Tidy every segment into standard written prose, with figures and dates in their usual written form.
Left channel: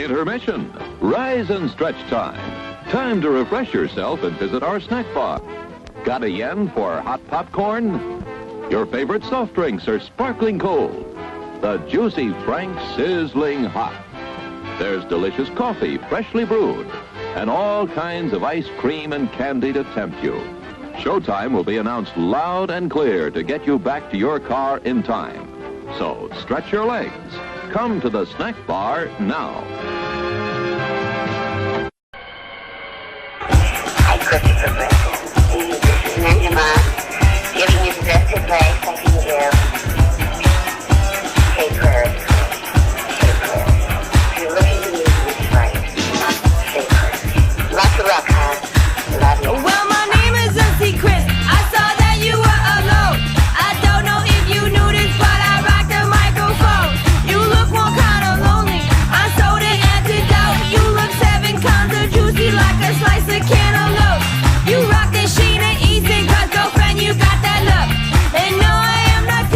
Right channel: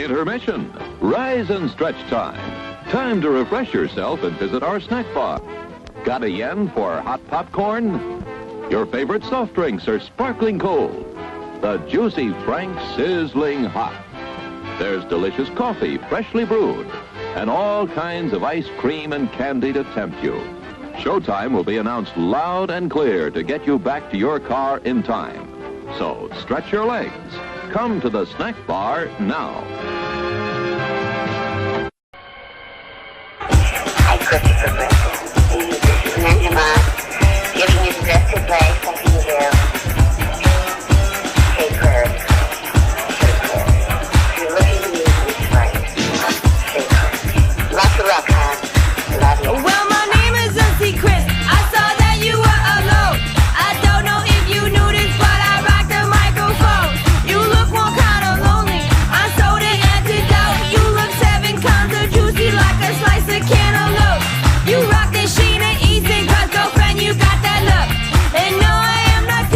Intermission. Rise and stretch time. Time to refresh yourself and visit our snack bar. Got a yen for hot popcorn? Your favorite soft drinks are sparkling cold. The juicy Frank sizzling hot. There's delicious coffee, freshly brewed, and all kinds of ice cream and candy to tempt you. Showtime will be announced loud and clear to get you back to your car in time. So stretch your legs. Come to the snack bar now. Hi, Christopher Griffin. This is Ninja giving you the best advice I can give. Say prayers. Say prayers. If you're looking to me to be right, say prayers. Lots of luck, huh? Love you. Well, my name is Chris. I saw that you were alone. I don't know if you knew this, but I rock the microphone. You look more kind of lonely. I sold an antidote. You look 7 kinds of juicy like a slice of cantaloupe. You rock the Sheena Easton, cause girlfriend, you got that look. And no, I am not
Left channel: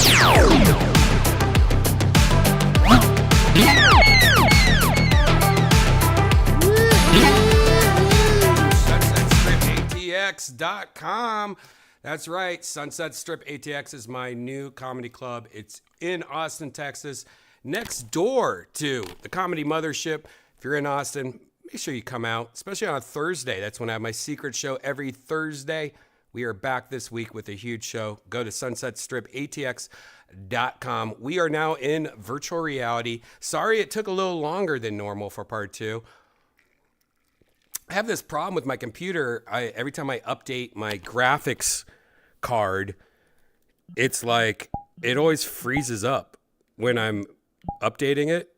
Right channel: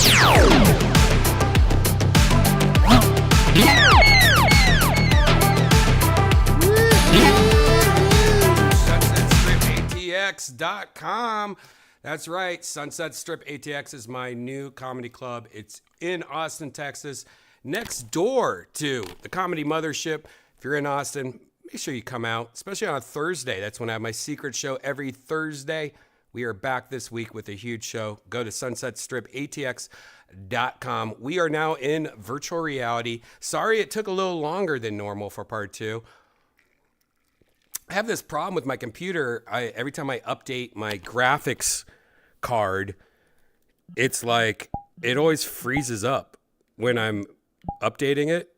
SunsetStripATX.com. That's right. Sunset Strip ATX is my new comedy club. It's in Austin, Texas, next door to the Comedy Mothership. If you're in Austin, make sure you come out, especially on a Thursday. That's when I have my secret show every Thursday. We are back this week with a huge show. Go to sunsetstripatx.com. We are now in virtual reality. Sorry it took a little longer than normal for part 2. I have this problem with my computer. Every time I update my graphics card, it's like it always freezes up when I'm updating it.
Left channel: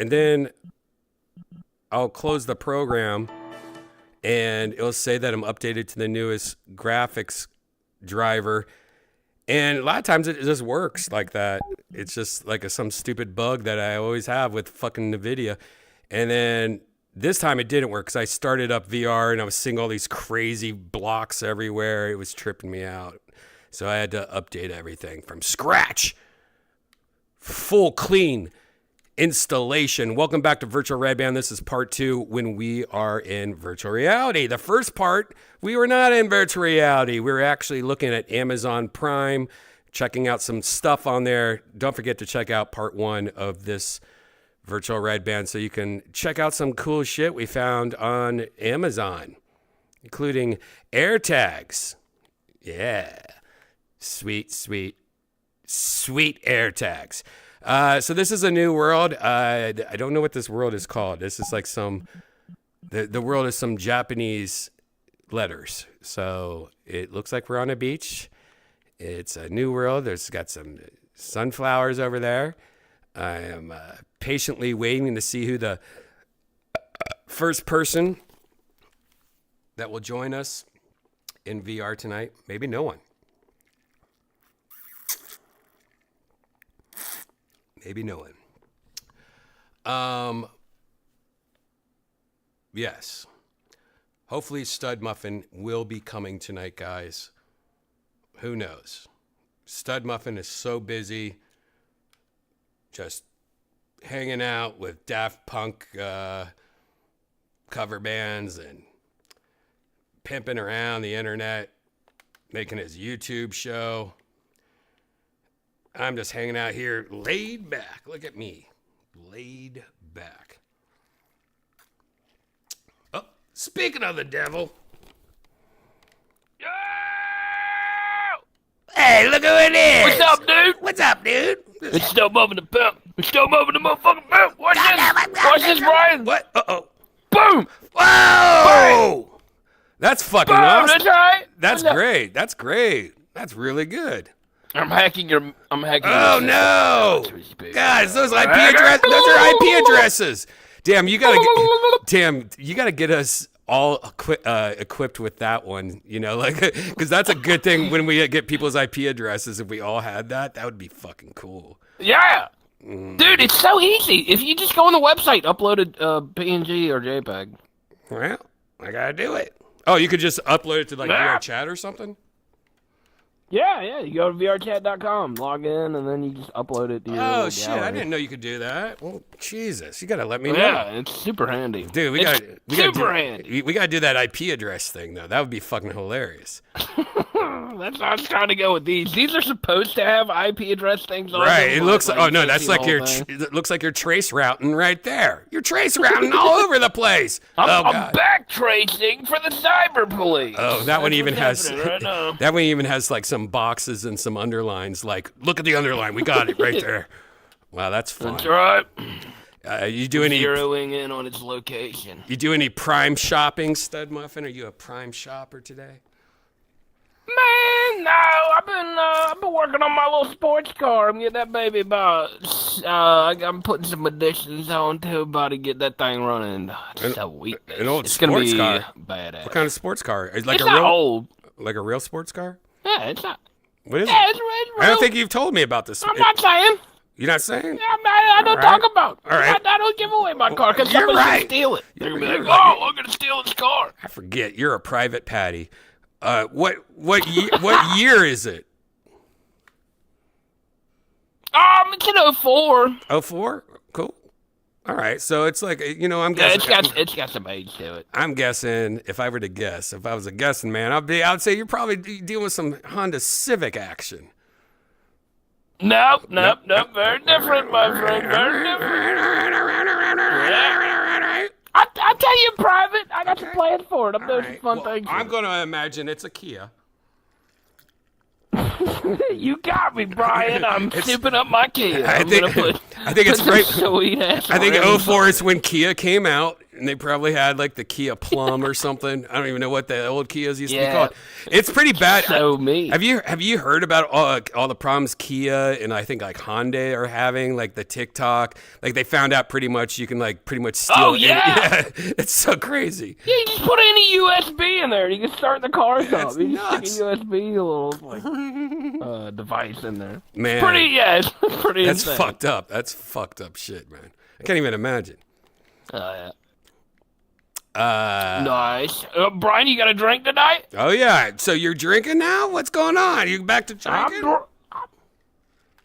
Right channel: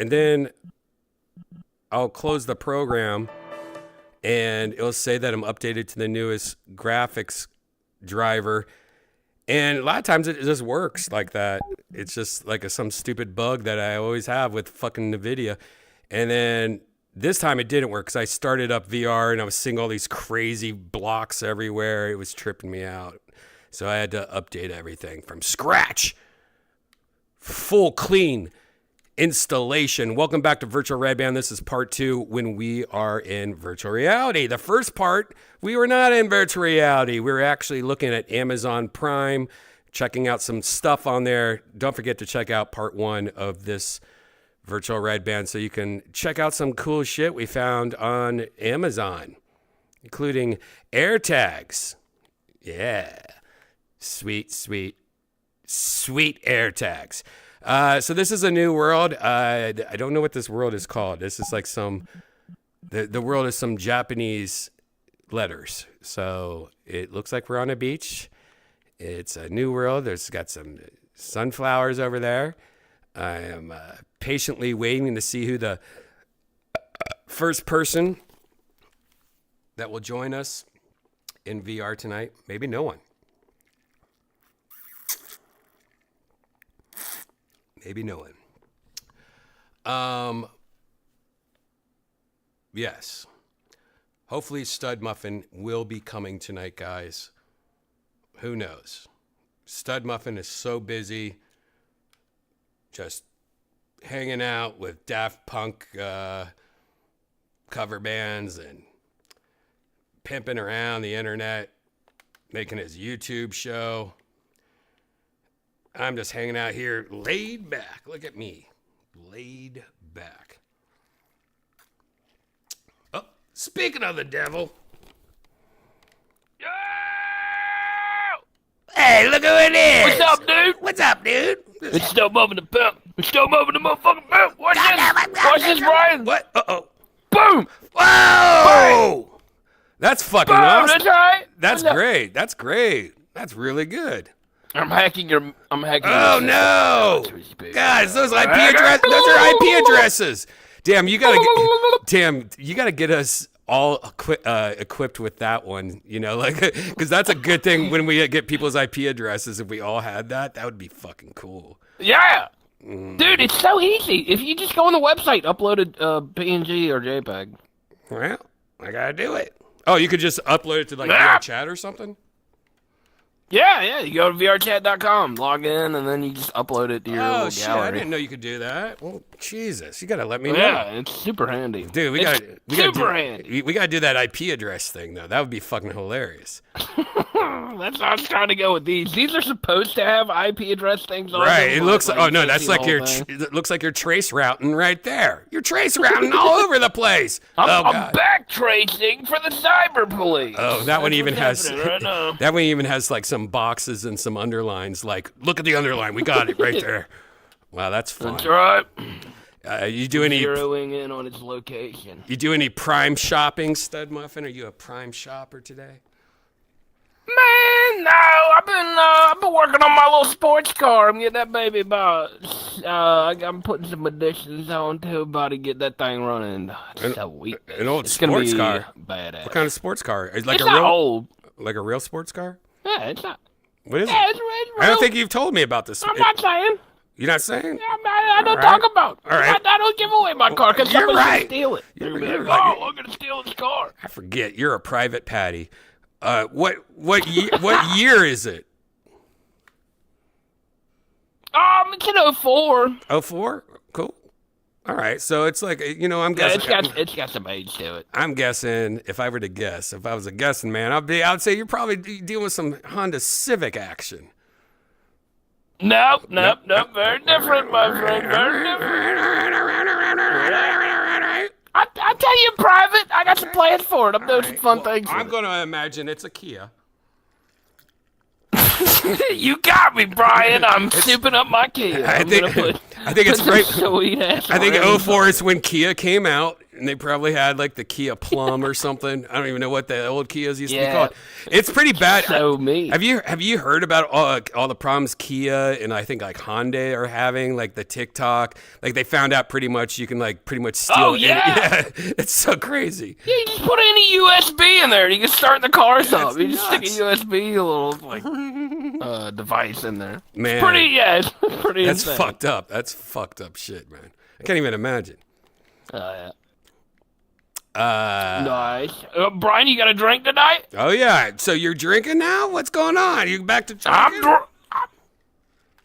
And then I'll close the program and it'll say that I'm updated to the newest graphics driver. And a lot of times it just works like that. It's just like some stupid bug that I always have with fucking NVIDIA. And then this time it didn't work because I started up VR and I was seeing all these crazy blocks everywhere. It was tripping me out. So I had to update everything from scratch. Full clean installation. Welcome back to Virtual Redban. This is part 2 when we are in virtual reality. The first part, we were not in virtual reality. We were actually looking at Amazon Prime, checking out some stuff on there. Don't forget to check out part 1 of this Virtual Redban so you can check out some cool shit we found on Amazon, including AirTags. Yeah. Sweet, sweet, sweet AirTags. So this is a new world. I don't know what this world is called. This is like the world is some Japanese letters. So it looks like we're on a beach. It's a new world. There's got some sunflowers over there. I am patiently waiting to see who the first person that will join us in VR tonight. Maybe no one. Maybe no one. Yes. Hopefully Stud Muffin will be coming tonight, guys. Who knows? Stud Muffin is so busy just hanging out with Daft Punk cover bands and pimping around the internet, making his YouTube show. I'm just hanging out here, laid back. Look at me, laid back. Oh, speaking of the devil. Yo! Hey, look who it is. What's up, dude? What's up, dude? It's still moving the pimp. It's still moving the motherfucking pimp. Watch this. Watch this, Brian. What? Uh-oh. Boom. Whoa! Bang. That's fucking Boom, awesome. that's right. That's great. That's great. That's really good. I'm hacking your. Oh no! God, those IP addresses. Those are IP addresses. Damn, you gotta get us all equipped with that one. You know, like, because that's a good thing when we get people's IP addresses. If we all had that, that would be fucking cool. Yeah, dude, it's so easy. If you just go on the website, upload a PNG or JPEG. Well, I gotta do it. Oh, you could just upload it to like VR chat or something. Yeah, you go to vrchat.com, log in, and then you just upload it to your Oh, shit, gallery. I didn't know you could do that. Well, Jesus, you gotta let me know. Yeah, it's super handy. Dude, we gotta do that IP address thing, though. That would be fucking hilarious. That's how I was trying to go with these. These are supposed to have IP address things on them. Right, it looks like, oh no, that's like it looks like you're trace routing right there. You're trace routing all over the place. I'm back tracing for the cyber police. Oh, that one even has, right now. that one even has like some boxes and some underlines. Like, look at the underline, we got it right there. Wow, that's fun. That's right. You do any zeroing in on its location? You do any Prime shopping, Stud Muffin? Are you a Prime shopper today? Man, no. I've been working on my little sports car. I'm getting that baby about. I'm putting some additions on to about to get that thing running. It's a week. An old it's sports car. Badass. What kind of sports car? Like it's a real not old. Like a real sports car? Yeah, it's not. What is it? It's real. I don't think you've told me about this. I'm not saying. You're not saying? Yeah, I don't talk about. All right. I don't give away my car because You're somebody's right. gonna steal it. You're right. I'm gonna steal this car. I forget. You're a private patty. What year is it? It's an 04. 04? Cool. All right, so it's like, I'm guessing. It's got some age to it. I'm guessing, if I were to guess, if I was a guessing man, I'd say you're probably dealing with some Honda Civic action. Nope. Very different, my friend. Very different. I'll tell you in private. I got some plans for it. I'm doing some fun things. I'm going to imagine it's a Kia. You got me, Brian. I'm souping up my Kia. I think it's right. Sweet ass. I think 04 is when Kia came out, and they probably had like the Kia Plum or something. I don't even know what the old Kias used to be called. It's pretty bad. So me. Have you heard about all the problems Kia and I think like Hyundai are having, like the TikTok? Like they found out pretty much you can like pretty much steal. Oh yeah. It's so crazy. Yeah, you just put any USB in there. You can start the cars up. It's You just nuts. stick a USB little device in there. Man, It's pretty that's insane. fucked up. That's fucked up shit, man. I can't even imagine. Yeah. Nice. Brian, you got a drink tonight? Oh yeah. So you're drinking now? What's going on? You back to drinking? Well,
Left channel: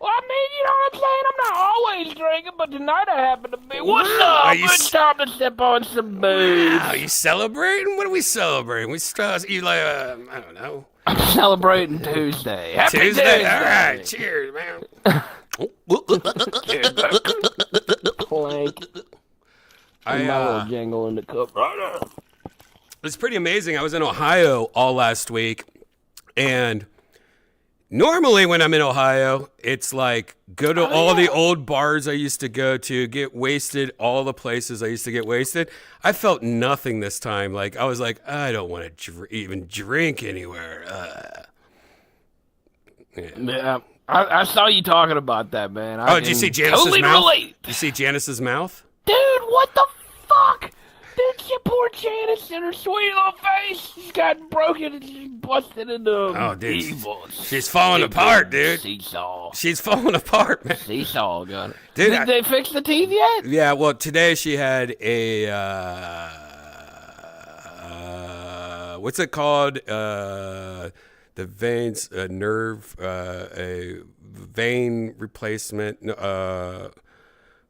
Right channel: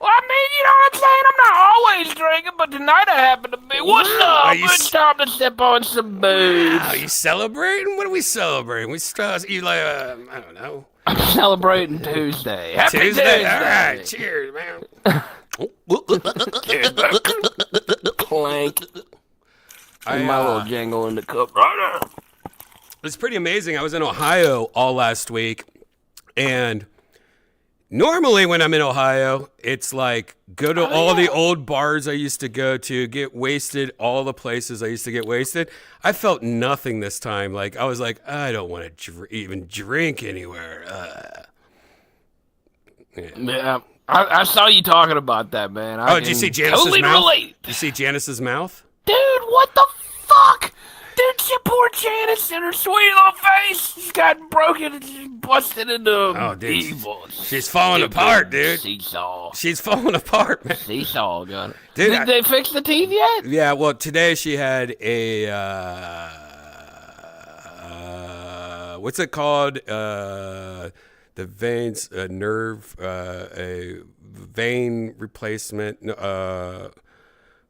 I mean, you know what I'm saying? I'm not always drinking, but tonight I happen to be. What's up? Are you Good time to sip on some booze. Wow, you celebrating? What are we celebrating? You like, I don't know. I'm celebrating Tuesday. Happy Tuesday? All right. Cheers, man. Clank. I, My little jingle in the cup right now. It's pretty amazing. I was in Ohio all last week, and normally when I'm in Ohio, it's like go to all the old bars I used to go to, get wasted, all the places I used to get wasted. I felt nothing this time. Like I was like, I don't want to even drink anywhere. Yeah. I saw you talking about that, man. Did you see Janice's totally mouth? relate. Did you see Janice's mouth? Dude, what the fuck? Dude, she poor Janice in her sweet little face. She's got broken and she's busted into evil. She's falling apart, dude. Seesaw. She's falling apart, man. Seesaw gun. Dude, Did they fix the teeth yet? Yeah, well, today she had a, what's it called? The veins, nerve, a vein replacement.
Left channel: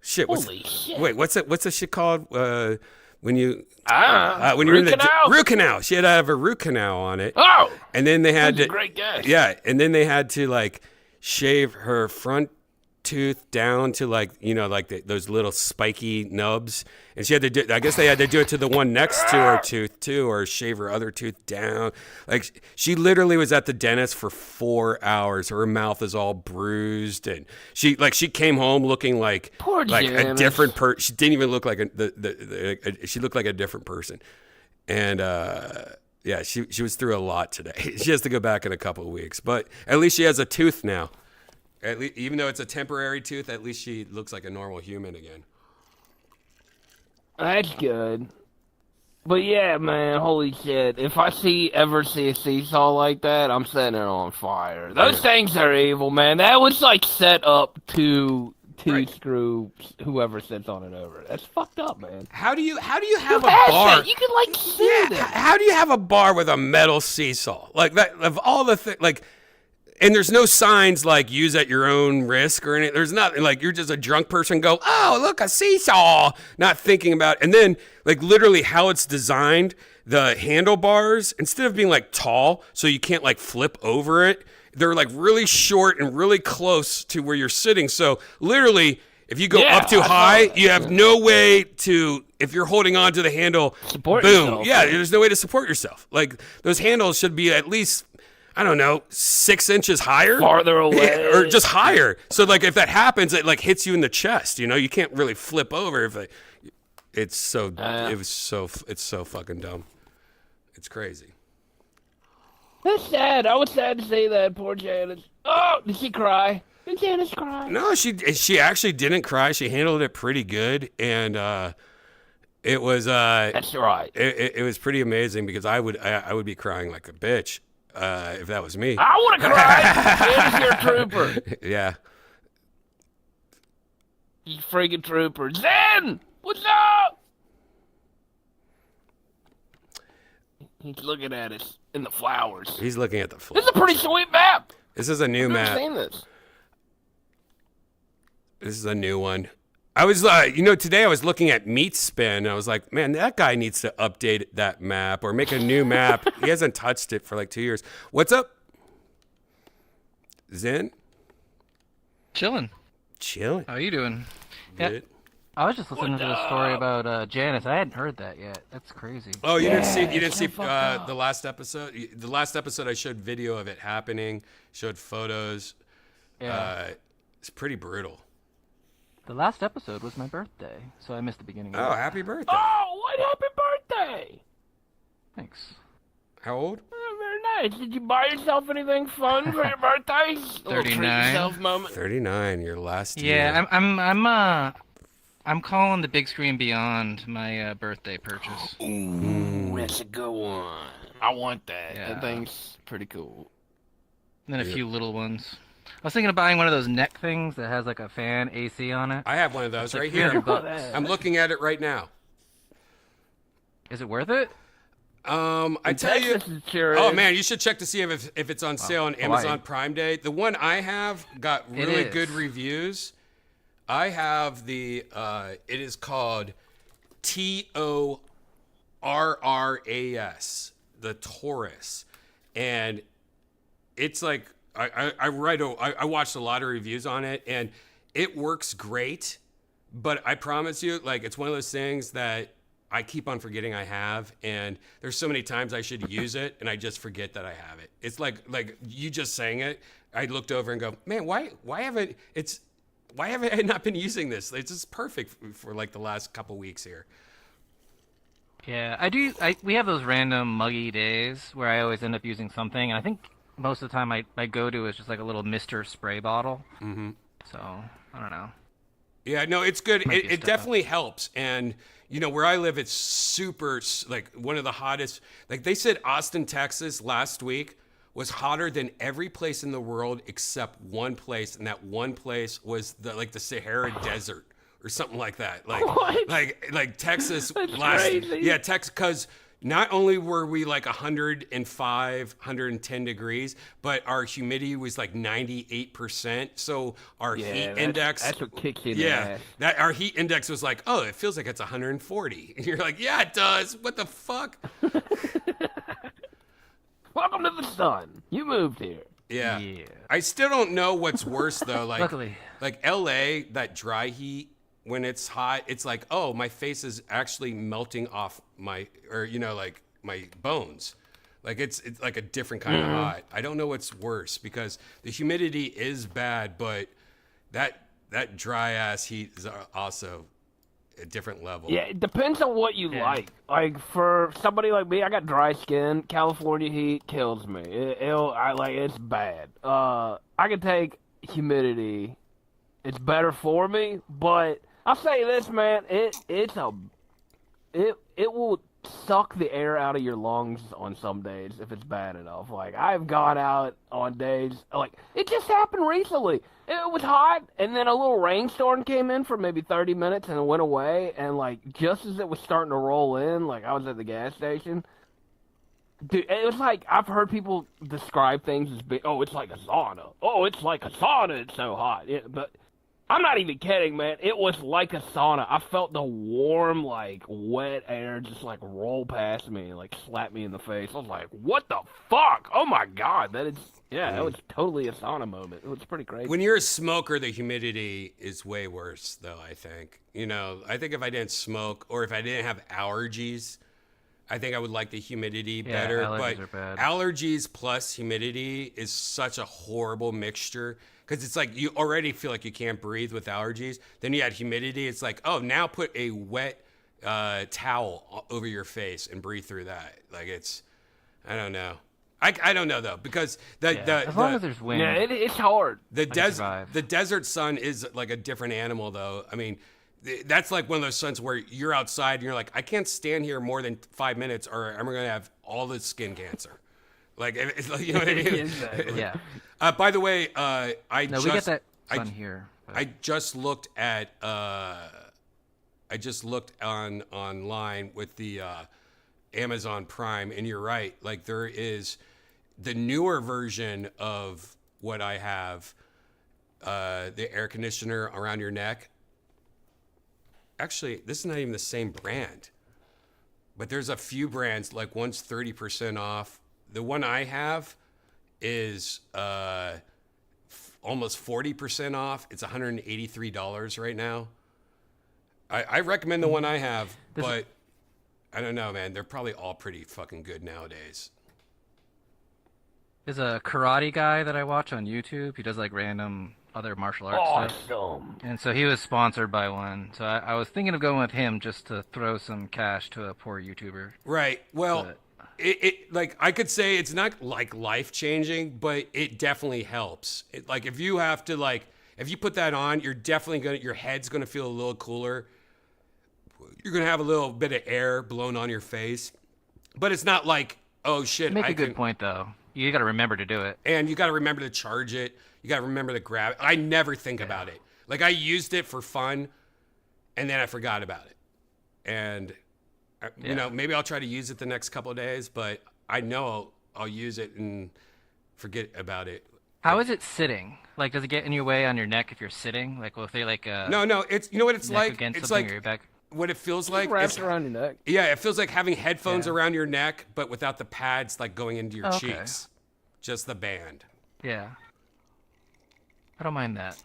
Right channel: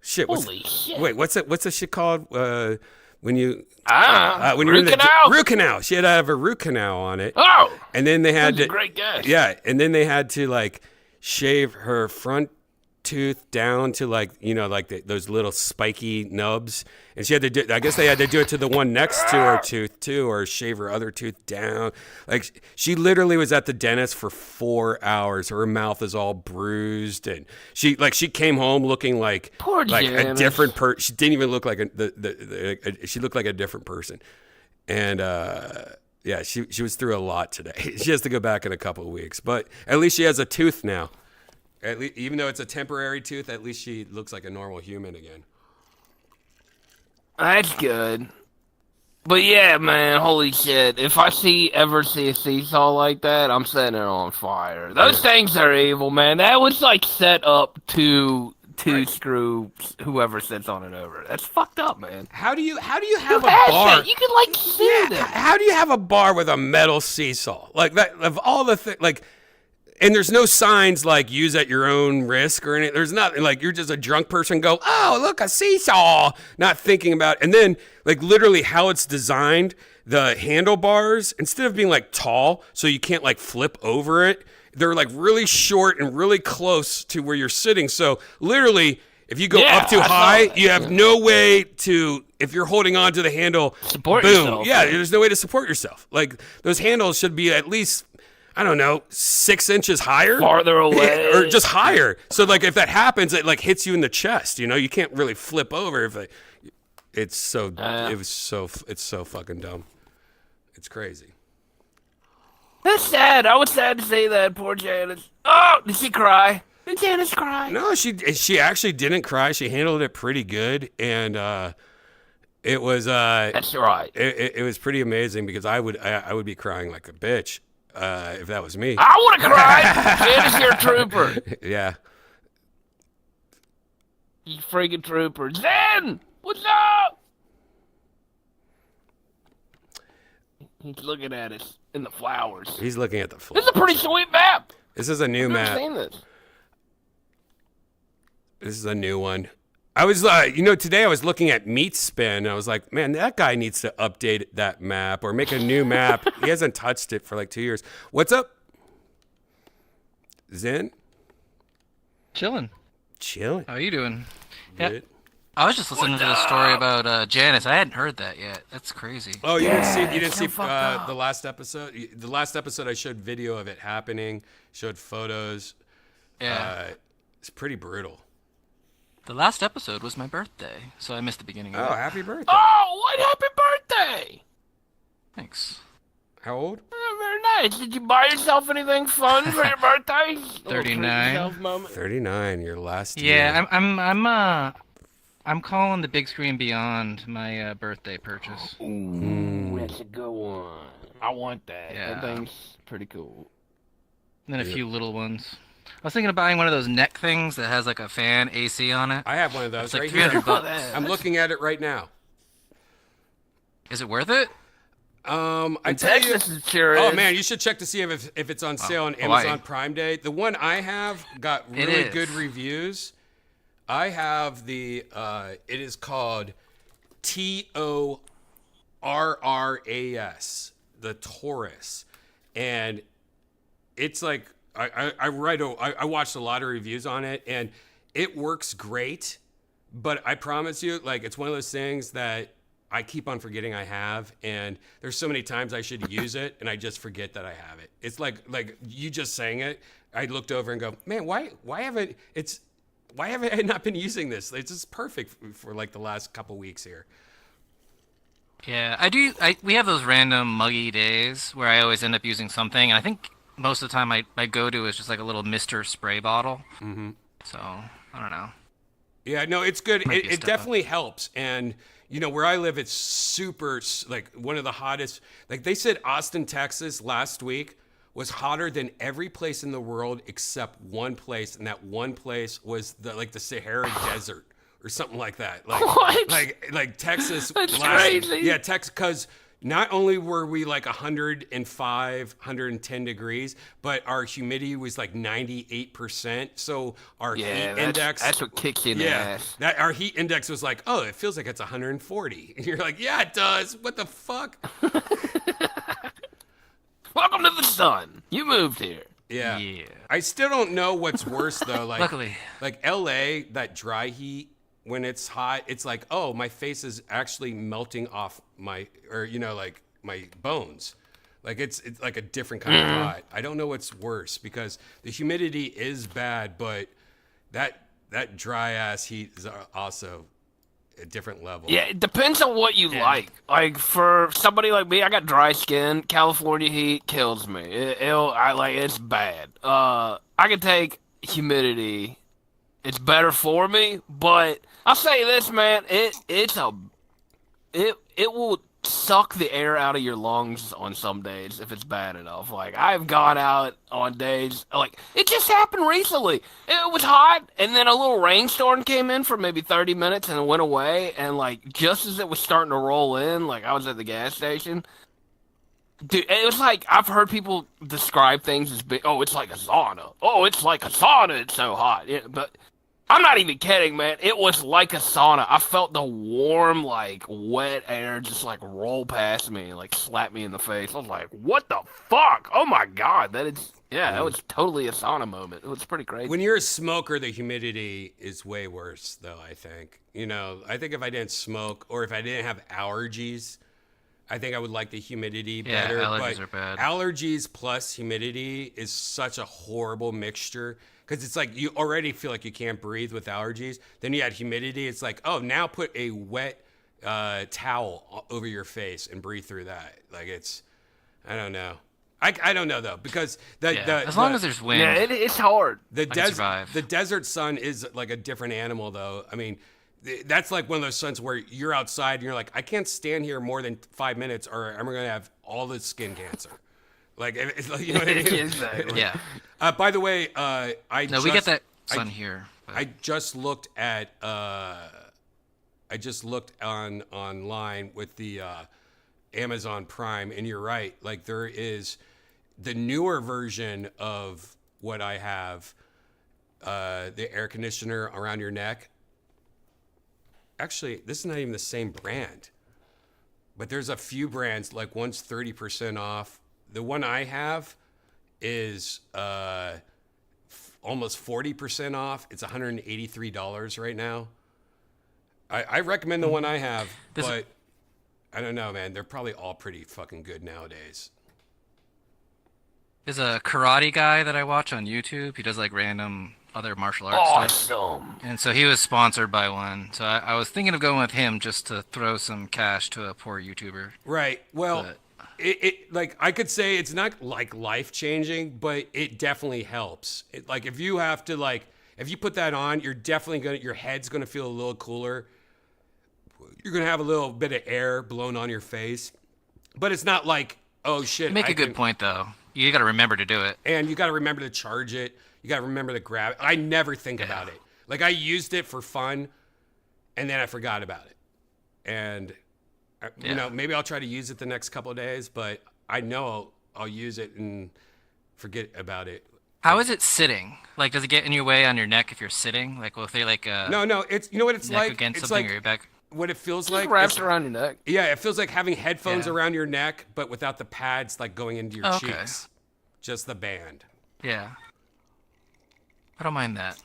Shit. Holy shit. Wait, what's the shit called? When you're root in the canal? root canal. She had to have a root canal on it. Oh! And then they had That's to, a great guess. yeah, and then they had to like shave her front tooth down to like those little spiky nubs, and she had to do. I guess they had to do it to the one next to her tooth too, or shave her other tooth down. Like she literally was at the dentist for 4 hours. Her mouth is all bruised, and she came home looking like Poor a Janice. different person. She didn't even look like she looked like a different person, and yeah, she was through a lot today. She has to go back in a couple of weeks, but at least she has a tooth now. At least, even though it's a temporary tooth, at least she looks like a normal human again. That's good. But yeah, man, holy shit. If I ever see a seesaw like that, I'm setting it on fire. Those things are evil, man. That was like set up to screw whoever sits on it over. That's fucked up, man. How do you have a bar? You could like see that. How do you have a bar with a metal seesaw? Like that of all the things, like. And there's no signs like use at your own risk or anything. There's nothing like you're just a drunk person go, oh, look, a seesaw, not thinking about it. And then like literally how it's designed, the handlebars, instead of being like tall so you can't like flip over it, they're like really short and really close to where you're sitting. So literally if you go up too high, you have no way to, if you're holding on to the handle, Support boom. yourself. Yeah, there's no way to support yourself. Like those handles should be at least, I don't know, 6 inches higher, Farther away. or just higher. So like if that happens, it like hits you in the chest. You know, you can't really flip over if it's so fucking dumb. It's crazy. That's sad. I was sad to see that. Poor Janice. Oh, did she cry? Did Janice cry? No, she actually didn't cry. She handled it pretty good, and it was That's right. it was pretty amazing because I would be crying like a bitch if that was me. I want to cry. Janice, you're a trooper. Yeah. You freaking trooper. Zen! What's up? He's looking at us in the flowers. He's looking at the This floor. is a pretty sweet map. This is a new I've never map. seen this. This is a new one. I was, today I was looking at Meat Spin. And I was like, man, that guy needs to update that map or make a new map. He hasn't touched it for like 2 years. What's up, Zen? Chilling. Chilling. How are you doing? Good. I was just listening to the story about Janice. I hadn't heard that yet. That's crazy. Oh, you didn't see the last episode? The last episode I showed video of it happening, showed photos. Yeah. It's pretty brutal. The last episode was my birthday, so I missed the beginning. Oh, happy birthday. Oh, what happy birthday! Thanks. How old? Oh, very nice. Did you buy yourself anything fun for your birthday? 39. 39, your last year. Yeah, I'm calling the big screen beyond my birthday purchase. Ooh, that's a good one. I want that. Yeah. That thing's pretty cool. And then a few little ones. I was thinking of buying one of those neck things. That has like a fan AC on it. I have one of those right like here. $300. I'm looking at it right now. Is it worth it? I tell you. Texas is curious. Oh man, you should check to see if it's on sale on Amazon why? Prime Day. The one I have got really is. good reviews. I have it is called TORRAS, the Taurus, and it's like I watched a lot of reviews on it, and it works great. But I promise you, like, it's one of those things that I keep on forgetting I have, and there's so many times I should use it, and I just forget that I have it. It's like you just saying it. I looked over and go, man, why haven't I not been using this? It's just perfect for like the last couple weeks here. Yeah, I do. We have those random muggy days where I always end up using something, and I think most of the time my go-to is just like a little Mr. spray bottle. Mm-hmm. So, I don't know. Yeah, no, it's good. Might be a It step definitely helps. And, where I live, it's super, like, one of the hottest. Like, they said Austin, Texas last week was hotter than every place in the world except one place. And that one place was the Sahara Desert or something like that. Like, What? like Texas That's last. crazy. Yeah, Texas, because not only were we like 105, 110 degrees, but our humidity was like 98%. So our heat index. That's what kicks you in the Yeah, ass. our heat index was like, oh, it feels like it's 140. And you're like, yeah, it does. What the fuck? Welcome to the sun. You moved here. Yeah. Yeah. I still don't know what's worse though. Like, Luckily. like LA, that dry heat when it's hot, it's like, oh, my face is actually melting off my bones. Like it's like a different kind of hot. I don't know what's worse because the humidity is bad, but that dry ass heat is also a different level. Yeah, it depends on what you like. Like for somebody like me, I got dry skin. California heat kills me. It's bad. I can take humidity. It's better for me, but I'll say this, man. It will suck the air out of your lungs on some days if it's bad enough. Like I've gone out on days like it just happened recently. It was hot, and then a little rainstorm came in for maybe 30 minutes and it went away. And like just as it was starting to roll in, like I was at the gas station. Dude, it was like I've heard people describe things as being, oh, it's like a sauna. Oh, it's like a sauna. It's so hot. Yeah, but I'm not even kidding, man. It was like a sauna. I felt the warm, like, wet air just, like, roll past me and, like, slap me in the face. I was like, what the fuck? Oh, my God. That was totally a sauna moment. It was pretty crazy. When you're a smoker, the humidity is way worse, though, I think. I think if I didn't smoke or if I didn't have allergies, I think I would like the humidity better. Allergies But are bad. allergies plus humidity is such a horrible mixture. Because it's like you already feel like you can't breathe with allergies. Then you add humidity. It's like, oh, now put a wet towel over your face and breathe through that. Like I don't know. I don't know though because As long as there's wind. yeah, it's hard. the survive. desert sun is like a different animal though. I mean, that's like one of those suns where you're outside and you're like, I can't stand here more than 5 minutes or I'm gonna have all the skin cancer. Like, you know what I mean? Yeah. By the way, We get that sun here. but- I just looked at online with the Amazon Prime, and you're right. Like there is the newer version of what I have the air conditioner around your neck. Actually, this is not even the same brand, but there's a few brands, like one's 30% off. The one I have is almost 40% off. It's $183 right now. I recommend the one I have, but I don't know, man. They're probably all pretty fucking good nowadays. There's a karate guy that I watch on YouTube. He does like random other martial arts stuff. And so he was sponsored by one. So I was thinking of going with him just to throw some cash to a poor YouTuber. Right. Well, it like I could say it's not like life changing, but it definitely helps. Like if you have to if you put that on, you're definitely your head's gonna feel a little cooler. You're gonna have a little bit of air blown on your face, but it's not like, oh shit. You make a good point though. You got to remember to do it. And you got to remember to charge it. You got to remember to grab it. I never think about it. Like I used it for fun and then I forgot about it. And you know, maybe I'll try to use it the next couple of days, but I know I'll use it and forget about it. How is it sitting? Like, does it get in your way on your neck if you're sitting? Like, well, if they No, it's, you know what it's like? It's like, or your back? what it feels like. Wraps around your neck. Yeah, it feels like having headphones around your neck, but without the pads like going into your cheeks. Just the band. Yeah. I don't mind that.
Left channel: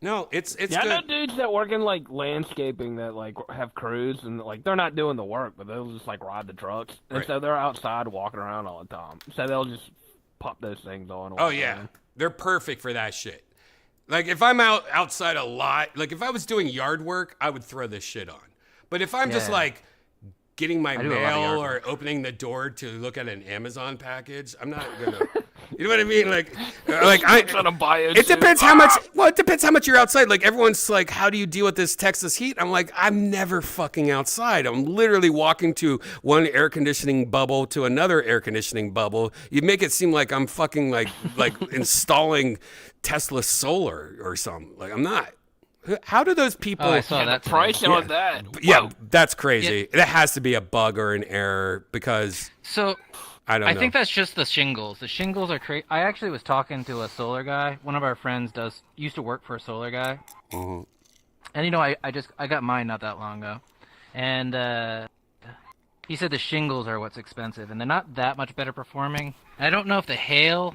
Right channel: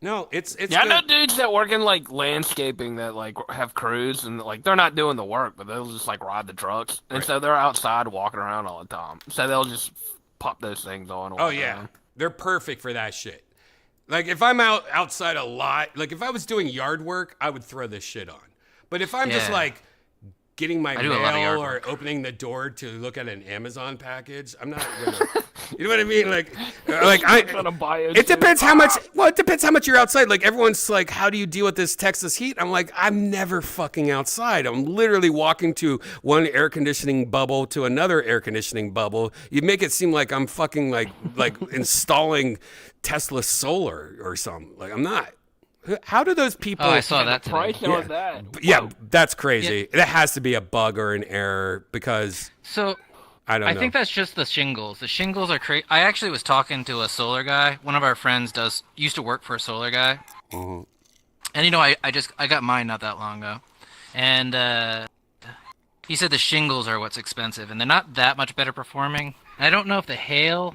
No, it's Yeah, good. I know dudes that work in like landscaping that like have crews and like they're not doing the work, but they'll just like ride the trucks, and so they're outside walking around all the time. So they'll just pop those things on. Oh yeah, they're perfect for that shit. Like if I'm outside a lot, like if I was doing yard work, I would throw this shit on. But if I'm just like getting my mail or opening the door to look at an Amazon package, I'm not gonna. You know what I mean? It depends how much. Well, it depends how much you're outside. Like everyone's like, "How do you deal with this Texas heat?" I'm like, I'm never fucking outside. I'm literally walking to one air conditioning bubble to another air conditioning bubble. You make it seem like I'm fucking like installing Tesla solar or something. Like I'm not. How do those people? Oh, I saw that today. Price on that. Yeah, that's crazy. That has to be a bug or an error because. So. I don't know. I think that's just the shingles. The shingles are crazy. I actually was talking to a solar guy. One of our friends used to work for a solar guy. Mm-hmm. And you know, I got mine not that long ago. And he said the shingles are what's expensive, and they're not that much better performing. I don't know if the hail.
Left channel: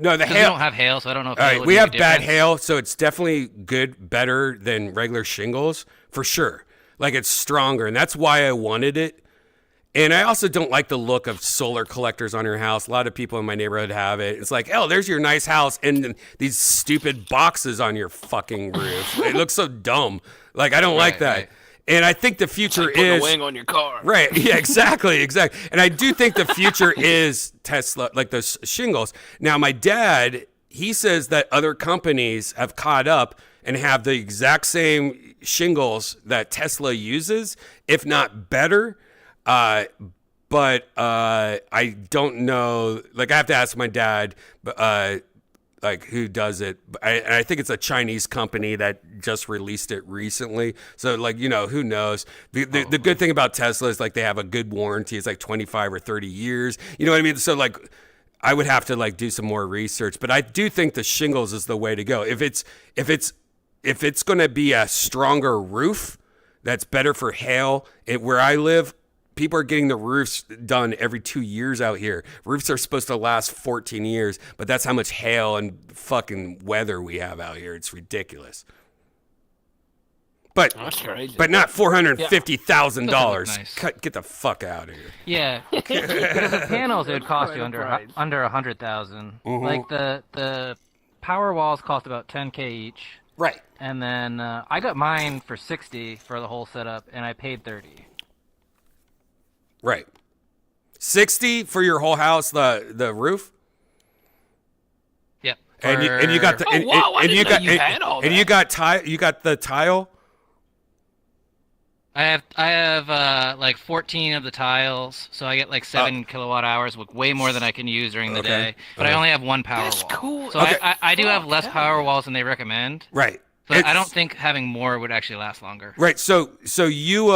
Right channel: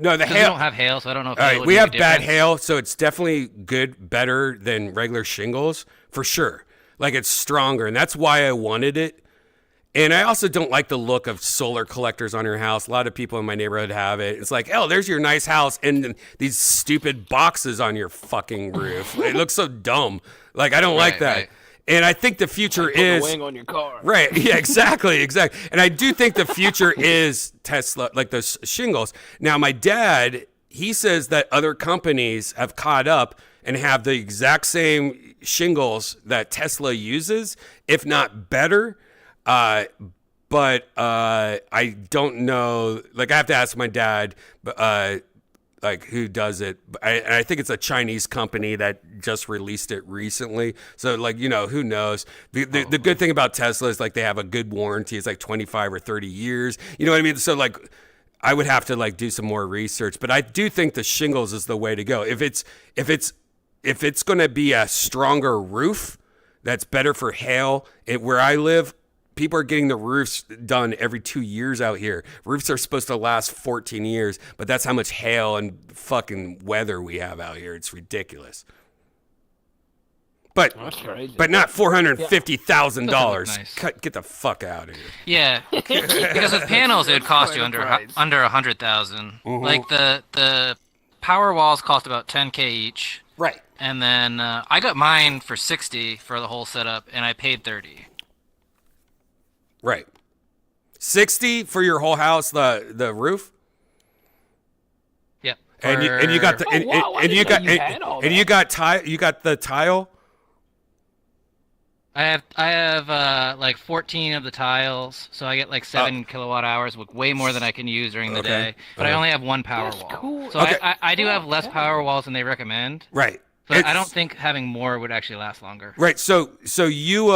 No, the hail. We don't have hail, so I don't know if all hail right, would we make have a bad difference. hail, so it's definitely better than regular shingles for sure. Like it's stronger, and that's why I wanted it. And I also don't like the look of solar collectors on your house. A lot of people in my neighborhood have it. It's like, oh, there's your nice house, and these stupid boxes on your fucking roof. It looks so dumb. Like I don't like that. Right. And I think the future is wing on your car. right. Yeah, exactly. And I do think the future is Tesla, like those shingles. Now, my dad, he says that other companies have caught up and have the exact same shingles that Tesla uses, if not better. But I don't know. Like I have to ask my dad, like who does it. And I think it's a Chinese company that just released it recently. So like, you know, who knows? The good thing about Tesla is like they have a good warranty. It's like 25 or 30 years. You know what I mean? So like I would have to like do some more research, but I do think the shingles is the way to go. If it's going to be a stronger roof that's better for hail, where I live, people are getting the roofs done every 2 years out here. Roofs are supposed to last 14 years, but that's how much hail and fucking weather we have out here. It's ridiculous. But That's crazy. but not $450,000. Nice. Get the fuck out of here. Yeah, because with panels it would cost you Quite a under price. 100,000. Like the power walls cost about 10K each, Right. and then I got mine for 60 for the whole setup, and I paid 30. Right. 60 for your whole house, the roof? Yep. And you got the you got the tile? I have like 14 of the tiles, so I get like 7 kilowatt hours, way more than I can use during the day. But I only have one power wall. cool. So I do have less power walls than they recommend. Right. But I don't think having more would actually last longer. Right. So you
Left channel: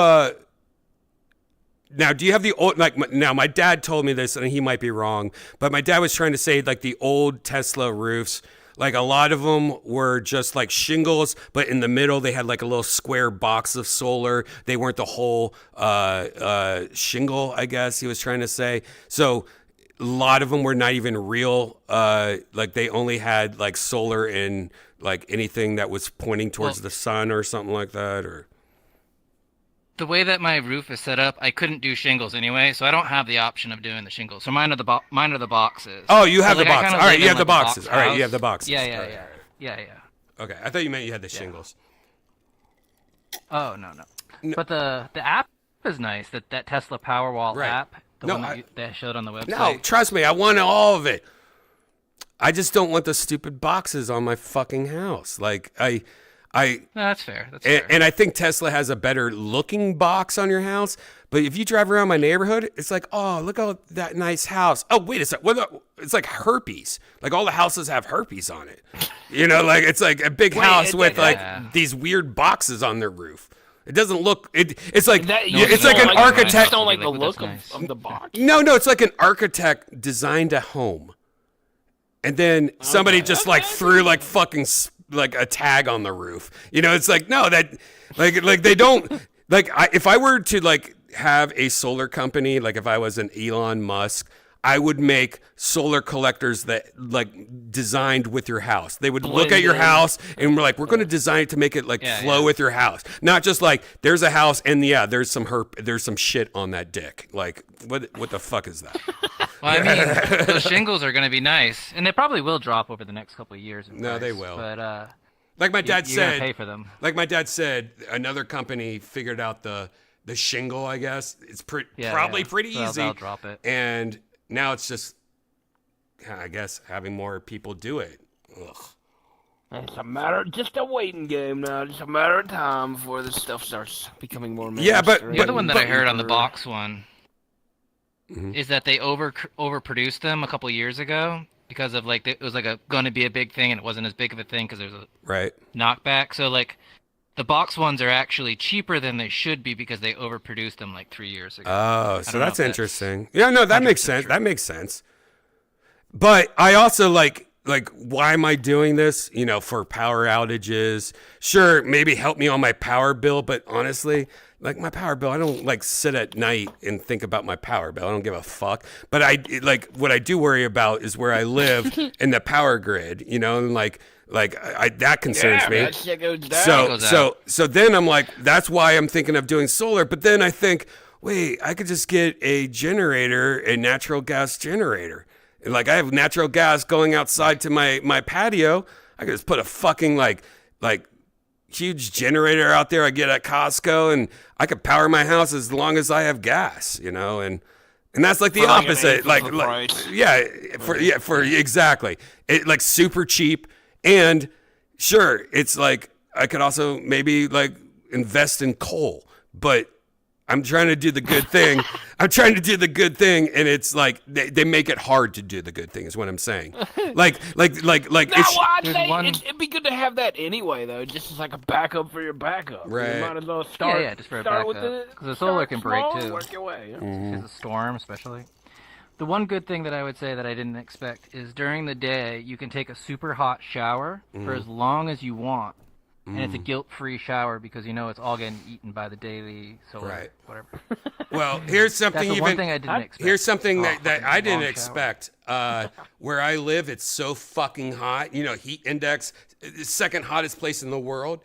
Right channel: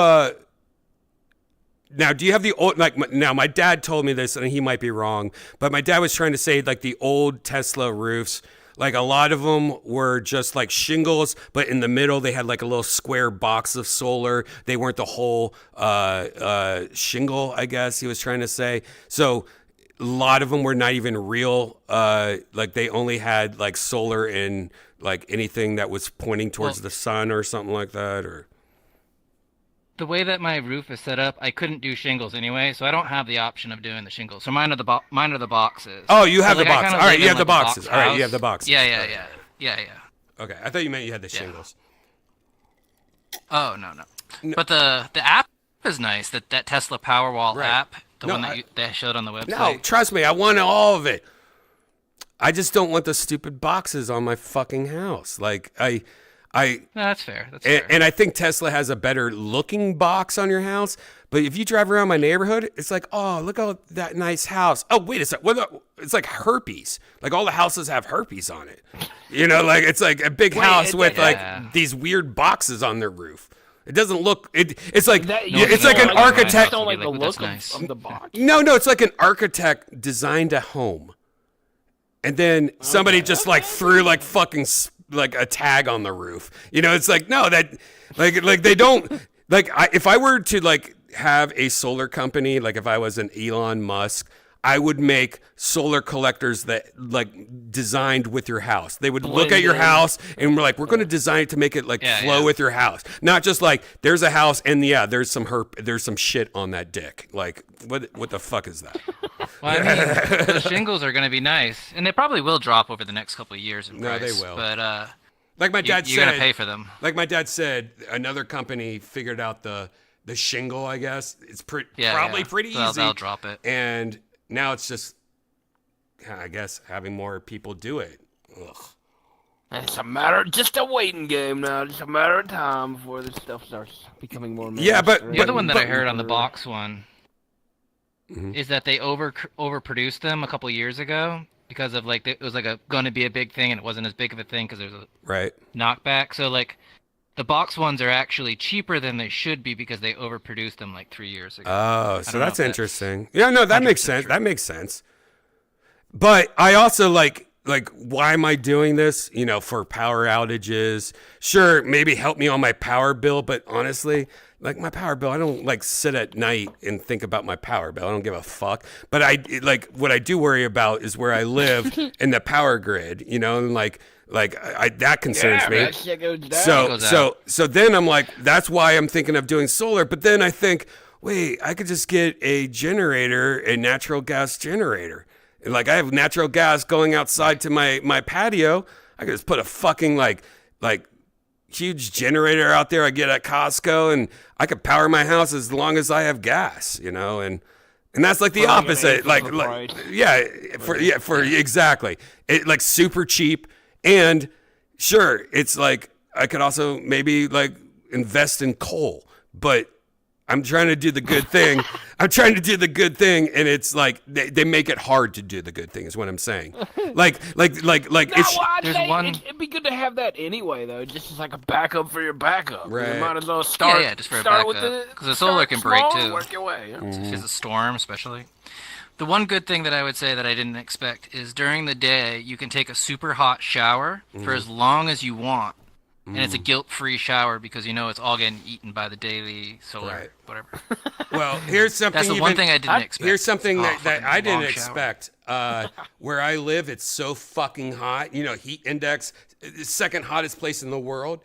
now, do you have the old, now my dad told me this and he might be wrong, but my dad was trying to say like the old Tesla roofs, Like a lot of them were just like shingles, but in the middle they had like a little square box of solar. They weren't the whole shingle, I guess he was trying to say. So a lot of them were not even real. Like they only had like solar in like anything that was pointing towards the sun or something like that. Or The way that my roof is set up, I couldn't do shingles anyway, so I don't have the option of doing the shingles. So mine are the boxes. oh, you have So, the like, I boxes. kinda All right, live you in, have the like, a box boxes. All right, you house. have the boxes. Yeah. Yeah. Okay, I thought you meant you had the shingles. Oh no. But the app is nice. That Tesla Powerwall Right. app, the No, one that they showed on the website. No, trust me, I want all of it. I just don't want the stupid boxes on my fucking house. Like No, that's fair. That's fair. and I think Tesla has a better looking box on your house. But if you drive around my neighborhood, it's like, oh, look at that nice house. Oh, wait a sec. It's like herpes. Like all the houses have herpes on it. You know, like it's like a big house with like these weird boxes on their roof. It doesn't look. It's like it's like an architect. I don't like the That's look nice. of the box. No, it's like an architect designed a home, and then somebody just like threw like fucking like a tag on the roof. You know, it's like no, that like they don't like. If I were to like have a solar company, like if I was an Elon Musk, I would make solar collectors that like designed with your house. They would look at your house and we're like, we're going to design it to make it like flow with your house. Not just like there's a house and there's some shit on that dick. Like what the fuck is that? Well, I mean, the shingles are going to be nice, and they probably will drop over the next couple of years. In No, price, they will. But Like my dad you're said, gonna pay for them. Like my dad said, another company figured out the shingle. I guess it's probably pretty easy. They'll drop it. And now it's just, I guess, having more people do it. Ugh. It's just a waiting game now. Just a matter of time before this stuff starts becoming more. Yeah, but The other one that I heard on the box one is that they overproduced them a couple years ago because of like it was like going to be a big thing and it wasn't as big of a thing because there's a Right. knockback. So like the box ones are actually cheaper than they should be because they overproduced them like 3 years ago. Oh, I so don't know that's if interesting. Yeah, no, that makes 100% sense. true. That makes sense. But I also like why am I doing this? You know, for power outages. Sure, maybe help me on my power bill, but honestly, like my power bill, I don't like sit at night and think about my power bill. I don't give a fuck. But what I do worry about is where I live in the power grid, you know, and that concerns me. That shit goes down. So then I'm like, that's why I'm thinking of doing solar. But then I think, wait, I could just get a natural gas generator. Like I have natural gas going outside to my patio. I could just put a fucking like huge generator out there I get at Costco, and I could power my house as long as I have gas, you know, and that's like the opposite. For exactly. It like super cheap. And sure, it's like I could also maybe like invest in coal, but I'm trying to do the good thing. And it's like they make it hard to do the good thing is what I'm saying. Like I'd There's say one- it'd be good to have that anyway, though, just as like a backup for your backup. Right. You might as well start. Yeah, just for a start with backup. the 'Cause the solar start can break, small, too. Work your way. Yeah. Mm-hmm. If it's a storm, especially. The one good thing that I would say that I didn't expect is during the day you can take a super hot shower for as long as you want, and it's a guilt-free shower because you know it's all getting eaten by the daily solar, Right. whatever. well, here's something That's the one thing I didn't expect. Here's something Oh, that fucking I didn't long shower. expect. Where I live, it's so fucking hot. You know, heat index, second hottest place in the world.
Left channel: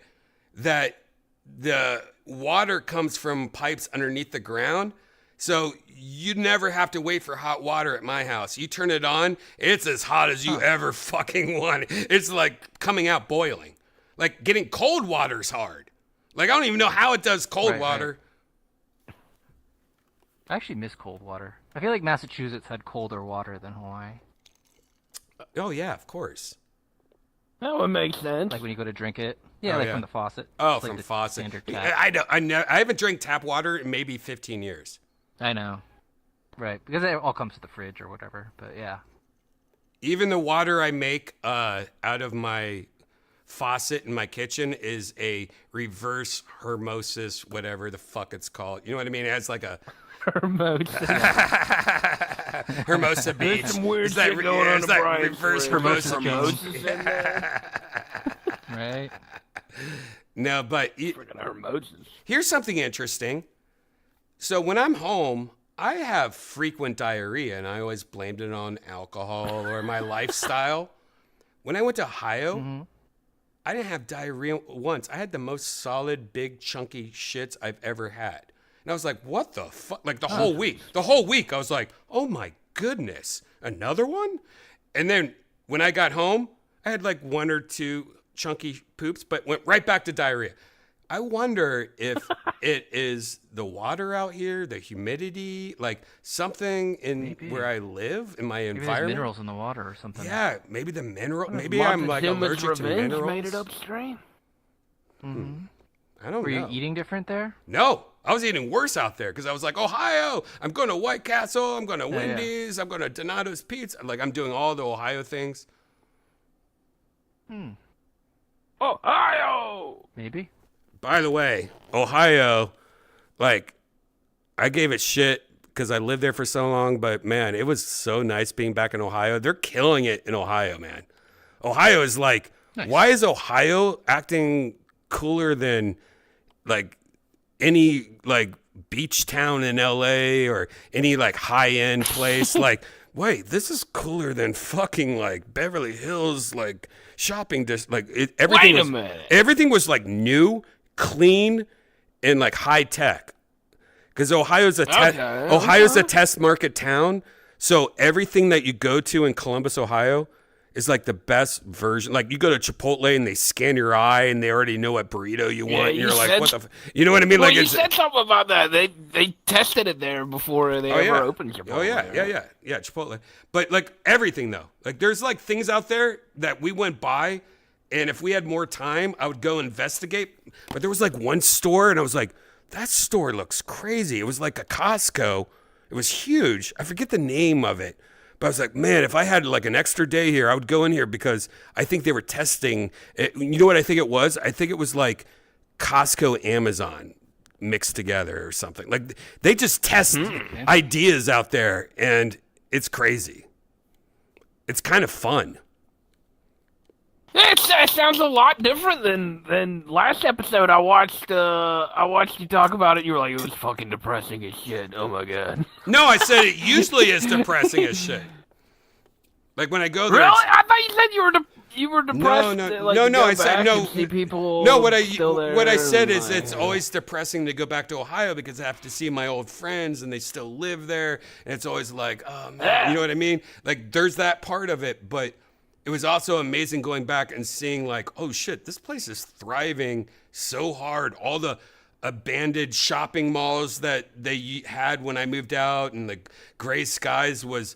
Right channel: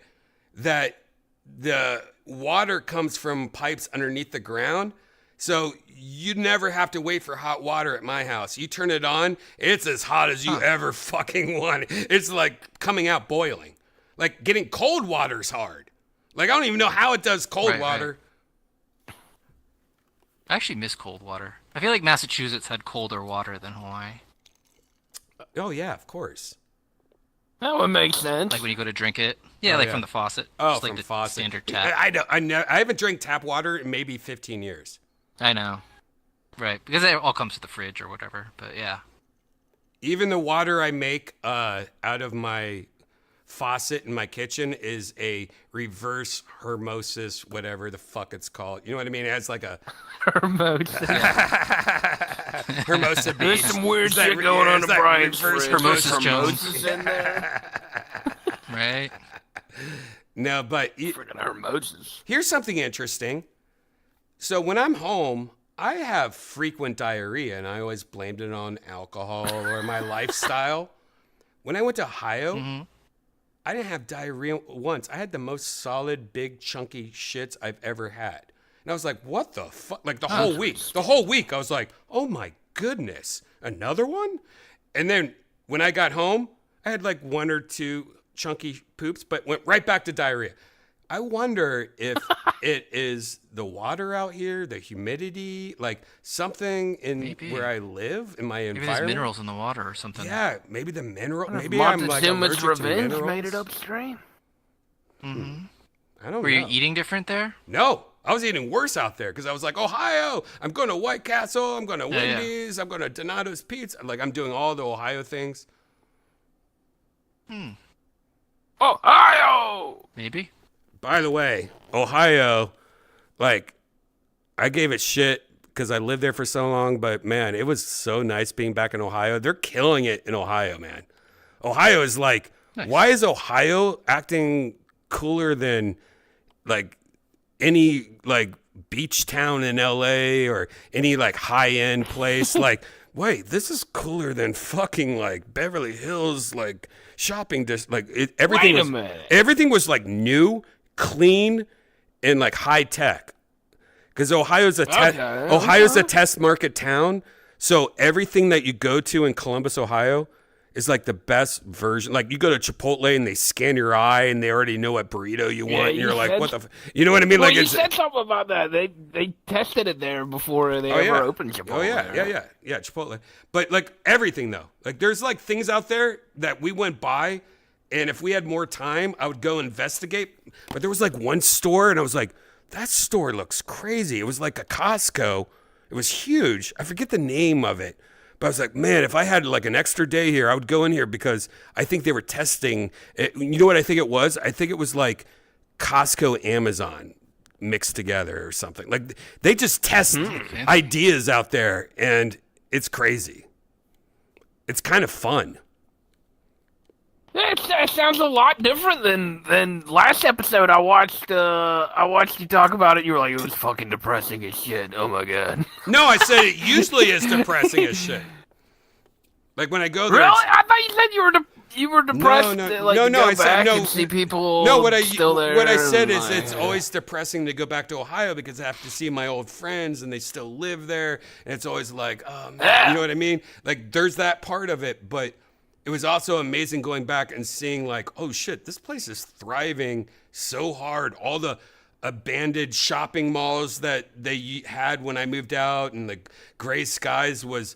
That the water comes from pipes underneath the ground. So you never have to wait for hot water at my house. You turn it on, it's as hot as you ever fucking want. It's like coming out boiling. Like getting cold water's hard. Like I don't even know how it does cold Right, water. I actually miss cold water. I feel like Massachusetts had colder water than Hawaii. Oh yeah, of course. That would make sense. Like when you go to drink it. Yeah, Oh, like yeah. from the faucet. Oh, Just like from the faucet. Standard tap. I haven't drank tap water in maybe 15 years. I know. Right, because it all comes to the fridge or whatever. But yeah. Even the water I make out of my faucet in my kitchen is a reverse hermosis, whatever the fuck it's called. You know what I mean? It has like a Hermosa Beach. There's some weird It's like, shit going on it's in like Brian's reverse fridge. Hermosa Hermosa Jones. Right? No, but Freaking Hermoses. here's something interesting. So when I'm home, I have frequent diarrhea, and I always blamed it on alcohol or my lifestyle. When I went to Ohio, I didn't have diarrhea once. I had the most solid, big, chunky shits I've ever had. And I was like, what the fuck? Like the whole week. The whole week, I was like, oh my goodness, another one? And then when I got home, I had like one or two chunky poops, but went right back to diarrhea. I wonder if it is the water out here, the humidity, like something in where I live, in my Maybe there's environment. minerals in the water or something. Yeah, maybe the mineral. Maybe I'm like Montezuma's allergic to revenge minerals. made it upstream. I don't Were know. you eating different there? No, I was eating worse out there because I was like, Ohio, I'm going to White Castle, I'm going to Wendy's, I'm going to Donato's Pizza. Like, I'm doing all the Ohio things. Ohio! Maybe. By the way, Ohio, like, I gave it shit because I lived there for so long, but man, it was so nice being back in Ohio. They're killing it in Ohio, man. Ohio is like, why is Ohio acting cooler than like any like beach town in LA or any like high end place? Like, wait, this is cooler than fucking like Beverly Hills, like shopping like everything Wait a was minute. everything was like new, clean, and like high tech. Because Ohio's a test market town, so everything that you go to in Columbus, Ohio, is like the best version. Like you go to Chipotle and they scan your eye and they already know what burrito you want, and you you're like, said- what the? You know what I mean? Well, Like you it's said something about that. They tested it there before they ever opened Chipotle. Oh yeah, yeah, Chipotle. But like everything though, like there's like things out there that we went by, and if we had more time, I would go investigate. But there was like one store, and I was like, that store looks crazy. It was like a Costco. It was huge. I forget the name of it. But I was like, man, if I had like an extra day here, I would go in here because I think they were testing. You know what I think it was? I think it was like Costco, Amazon mixed together or something. Like they just test ideas out there, and it's crazy. It's kind of fun. It sounds a lot different than last episode. I watched you talk about it. You were like, it was fucking depressing as shit. Oh my god. No, I said it usually is depressing as shit. Like when I go there. Really? it's- I thought you said you were depressed. No, like, no, to no. go I said back no. and see people. No, what still there I said and, is it's always depressing to go back to Ohio because I have to see my old friends and they still live there, and it's always like, oh man, you know what I mean? Like there's that part of it, but it was also amazing going back and seeing like, oh shit, this place is thriving so hard. All the abandoned shopping malls that they had when I moved out, and the gray skies was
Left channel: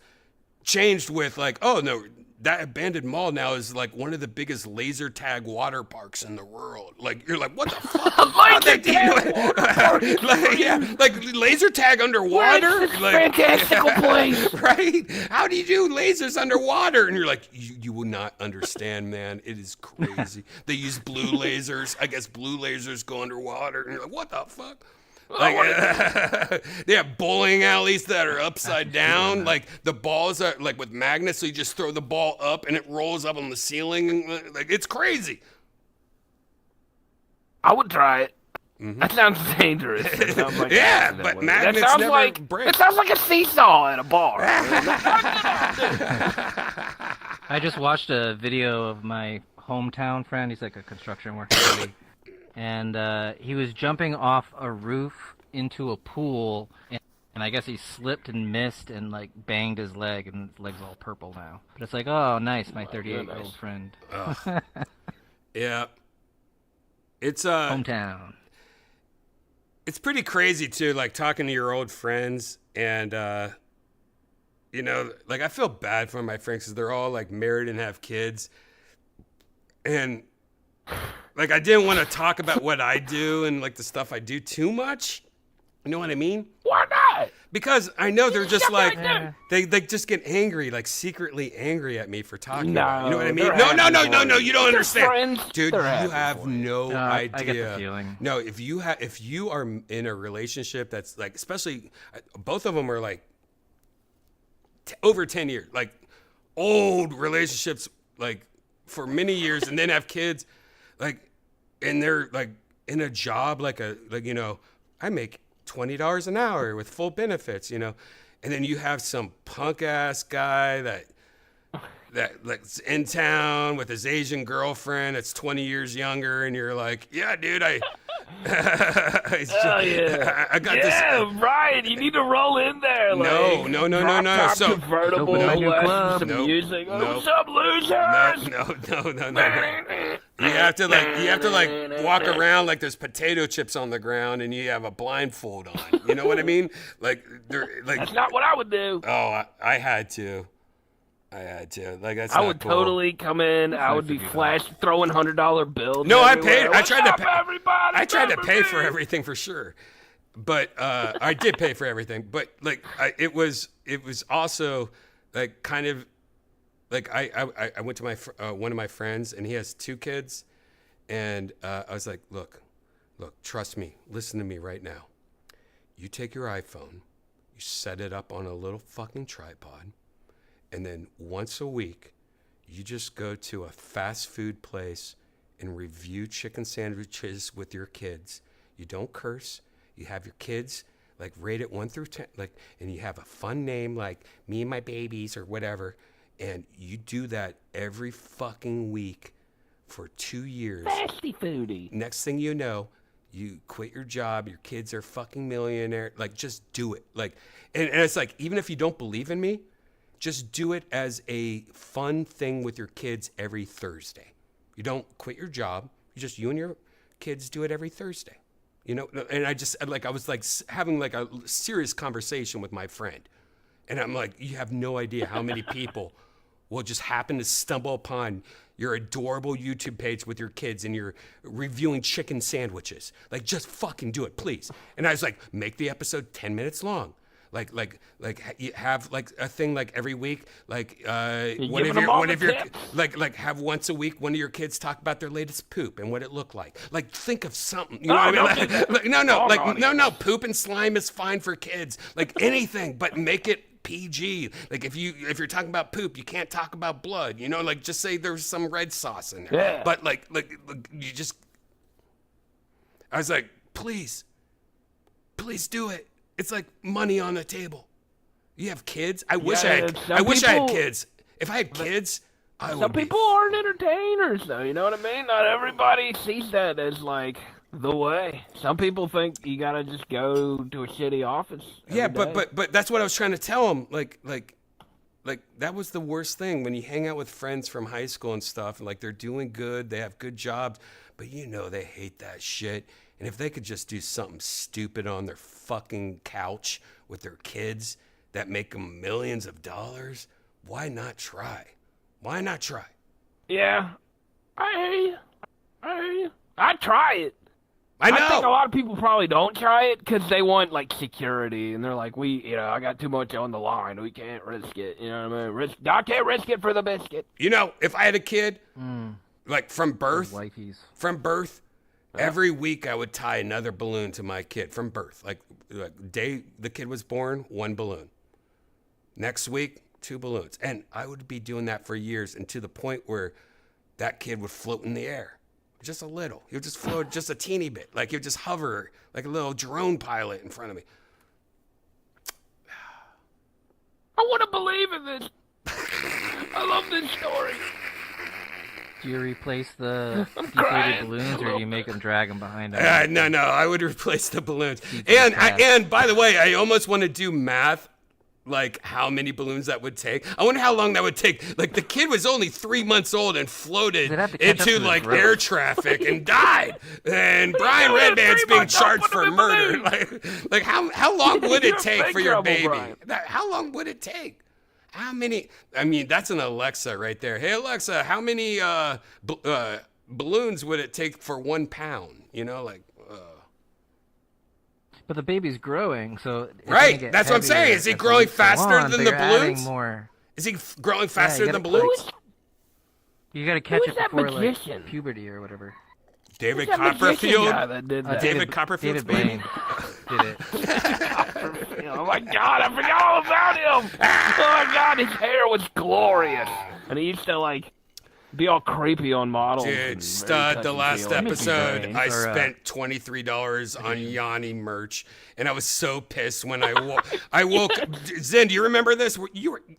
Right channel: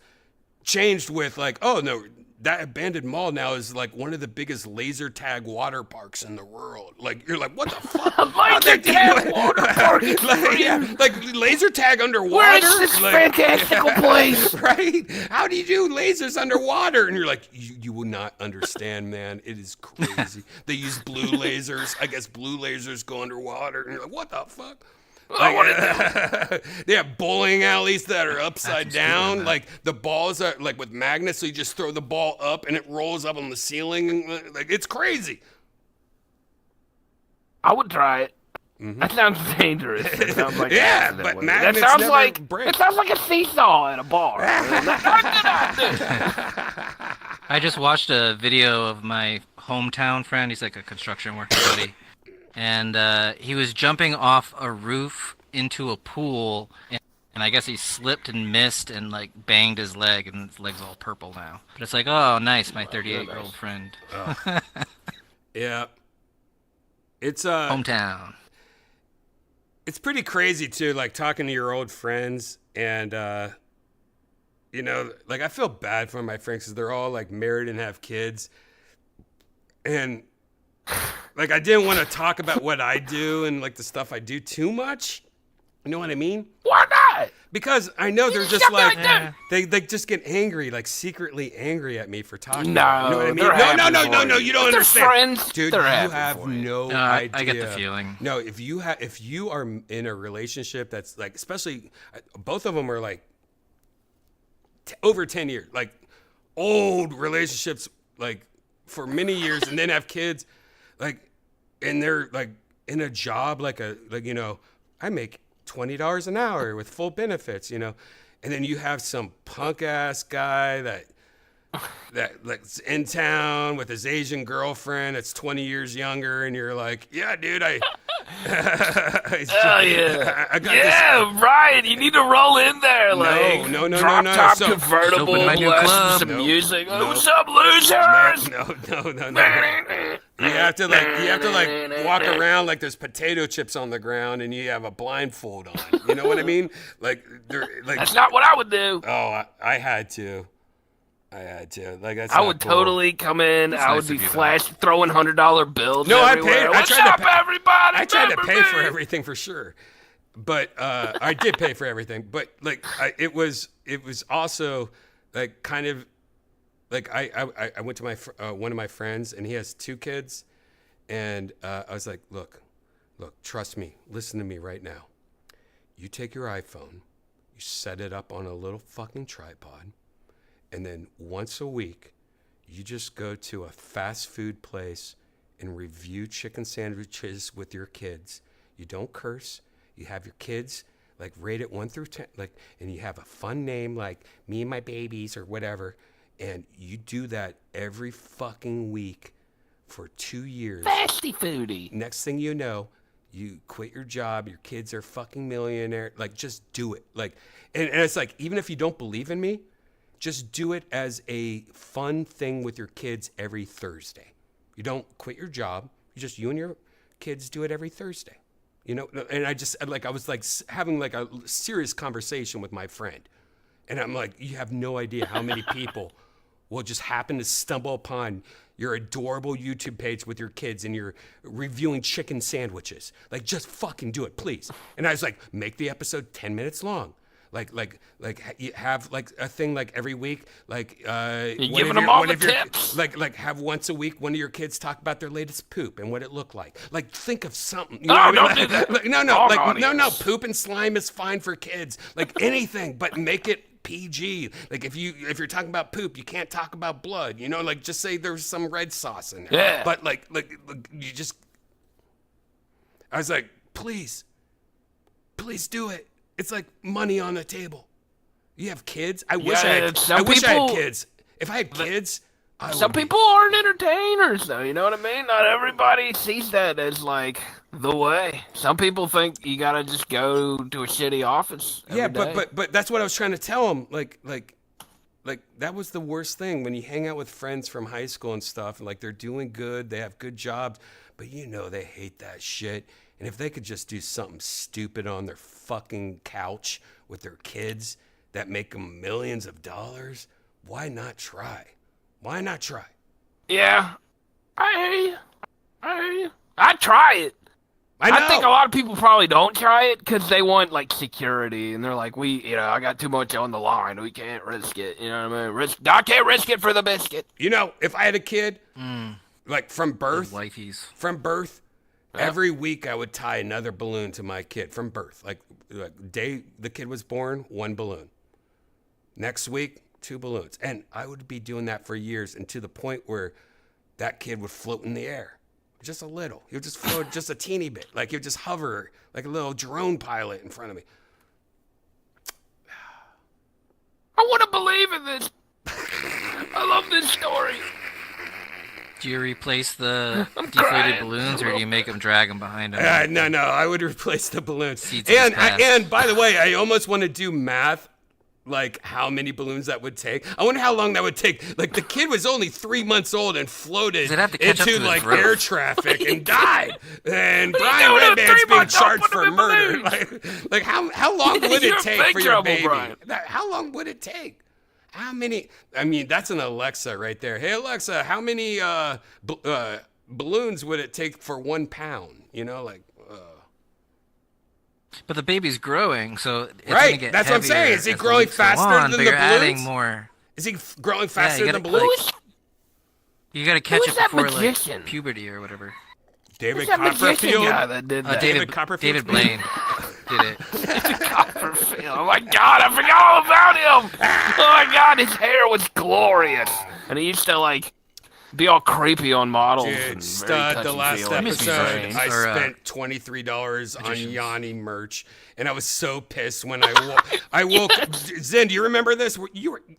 changed with like, oh no, that abandoned mall now is like one of the biggest laser tag water parks in the world. Like you're like, what the fuck? How'd they do it? Like, yeah, like laser tag underwater. Where's this like, fantastical place? right? How do you do lasers underwater? And you're like, you will not understand, man. It is crazy. They use blue lasers. I guess blue lasers go underwater, and you're like, what the fuck? Like, they have bowling alleys that are upside down. Like the balls are like with magnets, so you just throw the ball up and it rolls up on the ceiling. Like it's crazy. I would try it. That sounds dangerous. It sounds like Yeah, an accident but with it. magnets That sounds never like, break. It sounds like a seesaw at a bar. I just watched a video of my hometown friend. He's like a construction worker buddy. And he was jumping off a roof into a pool, and I guess he slipped and missed and like banged his leg, and his leg's all purple now. But it's like, oh, nice, my 38-year-old friend. Yeah. It's Hometown. it's pretty crazy too, like talking to your old friends, and you know, like I feel bad for my friends because they're all like married and have kids, and like I didn't want to talk about what I do and like the stuff I do too much. You know what I mean? Why not? Because I know they're just like, Yeah. they just get angry, like secretly angry at me for talking about it. You know what I mean? they're No, happy for you don't They're understand. friends. Dude, They're you happy have for you. no I idea. get the feeling. No, if you are in a relationship that's like, especially both of them are like over 10 years, like old relationships, like for many years, and then have kids, like, and they're like in a job like I make $20 an hour with full benefits, and then you have some punk ass guy that's in town with his Asian girlfriend that's 20 years younger, and you're like, yeah, dude, I got this. Yeah, right. You need to roll in there. No. Drop-top So- convertible, Open a new blast club. some Nope. music. Nope. What's up, losers? No. You have to walk around like there's potato chips on the ground, and you have a blindfold on. You know what I mean? Like That's not what I would do. Oh, I had to. Like, that's I not would cool. totally come in. I would nice be of you, though. throwing $100 bills. No, I everywhere. paid. I What's tried to up, pay. everybody? I tried to pay for Baby? everything for sure, but I did pay for everything. But like, it was also like kind of like I went to my one of my friends, and he has 2 kids, and I was like, look, trust me, listen to me right now. You take your iPhone, you set it up on a little fucking tripod. And then once a week, you just go to a fast food place and review chicken sandwiches with your kids. You don't curse. You have your kids like rate it 1 through 10, like, and you have a fun name like Me and My Babies or whatever. And you do that every fucking week for 2 years. Fasty foodie. Next thing you know, you quit your job. Your kids are fucking millionaire. Like, just do it. Like, and it's like, even if you don't believe in me, just do it as a fun thing with your kids every Thursday. You don't quit your job. You and your kids do it every Thursday. And I was like having like a serious conversation with my friend. And I'm like, you have no idea how many people will just happen to stumble upon your adorable YouTube page with your kids and you're reviewing chicken sandwiches. Like, just fucking do it, please. And I was like, make the episode 10 minutes long. Like you have like a thing like every week, like like have once a week one of your kids talk about their latest poop and what it looked like. Like, think of something. You know what I mean? No, poop and slime is fine for kids. Like, anything, but make it PG. Like, if you're talking about poop, you can't talk about blood. Like, just say there's some red sauce in there. Yeah. But like you just. I was like, please do it. It's like money on the table. You have kids? I wish I had kids. If I had kids, I would. Some people aren't entertainers, though. You know what I mean? Not everybody sees that as like the way. Some people think you gotta just go to a shitty office. Yeah, every day. but that's what I was trying to tell them. Like that was the worst thing when you hang out with friends from high school and stuff, and like they're doing good, they have good jobs, but they hate that shit. And if they could just do something stupid on their fucking couch with their kids that make them millions of dollars, why not try? Yeah, I hear you. I try it. I know. I think a lot of people probably don't try it because they want like security, and they're like, I got too much on the line. We can't risk it. You know what I mean? I can't risk it for the biscuit. If I had a kid, like from birth, every week I would tie another balloon to my kid from birth. Like day the kid was born, 1 balloon. Next week, 2 balloons. And I would be doing that for years, and to the point where that kid would float in the air. Just a little. He would just float just a teeny bit. Like, he would just hover like a little drone pilot in front of me. I want to believe in this. I love this story. Do you replace the deflated balloons, or do you make them drag them behind them? No. I would replace the balloons. And by the way, I almost want to do math, like how many balloons that would take. I wonder how long that would take. Like, the kid was only 3 months old and floated into like air traffic and died. And Brian Redban's being charged for murder. Like how long would it take for your baby? How long would it take? How many? I mean, that's an Alexa right there. Hey, Alexa, how many balloons would it take for 1 pound? But the baby's growing, so it's gonna Right, get that's what I'm heavier saying. Is he as the growing weeks go faster on, than but the you're adding balloons? More. Is he growing faster than balloons? You gotta catch Who's it that before magician? like puberty or whatever. David Who's that magician Copperfield. guy that did that? David Copperfield's David baby? Blaine did it. Oh my God, I forgot all about him. Oh my God, his hair was glorious, and he used to like be all creepy on models. and Dude, very stud, the last touchy-feely. episode, I Or, spent $23 on Yanni merch, and I was so pissed when I woke. Zen, do you remember this?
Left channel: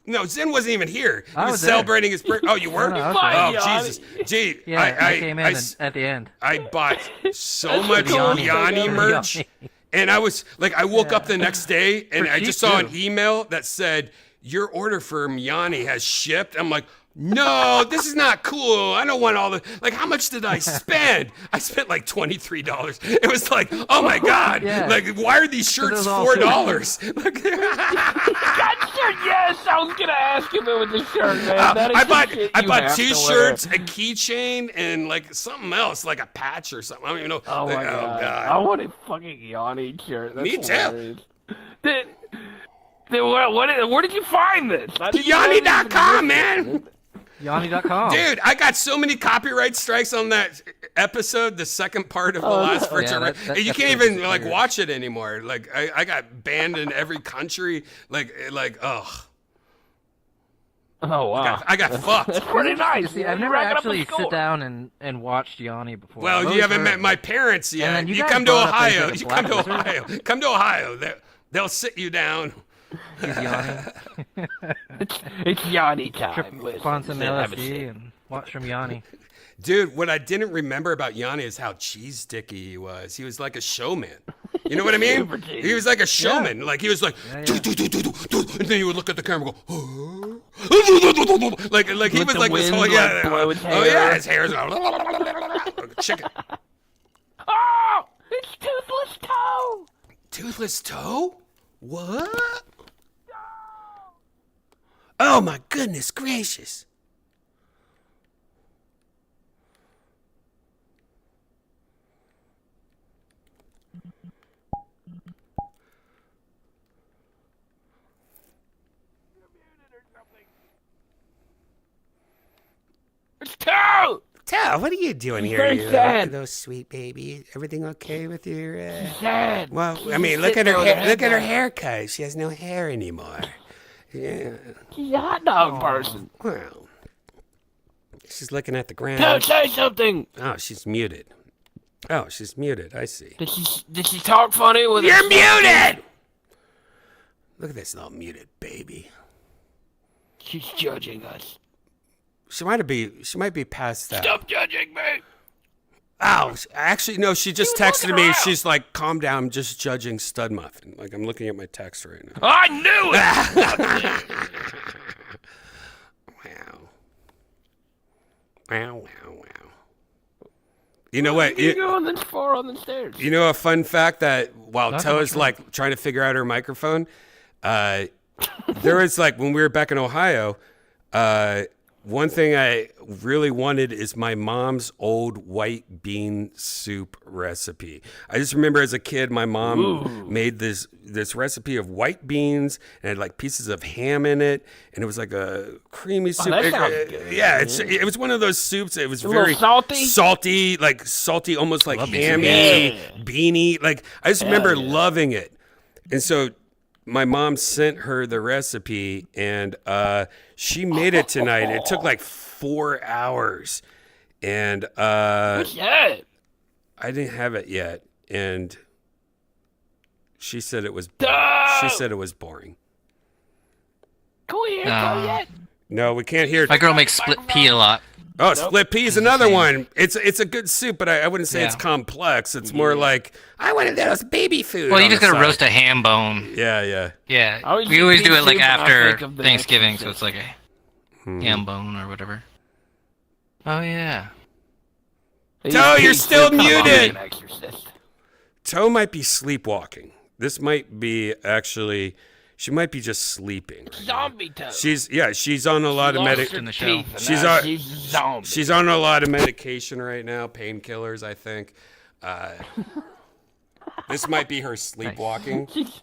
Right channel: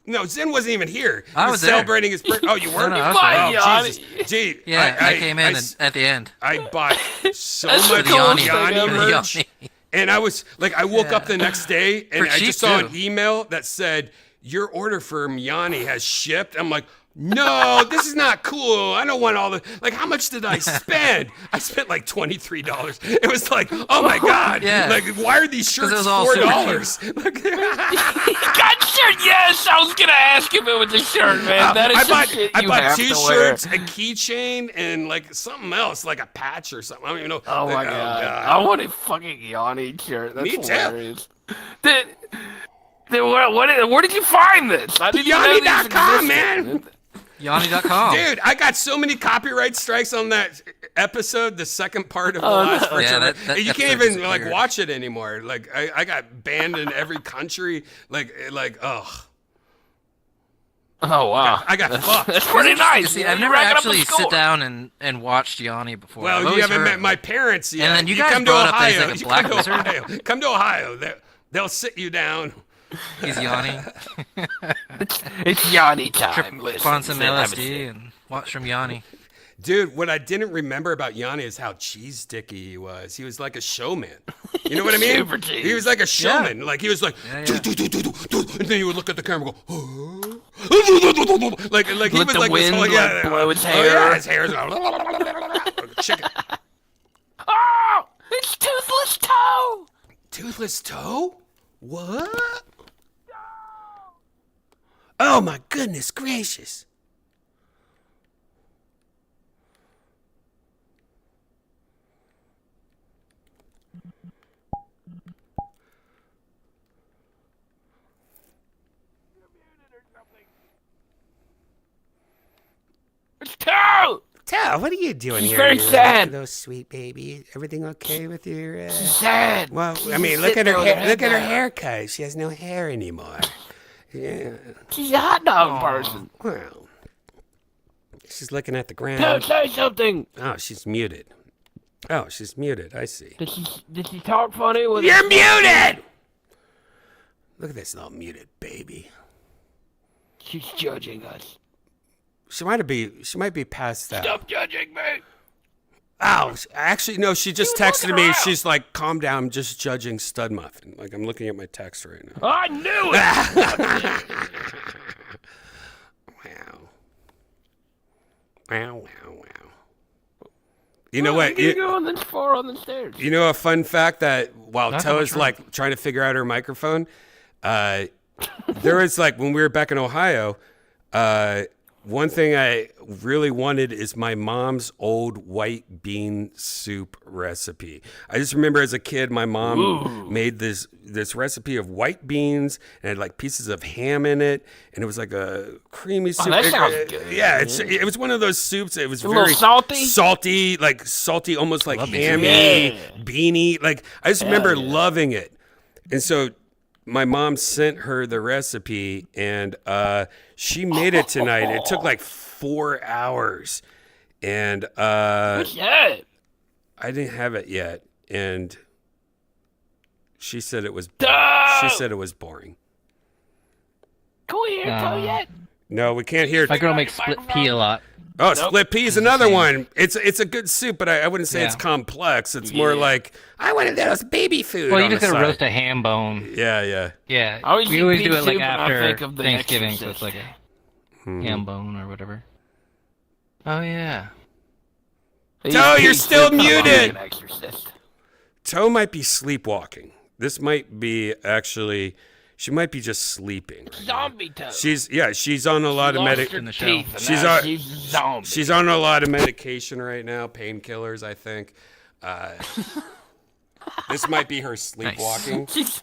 No, Zen wasn't even here. He I was was there. celebrating his birthday. Oh, you were? No, I was Oh, there. Yanni. Jesus. Gee, Yeah, I came in I, at the end. I bought so much Yanni. Yanni merch, and I was like, I woke up the next day, and For I cheap, just saw too. an email that said, your order from Yanni has shipped. I'm like, no, this is not cool. I don't want all the, like, how much did I spend? I spent like $23. It was like, oh my God. Yeah. Like, why are these shirts was all $4? Like, God, sure, yes, I was gonna ask if it was a shirt, man. That is I some bought shit I you bought have to t-shirts, a wear. keychain, and like something else, like a patch or something. I don't even know. Oh my Like, God. I want a fucking Yanni shirt. That's Me too. hilarious. Where did you find this? I didn't know this Yanni.com, existed. man. Yanni.com. Dude, I got so many copyright strikes on that episode, the second part of the last virtual. Yeah, that you can't episode even is like weird. watch it anymore. Like I got banned in every country. Like ugh. Oh wow, I got fucked. that's pretty nice. See, You're I've never racking up a actually score. sit down and watched Yanni before. Well, I've you always haven't heard met of my it. parents yet. then you You guys come to brought up that he's Ohio. like a You come to black wizard. Ohio. Come to Ohio. They'll sit you down. He's Yanni. It's Yanni time. Trip Listen, on some Sid, have a LSD sip. and watch from Yanni. Dude, what I didn't remember about Yanni is how cheese sticky he was. He was like a showman. You know what I mean? Super cheese. He was like a showman. Like he was like, "Do, do, do, do, do, do," and then he would look at the camera and go, like he Let was the like this wind, whole like, blow his Oh yeah, hair. his hair's like a chicken. Oh, it's Toothless Toe. Toothless toe? What? Oh my goodness gracious. It's Toe. Tell, what are you doing She's here? very you sad. little sweet baby. Everything okay with your? Sad. Well, She's I mean, just look at sitting her on hair. her Look at her headband. haircut. She has no hair anymore. Yeah. She's a hot dog person. Well, she's looking at the Toe, ground. say something. Oh, she's muted. Oh, she's muted. I see. Did she talk funny? With You're muted. Look at this little muted baby. She's judging us. She might be past that. Stop judging me. Oh, actually, no. She just She was texted looking me. around. She's like, "Calm down. I'm just judging Stud Muffin." Like I'm looking at my text right now. I knew it. Wow. Wow, wow, wow. You know what? You going this far on the stairs? You know a fun fact that while Not Toe is much. like trying to figure out her microphone, there was like when we were back in Ohio, one thing I really wanted is my mom's old white bean soup recipe. I just remember as a kid, my mom made this recipe of white beans and had like pieces of ham in it, and it was like a creamy soup. that sounds good. Yeah, it was one of those soups. It was little very salty? salty, almost like Love it. hammy, Yeah. beany. Like I just remember yeah. loving it, and so my mom sent her the recipe, and she made it tonight. It took like 4 hours, and Yeah. I didn't have it yet, and she said it was. Duh. She said it was boring. Can we hear Toe yet? No, we can't hear. My girl makes split pea a lot. Oh, split pea is another one. It's a good soup, but I wouldn't say it's Yeah. complex. It's more like I wanted those baby food. Well, you on just the gotta side. roast a ham bone. Yeah, yeah. Yeah, I always we always eat do it like soup and I after think of The Thanksgiving, so Exorcist. it's like a ham bone or whatever. Oh yeah. Toe, you're still muted. An exorcist. Toe might be sleepwalking. This might be actually. She might be just sleeping. right now. Zombie Toe. She's on a lot of Lost her in the teeth, show. and She's now on- she's a zombie. She's on a lot of medication right now, painkillers, I think. This might be her sleepwalking. She's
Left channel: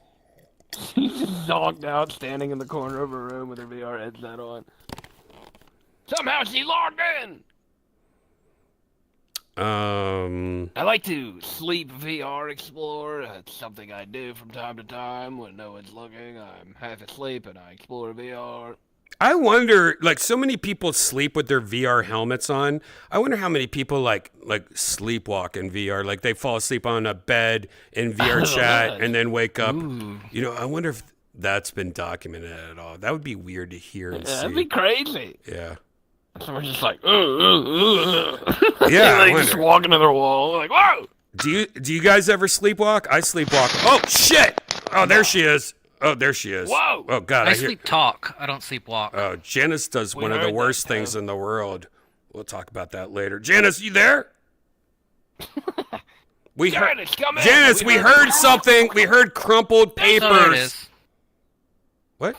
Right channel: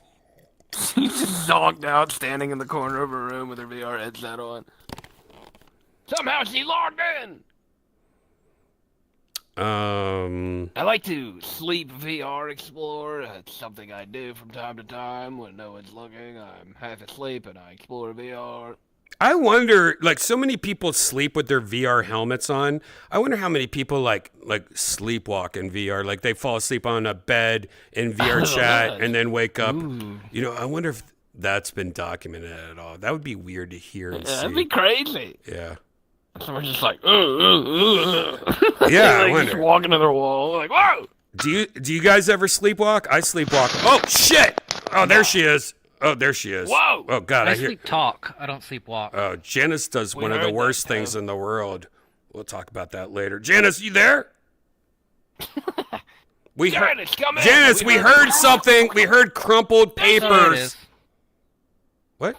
just zonked out, standing in the corner of her room with her VR headset on. Somehow she logged in! I like to sleep VR explore. That's something I do from time to time when no one's looking. I'm half asleep and I explore VR. I wonder, like, so many people sleep with their VR helmets on. I wonder how many people like sleepwalk in VR. Like, they fall asleep on a bed in VR chat and then wake up. Ooh. You know, I wonder if that's been documented at all. That would be weird to hear and see. That'd be crazy. Yeah. Someone's just like, Yeah, I like, just wonder. walking to their wall, like, whoa! Do you guys ever sleepwalk? I sleepwalk. Oh shit! Oh, there she is. Oh, there she is. Whoa! Oh God, I I hear. sleep talk. I don't sleep walk. Oh, Janice does We one of the heard that, worst things Tom. in the world. We'll talk about that later. Janice, you there? We heard. Janice, come in! Janice, we heard something. We heard crumpled Oh, there it papers. is. What?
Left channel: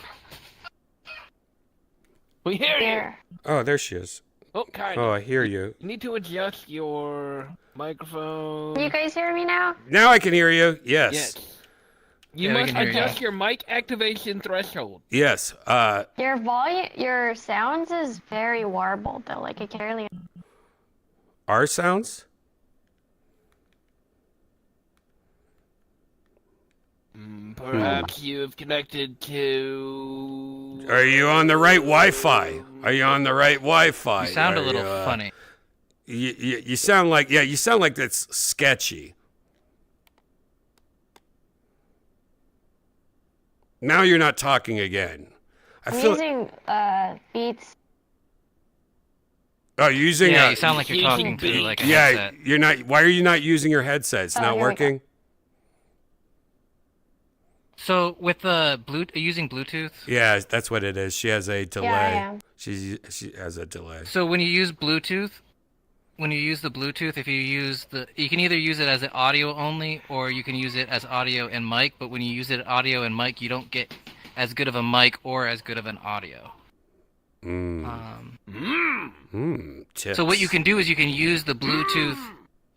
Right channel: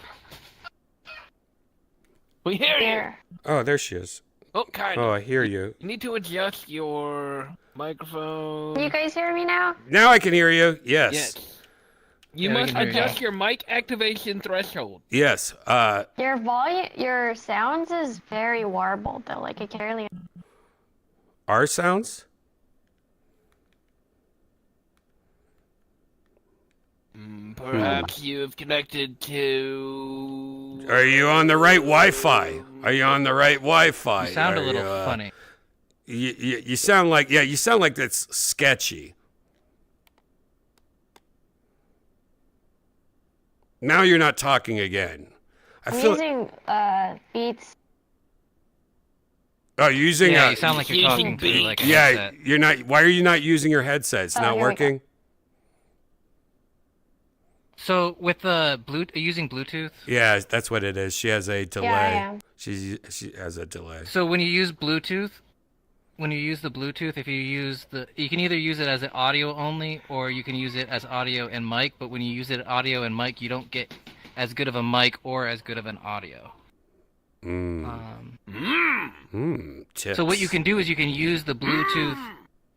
We hear you! There. Oh, there she is. Oh, kind Oh, of. I hear you. You need to adjust your microphone. Can you guys hear me now? Now I can hear you. Yes. Yes. You Yeah, we must can hear you. adjust your mic activation threshold. Yes. Your volume, your sounds is very warbled though. Like I can barely. Our sounds. Perhaps you have connected to. Are you on the right Wi-Fi? Are you on the right Wi-Fi? You sound a Are little you, funny. You sound like you sound like that's sketchy. Now you're not talking again. I I'm feel. using Beats. Oh, you're using Yeah, a. you sound like you're talking through like a Yeah, headset. you're not. Why are you not using your headset? It's Oh, not here we go. working. So with the are you using Bluetooth? Yeah, that's what it is. She has a delay. I am. She has a delay. So when you use Bluetooth, when you use the Bluetooth, if you use you can either use it as an audio only, or you can use it as audio and mic. But when you use it audio and mic, you don't get as good of a mic or as good of an audio. Tips. So what you can do is you can use the Bluetooth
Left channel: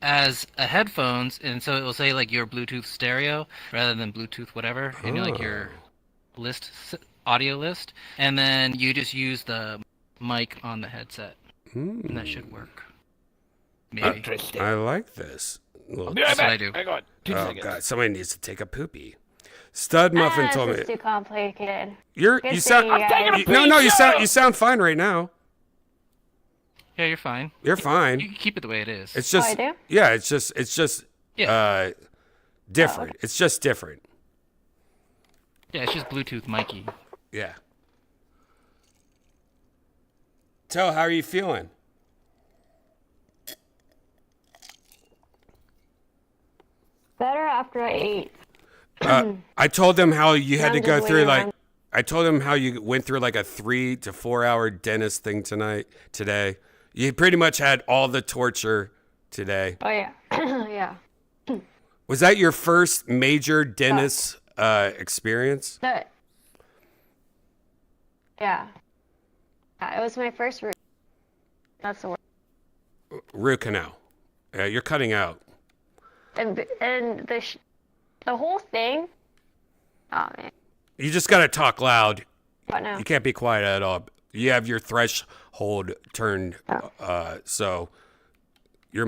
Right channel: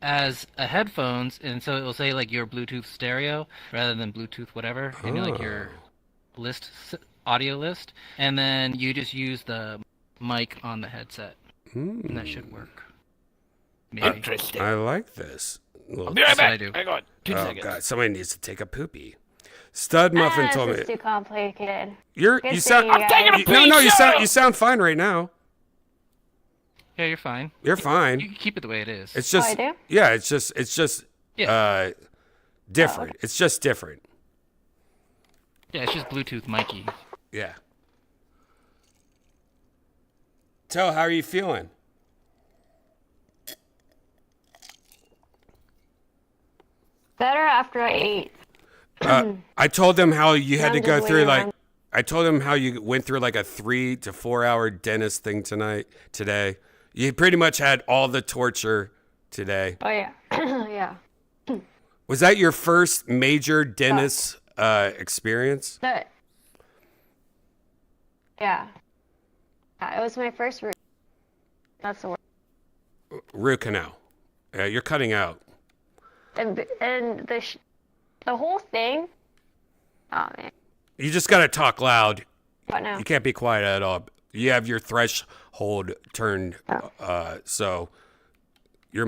as a headphones, and so it will say like your Bluetooth stereo rather than Bluetooth whatever, and like your audio list, and then you just use the mic on the headset, and that should work. Maybe. Interesting. I like this. Little- Be right That's what back. I do. Hang on. 2 oh seconds. God, somebody needs to take a poopy. Stud Muffin told This is me too complicated. you Good sound. seeing you guys. No, you sound fine right now. Yeah, you're fine. You're You fine. can keep it the way it is. It's just I do? yeah, it's just Yeah. different. It's just different. Yeah, it's just Bluetooth Mikey. Yeah. Tell, how are you feeling? Better after I ate. I told them how you had I'm to go just through waiting like on- I told them how you went through like a 3 to 4 hour dentist thing today. You pretty much had all the torture today. Oh yeah. Yeah. Was that your first major dentist experience? That. Yeah. It was my first root. That's the word. Root canal. Yeah, you're cutting out. And the whole thing. Oh man. You just got to talk loud. What now? You can't be quiet at all. You have your threshold turned, so your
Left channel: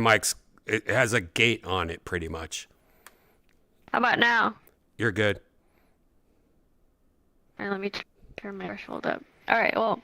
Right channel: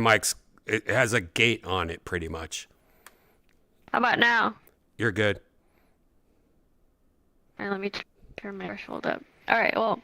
it has a gate on it pretty much. How about now? You're good. All right, let me turn my threshold up. All right, well,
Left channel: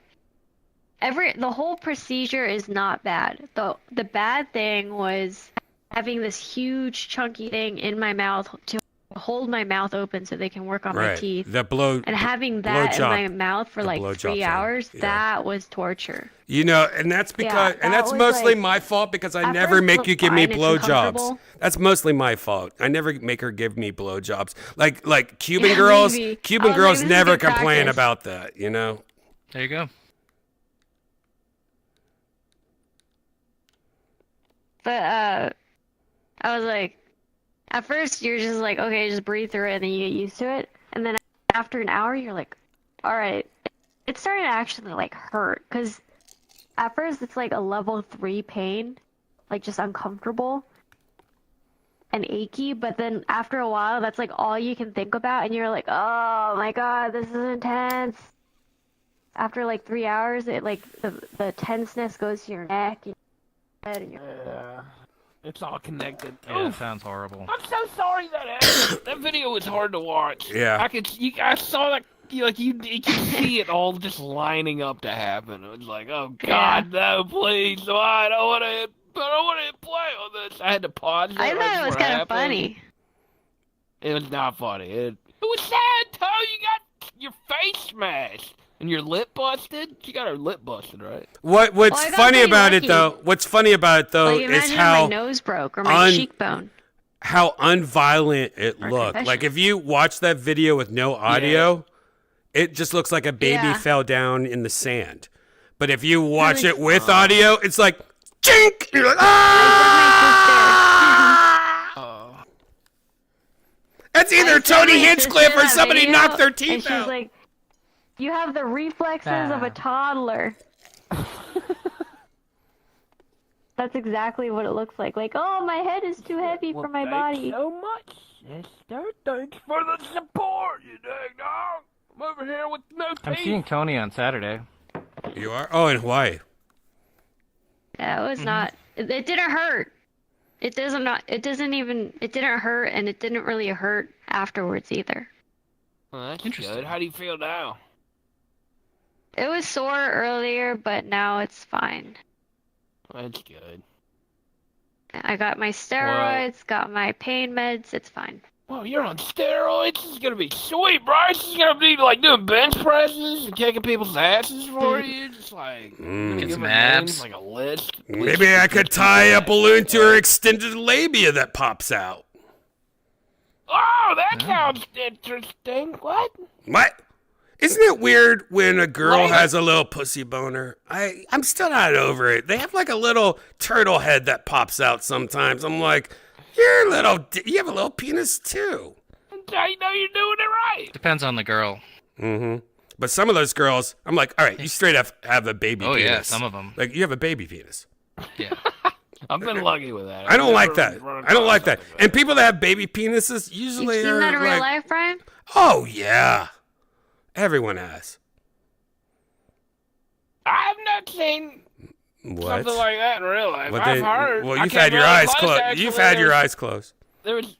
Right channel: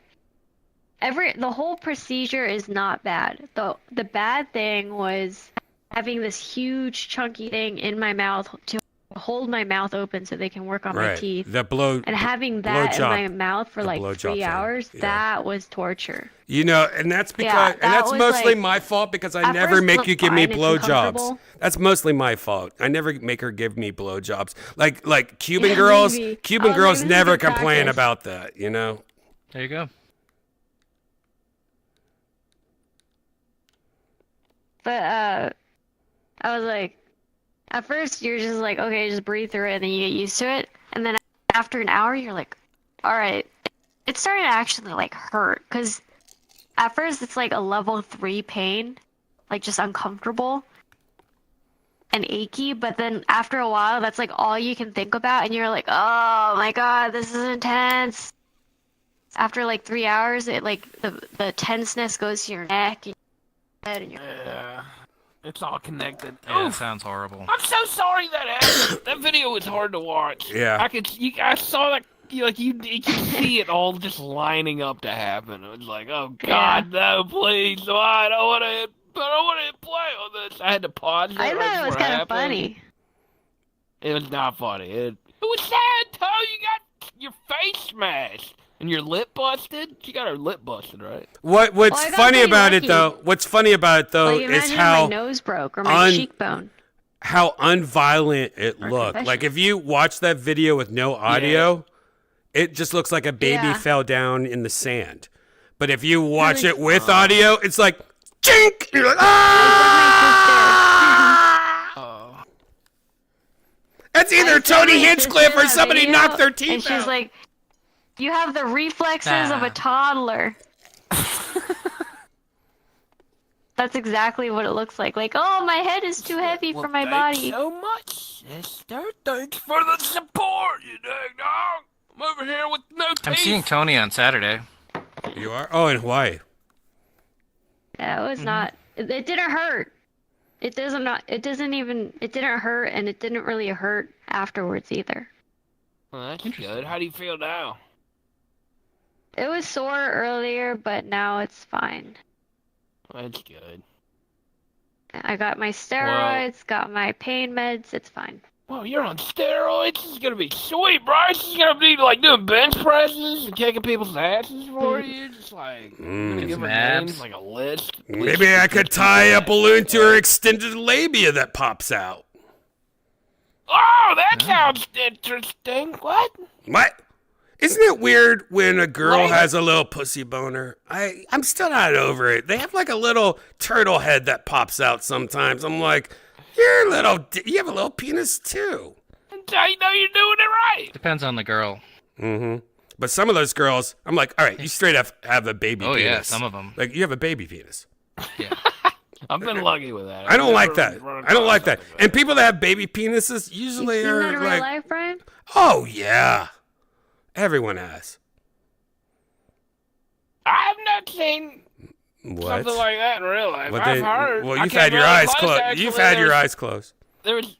the whole procedure is not bad. The bad thing was having this huge chunky thing in my mouth to hold my mouth open so they can work on my Right. teeth. The blow. And having that in blowjob- my mouth for the like blowjob 3 thing, hours, yeah. that was torture. You know, and that's because, and that that's was, mostly like- my fault because I at never first it make was you give me fine, it's blowjobs. uncomfortable. That's mostly my fault. I never make her give me blowjobs. Like Cuban girls, maybe. Cuban Oh, girls maybe this is never good complain practice. about that. You know. There you go. But I was like, at first you're just like, okay, just breathe through it, and then you get used to it. And then after an hour, you're like, all right. It started to actually like hurt, because at first it's like a level 3 pain, like just uncomfortable. and achy, but then after a while, that's like all you can think about, and you're like, oh my God, this is intense. After like 3 hours, it like the tenseness goes to your neck and your head and your... Yeah. It's all connected. Yeah, that Oof. sounds horrible. I'm so sorry that happened. That video was hard to watch. Yeah. I saw that. You could see it all just lining up to happen. It was like, oh God, no, please, no, I don't want to play on this. I had to pause it. I right thought it was before kind of happened. funny. It was not funny. It was sad, Toe. You got your face smashed and your lip busted. She got her lip busted, right? What's Well, I got funny pretty about it lucky. though? What's funny about it though Like, is imagine if how my nose broke or my cheekbone. how unviolent it Or looked. confession. Like if you watch that video with no audio, it just looks like a baby Yeah. fell down in the sand. But if you watch Really? it with audio, it's like chink. You're like, ah! Oh. That's either I showed Tony my Hinchcliffe sister or that somebody video, knocked their and teeth she's out. like, you have the reflexes of Nah. a toddler. That's exactly what it looks like. Like, oh, my head is too heavy for my Thanks body. so much, sister. Thanks for the support, you dig, dog. I'm over here with no teeth. I'm seeing Tony on Saturday. You are? Oh, in Hawaii. Yeah, it was not. It didn't hurt. It doesn't not. It doesn't even. It didn't hurt, and it didn't really hurt afterwards either. Well, that's good. How do you feel now? It was sore earlier, but now it's fine. That's good. I got my steroids, got my pain meds. It's fine. Well, you're on steroids. This is gonna be sweet, bro. This is gonna be like doing bench presses and kicking people's asses for you. Just like gonna give her Abs. names like a list. Maybe I could tie a balloon to her extended labia that pops out. Oh, that sounds interesting. What? What? Isn't it weird when a girl Right. has a little pussy boner? I'm still not over it. They have like a little turtle head that pops out sometimes. I'm like, you have a little penis too. That's how you know you're doing it right. Depends on the girl. Mm-hmm. But some of those girls, I'm like, all right, you straight up have a baby Oh penis. yeah, some of them. Like you have a baby penis. Yeah. I've been lucky with that. I don't I've like never that. run I don't like across that. something And people that have baby penises You usually seen are that in real like, life, Brian? oh yeah, everyone has. I've not seen What? something like that in real life. What I've they- heard. well, I you've came had your really eyes close, closed. actually. You've had your eyes closed. There was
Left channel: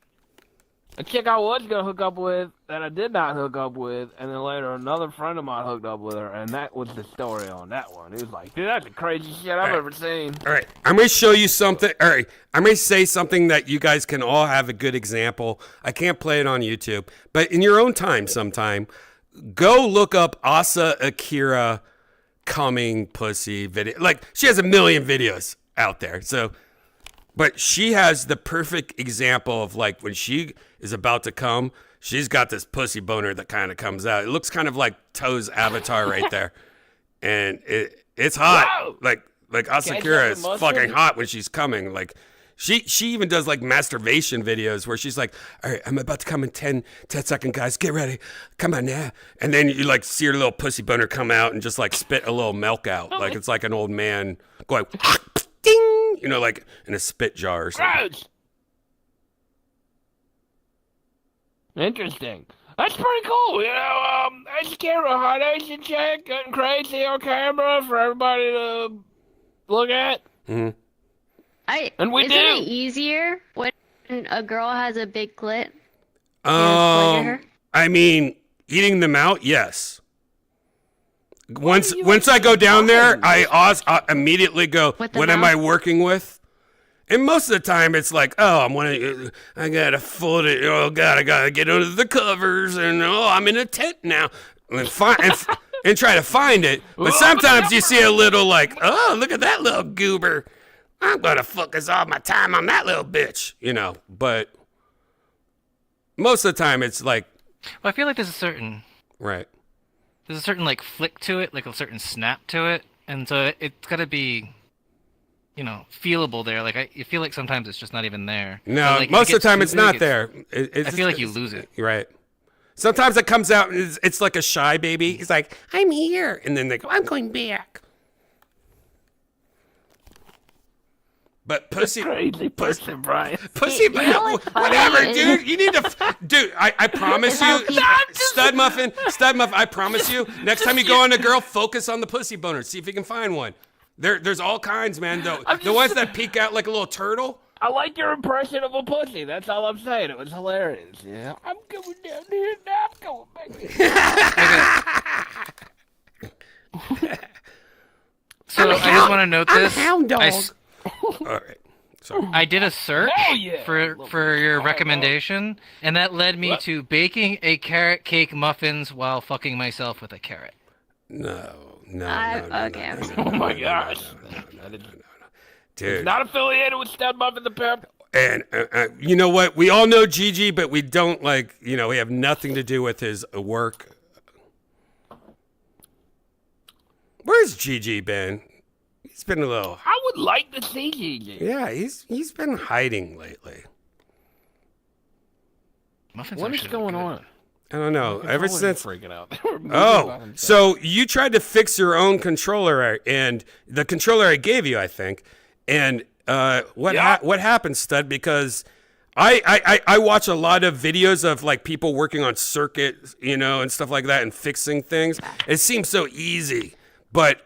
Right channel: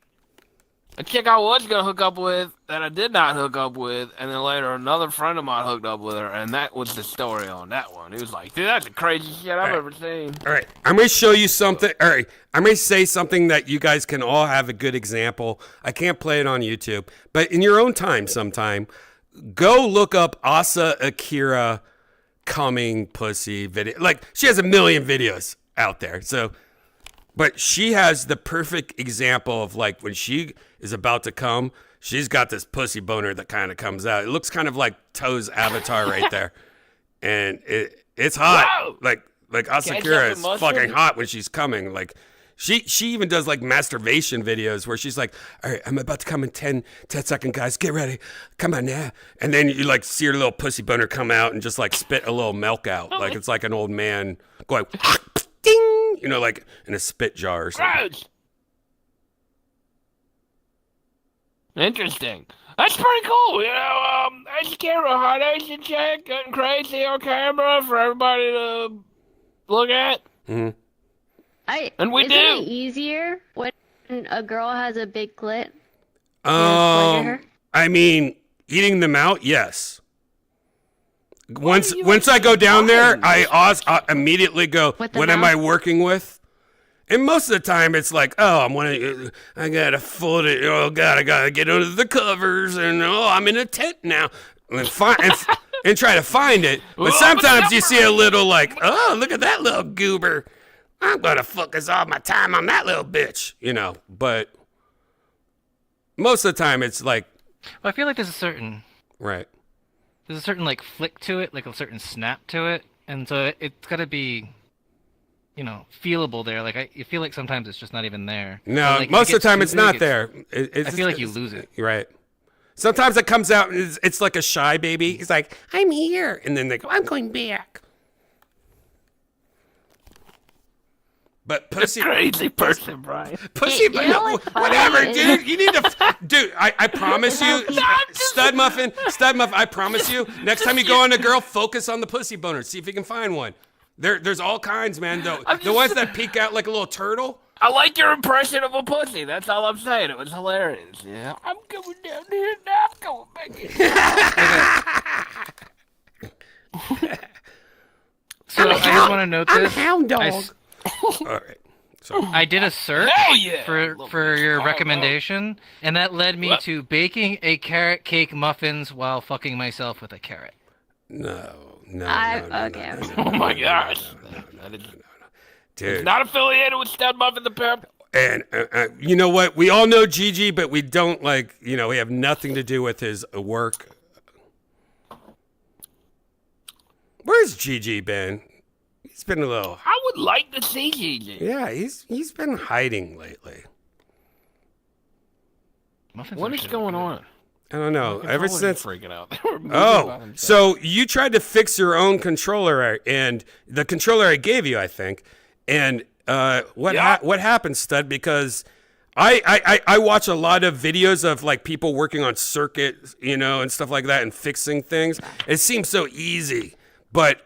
a chick I was gonna hook up with that I did not hook up with, and then later another friend of mine hooked up with her, and that was the story on that one. He was like, "Dude, that's the craziest shit I've Right. ever seen." All right, I'm going to show you something. All right, I'm going to say something that you guys can all have a good example. I can't play it on YouTube, but in your own time sometime, go look up Asa Akira coming pussy video. Like, she has a million videos out there. So, but she has the perfect example of like when she is about to come, she's got this pussy boner that kind of comes out. It looks kind of like Toe's avatar right there. And it's hot. Wow. Like Asakura is fucking hot when she's coming. Like she even does like masturbation videos where she's like, all right, I'm about to come in 10 seconds, guys. Get ready. Come on now. And then you like see her little pussy boner come out and just like spit a little milk out. Like it's like an old man going ding, you know, like in a spit jar or something. Gross. Interesting. That's pretty cool. You know, I scared a hot Asian chick getting crazy on camera for everybody to look at. Mm-hmm. And we isn't do. it easier when a girl has a big clit? Her? I mean, eating them out, yes. Once I go down there, I immediately go, With the what am mouth? I working with? And most of the time, it's like, oh, I gotta fold it. Oh God, I gotta get under the covers, and oh, I'm in a tent now, and and try to find it. But sometimes you see a little like, oh, look at that little goober. I'm gonna focus all my time on that little bitch, you know. But most of the time, it's like, Well, I feel like there's a certain right. like flick to it, like a certain snap to it, and so it's got to be, you know, feelable there. Like I feel like sometimes it's just not even there. No, Or, like, most it of the time gets it's too not big, there. I feel like you lose it. Right. Sometimes it comes out and it's like a shy baby. He's like, I'm here. And then they go, I'm going back. But pussy, Crazy person, Brian. pussy, but know no, what's funny? whatever, dude. You need to, dude. I promise you, stud muffin. I promise you. Next time you go on a girl, focus on the pussy boner. See if you can find one. There's all kinds, man. The ones that peek out like a little turtle. I like your impression of a pussy. That's all I'm saying. It was hilarious. Yeah. I'm going down here now. I'm going baby. So I just want to note this. Hound dog. All right. Sorry. I did a search yeah. for your recommendation, and that led me to baking a carrot cake muffins while fucking myself with a carrot. No. Okay. Oh my gosh. Dude. Not affiliated with Stud Muffin the Pimp. And you know what? We all know Gigi, but we don't we have nothing to do with his work. Where's Gigi been? He's been a little. I would like to see Gigi. Yeah, he's been hiding lately. What is going on? I don't know. Ever since freaking out. So you tried to fix your own controller, and the controller I gave you, I think, and what happened, Stud? Because I watch a lot of videos of like people working on circuits, and stuff like that, and fixing things. It seems so easy, but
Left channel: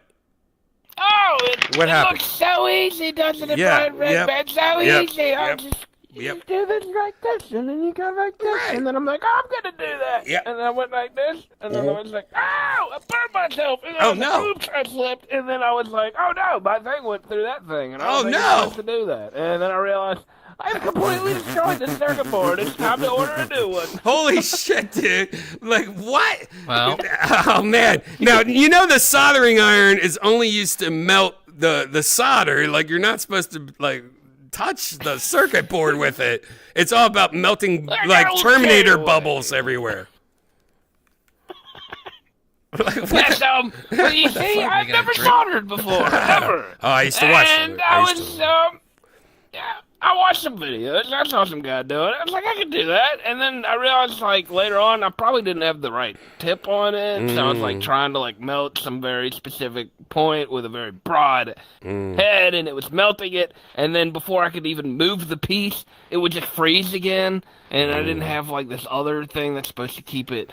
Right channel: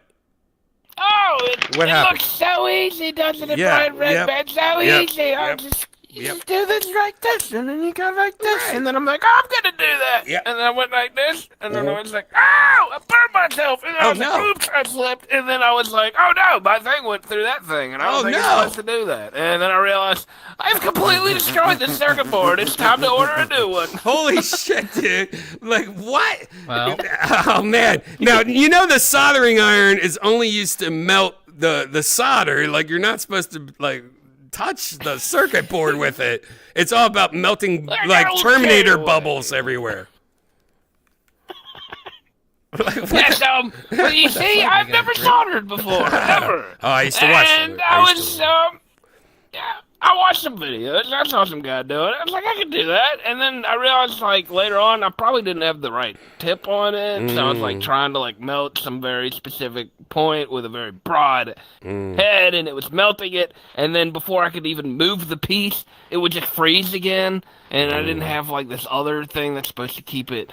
what happened? Looks so easy, doesn't it? Yeah, Redban? So easy. I just Yep. just do this like this, and then you go like this, and then I'm like, oh, I'm gonna do that. Yeah. And then I went like this, and then I was like, oh, I burned myself. And then I was like, oops, I slipped. And then I was like, oh no, my thing went through that thing, and I was supposed to do that. And then I realized I've completely destroyed the circuit board. It's time to order a new one. Holy shit, dude. Like, what? Well. Oh, man. Now, the soldering iron is only used to melt the solder. Like, you're not supposed to, touch the circuit board with it. It's all about melting, Terminator bubbles everywhere. Yes, but you see, I've never soldered before. Never. Oh, I used to watch them. And I watched some videos. I saw some guy do it. I was like, I could do that. And then I realized, later on, I probably didn't have the right tip on it. So I was, trying to, melt some very specific point with a very broad head, and it was melting it. And then before I could even move the piece, it would just freeze again. And I didn't have, this other thing that's supposed to keep it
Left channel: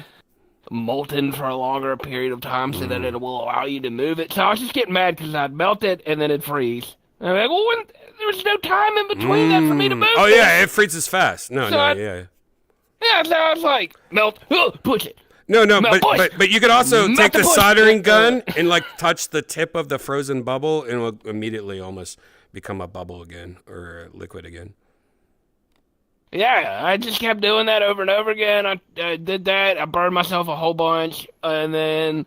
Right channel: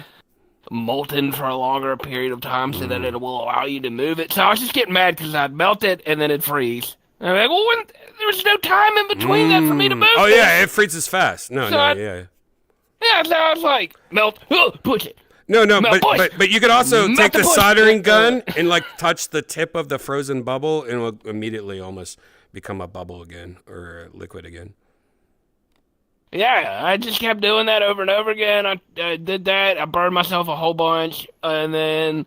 molten for a longer period of time so that it will allow you to move it. So I was just getting mad because I'd melt it, and then it'd freeze. And I'm like, well, there was no time in between that for me to move. Oh, yeah, it freezes fast. Yeah. Yeah, so I was like, melt, push it. No, Melt, but you could also Melt take the the push. soldering gun and touch the tip of the frozen bubble, and it will immediately almost become a bubble again or a liquid again. Yeah, I just kept doing that over and over again. I did that. I burned myself a whole bunch, and then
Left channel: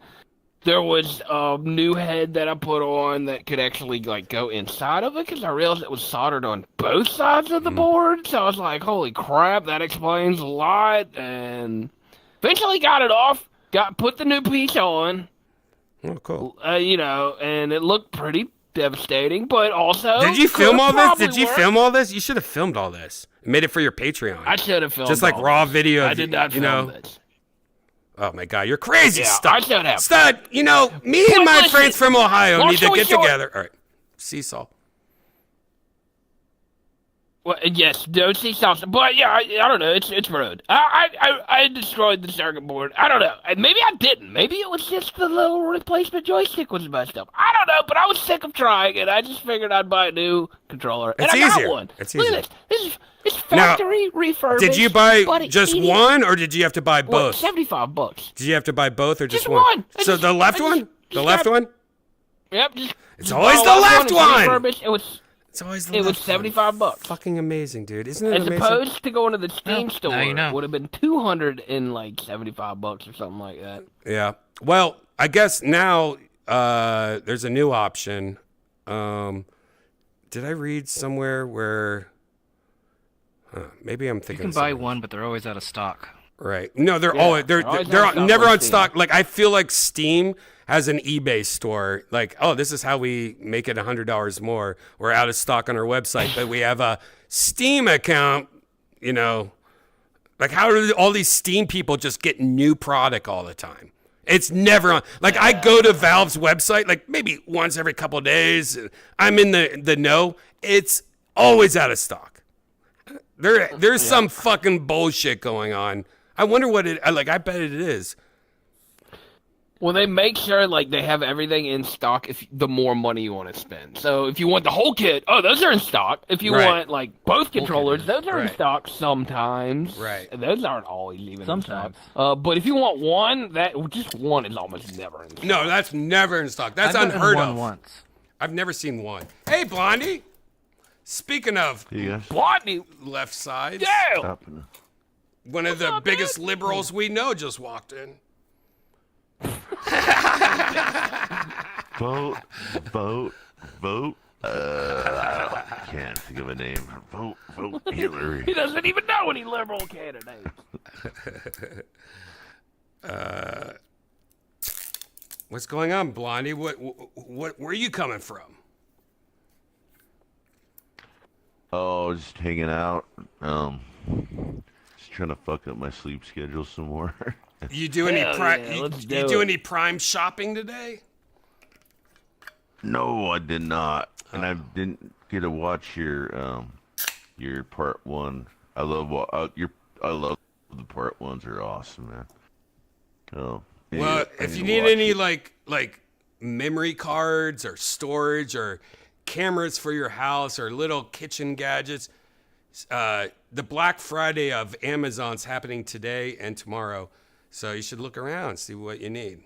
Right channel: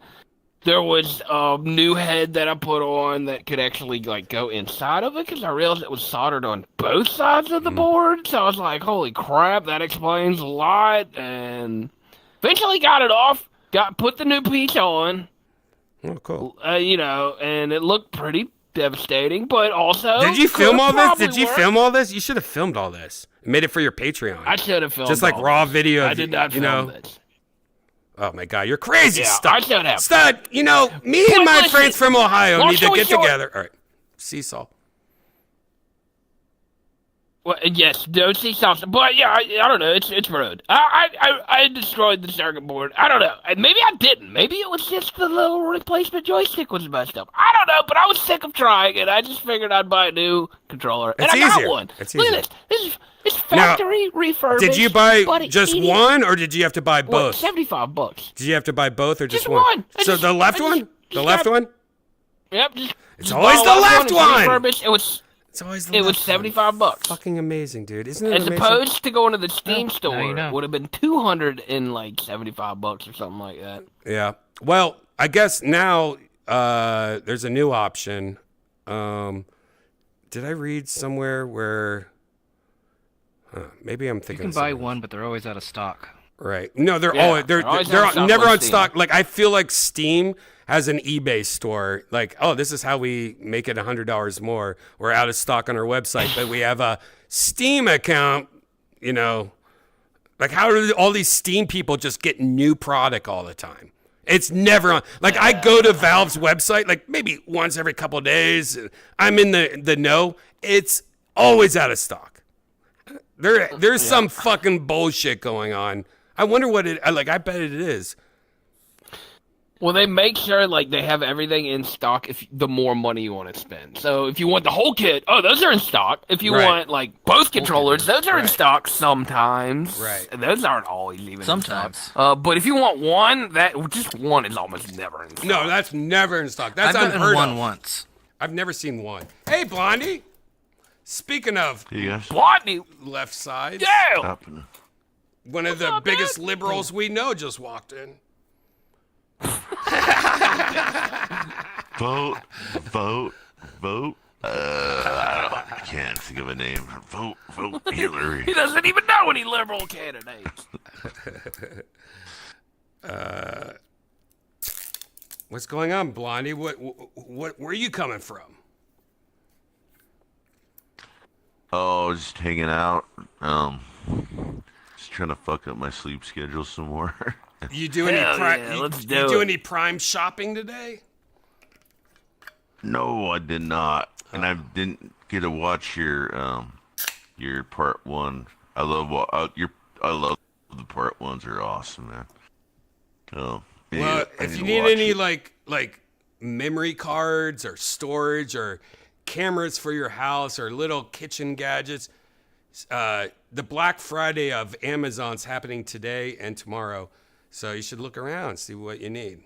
there was a new head that I put on that could actually go inside of it because I realized it was soldered on both sides of the board. So I was like, holy crap, that explains a lot. And eventually got it off, put the new piece on. Oh, cool. And it looked pretty devastating, but also Did you film all this? Did you film all this? You should have filmed all this. Made it for your Patreon. I should have filmed just raw video. I did not film this. Oh my God, you're crazy, Yeah, Stud. I should have. Stud, me and my friends from Ohio need to get together. All right, seesaw. Well, yes, don't see something, but yeah, I don't know. It's rude. I destroyed the circuit board. I don't know. Maybe I didn't. Maybe it was just the little replacement joystick was messed up. I don't know, but I was sick of trying, and I just figured I'd buy a new controller. It's and I easier. Got one. It's Look easier. at this. This is factory refurbished. Did you buy but just it- one, or did you have to buy both? $75. Did you have to buy both, or just Just one. So the left one? The left one? Yep. It's always the left one. Refurbished. It was $75. Fucking amazing, dude. Isn't it As amazing? opposed to going to the Steam store, now you know. it would have been $275 or something like that. Yeah. Well, I guess now there's a new option. Did I read somewhere where? Maybe I'm You thinking. can of buy something. one, but they're always out of stock. Right. No, they're Yeah, always they're they're always never on on Steam. stock. I feel like Steam has an eBay store. This is how we make it $100 more. We're out of stock on our website, but we have a Steam account. How do all these Steam people just get new product all the time? It's never on. I go to Valve's website maybe once every couple of days. I'm in the know. It's always out of stock. There's some fucking bullshit going on. I wonder what it like. I bet it is. Well, they make sure like they have everything in stock if the more money you want to spend. So if you want the whole kit, those are in stock. If you want like both controllers, those are in stock sometimes. Right. Those aren't always even Sometimes. in stock. But if you want one, just one is almost never in stock. No, that's never in stock. That's I've been in unheard one of. once. I've never seen one. Hey, Blondie. Speaking of Blondie, left sides, yeah. one of the biggest liberals we know just walked in. Vote. Can't think of a name. Vote Hillary. He doesn't even know any liberal candidates. What's going on, Blondie? What? Where are you coming from? Oh, just hanging out. Just trying to fuck up my sleep schedule some more. You do any let's you do any Prime shopping today? No, I did not, and I didn't get to watch your part one. I love the part ones are awesome, man. Well, if you need any like memory cards or storage or cameras for your house or little kitchen gadgets, the Black Friday of Amazon's happening today and tomorrow, so you should look around and see what you need.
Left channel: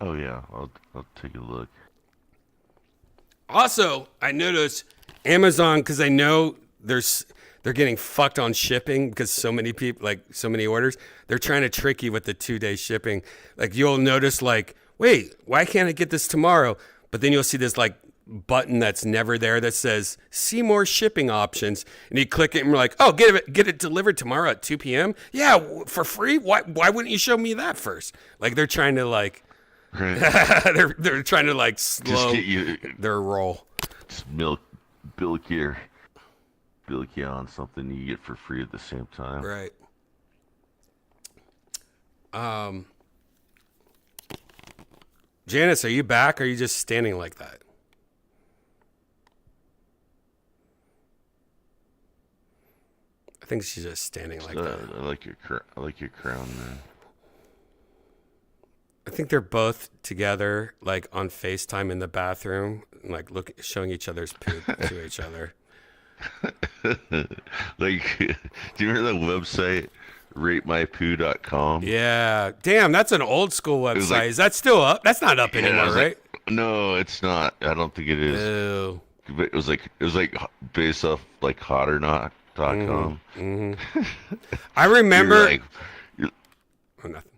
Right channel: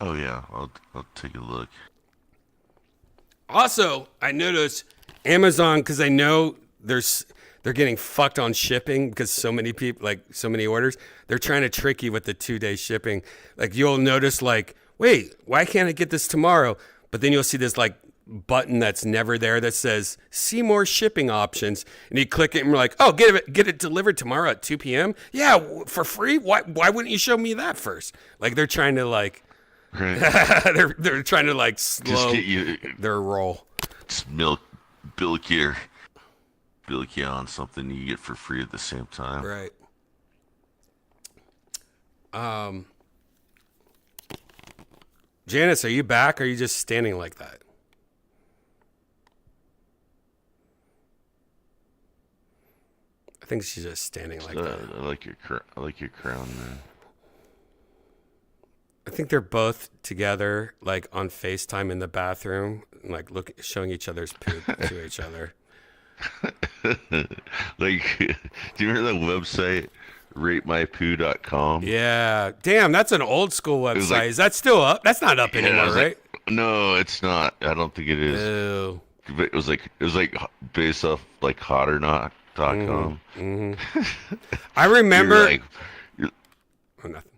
Oh yeah, I'll take a look. Also, I noticed Amazon, because I know they're getting fucked on shipping because so many people, like so many orders, they're trying to trick you with the 2-day shipping. Like you'll notice like, wait, why can't I get this tomorrow? But then you'll see this like button that's never there that says see more shipping options, and you click it and we're like, oh, get it delivered tomorrow at 2 p.m. Yeah, for free. Why wouldn't you show me that first? Like they're trying to like, right. they're trying to like slow their roll. Just billicky on something you get for free at the same time. Right. Janice, are you back or are you just standing like that? I think she's just standing like that. I like your crown, man. I think they're both together, like on FaceTime in the bathroom, like showing each other's poop to each other. Like, do you remember that website, ratemypoo.com? Yeah. Damn, that's an old school website. Like, is that still up? That's not up anymore, right? No, it's not. I don't think it is. Ew. It was like based off like hotornot.com. Mm-hmm. I remember. Oh, nothing.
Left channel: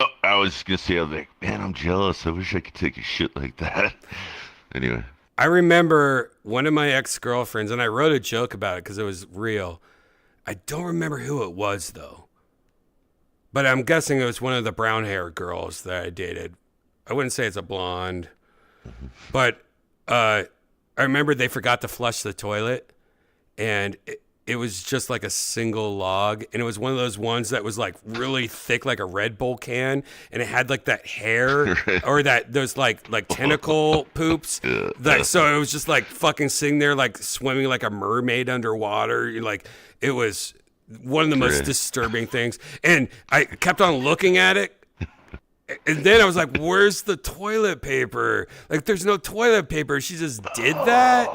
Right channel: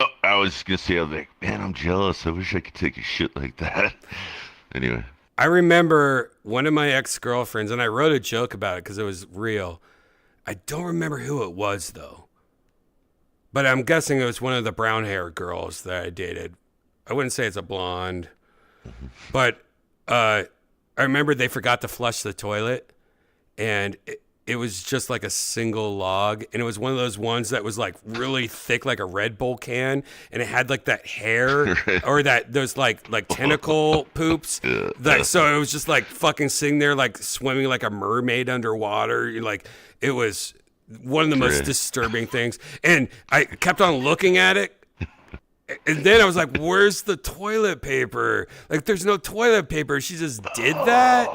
Oh, I was just gonna say, I was like, man, I'm jealous. I wish I could take a shit like that. Anyway. I remember one of my ex-girlfriends, and I wrote a joke about it because it was real. I don't remember who it was, though. But I'm guessing it was one of the brown-haired girls that I dated. I wouldn't say it's a blonde. But I remember they forgot to flush the toilet, and it was just like a single log, and it was one of those ones that was like really thick, like a Red Bull can, and it had like that hair or those like tentacle poops. So it was just like fucking sitting there like swimming like a mermaid underwater. Like it was one of the most disturbing things, and I kept on looking at it. And then I was like, where's the toilet paper? Like, there's no toilet paper. She just did that?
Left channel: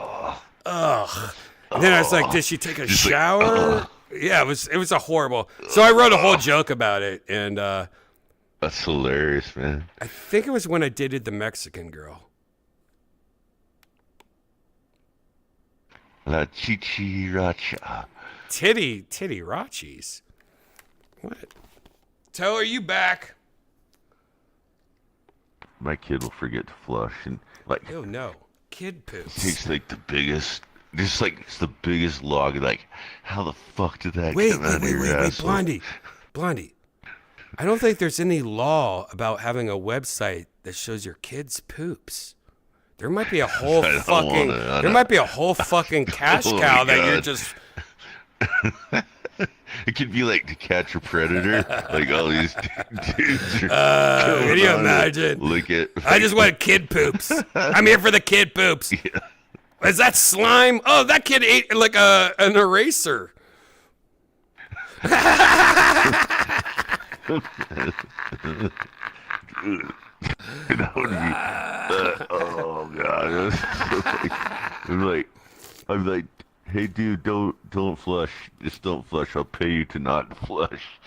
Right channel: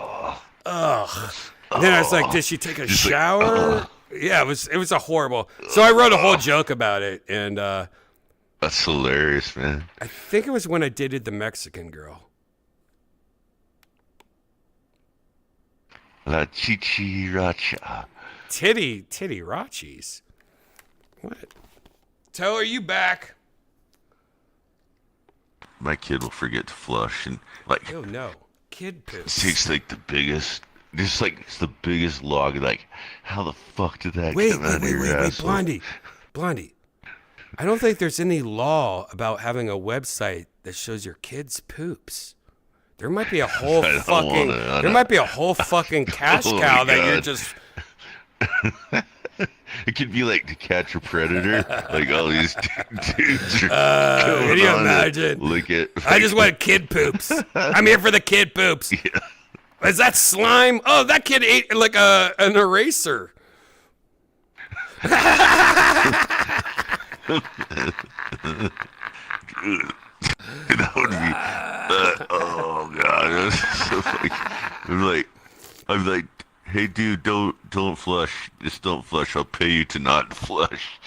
Ugh. And then I was like, did she take a shower? Yeah, it was a horrible. So I wrote a whole joke about it, and that's hilarious, man. I think it was when I dated the Mexican girl. La chichiracha. Titty rachis. What? Toe, are you back? My kid will forget to flush, and like, oh no, kid poops. Takes like the biggest. Just like it's the biggest log. Like, how the fuck did that come out of your asshole? Blondie. I don't think there's any law about having a website that shows your kids' poops. There might be a whole fucking cash cow that you're just. It could be like To Catch a Predator. Like all these dudes. Can you imagine? Lick it. I just want kid poops. I'm here for the kid poops. Yeah. Is that slime? Oh, that kid ate like an eraser. That would be, oh god. I'm like, hey dude, don't flush. Just don't flush. I'll pay you to not flush.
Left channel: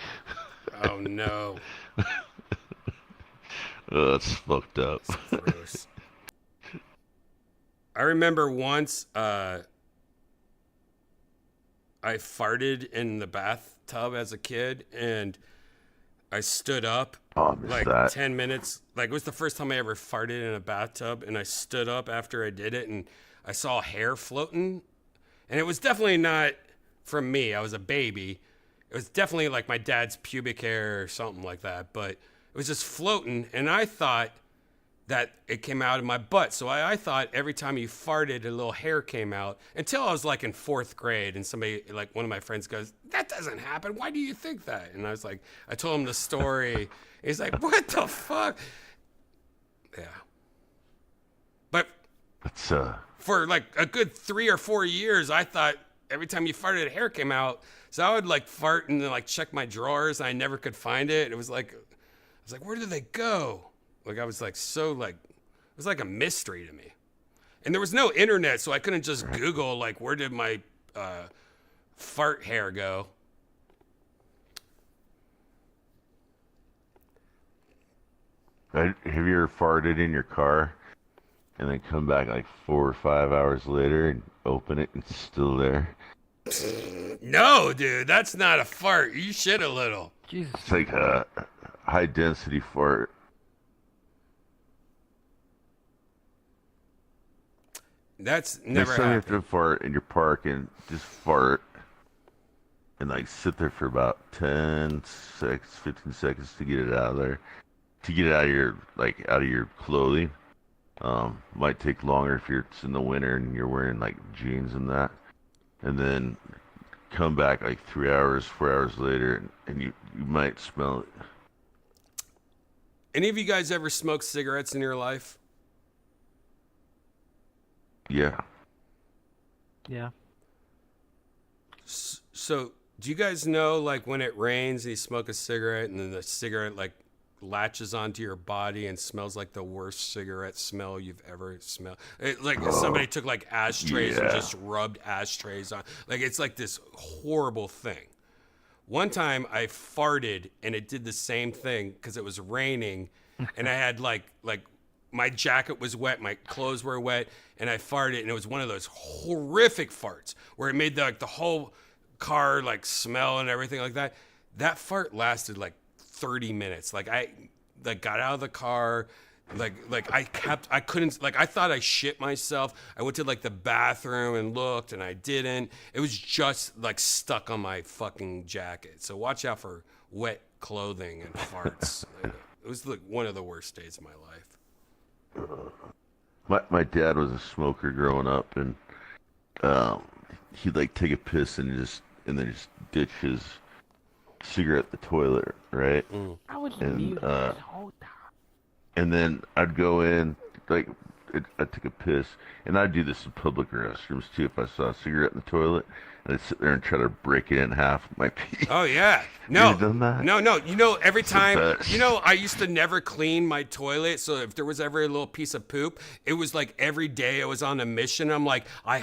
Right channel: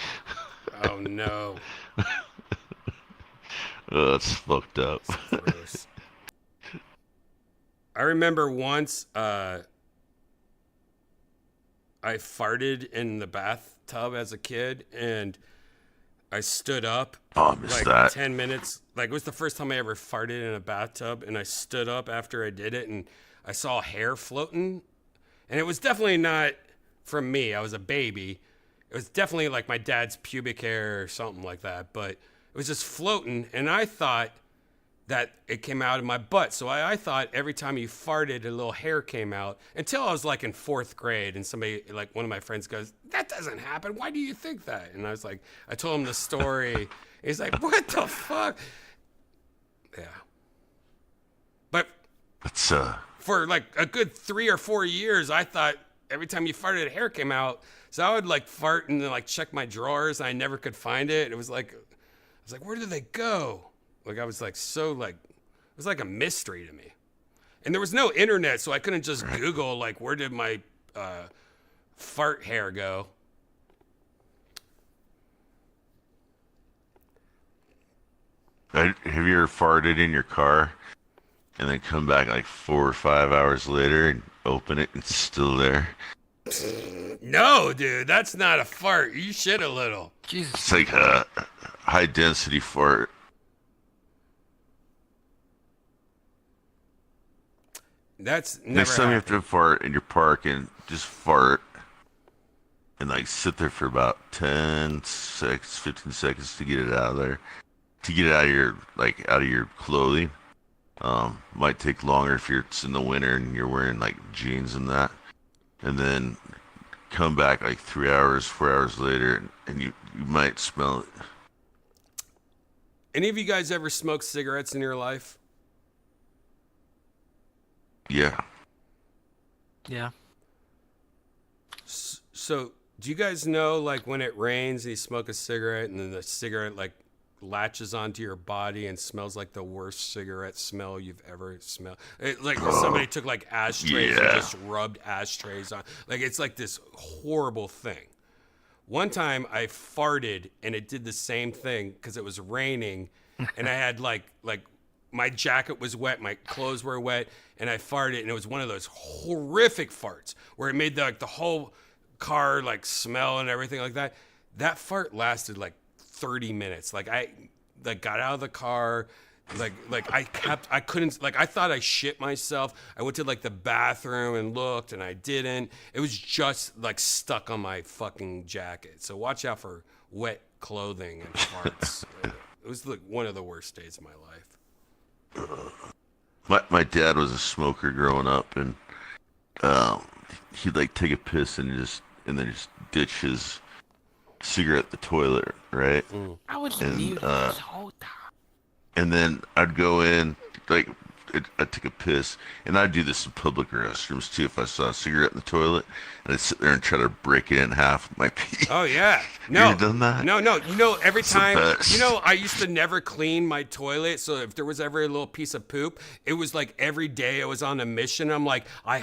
Oh no. Oh, that's fucked up. That's gross. I remember once I farted in the bathtub as a kid, and I stood up like that. 10 minutes. Like, it was the first time I ever farted in a bathtub, and I stood up after I did it, and I saw hair floating. And it was definitely not from me. I was a baby. It was definitely like my dad's pubic hair or something like that, but it was just floating, and I thought that it came out of my butt. So I thought every time you farted, a little hair came out, until I was like in 4th grade, and somebody, like one of my friends goes, that doesn't happen. Why do you think that? And I was like, I told him the story. He's like, what the fuck? Yeah. But It's for like a good 3 or 4 years, I thought every time you farted, hair came out. So I would like fart and then like check my drawers, and I never could find it. It was like, I was like, where did they go? Like, I was like, so like, it was like a mystery to me. And there was no internet, so I couldn't just Google like, where did my fart hair go? have you ever farted in your car and then come back like 4 or 5 hours later and open it and it's still there? No, dude, that's not a fart. You shit a little. Jesus. It's like a high density fart. That's never Next time you have happened. to fart in your park, and just fart and like sit there for about 10 seconds, 15 seconds to get it out of there, to get it out of your out of your clothing. Might take longer if it's in the winter and you're wearing like jeans and that, and then come back like 3 hours, 4 hours later, and you might smell it. Any of you guys ever smoked cigarettes in your life? Yeah. Yeah. So, do you guys know, like, when it rains and you smoke a cigarette and then the cigarette, like, latches onto your body and smells like the worst cigarette smell you've ever smelled? Like, somebody took, like, ashtrays and just rubbed ashtrays on. Like, it's like this horrible thing. One time I farted and it did the same thing because it was raining and I had, like, my jacket was wet, my clothes were wet, and I farted, and it was one of those horrific farts where it made the whole car like smell and everything like that. That fart lasted like 30 minutes. Like, I got out of the car, I couldn't, like, I thought I shit myself. I went to like the bathroom and looked, and I didn't. It was just like stuck on my fucking jacket. So watch out for wet clothing and farts. It was like one of the worst days of my life. My dad was a smoker growing up, and he'd like take a piss and then just ditch his cigarette in the toilet, right? I was And, muted this whole time. And then I'd go in, like, I'd take a piss, and I'd do this in public restrooms too. If I saw a cigarette in the toilet, and I'd sit there and try to break it in half with my pee. Oh yeah, no, You ever done that? no. You know, every It's the time, best. you know, I used to never clean my toilet. So if there was ever a little piece of poop, it was like every day I was on a mission. I'm like, all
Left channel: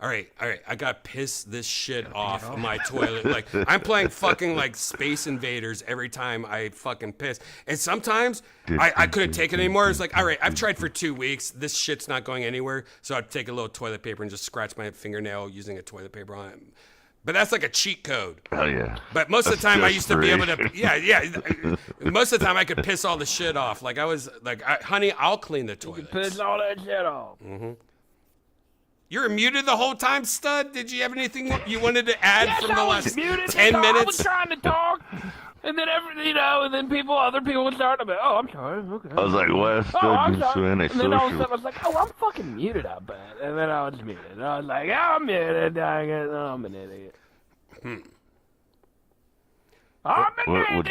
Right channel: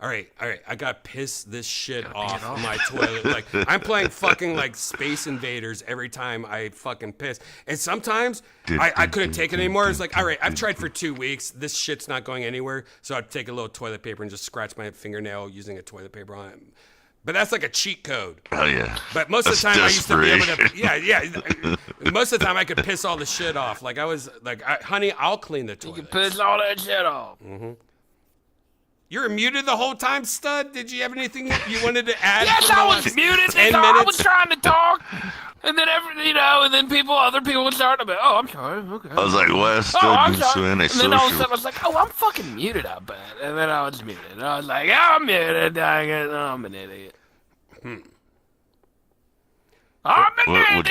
right, I gotta piss this shit off my toilet. Like, I'm playing fucking like Space Invaders every time I fucking piss. And sometimes I couldn't take it anymore. It's like, all right, I've tried for 2 weeks. This shit's not going anywhere. So I'd take a little toilet paper and just scratch my fingernail using a toilet paper on it. But that's like a cheat code. Oh yeah. But most of the That's time I used to be able to, desperation. yeah. Most of the time I could piss all the shit off. Like, I was like, honey, I'll clean the You toilet. piss all that shit off. You were muted the whole time, stud? Did you have anything you wanted to add Yes, from the I was last muted. 10 I was minutes? trying to talk, and then and then other people would start to be, oh, I'm sorry, okay. I was like, well, still I'm do sorry. so And then all of a social. sudden I was like, oh, I'm fucking muted, I bet. And then I was muted. And I was like, yeah, I'm muted. Dang it. I'm an idiot. What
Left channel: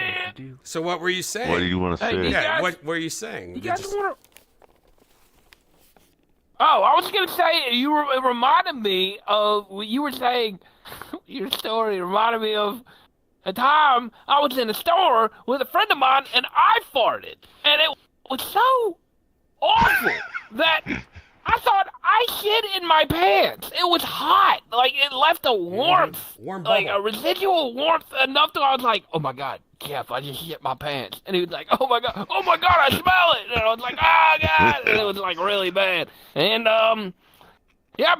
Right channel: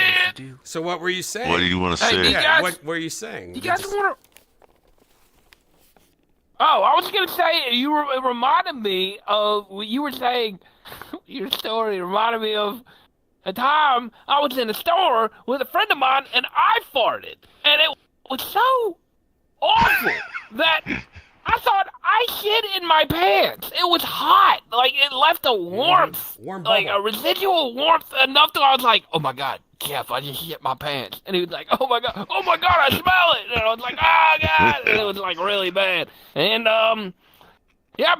So what were you saying? do you want to say? Yeah, what were you saying? You guys want to? Oh, I was gonna say it reminded me of what you were saying. Your story reminded me of a time I was in a store with a friend of mine and I farted, and it was so awful that I thought I shit in my pants. It was hot, like it left a warmth, Warm like bubble. a residual warmth enough to I was like, oh my god. Jeff, I just shit my pants. And he was like, oh my god, I smell it. And I was like, oh god. And it was like really bad. And, yeah,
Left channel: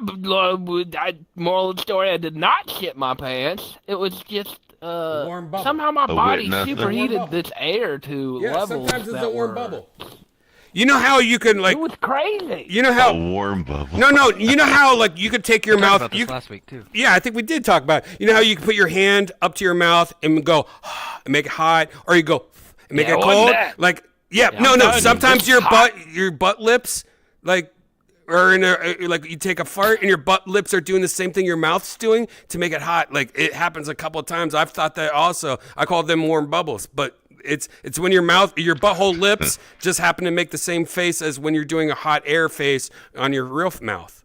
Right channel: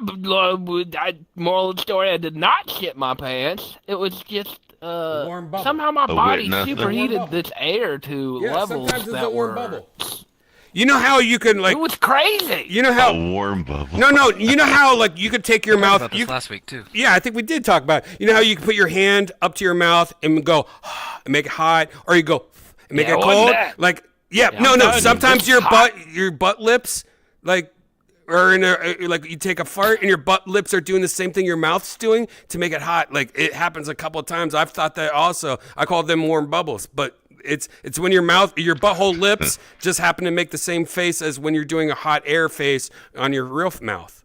moral of the story, I did not shit my pants. It was just, Warm bubble. somehow my body nothing. superheated Warm bubble. this air to Yeah, levels sometimes it's that a warm were- bubble. You know how you can like? It was crazy. You know A how? warm bubble. No. You know how like you could take your mouth. About You this last week too. Yeah, I think we did talk about it. You know how you can put your hand up to your mouth and go and make it hot, or you go and make Yeah, it it wasn't cold. that. Like, yeah, Yeah, no. I'm telling you, Sometimes it's your hot. butt lips, like, or in a like you take a fart and your butt lips are doing the same thing your mouth's doing to make it hot. Like it happens a couple of times. I've thought that also. I call them warm bubbles, but it's when your butthole lips just happen to make the same face as when you're doing a hot air face on your real mouth.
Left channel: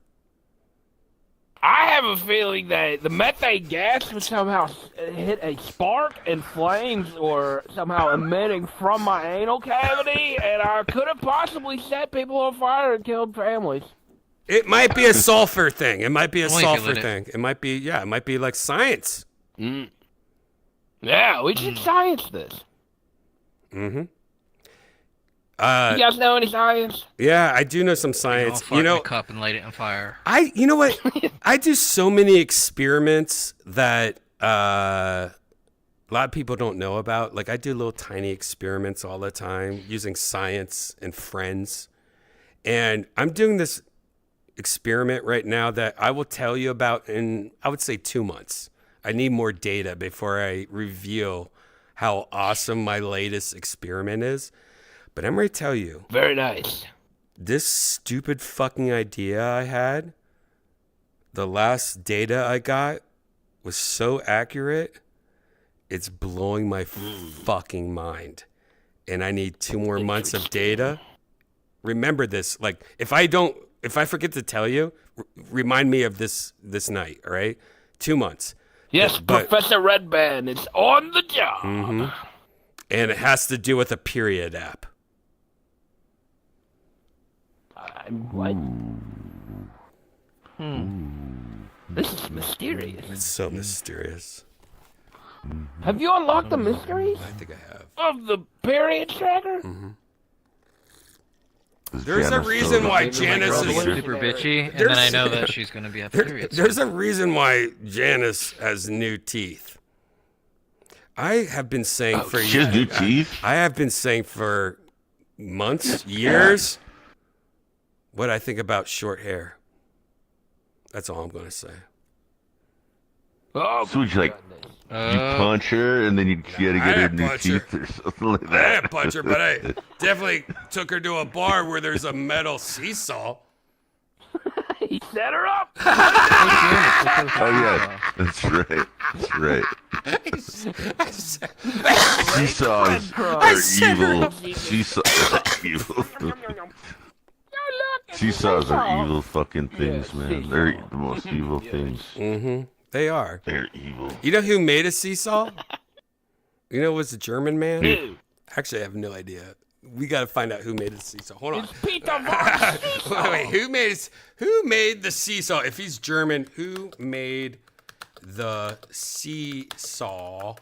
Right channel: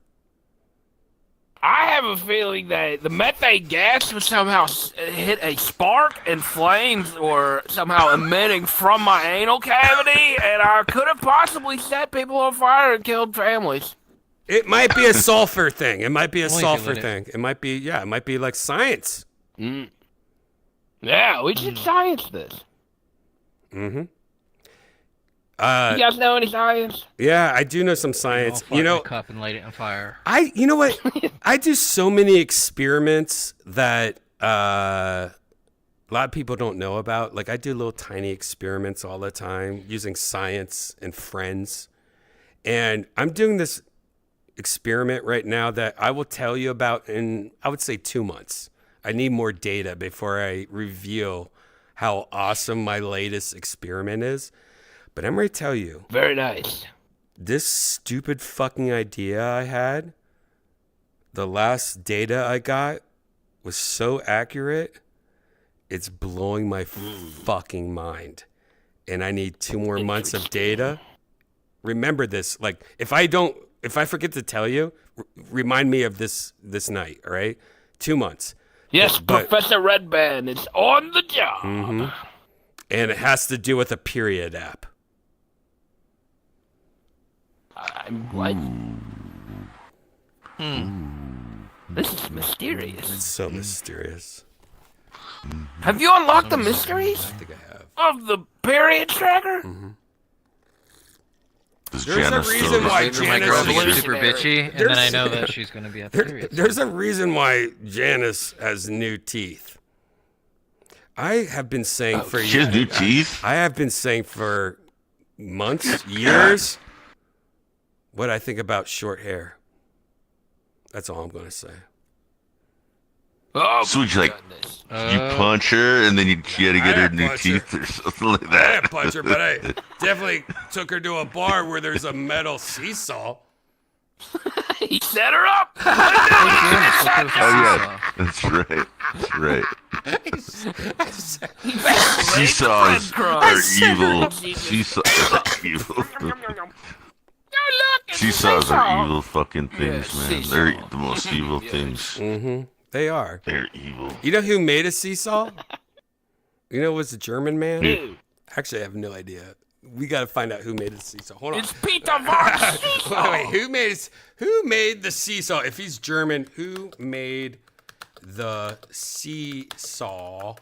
I have a feeling that the methane gas would somehow hit a spark and flames were somehow emitting from my anal cavity, and I could have possibly set people on fire and killed families. It might be a sulfur thing. It might be a Only if you sulfur lit it. thing. It might be, yeah, it might be like science. Yeah, we should science this. Mm-hmm. You guys know any science? Yeah, I do know some I'll science. fart You know, in a cup and light it on fire. you know what? I do so many experiments that a lot of people don't know about. Like I do little tiny experiments all the time using science and friends. And I'm doing this experiment right now that I will tell you about in, I would say, 2 months. I need more data before I reveal how awesome my latest experiment is. But I'm going to tell you, Very nice. this stupid fucking idea I had, the last data I got was so accurate, it's blowing my fucking mind. And I need 2 more months of data. Remember this. Like, if I forget to tell you, remind me of this night, all right? 2 months. Yes, But- Professor Redban is on the job. Mm-hmm. And it has to do with a period app. What? This is mysterious. It's so mysterious. Have you unlocked the mysteries I think I have. of the period tracker? Is There's a Janice reason still why listening? Janice Girl is being super bitchy, and then I know that she's gonna be at the period. There's a reason why Janice has new teeth. I have been saying for She has new years. teeth? I have been saying for months, years, what I think about short hair. That's all I'm going to say. Oh, So would you like, you punch her and then you had to I get her didn't new punch her. teeth or something like I that? didn't punch her, but I definitely took her to a bar where there's a metal seesaw. he set her up. Oh yeah, that's right. That's right. Seesaws are evil. Seesaws are evil. Seesaws are evil fucking things, man. They're the most evil things. Mm-hmm. They are. They're evil. You know who made a seesaw? You know, it was a German man. Actually, I have no idea. We got to find out who made the seesaw. Hold on. It's Peter von Seesaw. Wait, who made the seesaw? If he's German, who made the seesaw?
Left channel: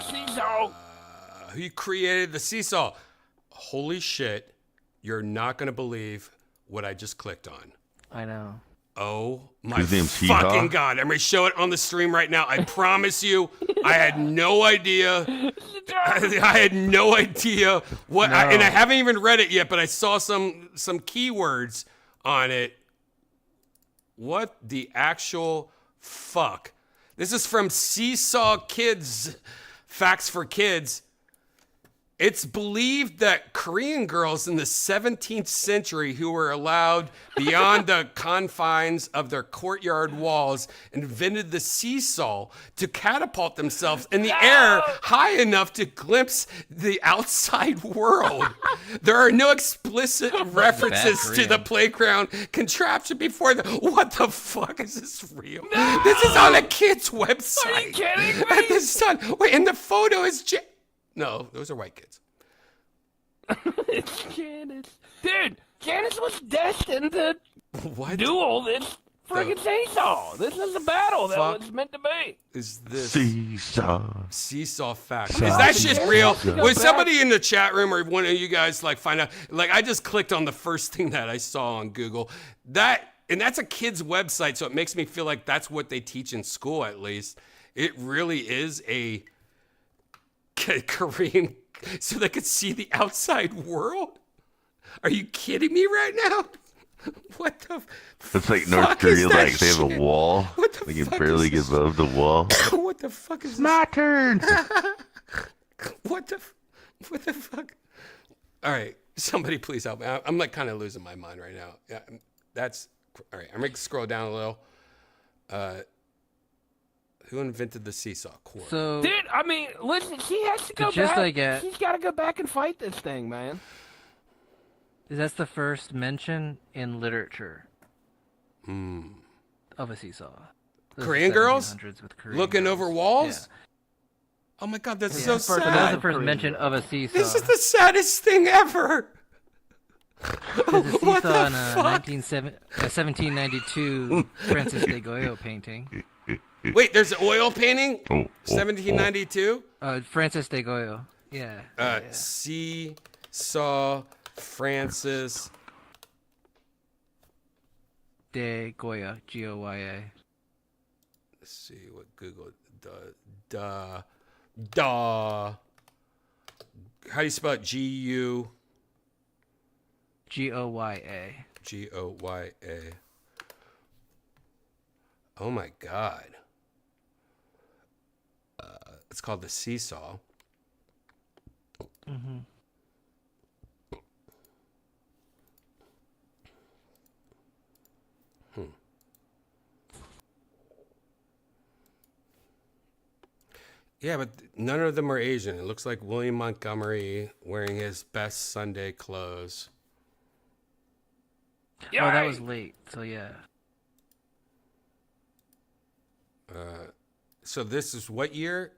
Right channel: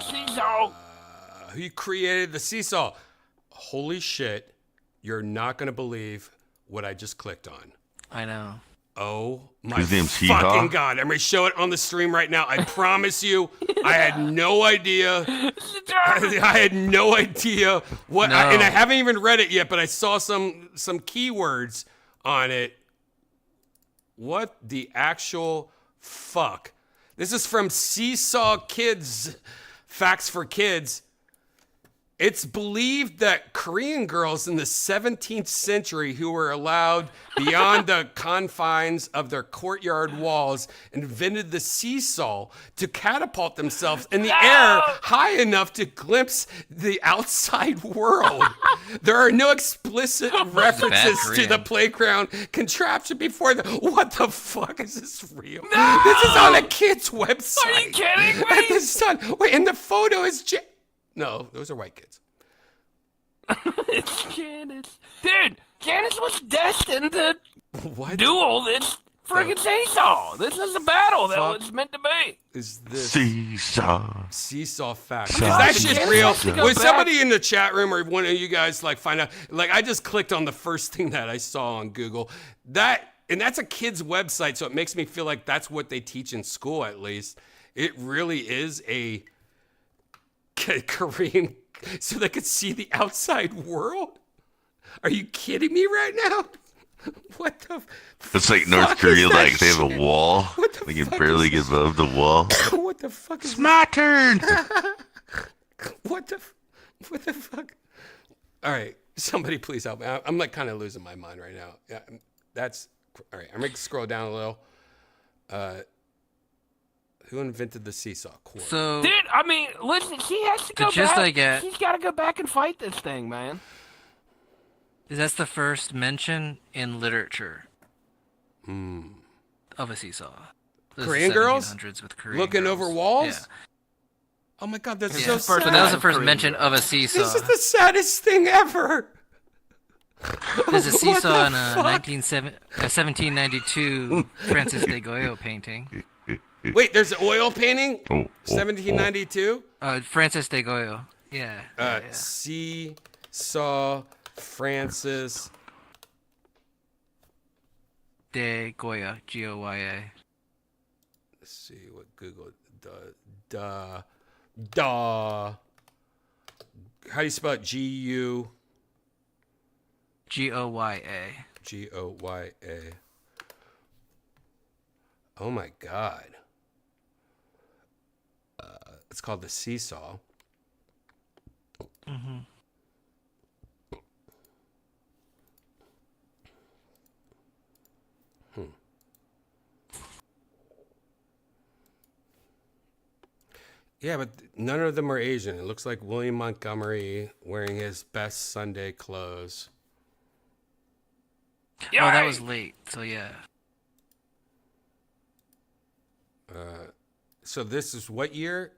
Seesaw. Who created the seesaw? Holy shit! You're not gonna believe what I just clicked on. I know. Oh my His name's fucking Hee-Haw? god! I'm gonna show it on the stream right now. I promise you, I had no idea. I had no idea what, and I haven't even read it yet. But I saw some keywords on it. What the actual fuck? This is from Seesaw Kids, Facts for Kids. It's believed that Korean girls in the 17th century who were allowed beyond the confines of their courtyard walls invented the seesaw to catapult themselves in the air high enough to glimpse the outside world. There are no explicit references to the playground contraption before the... What the fuck? Is this real? No! This is on a kid's website. Are you kidding me? This is wait, and the photo is... No, those are white kids. It's Janice. Dude, Janice was destined to duel this friggin' seesaw. This is a battle that was meant to be. Is this seesaw fact? Is that shit real? Was somebody in the chat room or one of you guys like find out? Like I just clicked on the first thing that I saw on Google. And that's a kid's website, so it makes me feel like that's what they teach in school at least. It really is a Korean, so they could see the outside world? Are you kidding me right now? What the It's like fuck North Korea, is that like they have shit? a wall. What the They can fuck barely is get above the wall. What the fuck is It's my turn. What the fuck? All right, somebody please help me. I'm like kind of losing my mind right now. Yeah, that's all right. I'm gonna scroll down a little. Who invented the seesaw cord? So, dude, I mean, listen, she has to go gist back. I get- She's got to go back and fight this thing, man. that's the first mention in literature of a seesaw. Those Korean girls 1700s with Korean looking girls. over walls? Yeah. Oh my god, that's Yeah. so So that was sad. the first mention of a seesaw. This is the saddest thing ever. There's a What seesaw the in a 1792 Francis de Goyo painting. Wait, there's an oil painting? Oh, 1792? Francis de Goyo. Yeah. Seesaw Francis De Goya. Goya. Let's see what Google How do you spell it? G-U Goya. Goya. Oh my god. It's called the seesaw. Mm-hmm. Yeah, but none of them are Asian. It looks like William Montgomery wearing his best Sunday clothes. Oh, that was late. So yeah. So this is what year?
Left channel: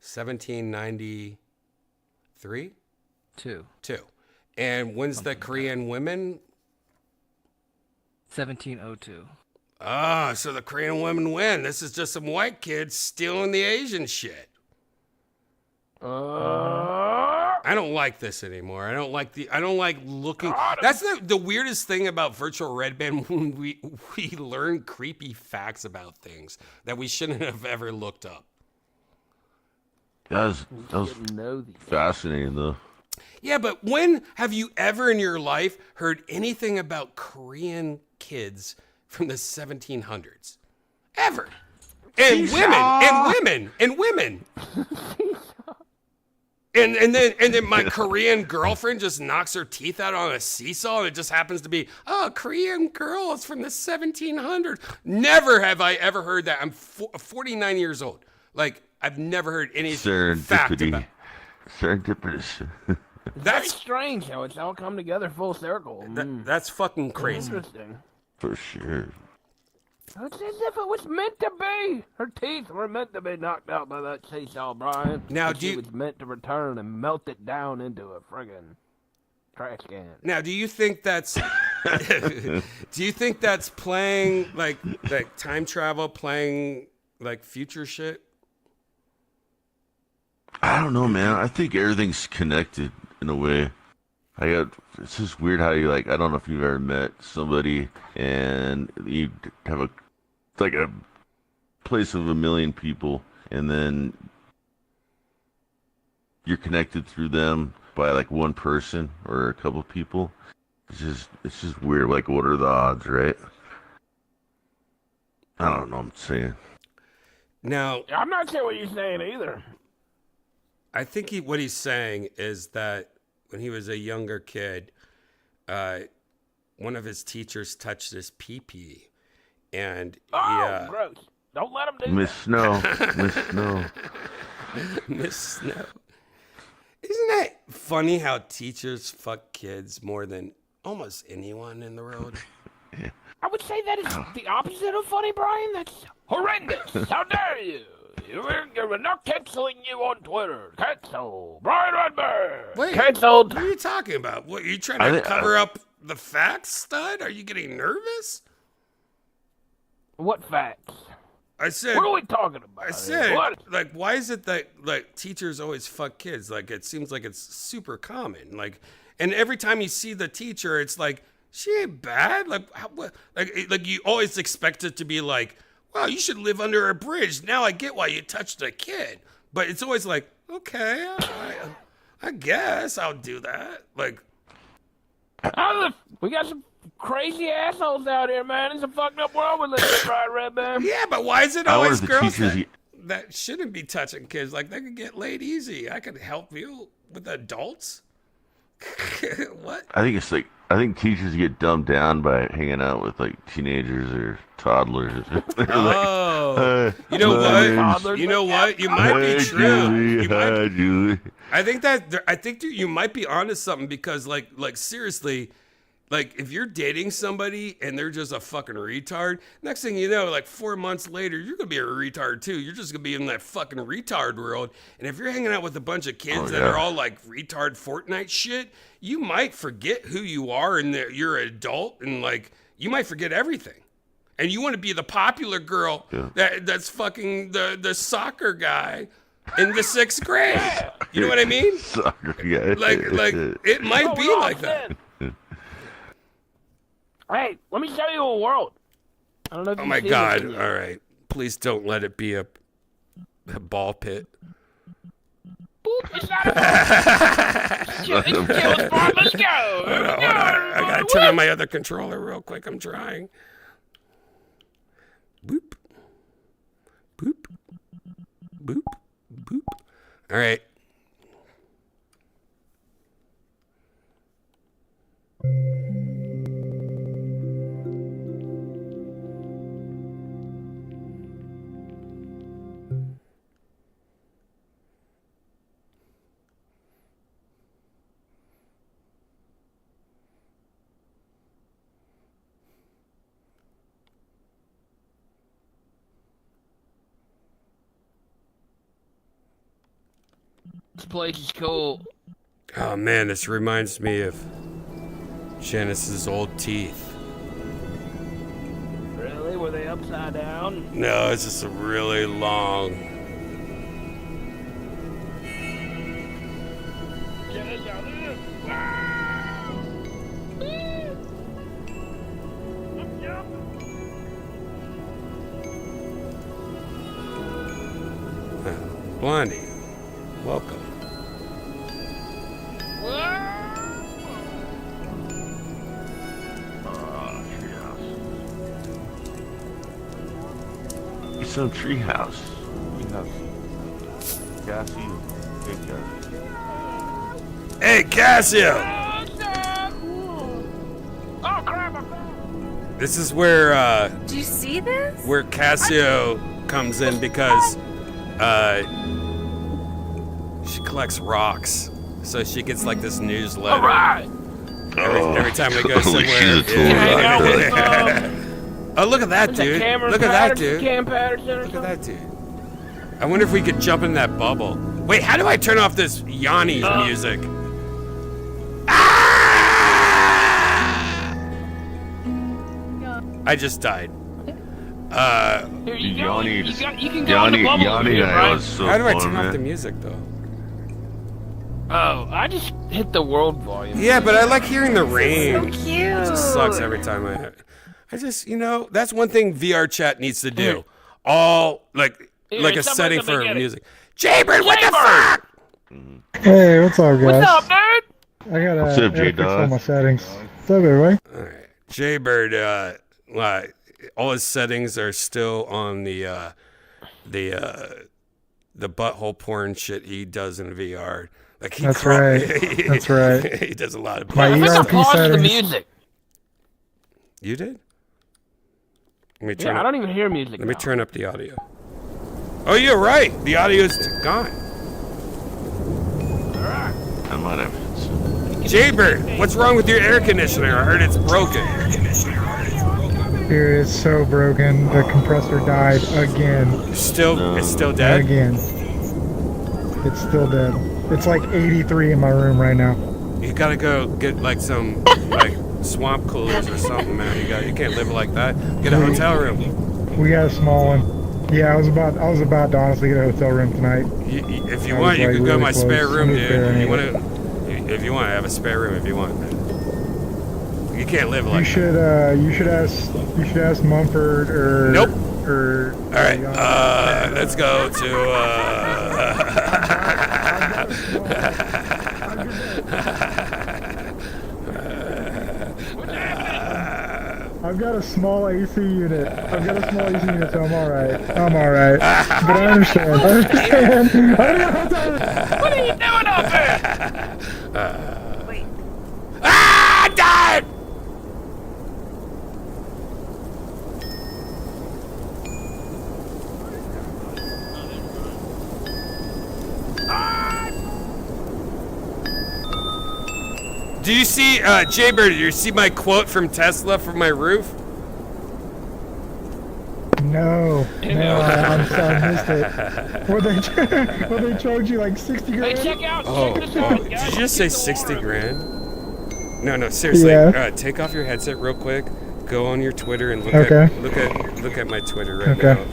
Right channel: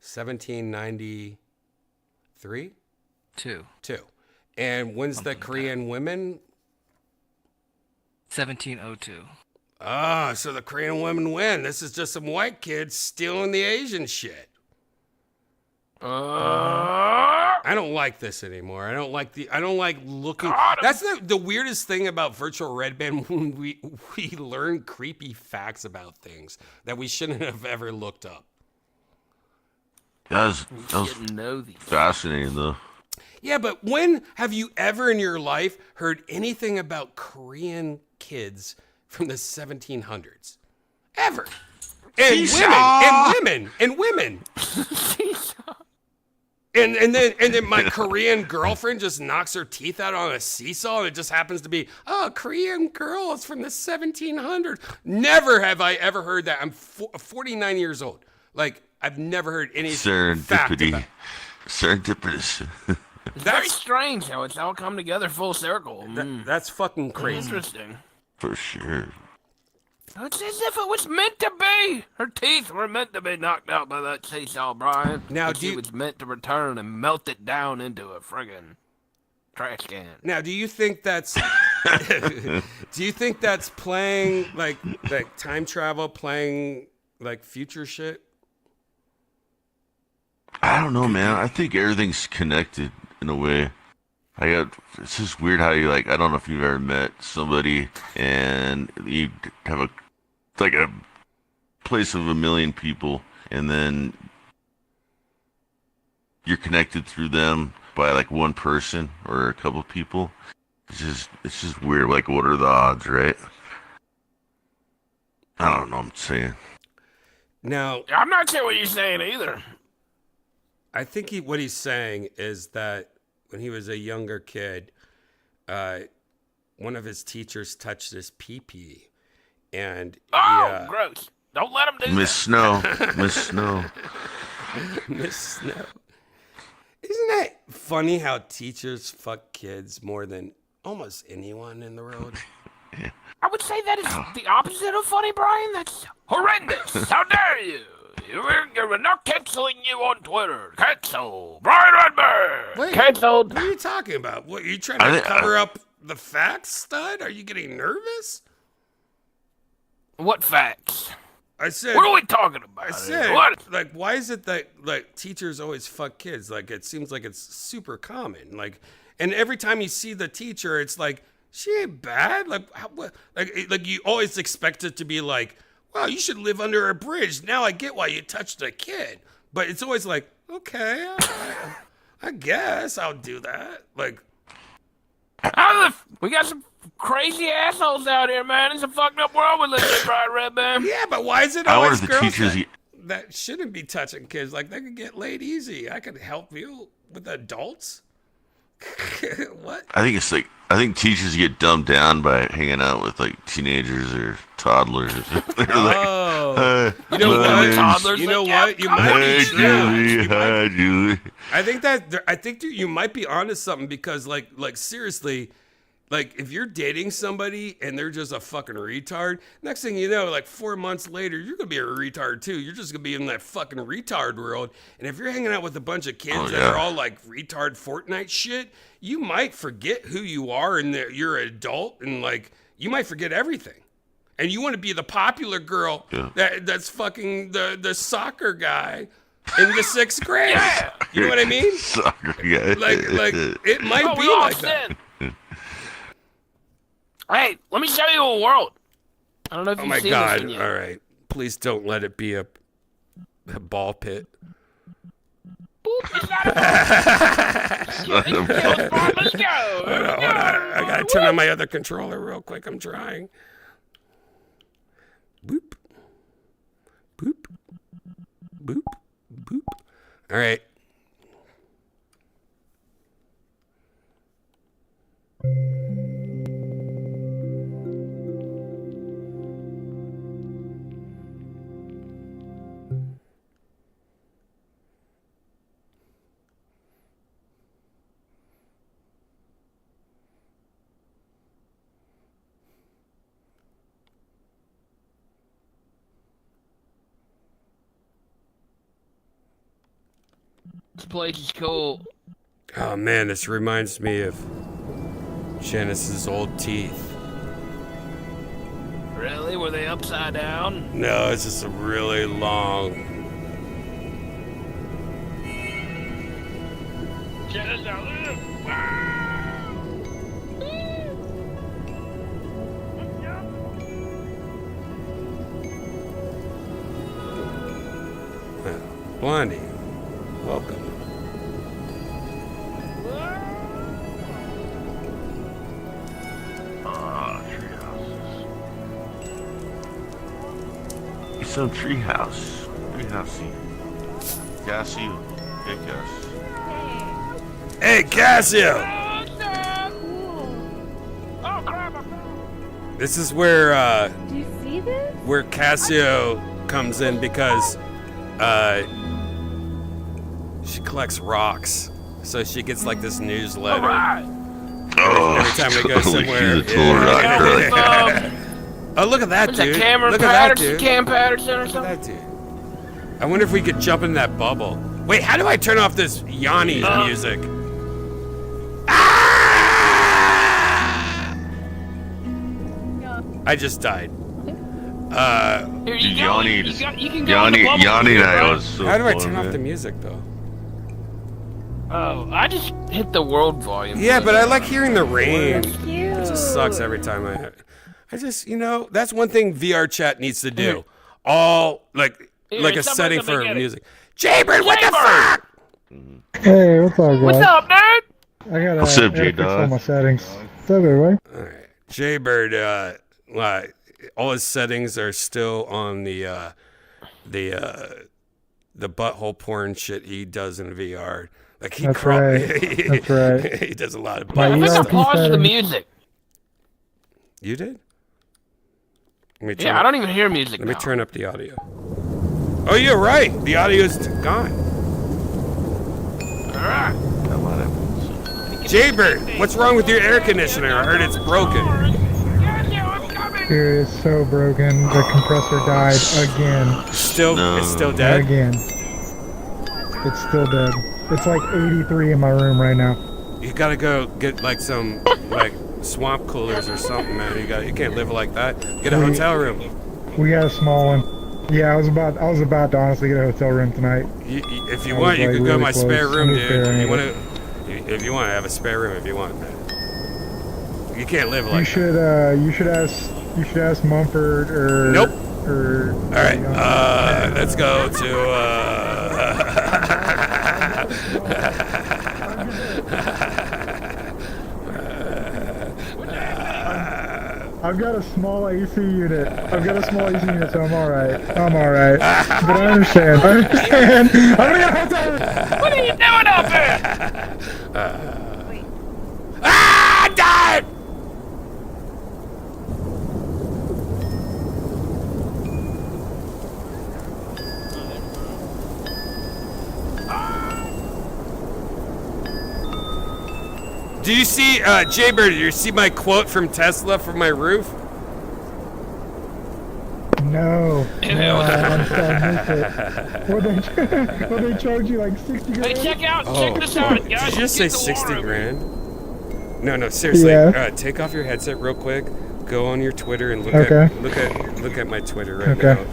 1793? Two. And when's the Korean women? 1702. Ah, so the Korean women win. This is just some white kids stealing the Asian shit. I don't like this anymore. I don't like looking. That's the weirdest thing about virtual Redban when we learn creepy facts about things that we shouldn't have ever looked up. That was fascinating, though. Yeah, but when have you ever in your life heard anything about Korean kids from the 1700s? Ever. And women. And then my Korean girlfriend just knocks her teeth out on a seesaw, and it just happens to be, Korean girls from the 1700s. Never have I ever heard that. I'm 49 years old. Like, I've never heard any fact about. Serendipitous. That's strange how it's all come together full circle. That's fucking crazy. Interesting. For sure. It's as if it was meant to be. Her teeth were meant to be knocked out by that seesaw, Brian. Now, she was meant to return and melt it down into a friggin' trash can. Now, do you think that's playing like time travel, playing like future shit? I don't know, man. I think everything's connected in a way. It's just weird how you I don't know if you've ever met somebody and you have a place of 1 million people, and then you're connected through them by one person or a couple people. It's just weird. Like, what are the odds, right? I don't know what I'm saying. Now, I'm not sure what you're saying either. I think what he's saying is that when he was a younger kid, one of his teachers touched his pee-pee, and gross! Don't let him do Miss Snow. Miss Snow. Miss Snow. Isn't that funny how teachers fuck kids more than almost anyone in the world? I would say that is the opposite of funny, Brian. That's horrendous. How dare you? We're not canceling you on Twitter. Cancel. Brian Redban. Wait, Canceled. what are you talking about? What, are you trying to cover up the facts, stud? Are you getting nervous? What facts? I said. What are we talking about? I said, What? like, why is it that like teachers always fuck kids? Like, it seems like it's super common. Like, and every time you see the teacher, it's like she ain't bad. Like, like you always expect it to be like, wow, you should live under a bridge. Now I get why you touched a kid. But it's always like, okay, I guess I'll do that. Like, we got some crazy assholes out here, man. It's a fucked up world we live in, Brian Redban. yeah, but why is it always the girls teachers that shouldn't be touching kids? Like, they could get laid easy. I could help you with adults. What? I think teachers get dumbed down by hanging out with like teenagers or toddlers. Oh, you know what? You know what? You might be true. I think that you might be onto something because, like seriously, like if you're dating somebody and they're just a fucking retard, next thing you know, like 4 months later, you're gonna be a retard too. You're just gonna be in that fucking retard world. And if you're hanging out with a bunch of kids that are all like retard Fortnite shit, you might forget who you are and that you're an adult, and like you might forget everything. And you want to be the popular girl that's fucking the soccer guy in the 6th grade. You know what I mean? Soccer guy. Like it might be like that. Hey, let me show you a world. I don't know if Oh you've my seen God! this one yet. All right, please don't let it be a ball pit. Boop, it's not a Let's go. Hold on. I gotta turn on my other controller real quick. I'm trying. Boop. Boop. Boop. Boop. All right. This place is cool. Oh man, this reminds me of Janice's old teeth. Really? Were they upside down? No, it's just a really long. Blondie, welcome. It's a treehouse. Cassie. Hey, Cassio! Oh, crap, This is where Do you see this? where Cassio comes in because she collects rocks, so she gets like this newsletter every time we go somewhere. Oh, look at that dude! Look at that dude! Cam Patterson or Look at something? that dude! I wonder if we could jump in that bubble. Wait, how do I turn off this Yanni music? Ah! I just died. Here you go. Yanni, You can go in the bubble. How do I turn off the music though? Oh, I just hit the world volume. Yeah, but I like hearing the rain. Cute. It just sucks every time I just, that's one thing VR chat needs to do. All like a somebody's setting gonna for get it. music. Jaybird, what the fuck? Hey, what's up, guys? What's up, dude? I gotta, What's up, I gotta fix J-Dog? all my settings. What's up, everybody? All right, Jaybird. All his settings are still on the the butthole porn shit he does in VR. Like he That's right. That's right. He does a lot of My butthole I earpiece think I stuff. paused the settings. music. You did? Let me turn Yeah, I up, don't even hear music. let me now. turn up the audio. Oh, you're right. The audio's gone. I'm on evidence. Jaybird, what's wrong with your air conditioner? I heard it's broken. Dude, it's so broken. The compressor died again. It's still dead? Again. It's still dead. It's like 83 in my room right now. You gotta go get like some like swamp coolers or something, man. You can't live like that. Get a hotel room. We got a small one. Yeah, I was about to honestly get a hotel room tonight. If you I want, was, you like, could go to really my close. spare room, I'm dude. spare You anyway. if you want, I have a spare room if you want, man. You can't live You like that. should ask Mumford or Nope. or. All right, let's go to. I've got a small AC unit. So I'm alright. But I understand. What are you doing over there? Ah, died! Do you see, Jaybird, do you see my quote from Tesla from my roof? No, I missed it. Will they charge you like 60 Hey, grand? check out. Oh, check this out, did guys. you just say Get the 60 water. grand? No, seriously. Yeah. Take off your headset real quick. Go on your Twitter and look at my Twitter right Okay. now,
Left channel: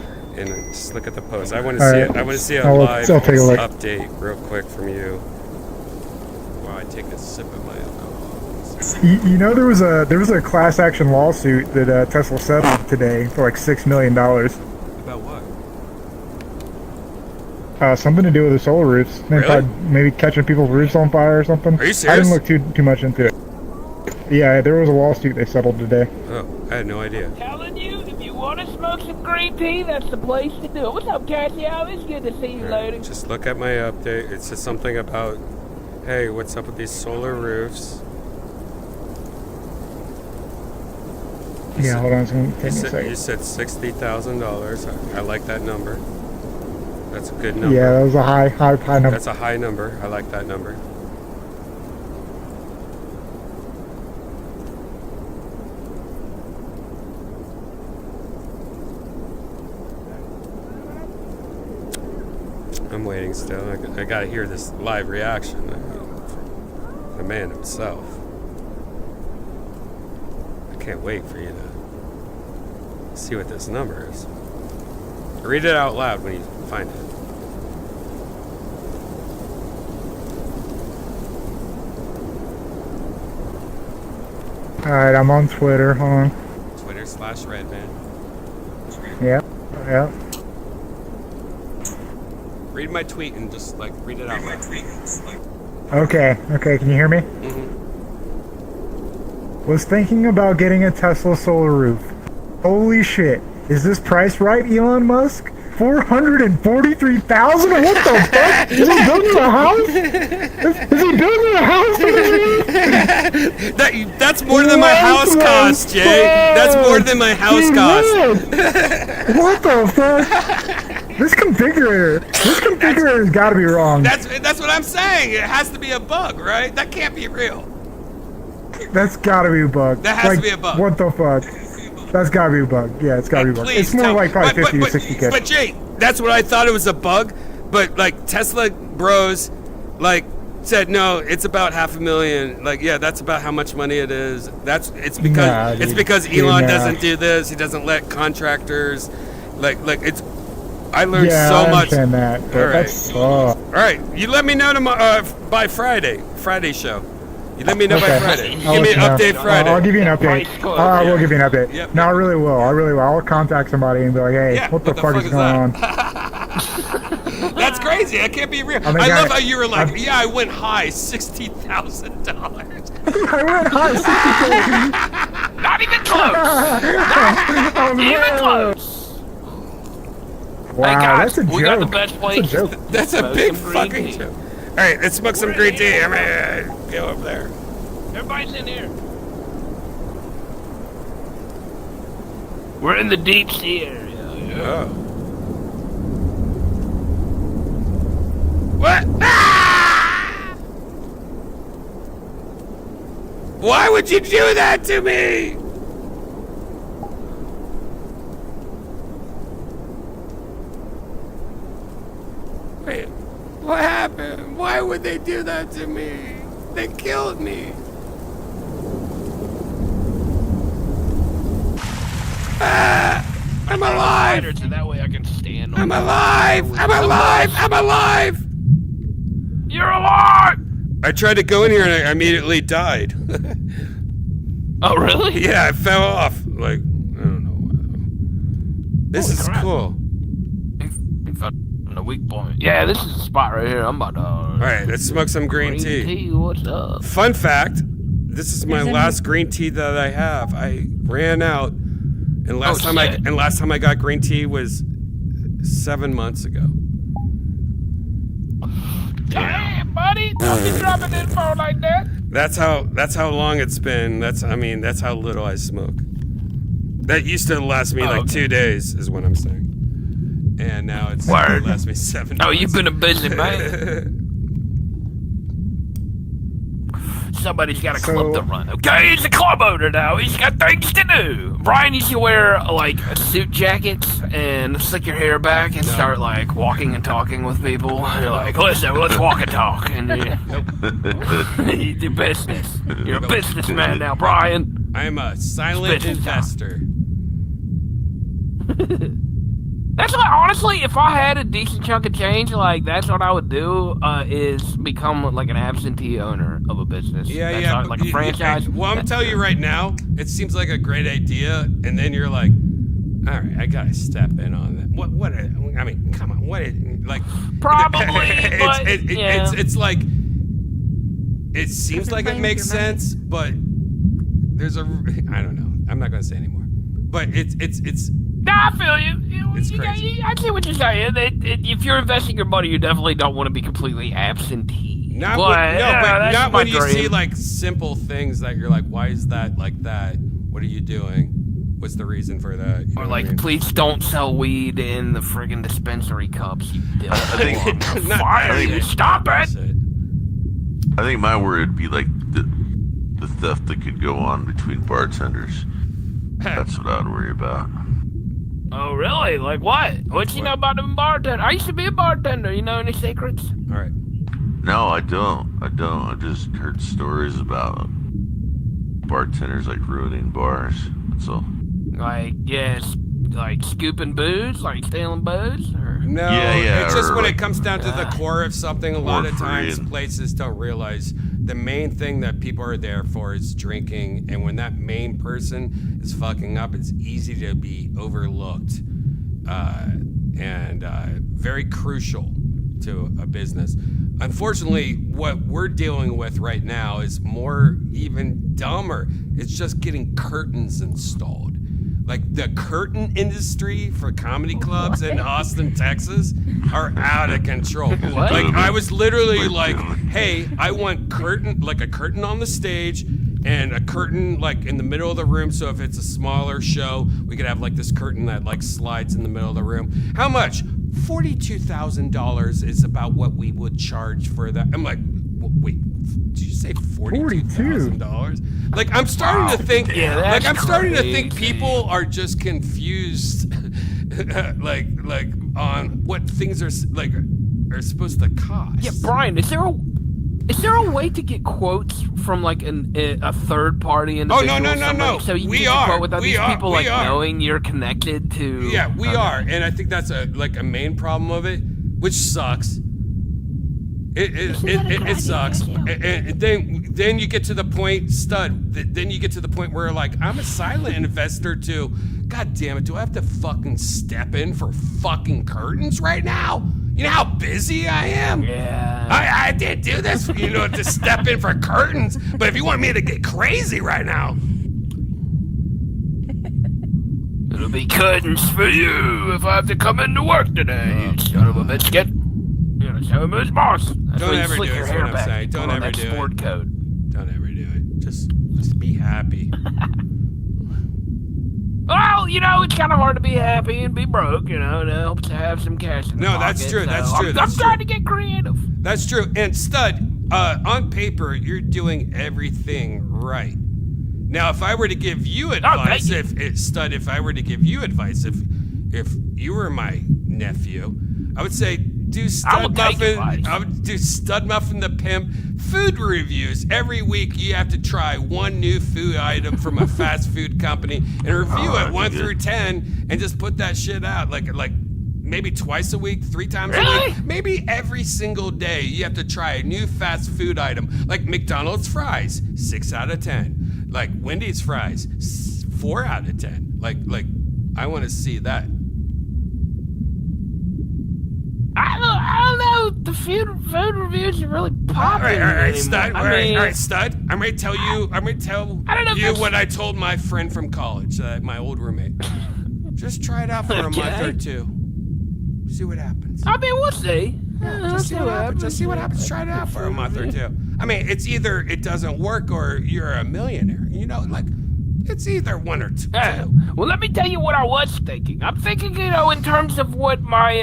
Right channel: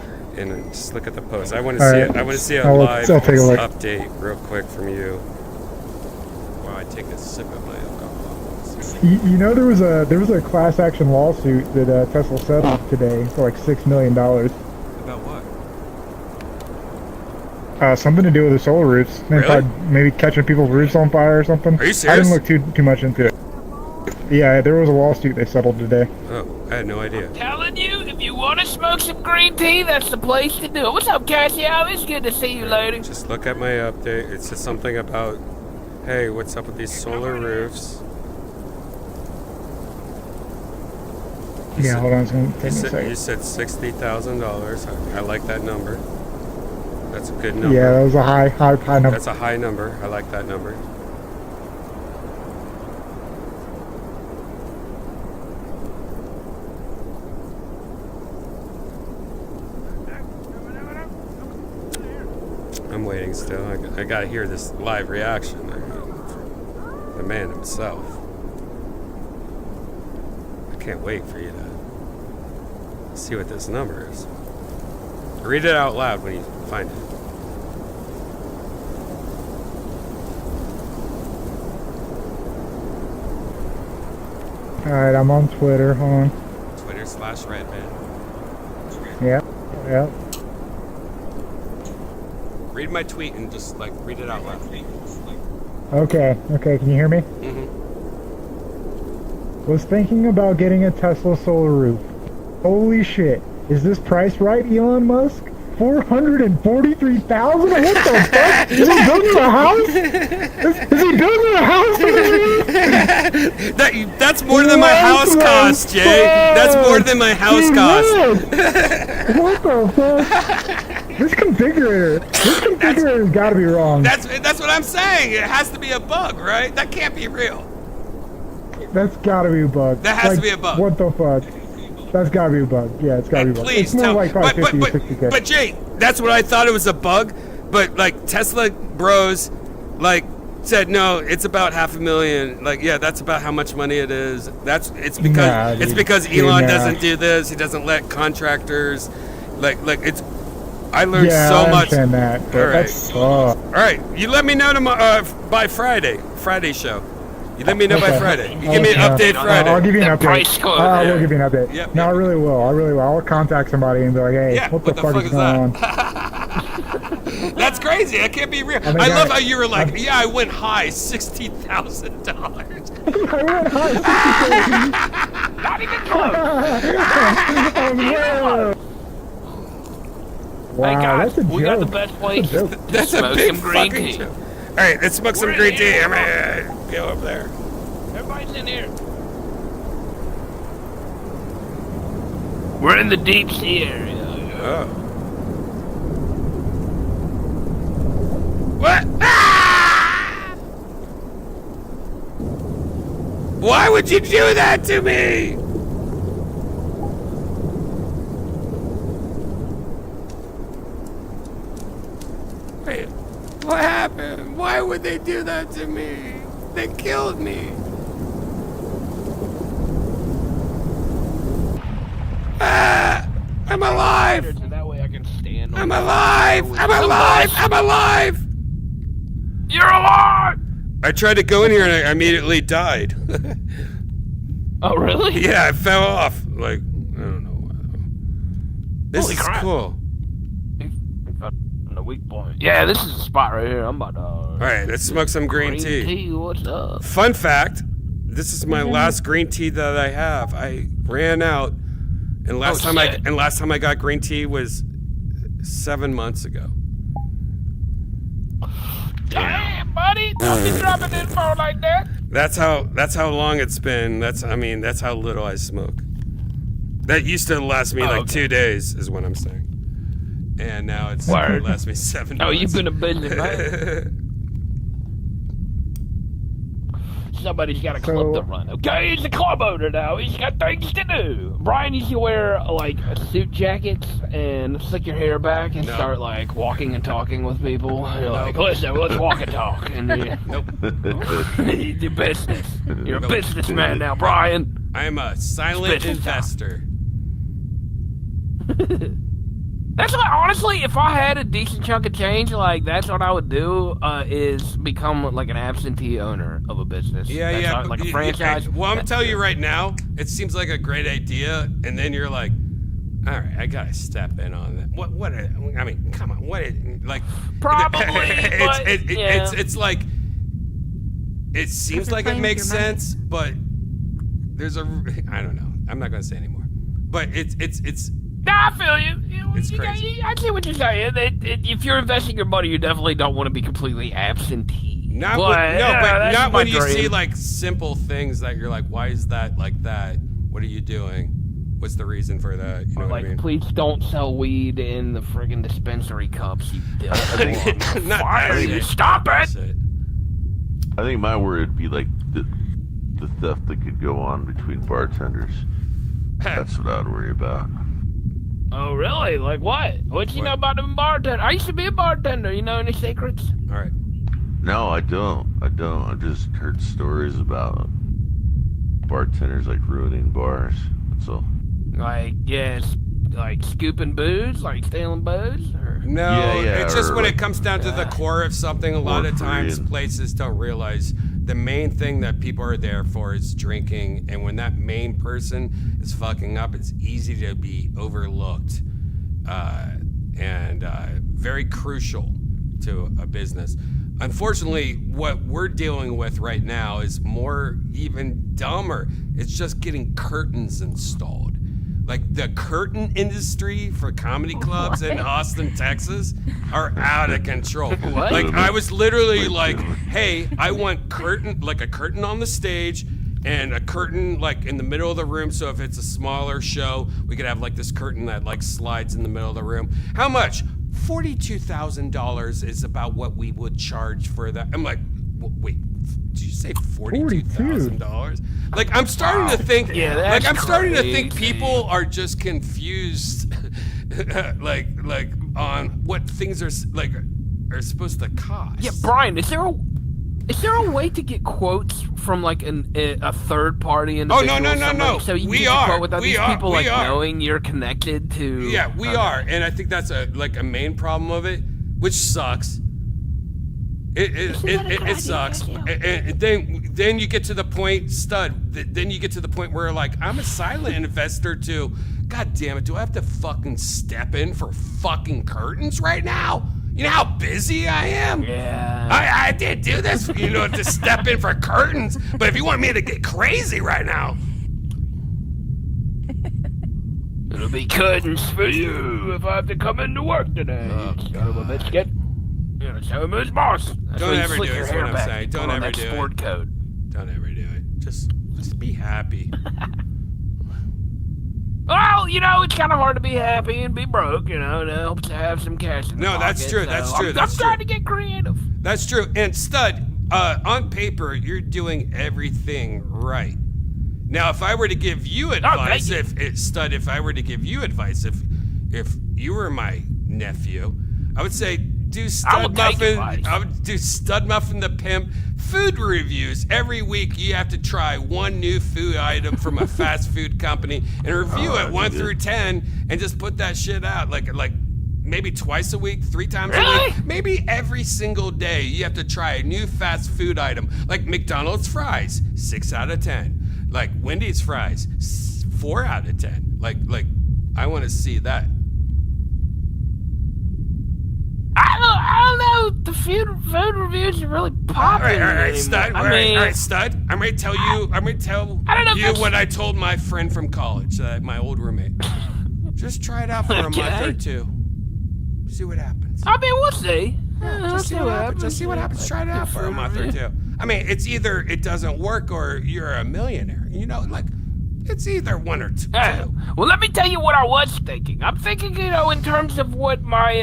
and just look at the post. I want to All see right. it. I want to see a I'll live take a look. update real quick from you. While I take a sip of my alcohol. You know there was a class action lawsuit that Tesla settled today for like $6 million. About what? Something to do with the solar roofs. Really? Maybe catching people's roofs on fire or something. Are you I serious? didn't look too much into it. Yeah, there was a lawsuit they settled today. Oh, I had no idea. Telling you, if you want to smoke some green tea, that's the place to do it. What's up, Cassio? It's good to see you, lady. Just look at my update. It says something about, hey, what's up with these solar roofs? Yeah, hold on, it's gonna take me a You second. said $60,000. I like that number. That's a good number. Yeah, that was a high number. That's a high number. I like that number. I'm waiting still. I gotta hear this live reaction. I mean, from the man himself. I can't wait for you to see what this number is. Read it out loud when you find it. Alright, I'm on Twitter, hold on. Twitter/Redban. Yep. Read my tweet and just like read it out loud. Okay, can you hear me? Mm-hmm. Was thinking about getting a Tesla solar roof. Holy shit. Is this price right, Elon Musk? $443,000? What the fuck? Is he building a house? Is he building a house? That's more than my house cost, Jay. That's more than my house cost. What the fuck? This configurator's got to be wrong. That's what I'm saying. It has to be a bug, right? That can't be real. That's got to be a bug. That has to be a bug. What the fuck? That's got to be a bug. Yeah, it's got to be a bug. Please It's more tell like probably 50 to 60K. But Jay, that's what I thought it was a bug. But like Tesla bros, like said no, it's about $500,000. Like yeah, that's about how much money it is. It's because Elon doesn't do this. He doesn't let contractors like it's. I learned so much. I understand that. But All right. That's, All right, you let me know tomorrow by Friday show. You let me know by Friday. You give me an update Friday. I'll give you an Price update. score. I Yeah. will give you an update. Yep, No, I really will. I'll contact somebody and be like, hey, Yeah, what the fuck is that? going on? That's crazy. That can't be real. then I guys- love how you were like, yeah, I went high $60,000. I went high Not even close. $60,000. Wow, guys, that's a we got the joke. best That's a place. joke. That's a Smoke big some green fucking tea. joke. All right, let's smoke some green tea. I'm gonna go up there. Everybody's in here. We're in the deep sea area. Oh. What? Ah! Why would you do that to me? Wait, what happened? Why would they do that to me? They killed me. Ah! I'm alive! So that way I can stand on I'm the alive! fire I'm with- alive! I'm alive! You're alive! I tried to go in here and I immediately died. Oh, really? Yeah, I fell off. Like, I don't know. This Holy is crap. cool. You found a weak point. Yeah, this is the spot right here. I'm about to. Alright, let's smoke some green tea. What's up? Fun fact, this is my last green tea that I have. I ran out and last time I got green tea was 7 months ago. Damn, buddy! Don't be dropping info like that. That's how long it's been. That's how little I smoke. That used to last me like 2 days, is what I'm saying. And now it lasts me 7 months. Oh, you've been a busy man. Somebody's got a club to run. Okay, he's a club owner now. He's got things to do. Brian used to wear like suit jackets and slick your hair back and start like walking and talking with people. You're like, listen, let's walk and talk. And you do business. You're a businessman now, Brian. I'm a silent investor. That's what, honestly, if I had a decent chunk of change, like, that's what I would do, is become, like, an absentee owner of a business. That's how, like a franchise. Well, I'm telling you right now, it seems like a great idea, and then you're like, all right, I gotta step in on that. What? I mean, come on. What? Like, Probably, it's like, it seems like it makes sense, but there's a, I don't know. I'm not gonna say anymore. But it's. Nah, I feel you. It's crazy. I see what you're saying. If you're investing your money, you definitely don't want to be completely absentee. Not when you see like simple things that you're like, why is that like that? What are you doing? What's the reason for that? You know what I mean? Please don't sell weed in the friggin' dispensary cups. Not that shit. Stop it! That's it. I think my word would be like the theft that could go on between bartenders. That's what I'd worry about. Oh, really? Like what? What you know about them bartenders? I used to be a bartender. You know any secrets? All right. No, I don't. I just heard stories about bartenders like ruining bars. That's all. Like, yes, like scooping booze, like stealing booze? Or? No, it's just when it comes down to the core of something, a lot of times free. places don't realize the main thing that people are there for is drinking, and when that main person is fucking up, it's easy to be overlooked and very crucial to a business. Unfortunately, what we're dealing with right now is more even dumber. It's just getting curtains installed. Like the curtain industry for comedy clubs in Austin, Texas are out of control. What? Like I was literally like, hey, I want a curtain on the stage and a curtain like in the middle of the room. So if it's a smaller show, we could have like this curtain that like slides in the middle of the room. How much? $42,000 is about what we would charge for that. I'm like, wait, did you say $42,000? Like I'm starting to think, starting to think people are just confused, like on what things are like are supposed to cost. Yeah, Brian, is there a way to get quotes from like a third party? Oh no! So you we get a are. quote without We these are. people We like are. knowing you're connected to. Yeah, we are, and I think that's a main problem of it, which sucks. It sucks. And then you get to the point, Then you get to the point where like I'm a silent investor too. God damn it! Do I have to fucking step in for fucking curtains right now? You know how busy I am? Yeah. I did do this, to step in for curtains. But if you want me to get crazy right now, It'll be curtains for you if I have to come into work today. Son of a biscuit. You're gonna tell him his boss. Don't ever do it, is what I'm saying. Don't ever do it. Sport coat. Don't ever do it. Just be happy. Well, it's kind of hard to be happy and be broke, it helps to have some cash in the pocket. That's true, that's true, I'm trying to get creative. That's true. And Stud, on paper, you're doing everything right. Now, if I were to give you advice, if I were to give you advice, if you were my nephew, I would say do Stud Muffin. I would do Stud Muffin the Pimp food reviews. Every week you have to try one new food item from a fast food company and review it 1 through 10 and just put that shit out like maybe twice a week, 3 times a week, maybe every single day. You have to try a new fast food item, like McDonald's fries, 6 out of 10. Like Wendy's fries, 4 out of 10. Like I want to see that. I don't know. The food reviews are really popular. All right, Stud. All right, Stud. I'm going to tell you what I told my friend from college, my old roommate. Just try it out for a month or 2. See what happens. I mean, we'll see. Just see what happens. Just see what happens. Try it out for a month or 2. I mean, it's either it doesn't work or you're a millionaire. It's either one or two. Well, let me tell you what I was thinking. I'm thinking, in terms of what my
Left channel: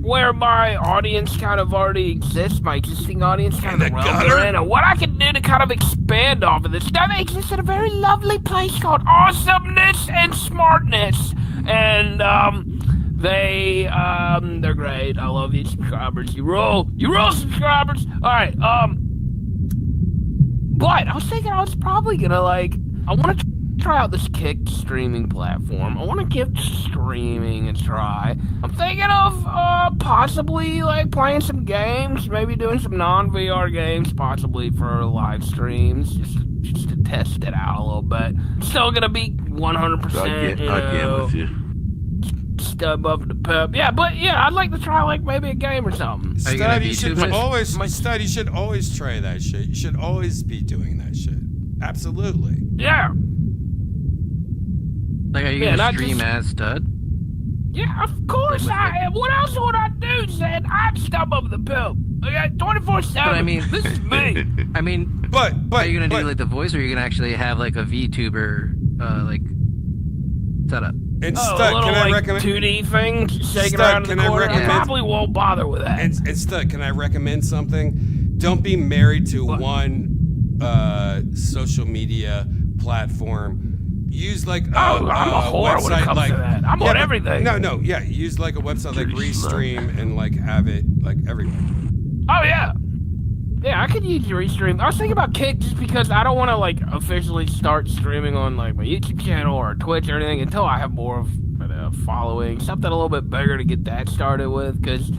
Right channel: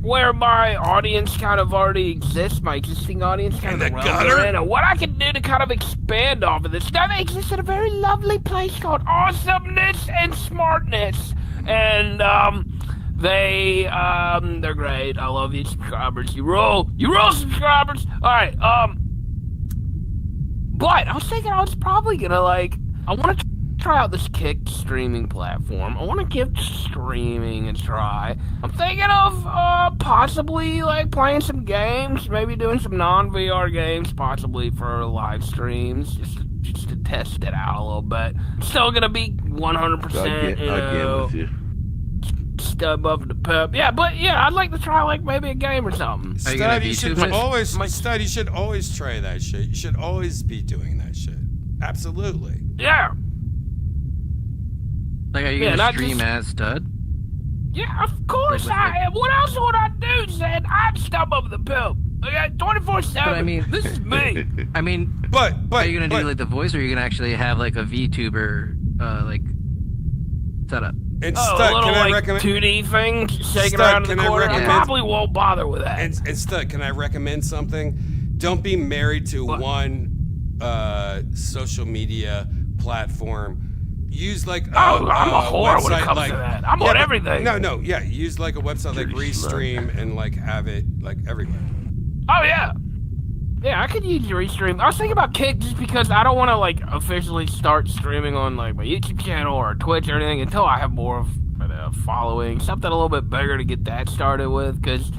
where my audience kind of already exists, my existing audience kind in of the gutter, and what I can do to kind of expand off of this. Now, they exist at a very lovely place called Awesomeness and Smartness, and they're great. I love you, subscribers. You roll, subscribers. All right, but I was thinking I was probably gonna I want to try out this Kick streaming platform. I want to give streaming a try. I'm thinking of possibly playing some games, maybe doing some non-VR games, possibly for live streams, just to test it out a little bit. Still gonna be 100%, Stud Muffin the Pimp. Yeah, but I'd like to try maybe a game or something. Stud, you should always try that shit. You should always be doing that shit. Absolutely. Yeah. Are you gonna stream as Stud? Yeah, of course I am. What else would I do, Zed? I'm Stud Muffin the Pimp. Okay, 24/7. But I mean, this is me. I mean, but are you gonna do the voice, or are you gonna actually have a VTuber setup? And Stud, can I recommend 2D thing? Stud, can I recommend? I probably won't bother with that. And Stud, can I recommend something? Don't be married to one social media platform. Use I'm a website that. I'm on everything. Use a website like Restream and have it everywhere. Oh yeah. Yeah, I could use Restream. I was thinking about Kick just because I don't want to officially start streaming on my YouTube channel or Twitch or anything until I have more of a following, something a little bit bigger to get that started with. Because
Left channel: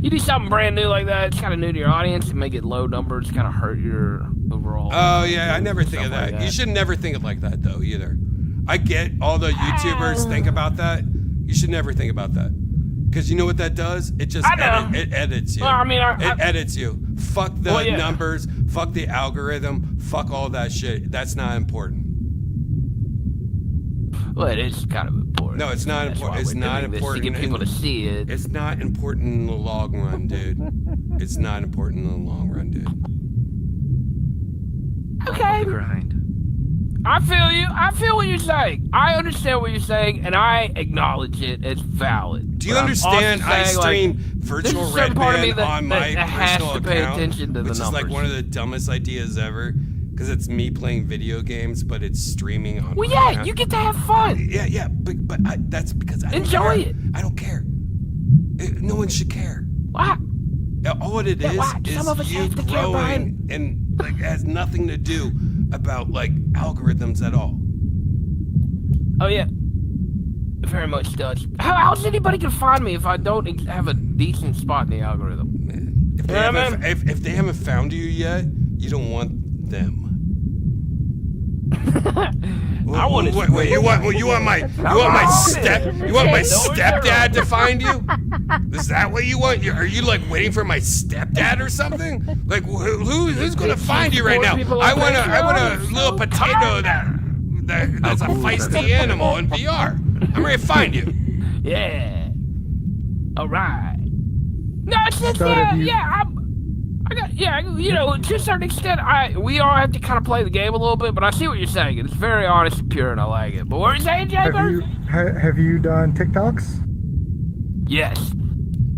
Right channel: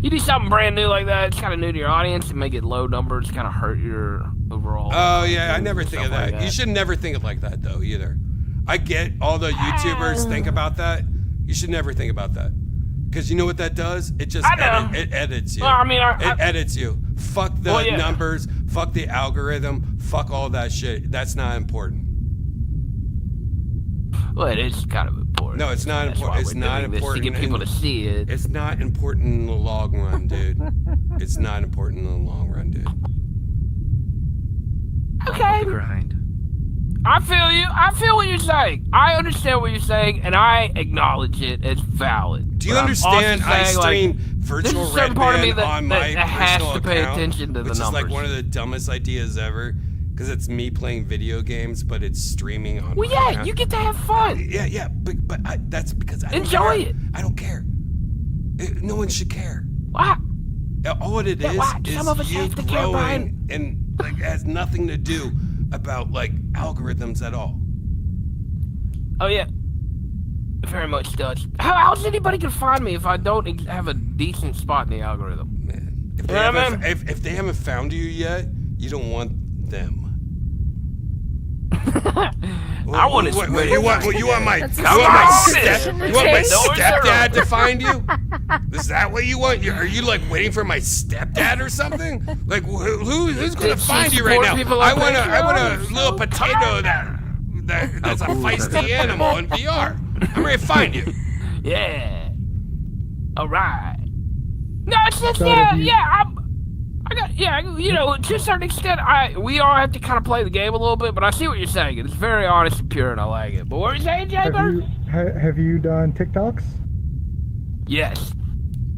you do something brand new like that, it's kind of new to your audience, and make it low numbers, kind of hurt your overall. Oh yeah, I never think of that. You should never think of like that though either. I get all the YouTubers think about that. You should never think about that. Because you know what that does? It just it edits you. Well, I mean, it edits you. Fuck the numbers. Fuck the algorithm. Fuck all that shit. That's not important. Well, it is kind of important. No, it's not important. It's not important to get people to see it. It's not important in the long run, dude. It's not important in the long run, dude. Okay. The grind. I feel you. I feel what you're saying. I understand what you're saying, and I acknowledge it as valid. Do you understand? I stream virtual Redban on my personal account, which is one of the dumbest ideas ever. Because it's me playing video games, but it's streaming on my account. You get to have fun. Yeah, but that's because I don't enjoy care. it. I don't care. No one should care. What? All it is you growing, and it has nothing to do about algorithms at all. Oh yeah, very much does. How else anybody can find me if I don't have a decent spot in the algorithm? Man, if they haven't found you yet, you don't want them. I want you want my stepdad to find you? Is that what you want? Are you waiting for my stepdad or something? Who's gonna find you right now? I want a little potato that's a feisty animal in VR. I'm ready to find you. Yeah. All right. No, it's just So have you- to a certain extent, we all have to kind of play the game a little bit, but I see what you're saying. It's very honest and pure, and I like it. But what are you saying, Jaybird? Have you done TikToks? Yes.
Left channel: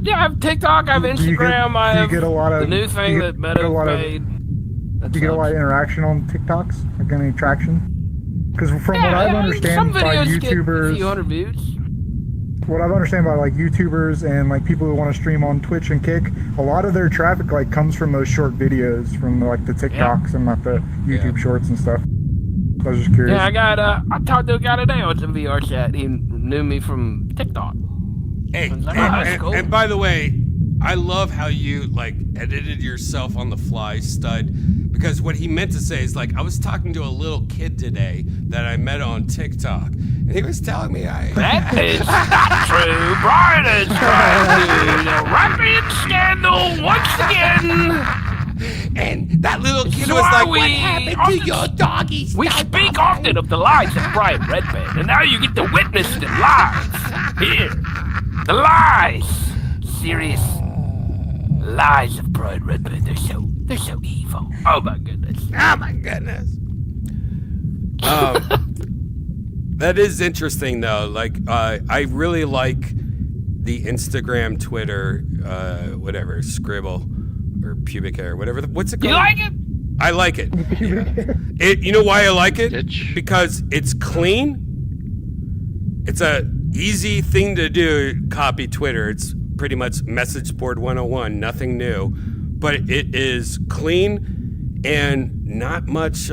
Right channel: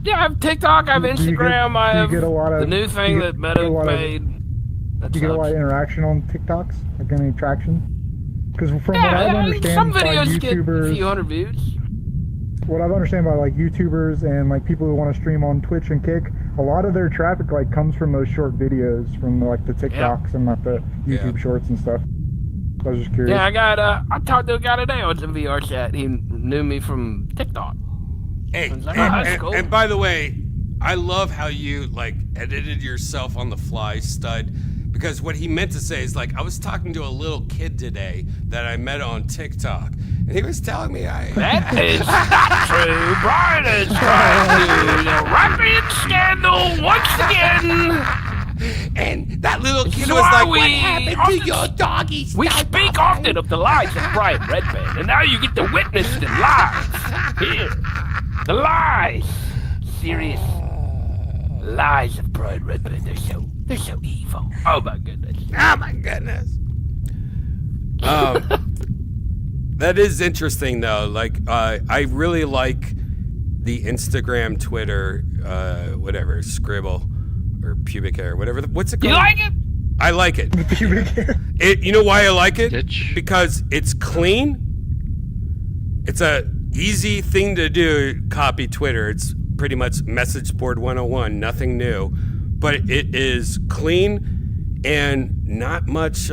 Yeah, I have TikTok, I have Do you get- Instagram, I do you have get a lot of- the new thing do you that get Meta a lot of- made. That Do you get a sucks. lot of interaction on TikToks? Like any traction? Because from what Yeah, I've some understand by videos get a YouTubers, few hundred views. what I've understand by like YouTubers and like people who want to stream on Twitch and Kick, a lot of their traffic like comes from those short videos, from like the TikToks and like the YouTube shorts and stuff. I was just curious. Yeah, I talked to a guy today on some VR chat. He knew me from TikTok. Hey, Like, that's cool. and by the way, I love how you like edited yourself on the fly, stud. Because what he meant to say is like, I was talking to a little kid today that I met on TikTok, and he was telling me That is not true. Brian is trying to write me in scandal once again. And that little kid is was why like, we what happened to often- your doggy? We speak often of the lies of Brian Redban, and now you get to witness the lies. Here. The lies. Serious lies of Brian Redban. They're so evil. Oh my goodness. Oh my goodness. That is interesting though. Like, I really like the Instagram, Twitter, whatever, Scribble or pubic hair, whatever. What's it called? You like it? I like it. You know why I like it? Because it's clean. It's a easy thing to do. Copy Twitter. It's pretty much message board 101. Nothing new, but it is clean and not much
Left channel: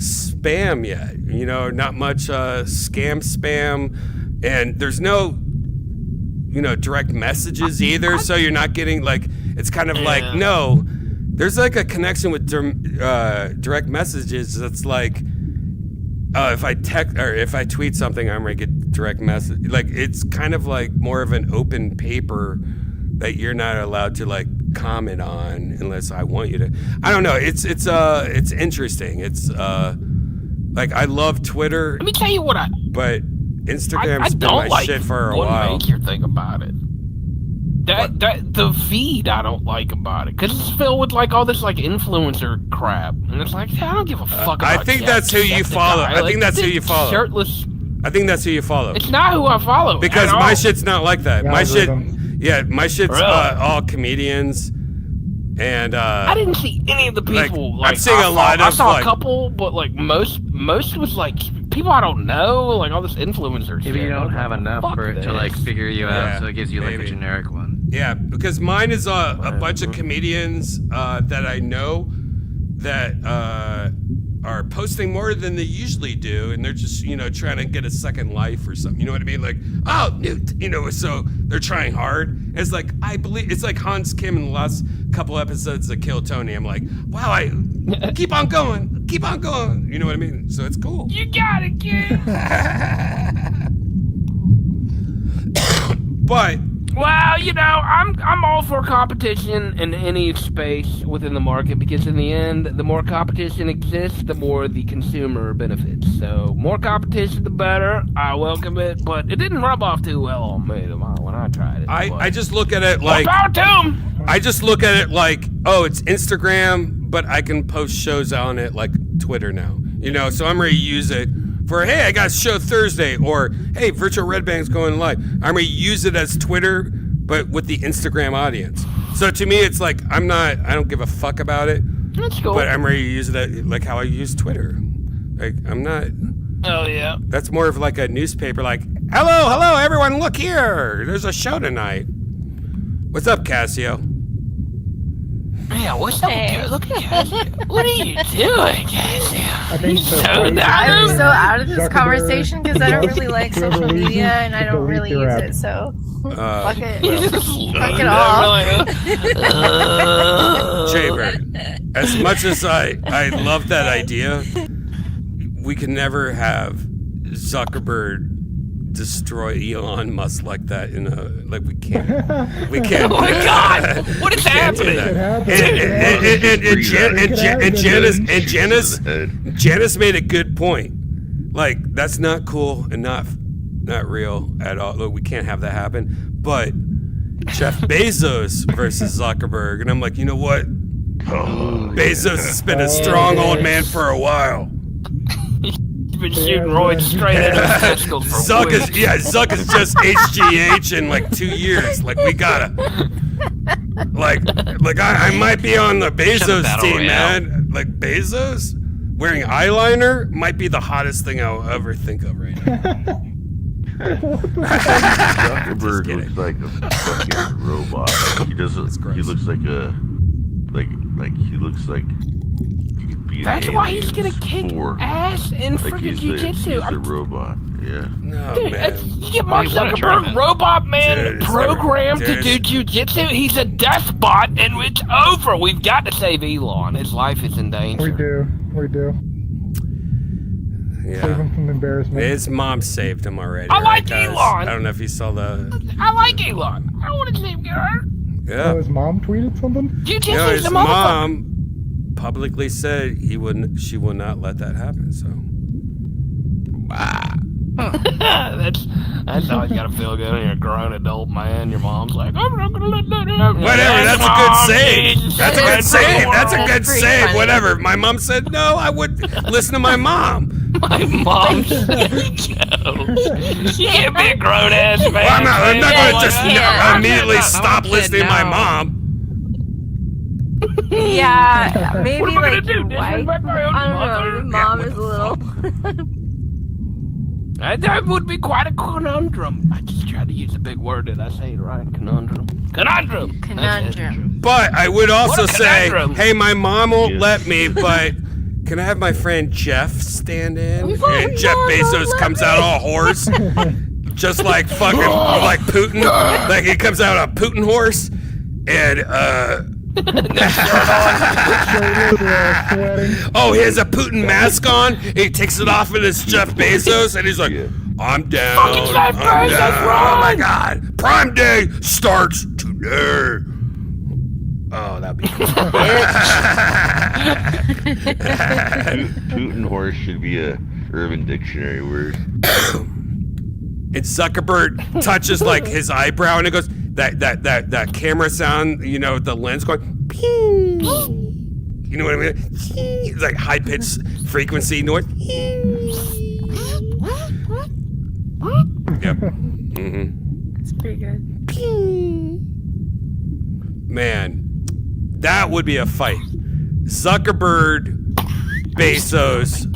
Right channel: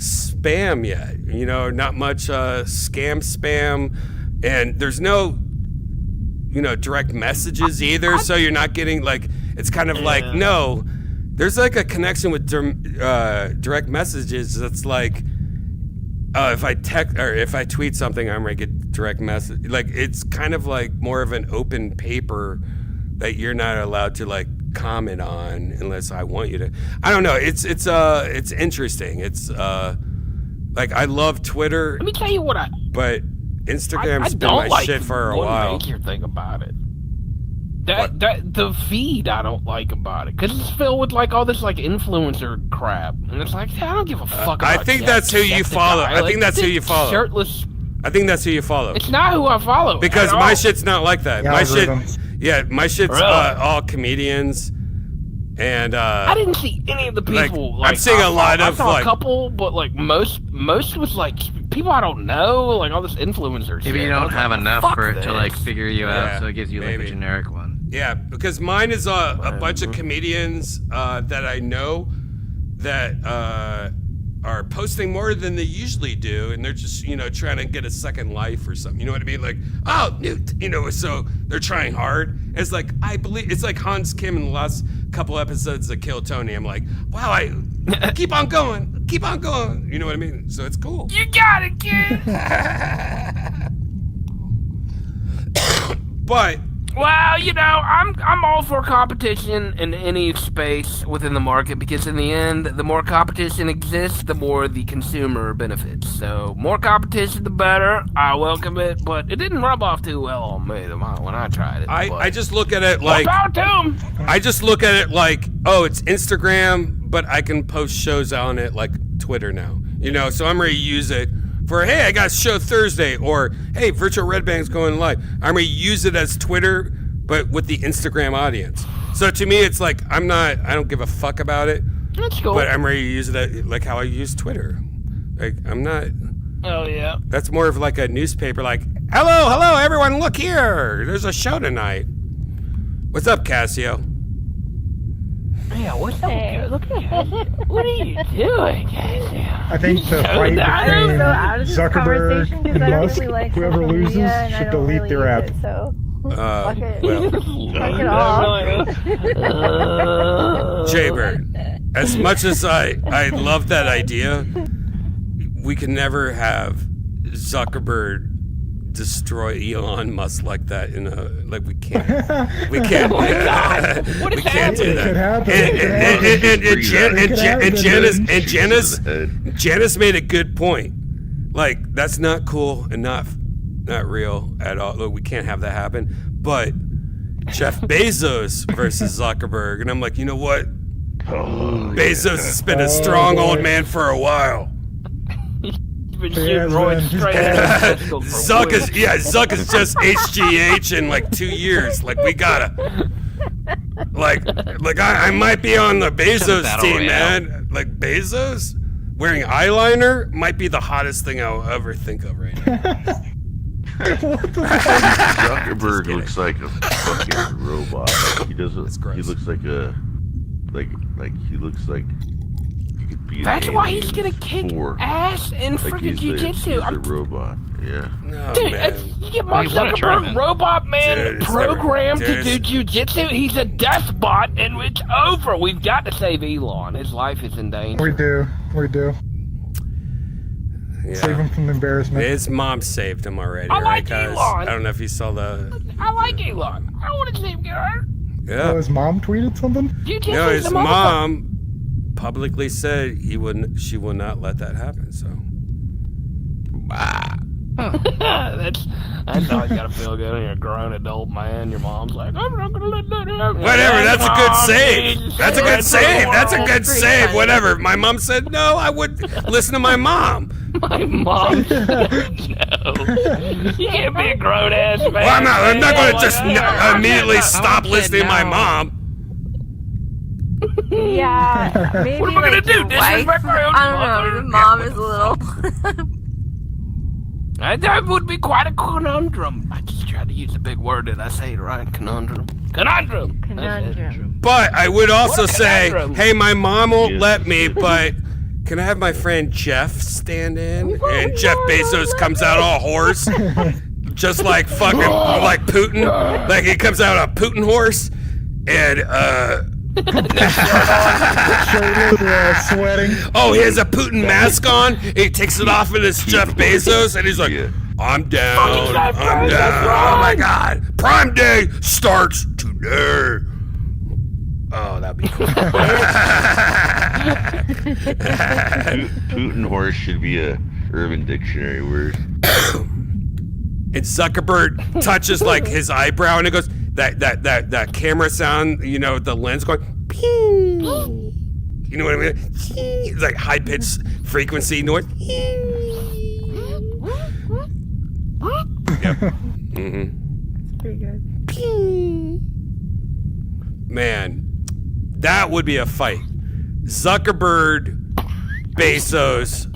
spam yet. You know, not much spam, and there's no direct messages either. So you're not getting like, it's kind of like, no, there's like a connection with direct messages. That's like, if I text or if I tweet something, I'm gonna get direct message. Like, it's kind of like more of an open paper that you're not allowed to like comment on unless I want you to. I don't know. It's interesting. It's like, I love Twitter. Let me tell you what but Instagram's been don't my like shit for a one while. major thing about it. That the feed I don't like about it, because it's filled with like all this like influencer crap, and it's like, I don't give a fuck. I about think that. that's who you That's the follow. guy. I Like, think that's who you follow. Shirtless. I think that's who you follow. It's not who I follow. Because at my all. shit's not like that. My shit, my shit's Really? all comedians, and I didn't see any of the people. I'm seeing a lot I of saw like. a couple, but like most was like people I don't know, like all this influencer shit. Maybe you I don't was have like, enough fuck for it this. to like figure you Yeah, out, so it gives you like maybe. a generic one. Yeah, because mine is a bunch of comedians that I know that are posting more than they usually do, and they're just trying to get a second life or something. You know what I mean? Like, oh, so they're trying hard. It's like, I believe it's like Hans Kim in the last couple episodes of Kill Tony. I'm like, wow, I keep on going, keep on going. You know what I mean? So it's cool. You got it, kid. But Well, I'm all for competition in any space within the market, because in the end, the more competition exists, the more the consumer benefits. So, more competition, the better. I welcome it, but it didn't rub off too well on me when I tried it. I just look at it like, About him. I just look at it like, oh, it's Instagram, but I can post shows on it like Twitter now. So I'm ready to use it for, hey, I got a show Thursday, or hey, Virtual Redban's going live. I'm ready to use it as Twitter, but with the Instagram audience. So to me, it's like, I don't give a fuck about it, That's cool. but I'm ready to use it like how I use Twitter. Like, I'm not. Oh, yeah. That's more of like a newspaper, like, hello, everyone, look here. There's a show tonight. What's up, Cassio? Yeah, what's up? Look at Cassie. What are you doing, Cassie? I think the fight I'm between so out of this Zuckerberg conversation because I don't and really like whoever social loses media and I should don't delete really their use app. it, so Well, fuck it off. Jaybird, as much as I love that idea, we can never have Zuckerberg destroy Elon Musk like that we can't we can't do that. And Janice made a good point. Like, that's not cool enough. not real at all. Look, we can't have that happen. But Jeff Bezos versus Zuckerberg, and I'm like, you know what? Bezos has been a strong old man for a while. He's been shooting roids straight at his testicles for Zuck weeks. Zuck is just HGH in like 2 years. Like we gotta, like I might be on the Bezos Battle team, Royale. man. Like Bezos wearing eyeliner might be the hottest thing I'll ever think of right now. Zuckerberg looks like a fucking robot. He doesn't. gross. He looks like a he looks like. He could be an That's why he's alien gonna kick spore. ass in Like freaking he's jiu-jitsu. a robot. Yeah. No, Dude, man. you get Mark He won a Zuckerberg, tournament. robot man, Dude, it's programmed never- to do dude, jujitsu. He's a death bot, and it's over. We've got to save Elon. His life is in danger. We do. Save Yeah. him from embarrassment. His mom saved him already, I right, like guys? Elon. I don't know if you saw the. I like Elon. I want to see him get hurt. Yeah. His mom tweeted something? Jiu-jitsu's No, his the motherfucker. mom publicly said she would not let that happen. So. That's how you gotta feel good. You're a grown adult man. Your mom's like, I'm not gonna let that happen. Whatever, that's a good Mom, save. please, That's a save good the save. That's a world. good save. Whatever. My mom said no, I would listen to my mom. My mom. You can't be a grown ass man. Well, I'm not going to just immediately Yeah. stop said listening to my no. mom. Yeah, maybe What am I gonna like do? your wife. Disrespect my own I don't know. mother? Your mom is a little. That would be quite a conundrum. I just tried to use a big word. Did I say it right? Conundrum. Conundrum. Conundrum. But I would also What a say, conundrum. hey, my mom won't Yeah. let me, but can I have my friend Jeff stand in? And Jeff Bezos comes out all horse, just like fucking like Putin. Like he comes out a Putin horse, and Sweating. oh, he has a Putin mask on. He takes it off, and it's Jeff Bezos, and he's like, I'm down. I'm down. Oh my God. Prime Day starts today. Oh, that'd be cool. Putin horse should be a Urban Dictionary word. And Zuckerberg touches like his eyebrow, and it goes that camera sound. You know, the lens going. Ping. You know what I mean? It's like high pitched frequency noise. Yep. It's pretty good. Man, that would be a fight. Zuckerberg, Bezos,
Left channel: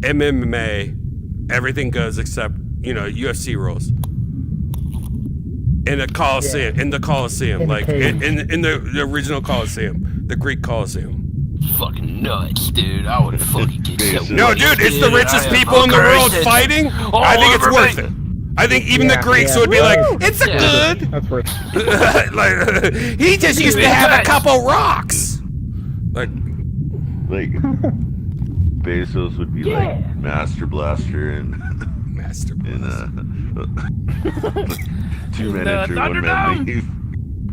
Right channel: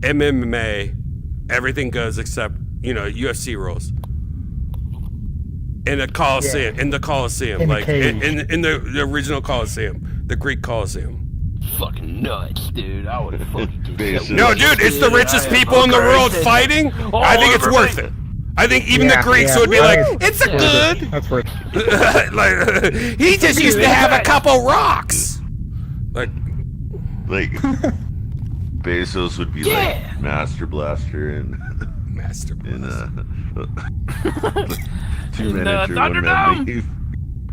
MMA, everything goes except, UFC rules. In the Coliseum, Yeah. in the Coliseum, In like cage. in the original Coliseum, the Greek Coliseum. Fucking nuts, dude. I would fucking get so. No, dude, it's the richest people in the world fighting. I think it's worth it. I think even the Greeks would be like, it's a good. That's what. Like, he just used to have a couple rocks. Like, Bezos would be like Master Blaster and Master Blast. two the manager, one man Thunderdome? leave.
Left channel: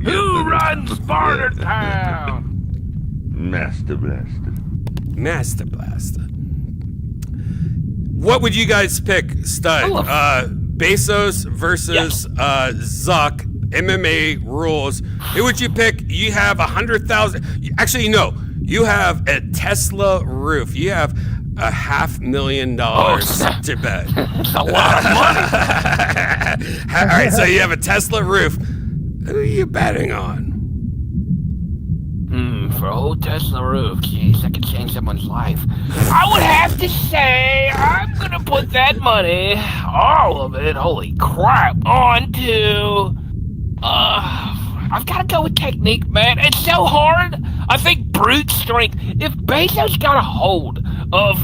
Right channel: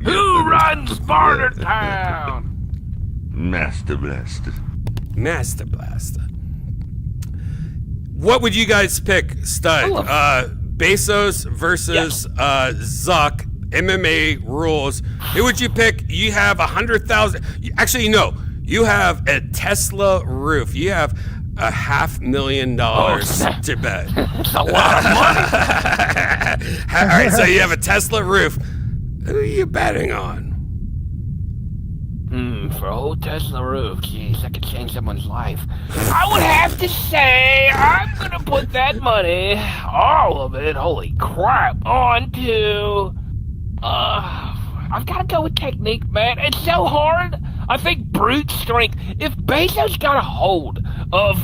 Who runs Sparta Town? Master Blaster. Master Blaster. What would you guys pick, Stud? Bezos versus Zuck. MMA rules. Who would you pick? You have 100,000. Actually, no. You have a Tesla roof. You have $500,000 to bet. That's a lot of money. All right, so you have a Tesla roof. Who are you betting on? For a whole Tesla roof, jeez, that could change someone's life. I would have to say I'm gonna put that money, all of it, holy crap, onto. I've got to go with technique, man. It's so hard. I think brute strength. If Bezos got a hold of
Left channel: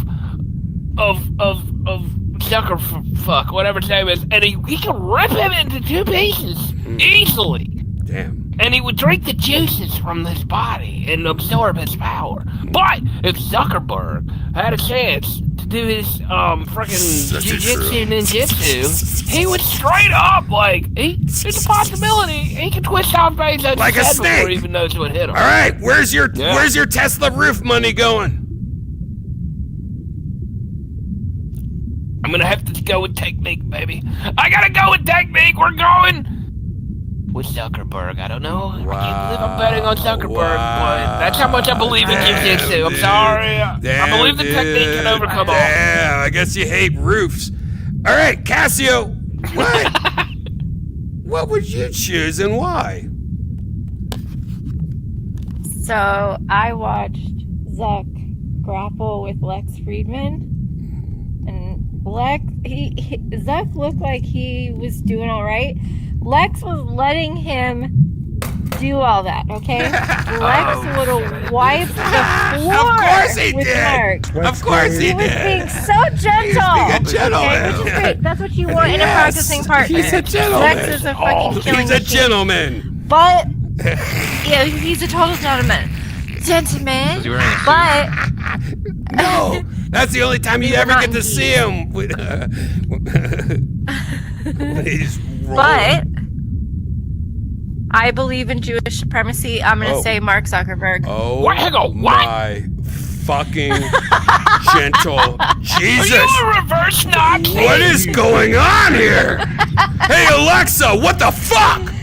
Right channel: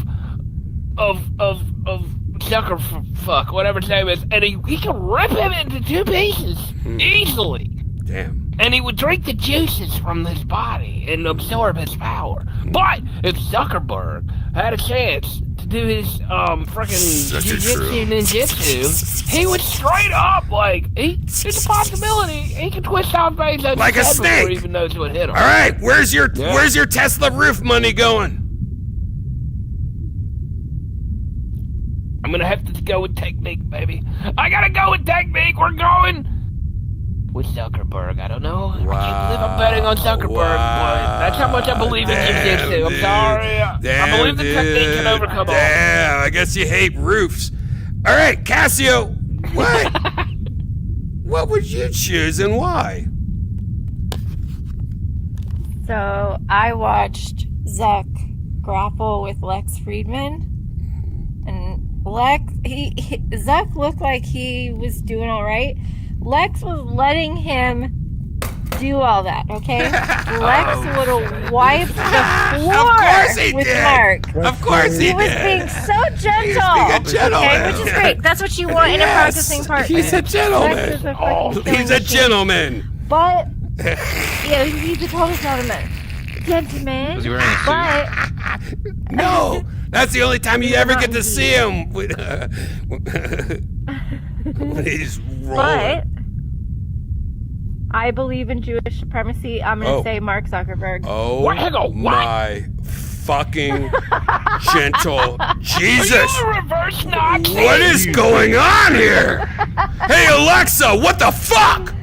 Zuckerfuck, whatever his name is, and he can rip him into two pieces easily. Damn. And he would drink the juices from his body and absorb his power. But if Zuckerberg had a chance to do his freaking jiu-jitsu ninjutsu, he would straight up there's a possibility he could twist off Bezos' Like a head before snake. he even knows what hit him. All right, where's your Tesla roof money going? I'm I'm gonna have to go with technique, baby. I gotta go with technique. We're going with Zuckerberg. I don't know. I can't believe I'm betting on Zuckerberg, but that's how much I believe in jiu-jitsu. I'm sorry. I believe the technique can overcome all. Damn, I guess you hate roofs. All right, Cassio, what? What would you choose and why? So I watched Zach grapple with Lex Friedman, and Zach looked like he was doing all right. Lex was letting him do all that, okay? Lex would have wiped the floor. Of course he with did. Mark. Of course he He was did. being so gentle. He's being a gentleman. Okay, which is great. That's what you want in a Yes, processing partner. he's a gentleman. Lex is a fucking He's a gentleman. But yeah, he's a total gentleman. Gentleman. But No, that's the only time you ever get to see him. When he's but rolling. I believe in Jewish supremacy. I'm gonna say Mark Zuckerberg. Oh my fucking gentle Jesus! Are you a reverse Nazi? What is going on here? Hey Alexa, what the fuck?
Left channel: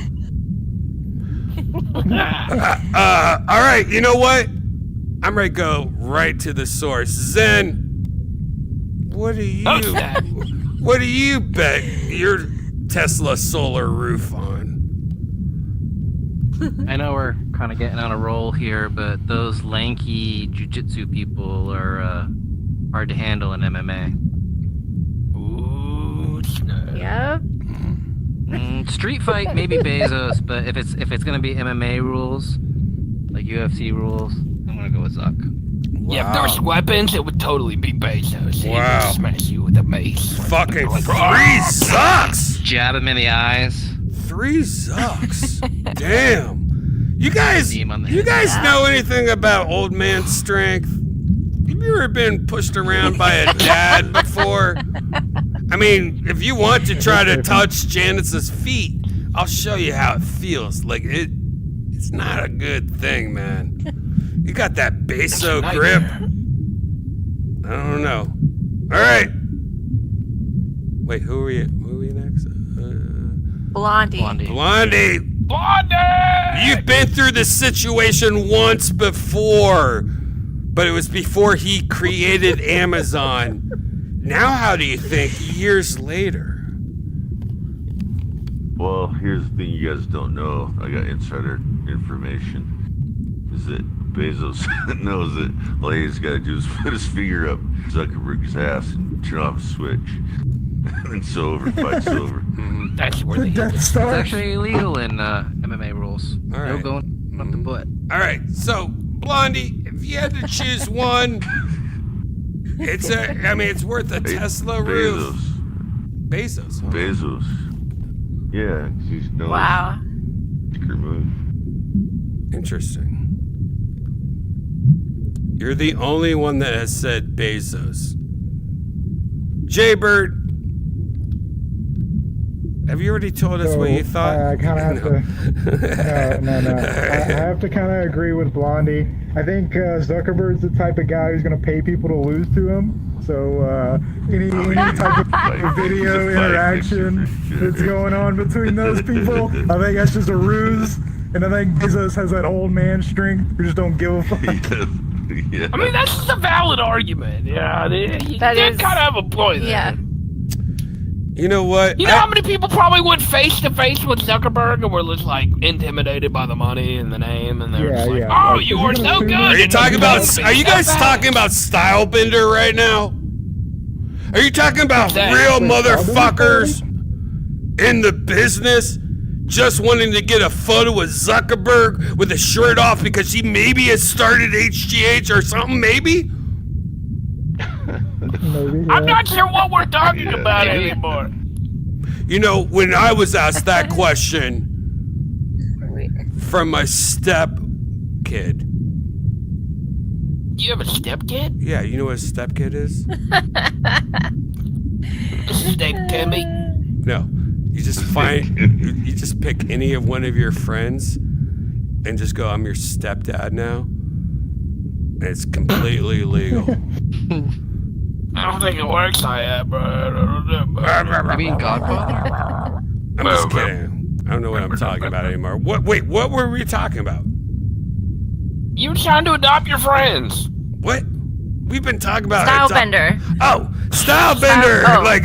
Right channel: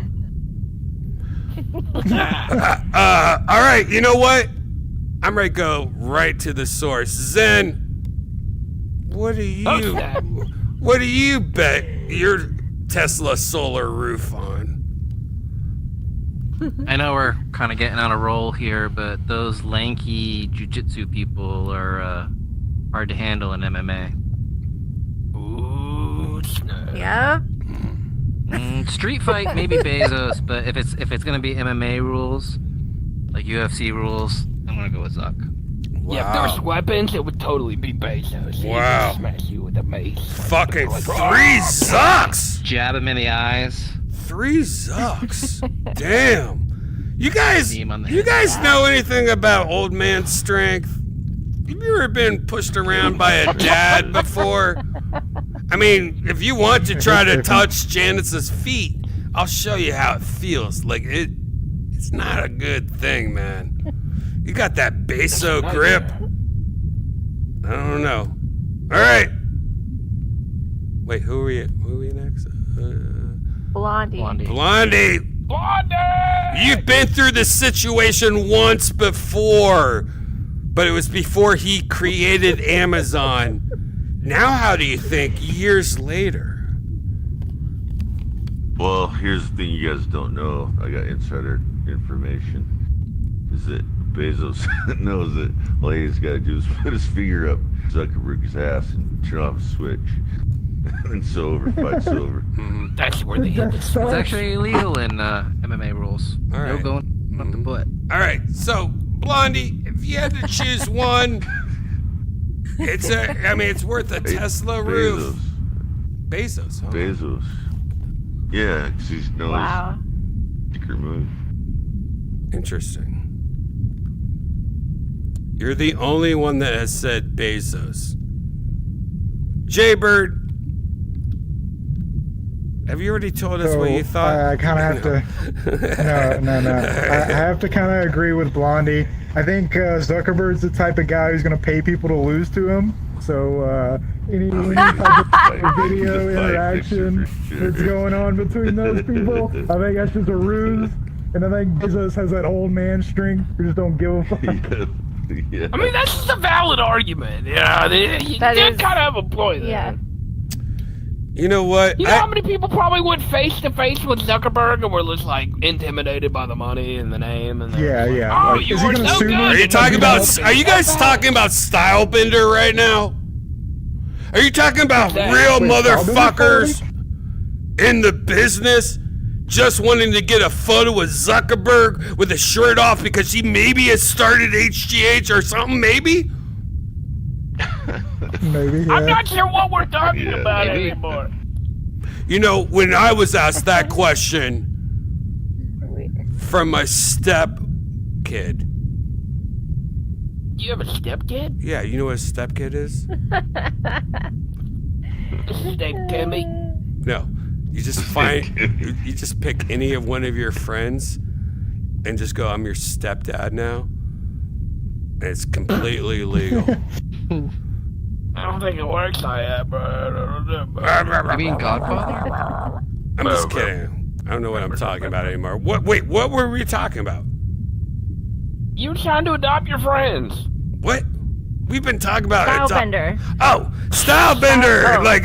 All right, you know what? I'm ready to go right to the source. Zen, what do you bet your Tesla solar roof on? I know we're kind of getting on a roll here, but those lanky jiu-jitsu people are hard to handle in MMA. Ooh, snap. Yep. Street fight, maybe Bezos, but if it's gonna be MMA rules, like UFC rules, I'm gonna go with Zuck. Yeah, if there's weapons, it would totally be Bezos. Wow. He'd smash you with a mace. Fucking 3 Zucks! Jab him in the eyes. 3 Zucks. Damn. You guys know anything about old man strength? Have you ever been pushed around by a dad before? I mean, if you want to try to touch Janice's feet, I'll show you how it feels. Like it's not a good thing, man. You got that Beso grip. I don't know. All right. Wait, who are we next? Blondie. Blondie. You've been through this situation once before, but it was before he created Amazon. Now, how do you think years later? Well, here's the thing you guys don't know. I got insider information. Is that Bezos knows that all he's got to do is put his finger up Zuckerberg's ass and turn off a switch. And it's over. Fight's over. That's where they hit It's actually illegal in MMA rules. All right. No going up the butt. All right, so Blondie, if you had to choose one, it's worth a Tesla roof. Bezos. Huh? Bezos. Yeah, because he's no sticker move. Interesting. You're the only one that has said Bezos. Jaybird, have you already told us what you thought? I kind of have to. No. I have to kind of agree with Blondie. I think Zuckerberg's the type of guy who's going to pay people to lose to him. So any type of video interaction that's going on between those people, I think that's just a ruse. And I think Bezos has that old man strength who just don't give a fuck. Yeah. I mean, that's just a valid argument. You kind of have a point there. Yeah. You know what? You know how many people probably went face to face with Zuckerberg and were just like intimidated by the money and the name and Yeah. Oh, Like, you is he are gonna so sue good. me? Are you talking about? Are you guys talking about Stylebender right now? Are you talking about real motherfuckers in the business just wanting to get a photo with Zuckerberg with his shirt off because he maybe has started HGH or something? Maybe. Maybe. I'm not sure what we're talking about anymore. You know, when I was asked that question from my step kid. You have a stepkid? Yeah, you know what a step kid is? This is named Timmy. No. You just you just pick any of one of your friends and just go, I'm your stepdad now. And it's completely legal. don't think it works like that, bro. You mean Godfather? I'm just kidding. I don't know what I'm talking about anymore. What were we talking about? You trying to adopt your friends. What? We've been talking about Stylebender. Stylebender! Like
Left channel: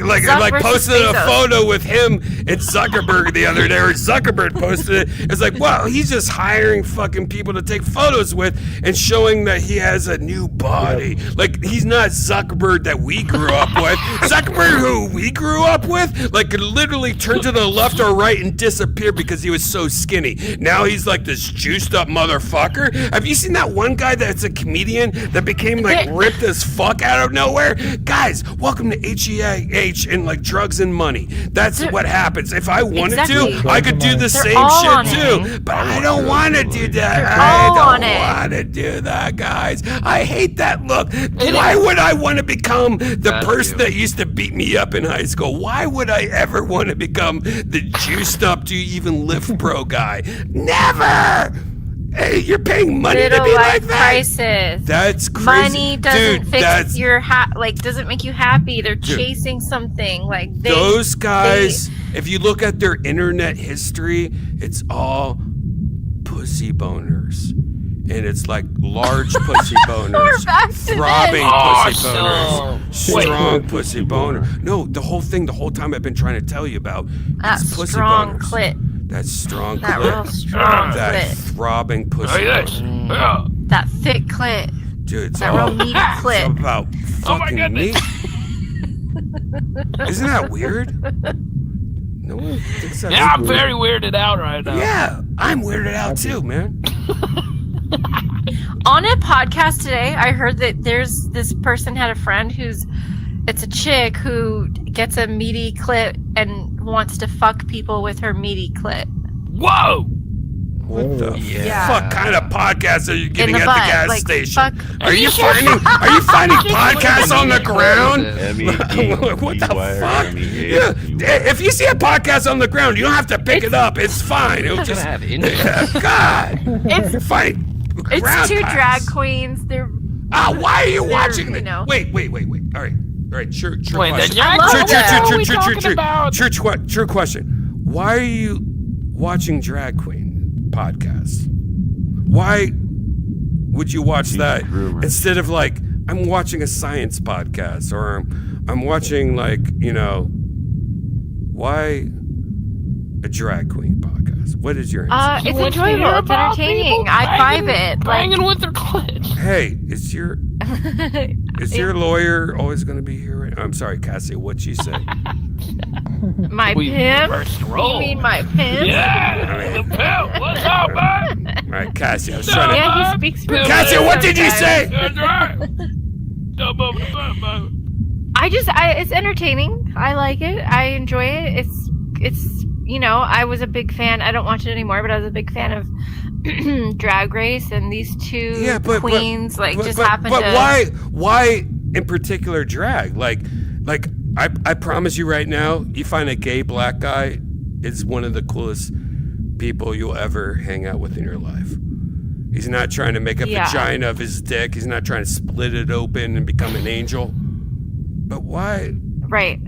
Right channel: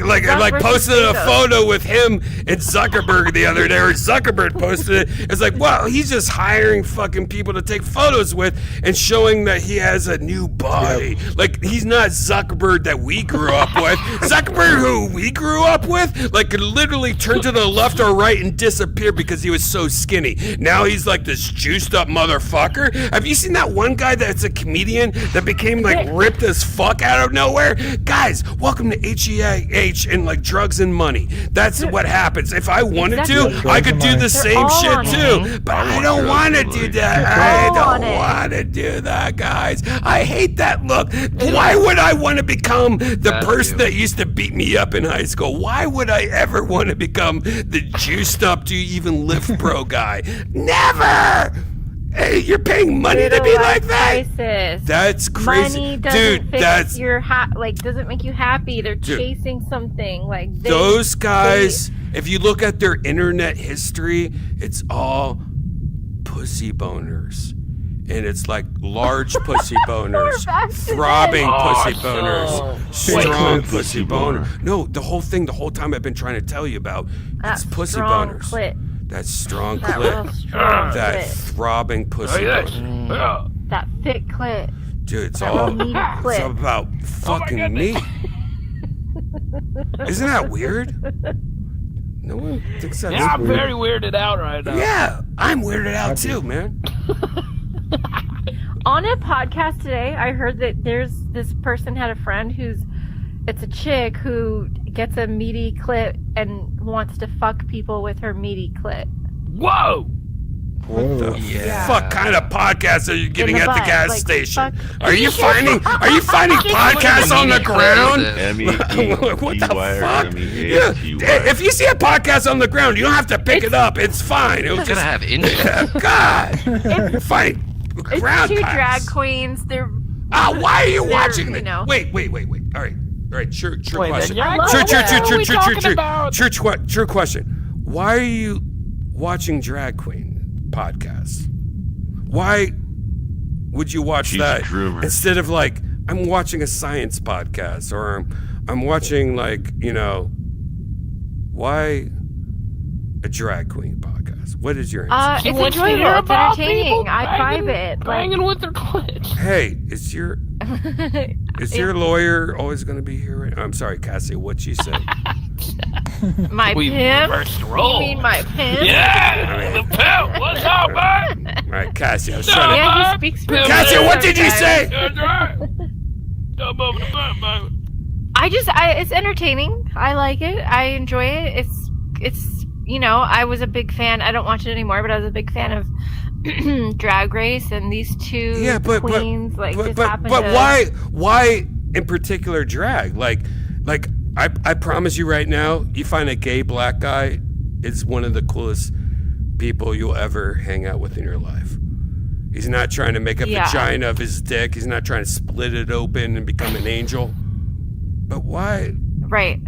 posted a Bezos. photo with him and Zuckerberg the other day, or Zuckerberg posted it. It's like, wow, he's just hiring fucking people to take photos with and showing that he has a new body. Like, he's not Zuckerberg that we grew up with. Zuckerberg who we grew up with, like, could literally turn to the left or right and disappear because he was so skinny. Now he's like this juiced up motherfucker. Have you seen that one guy that's a comedian that became like ripped as fuck out of nowhere? Guys, welcome to HEH and like drugs and money. That's what happens. If I wanted to, I could do the same shit too. But I don't want to do that. I don't want to do that, guys. I hate that look. Why would I want to become the person that used to beat me up in high school? Why would I ever want to become the juiced up, do you even lift bro guy? Never! Hey, you're paying money to be like that? Crisis. That's crazy. Money doesn't Dude, fix that's... your doesn't make you happy. They're chasing something. Like those guys, if you look at their internet history, it's all pussy boners. And it's like large pussy boners, throbbing pussy boners, strong pussy boner. No, the whole time I've been trying to tell you about, it's pussy boners. That strong clit. That throbbing pussy boner. That thick clit. Dude, it's That all meaty clit. it's about fucking meat. Isn't that weird? No one thinks that's Yeah, I'm weird. very weirded out right now. Yeah, I'm weirded out too, man. On a podcast today, I heard that there's this person had a friend it's a chick who gets a meaty clit and wants to fuck people with her meaty clit. Whoa! What the fuck kind of podcast are you getting at the butt, gas like, station? fuck. Are you finding podcasts on the ground? What the fuck? Yeah, if you see a podcast on the ground, you don't have to pick it up. It's fine. It'll just have interest. God. Fine. It's two drag queens. They're why are you watching you this? know. Wait. All right, true question. True question. Why are you watching drag queen podcasts? Why would you watch that instead of like I'm watching a science podcast or I'm watching like, why a drag queen podcast? What is your answer? It's enjoyable. It's entertaining. I vibe it. Banging with their clits. Hey, is your lawyer always going to be here? I'm sorry, Cassie. What'd she say? My pimp? You mean my pimp? Yeah. The pimp. What's up, man? All right, Cassie. I was trying to. Yeah, he speaks for Cassie, what did you say? It's entertaining. I like it. I enjoy it. It's I was a big fan. I don't watch it anymore, but I was a big fan of Drag Race, and these two queens happened but to. why in particular drag? Like I promise you right now, you find a gay black guy is one of the coolest people you'll ever hang out with in your life. He's not trying to make a vagina of his dick. He's not trying to split it open and become an angel. But why? Right.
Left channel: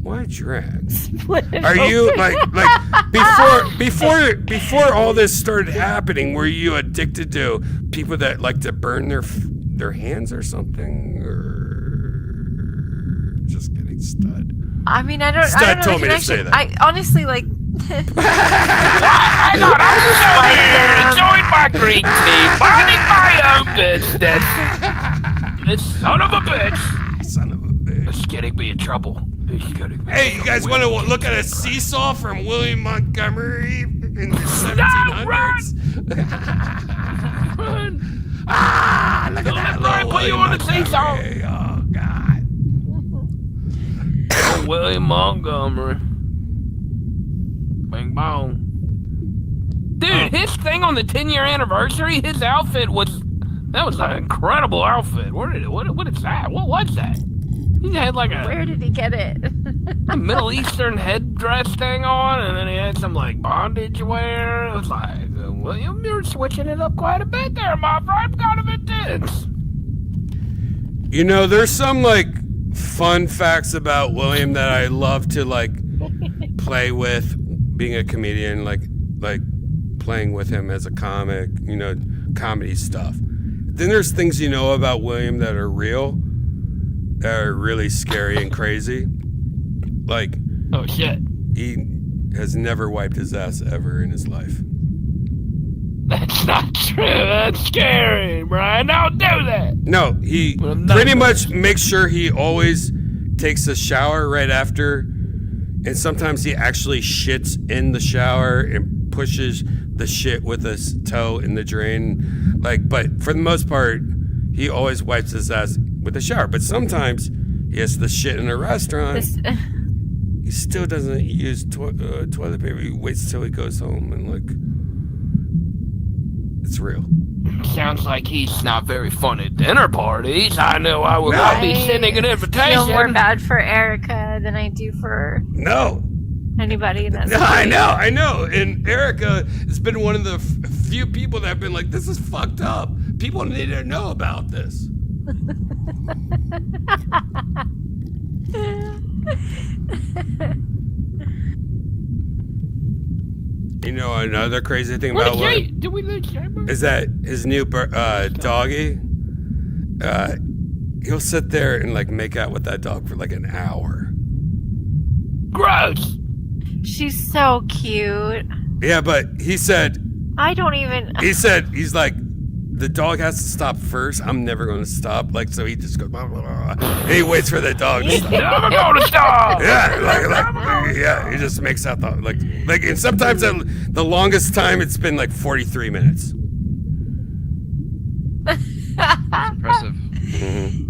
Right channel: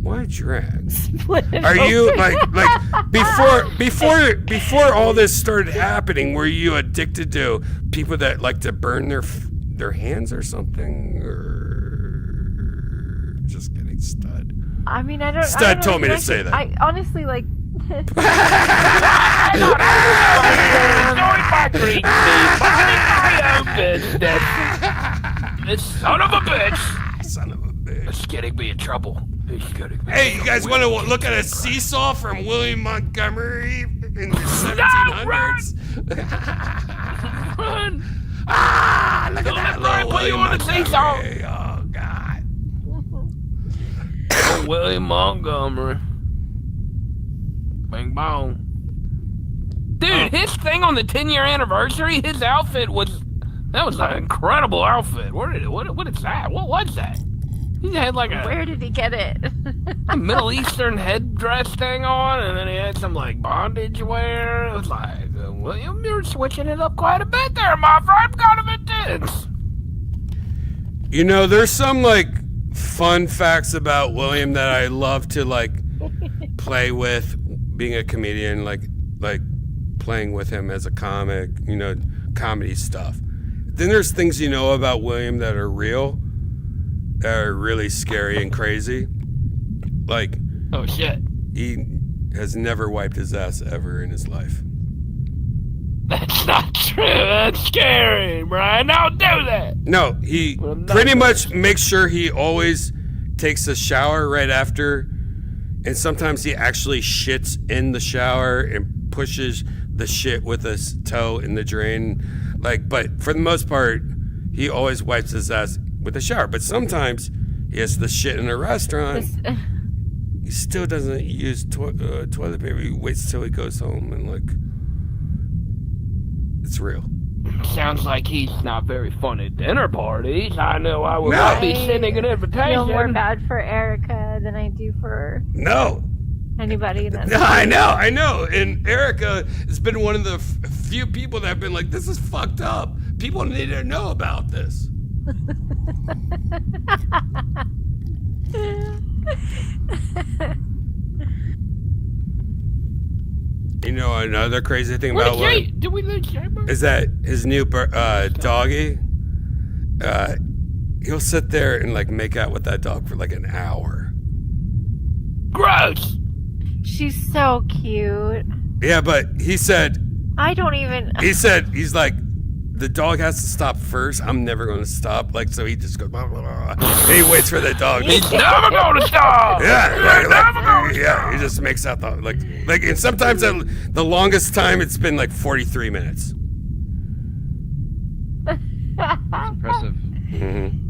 Why drag? Are you like before all this started happening? Were you addicted to people that like to burn their hands or something, or just getting stud? I mean, I don't. Stud told me to say that. I honestly like. Son of a bitch! Son of a bitch! It's getting me in trouble. Hey, you guys want to look at a seesaw from William Montgomery in the 1700s? Look at that little William Montgomery. Oh, God. William Montgomery. Bing bong. Dude, his thing on the 10-year anniversary, his outfit was an incredible outfit. What is that? What was that? He had like Where did he get it? a Middle Eastern headdress thing on, and then he had some like bondage wear. It was like, William, you're switching it up quite a bit there, my friend. Kind of intense. There's some like fun facts about William that I love to like play with, being a comedian, like playing with him as a comic, you know, comedy stuff. Then there's things you know about William that are real, that are really scary and crazy. Like, oh shit, he has never wiped his ass ever in his life. That's not true. That's scary, Brian. Don't do that. No, he pretty much makes sure he always takes a shower right after, and sometimes he actually shits in the shower and pushes the shit with his toe in the drain. Like, but for the most part, he always wipes his ass with a shower. But sometimes he has the shit in a restaurant. He still doesn't use toilet paper. He waits till he goes home and like, it's real. Sounds like he's not very fun at dinner parties. I know I would not be sending an I invitation. feel more bad for Erica than I do for anybody. That's No, I know. And Erica has been one of the few people that have been like, this is fucked up. People need to know about this. You know, another crazy thing about William Did we lose Chamber? is that his new doggy, he'll sit there and like make out with that dog for like an hour. Gross. She's so cute. Yeah, but he said, I don't even. he's like, the dog has to stop first. I'm never going to stop. Like, so he just goes, blah, blah, blah, and he waits for the dog. He's never going to stop. Yeah, yeah, he just makes out the, like, and sometimes the longest time it's been like 43 minutes. Impressive. Mm-hmm.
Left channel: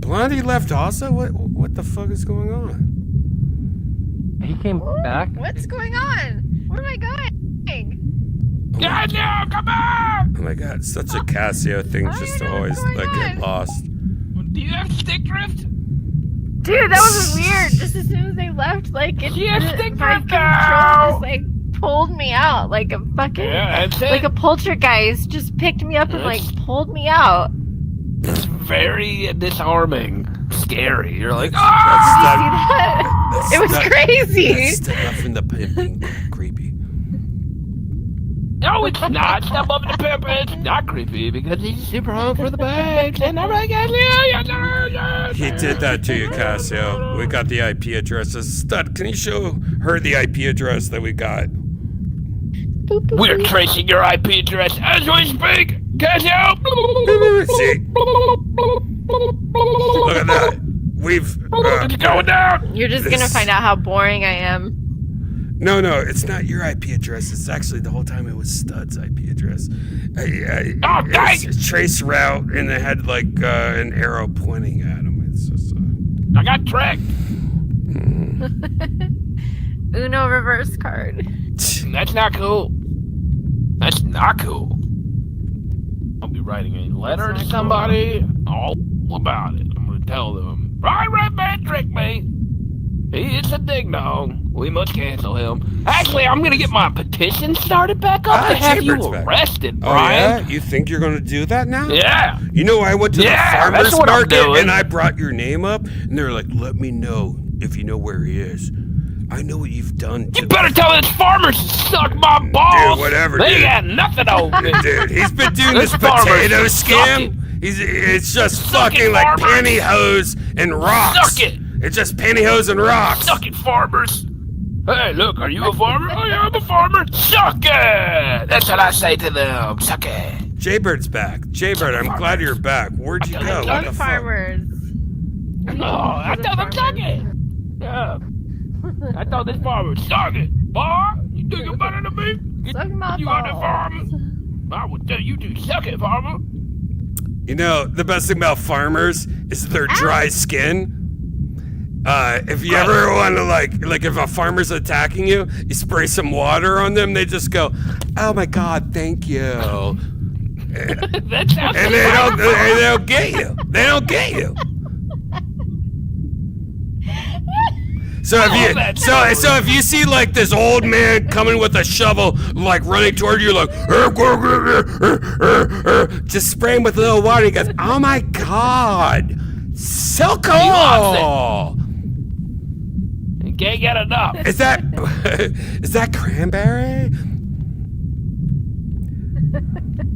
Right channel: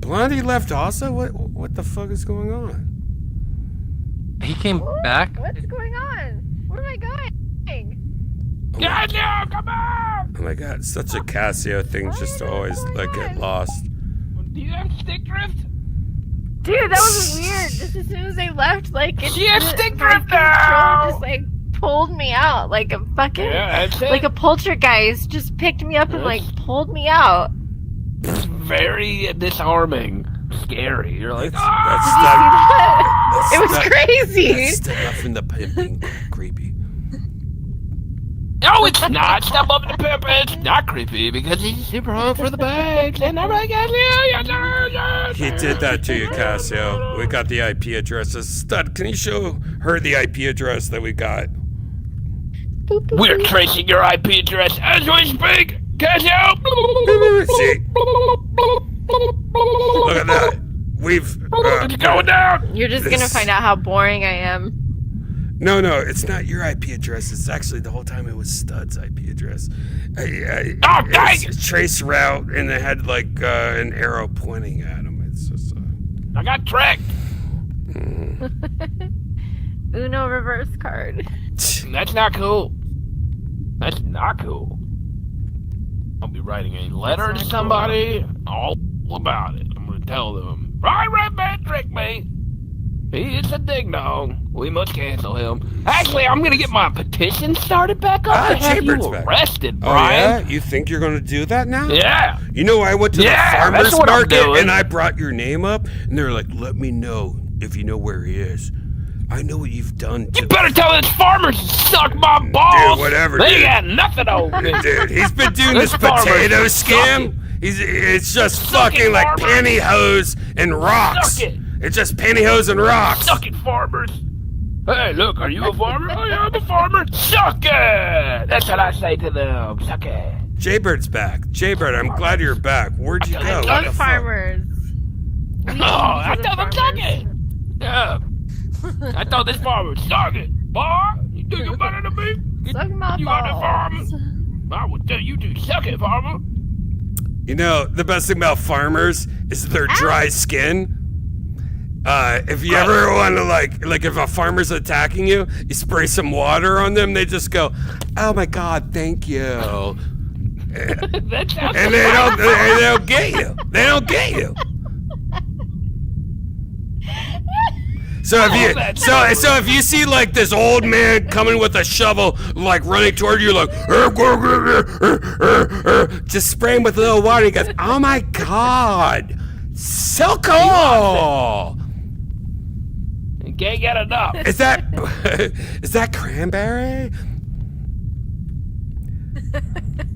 Blondie left also? What the fuck is going on? He came back. What's going on? Where am I going? Casio, come on! Oh my god, such a Casio thing, just to always like get lost. Do you have stick drift? Dude, that was weird. Just as soon as they left, like it's stick my drift control now! just like pulled me out like a fucking that's it. like a poltergeist just picked me up and like pulled me out. Very disarming. Scary. You're like, Did you see that? It was crazy. That's stuff in the pimping creepy. no, it's not. Step up in the pimp. It's not creepy because he's super hung for the bags. And I'm like, He did that to you, Casio. We got the IP addresses. Stud, can you show her the IP address that we got? we're tracing your IP address as we speak. Casio. See? Look at that. We've. It's going down. You're just gonna find out how boring I am. No, it's not your IP address. It's actually the whole time it was Stud's IP address. It's trace route, and it had like an arrow pointing at him. It's just. I got tricked. Uno reverse card. That's not cool. That's not cool. I'll be writing a letter to somebody all about it. I'm going to tell them, Redban tricked me. He is a ding-dong. We must cancel him. Actually, I'm going to get my petition started back up to have you arrested, Brian. Oh, yeah? You think you're going to do that now? Yeah. You know, I went to the farmer's that's what I'm market, doing. and I brought your name up, and they're like, let me know if you know where he is. I know what you've done to You better tell this farmer to suck my balls. Dude, whatever, They dude. got nothing over me. Dude, he's been doing this farmer's potato sucking. scam. It's just Suck it, fucking like farmer. pantyhose and rocks. Suck it. It's just pantyhose and rocks. Suck it, farmers. Hey, look, are you a farmer? Oh, yeah, I'm a farmer. Suck it. That's what I say to them. Suck it. Jaybird's back. Jaybird, I'm glad you're back. Where'd you go? What Love the fuck? farmers. Oh, I told them suck it. Yeah. I told this farmer, suck it. Boy, you think you're better than me? Suck my You got that farmer? balls. I would tell you to suck it, farmer. You know, the best thing about farmers is their dry skin. If you ever want to like if a farmer's attacking you, you spray some water on them, they just go, oh my God, thank you. That sounds And they don't get you. They don't get you. So if you see like this old man coming with a shovel, like running toward you, like just spray him with a little water. He goes, "Oh my God, so cool!" You can't get enough. Is that cranberry?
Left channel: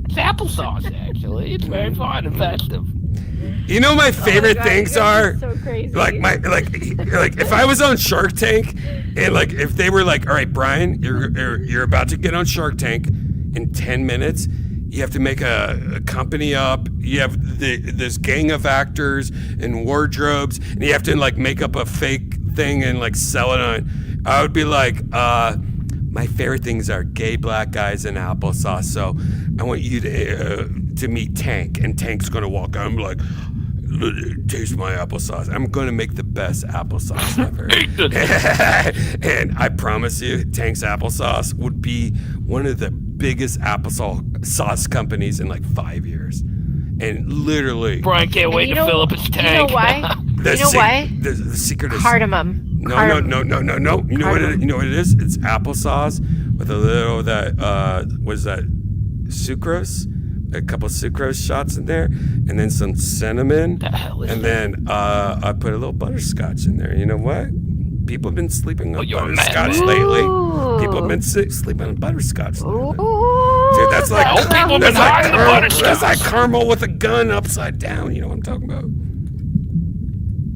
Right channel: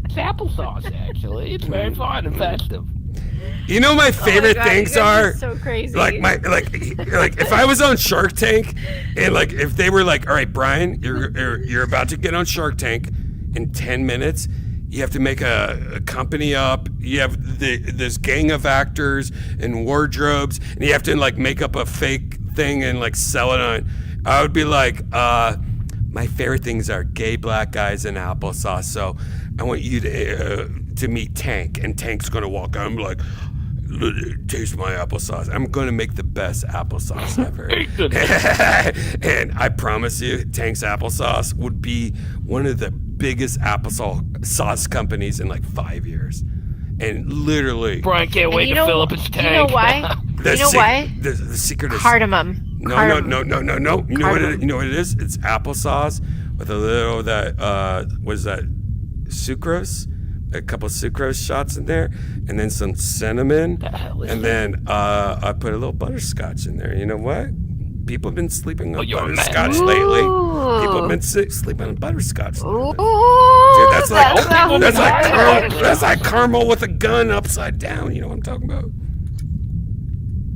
It's applesauce, actually. It's very fun and festive. You know my favorite things are so crazy. like if I was on Shark Tank and like if they were like, all right, Brian, you're about to get on Shark Tank in 10 minutes. You have to make a company up. You have this gang of actors and wardrobes, and you have to like make up a fake thing and like sell it on. I would be like, my favorite things are gay black guys and applesauce. So I want you to meet Tank, and Tank's gonna walk out and be like, taste my applesauce. I'm gonna make the best applesauce ever. And I promise you, Tank's applesauce would be one of the biggest applesauce companies in like 5 years. And literally, Brian can't wait to fill up his tank. You know why? The secret is Cardamom. No. You know what it is? It's applesauce with a little what is that? Sucrose, a couple sucrose shots in there, and then some cinnamon, and then I put a little butterscotch in there. You know what? People have been sleeping on butterscotch lately. People have been sleeping on butterscotch lately. Dude, that's like caramel with a gun upside down. You know what I'm talking about?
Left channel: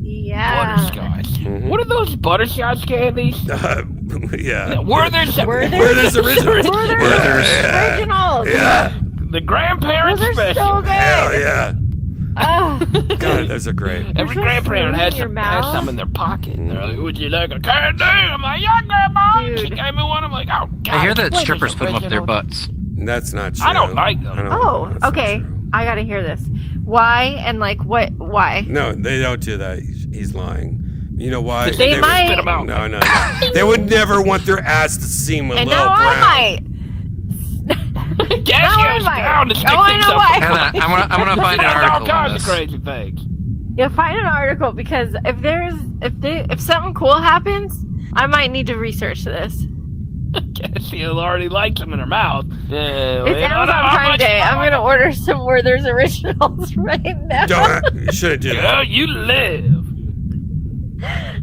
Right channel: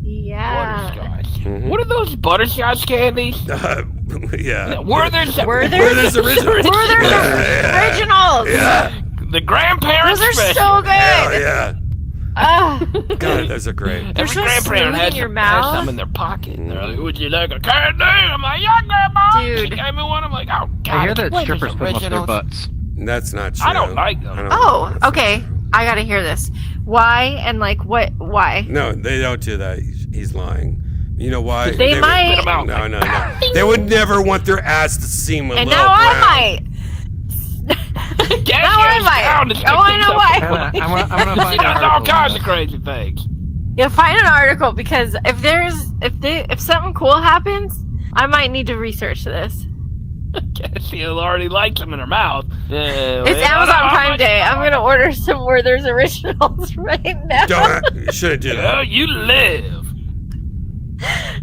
Yeah. Butterscotch. Mm-hmm. What are those butterscotch candies? Yeah. Werther's originals. Originals. Yeah. The grandparents. Those are special. so good. Hell yeah. Oh. God, those are great. Every so grandparent smooth has in your has mouth. some in their pocket. They're like, would you like a candy? I'm like, yeah, grandma. Dude. She gave me one. I'm like, oh, God. I hear that Werther's strippers put them up their originals. butts. That's not true. I don't like them. That's Oh, not okay. true. I gotta hear this. Why and like what? Why? No, they don't do that. He's lying. You know why? They might. Spit 'em out. No. They would never want their ass to seem a And little no, brown. I might. Gas might. down. Oh, I know why. I'm gonna find an That's all article on kinds of this. crazy things. You'll find an article because if something cool happens, I might need to research this. She'll already like them in her mouth. It's Amazon Prime Day. I'm gonna order some Werther's Originals right now. You shouldn't do Oh, that. you live.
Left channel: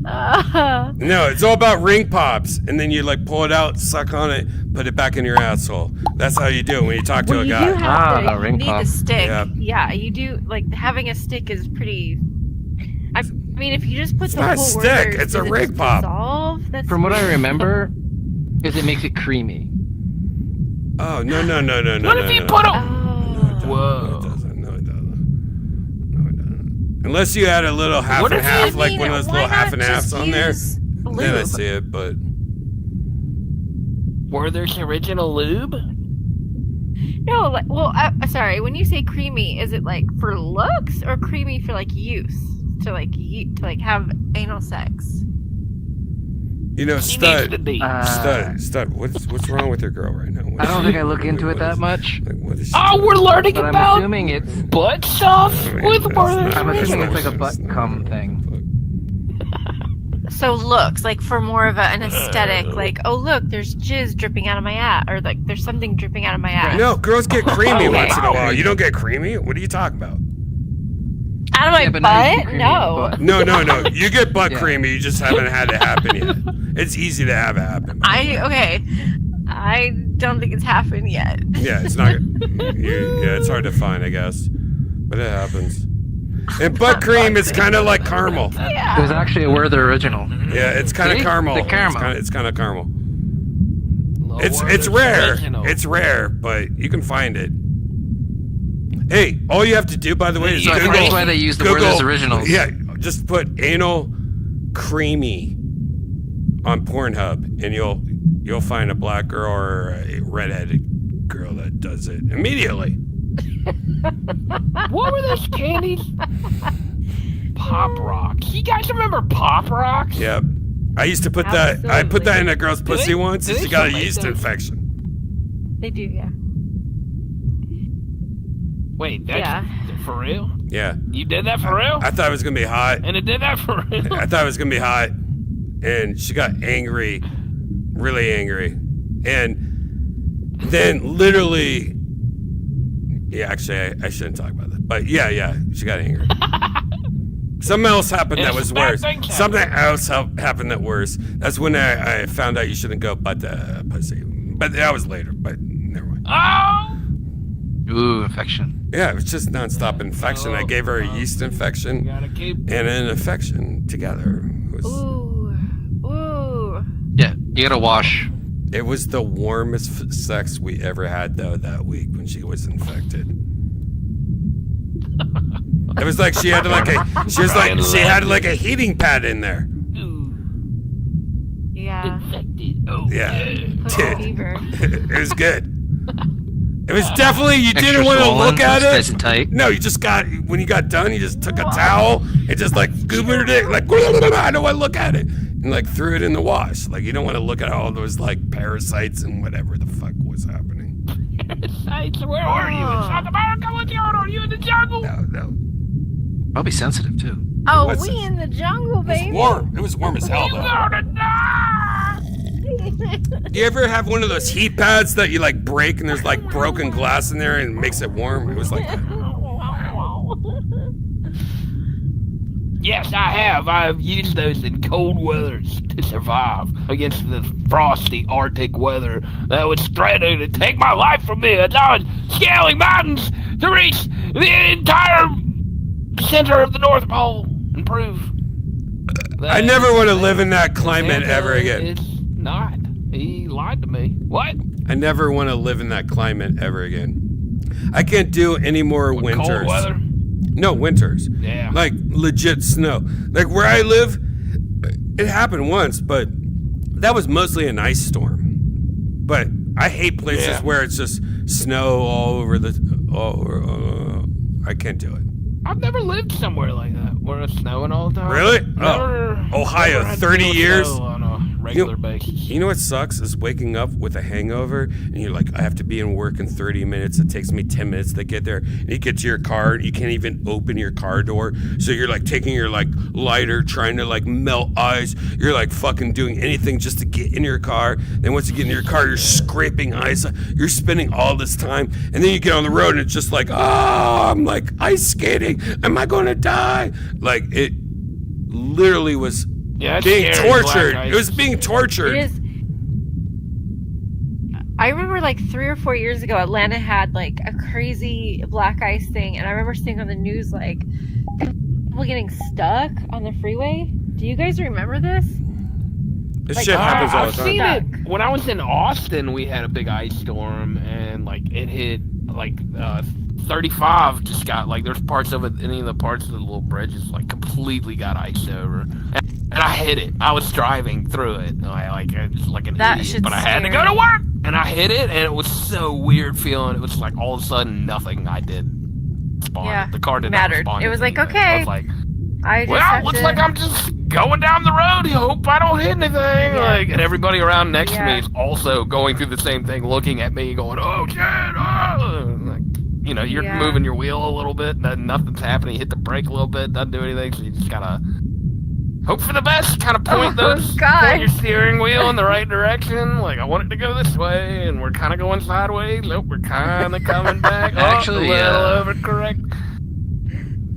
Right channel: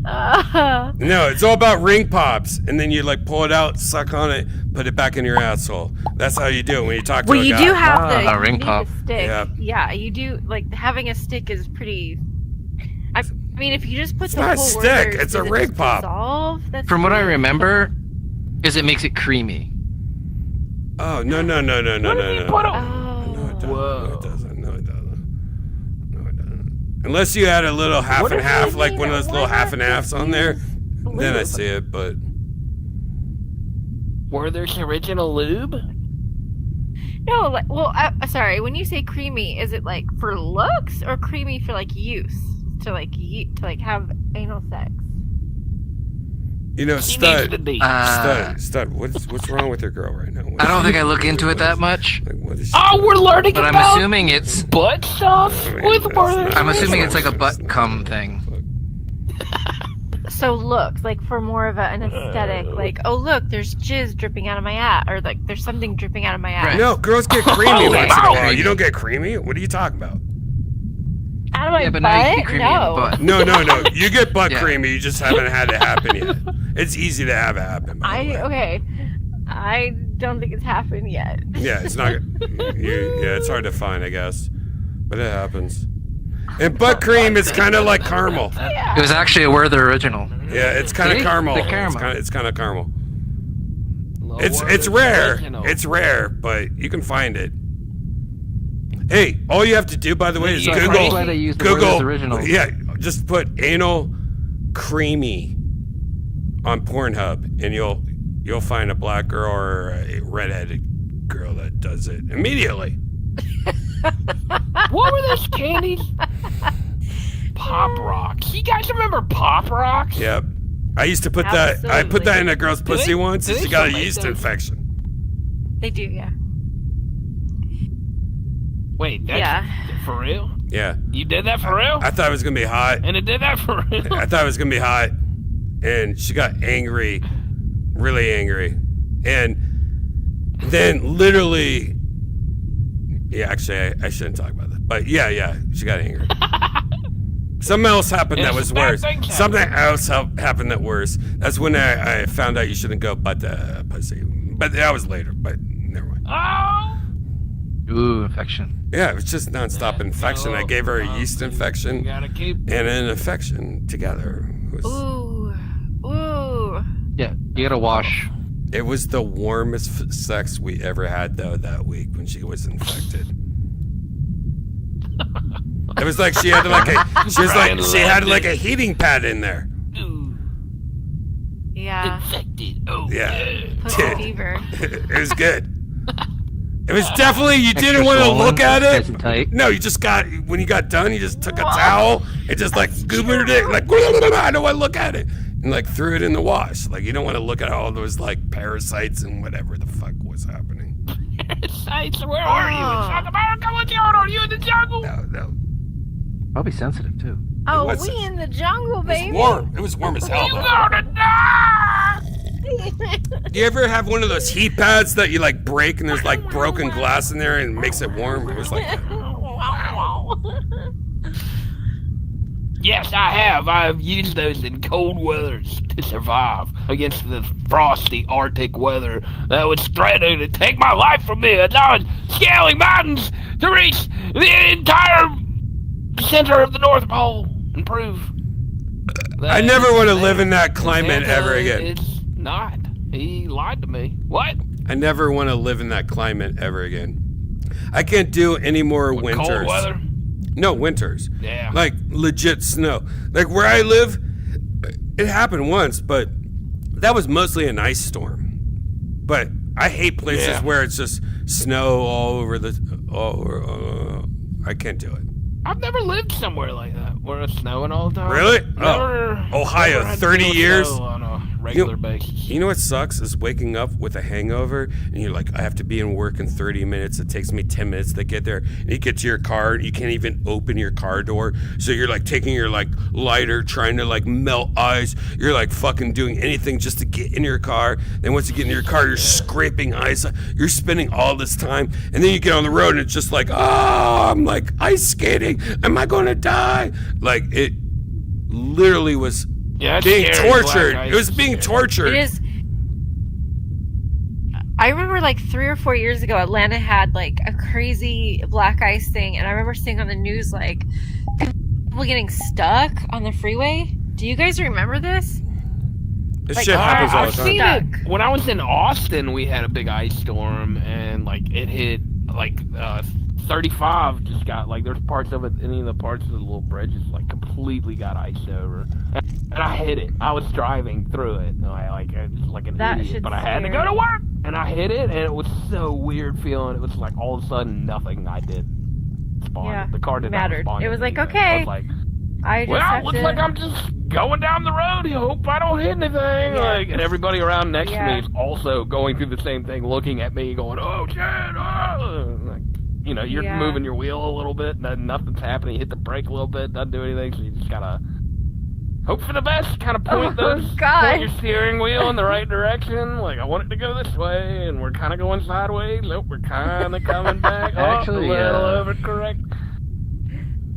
No, it's all about ring pops, and then you like pull it out, suck on it, put it back in your asshole. That's how you do it when you talk to Well, a you guy. do have Ah, to. You ring need pop. the stick. Yeah. Yeah, you do. Like having a stick is pretty. I mean, if you just put It's the not a whole stick, Werther's, it's a does it ring just pop. dissolve? That's From what I weird. remember, is it makes it creamy. Oh no. What if you put a... Oh. No, it doesn't. Whoa. No, it doesn't. Unless you had a little half What and if half, you like mean, one of those why little half not and halves just on there, use then I lube? see it. But Werther's Original Lube? No, like, well, sorry. When you say creamy, is it like for looks or creamy for like use to like have anal sex? you know, She needs to stud, be. stud. What's wrong with your girl right now? What I is don't she- think I look into it that much, Like, what is she Oh, doing? we're learning but I'm about assuming it's butt sauce with That's Werther's not- I'm assuming Originals. it's like a butt cum thing. So looks like for more of an aesthetic, like oh look, there's jizz dripping out of my ass, or like there's something dripping out of my ass. No, girls get creamy Okay. once in a while. You don't get creamy? What are you talking about? Out of my Yeah, but now you butt? get creamy in the No. butt. No. You get butt Yeah. creamy. You just haven't had it happen yet. It's easy to have it happen. by the way. Okay. I don't think it's happened yet. Yeah, it's not. It's hard to find, I guess, but it happens. And butt cream is kind of like caramel. It was actually a Werther original. Yeah, it's kind of See? caramel. The It's caramel. kind of caramel. No, It's Werther's rare. Original. It's rare, but you can find it. Hey, all you have to do, by the way, is So Google. that's why they use the Google. Werther's originals. Yeah, just put anal creamy on Pornhub, and you'll find a black girl or a redheaded girl that does it immediately. What were those candies? Pop Rocks. You guys remember Pop Rocks? Yep. I used to put that. I put that in a girl's Do they- pussy once, do and they she got a still make yeast those? infection. They do, yeah. Wait, that's Yeah. for real? Yeah. You did that for real? I thought it was gonna be hot. And it did that for real? I thought it was gonna be hot. and she got angry, really angry. And then literally, yeah, actually, I shouldn't talk about that. But yeah, she got angry. Something else happened that was worse. Something else happened that worse. That's when I found out you shouldn't go butt pussy. But that was later, but never mind. Oh! Ooh, infection. Yeah, it was just nonstop infection. I gave her a yeast infection and an infection together. It was, Ooh. Yeah, you gotta wash. it was the warmest sex we ever had, though, that week when she was infected. It was like she had she had like a heating pad in there. Yeah. Infected. Oh, Yeah. Pussy fever. It was good. It was definitely, you didn't want to look at it. No, you just got, when you got done, you just took a towel and just like goobered it, like, I don't want to look at it. And like threw it in the wash. Like, you don't want to look at all those like parasites and whatever the fuck was happening. Parasites? Where are you? In South America? What's going on? Are you in the jungle? No. Probably sensitive too. Oh, was we in the jungle, It was baby. warm. It was warm as hell, though. Gonna die! You ever have one of those heat pads that you like break and there's like broken glass in there and it makes it warm? It was like that. Yes, I have. I've used those in cold weather to survive against the frosty Arctic weather that was threatening to take my life from me as I was scaling mountains to reach the entire center of the North Pole and prove that I never want to live in that climate ever again. It's not. He lied to me. What? I never want to live in that climate ever again. I can't do any more winters. Cold weather? No, winters. Yeah. Like legit snow. Like where I live, it happened once, but that was mostly an ice storm. But I hate places where it's just snow all over I can't do it. I've never lived somewhere like that where it's snowing all the time. Really? Never, Ohio, never had to 30 deal with years? snow on a regular basis. You know what sucks is waking up with a hangover and you're like, I have to be in work in 30 minutes. It takes me 10 minutes to get there. And you get to your car and you can't even open your car door. So you're like taking your like lighter, trying to like melt ice. You're like fucking doing anything just to get in your car. Then once you get in your car, you're scraping ice. You're spending all this time. And then you get on the road and it's just like, oh, I'm like ice skating. Am I going to die? Like it literally was being tortured. It was being tortured. It is. I remember like 3 or 4 years ago, Atlanta had like a crazy black ice thing, and I remember seeing on the news like people getting stuck on the freeway. Do you guys remember this? This shit happens all the time. I've seen it. When I was in Austin, we had a big ice storm, and like it hit like 35. Just got like there's parts of it, any of the parts of the little bridges like completely got iced over, and I hit it. I was driving through it, I just like an idiot, but I had to go to work, and I hit it, and it was so weird feeling. It was like all of a sudden nothing I did spawned. Yeah, the car did not mattered. respond. It was like anything. okay. I was like, looks like I'm just going down the road. I hope I don't hit anything. Yeah. Like, and everybody around next to me Yeah. is also going through the same thing, looking at me, going, "Oh shit!" Oh. Like, you know, you're Yeah. moving your wheel a little bit, and nothing's happening. You hit the brake a little bit, doesn't do anything. So you just gotta hope for the best. Kind of point point your steering wheel in the right direction. Like, I want it to go this way, and we're kind of going sideways. Nope, we're kind of coming back. Actually, a little overcorrect.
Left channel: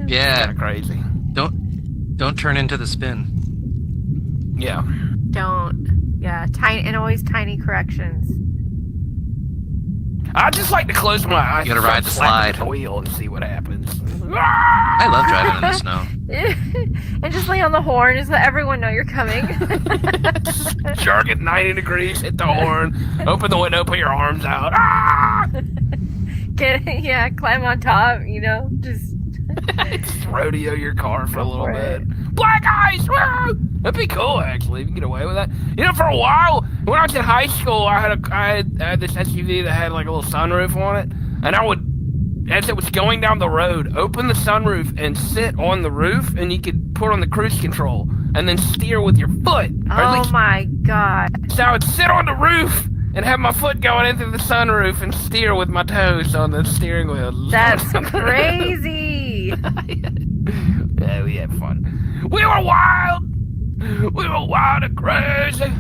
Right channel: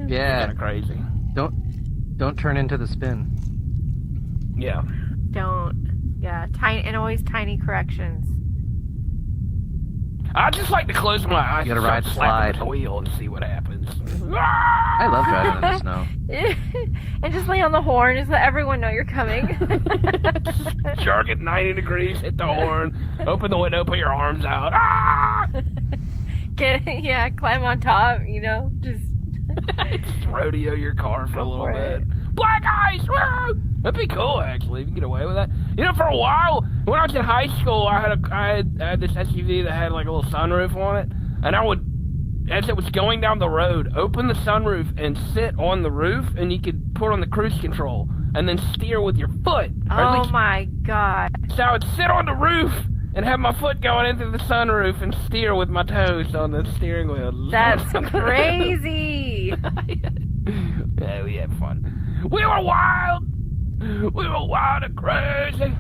Yeah. Kind of crazy. Don't turn into the spin. Yeah. Don't. Yeah, tiny and always tiny corrections. I just like to close my eyes. You gotta and ride the start slapping slide. the wheel and see what happens. I love driving in the snow. And just lay on the horn, just let everyone know you're coming. Shark at 90 degrees, hit the horn, open the window, put your arms out. Climb on top, just rodeo your car for a little bit. Black ice! Woo! That'd be cool, actually, if you get away with that. You know, for a while, when I was in high school, I had this SUV that had like a little sunroof on it, and I would, as it was going down the road, open the sunroof and sit on the roof, and you could put on the cruise control, and then steer with your foot. Oh my god. So I would sit on the roof and have my foot going into the sunroof and steer with my toes on the steering wheel. That's crazy. Yeah, we had fun. We were wild. We were wild and crazy.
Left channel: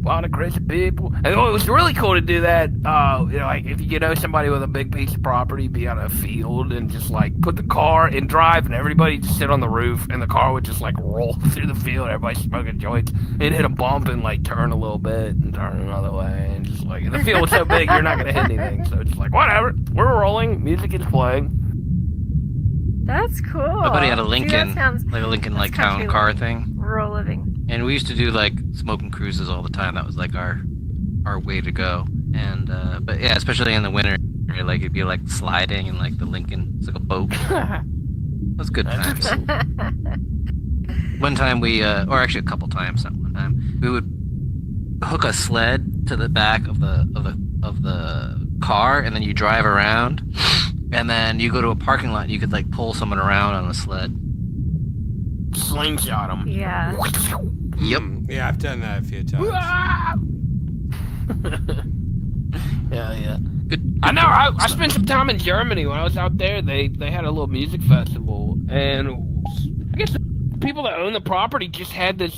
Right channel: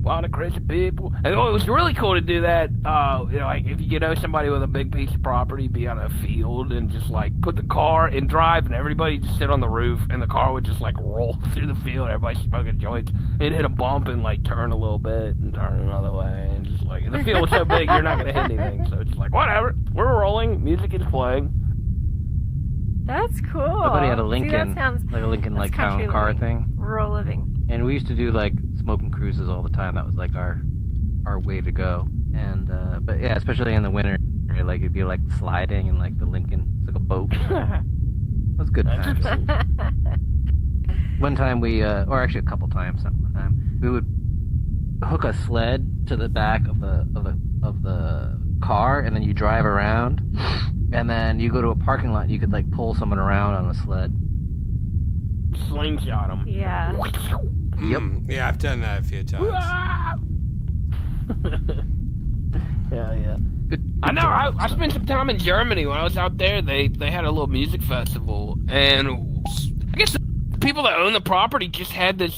Wild and crazy people. And it was really cool to do that. Like if you know somebody with a big piece of property, be on a field and just like put the car in drive, and everybody just sit on the roof, and the car would just like roll through the field. Everybody smoking joints. It'd hit a bump and like turn a little bit and turn another way, and just like the field was so big, you're not gonna hit anything. So it's just like whatever. We're rolling. Music is playing. That's cool. My buddy had a See, Lincoln, that sounds, like a Lincoln that's like town country car living. thing. Rural living. And we used to do like smoking cruises all the time. That was like our way to go. And but yeah, especially in the winter, like it'd be like sliding and like the Lincoln, it's like a boat. It was good times. One time we, or actually a couple times, not one time, we would hook a sled to the back of the car, and then you drive around, and then you go to a parking lot. You could like pull someone around on a sled. Slingshot them. Yeah. Yep. Yeah, I've done that a few times. Yeah. I know. I spent some time in Germany when I was out there. They had a little music festival, and I guess the people that own the property just had this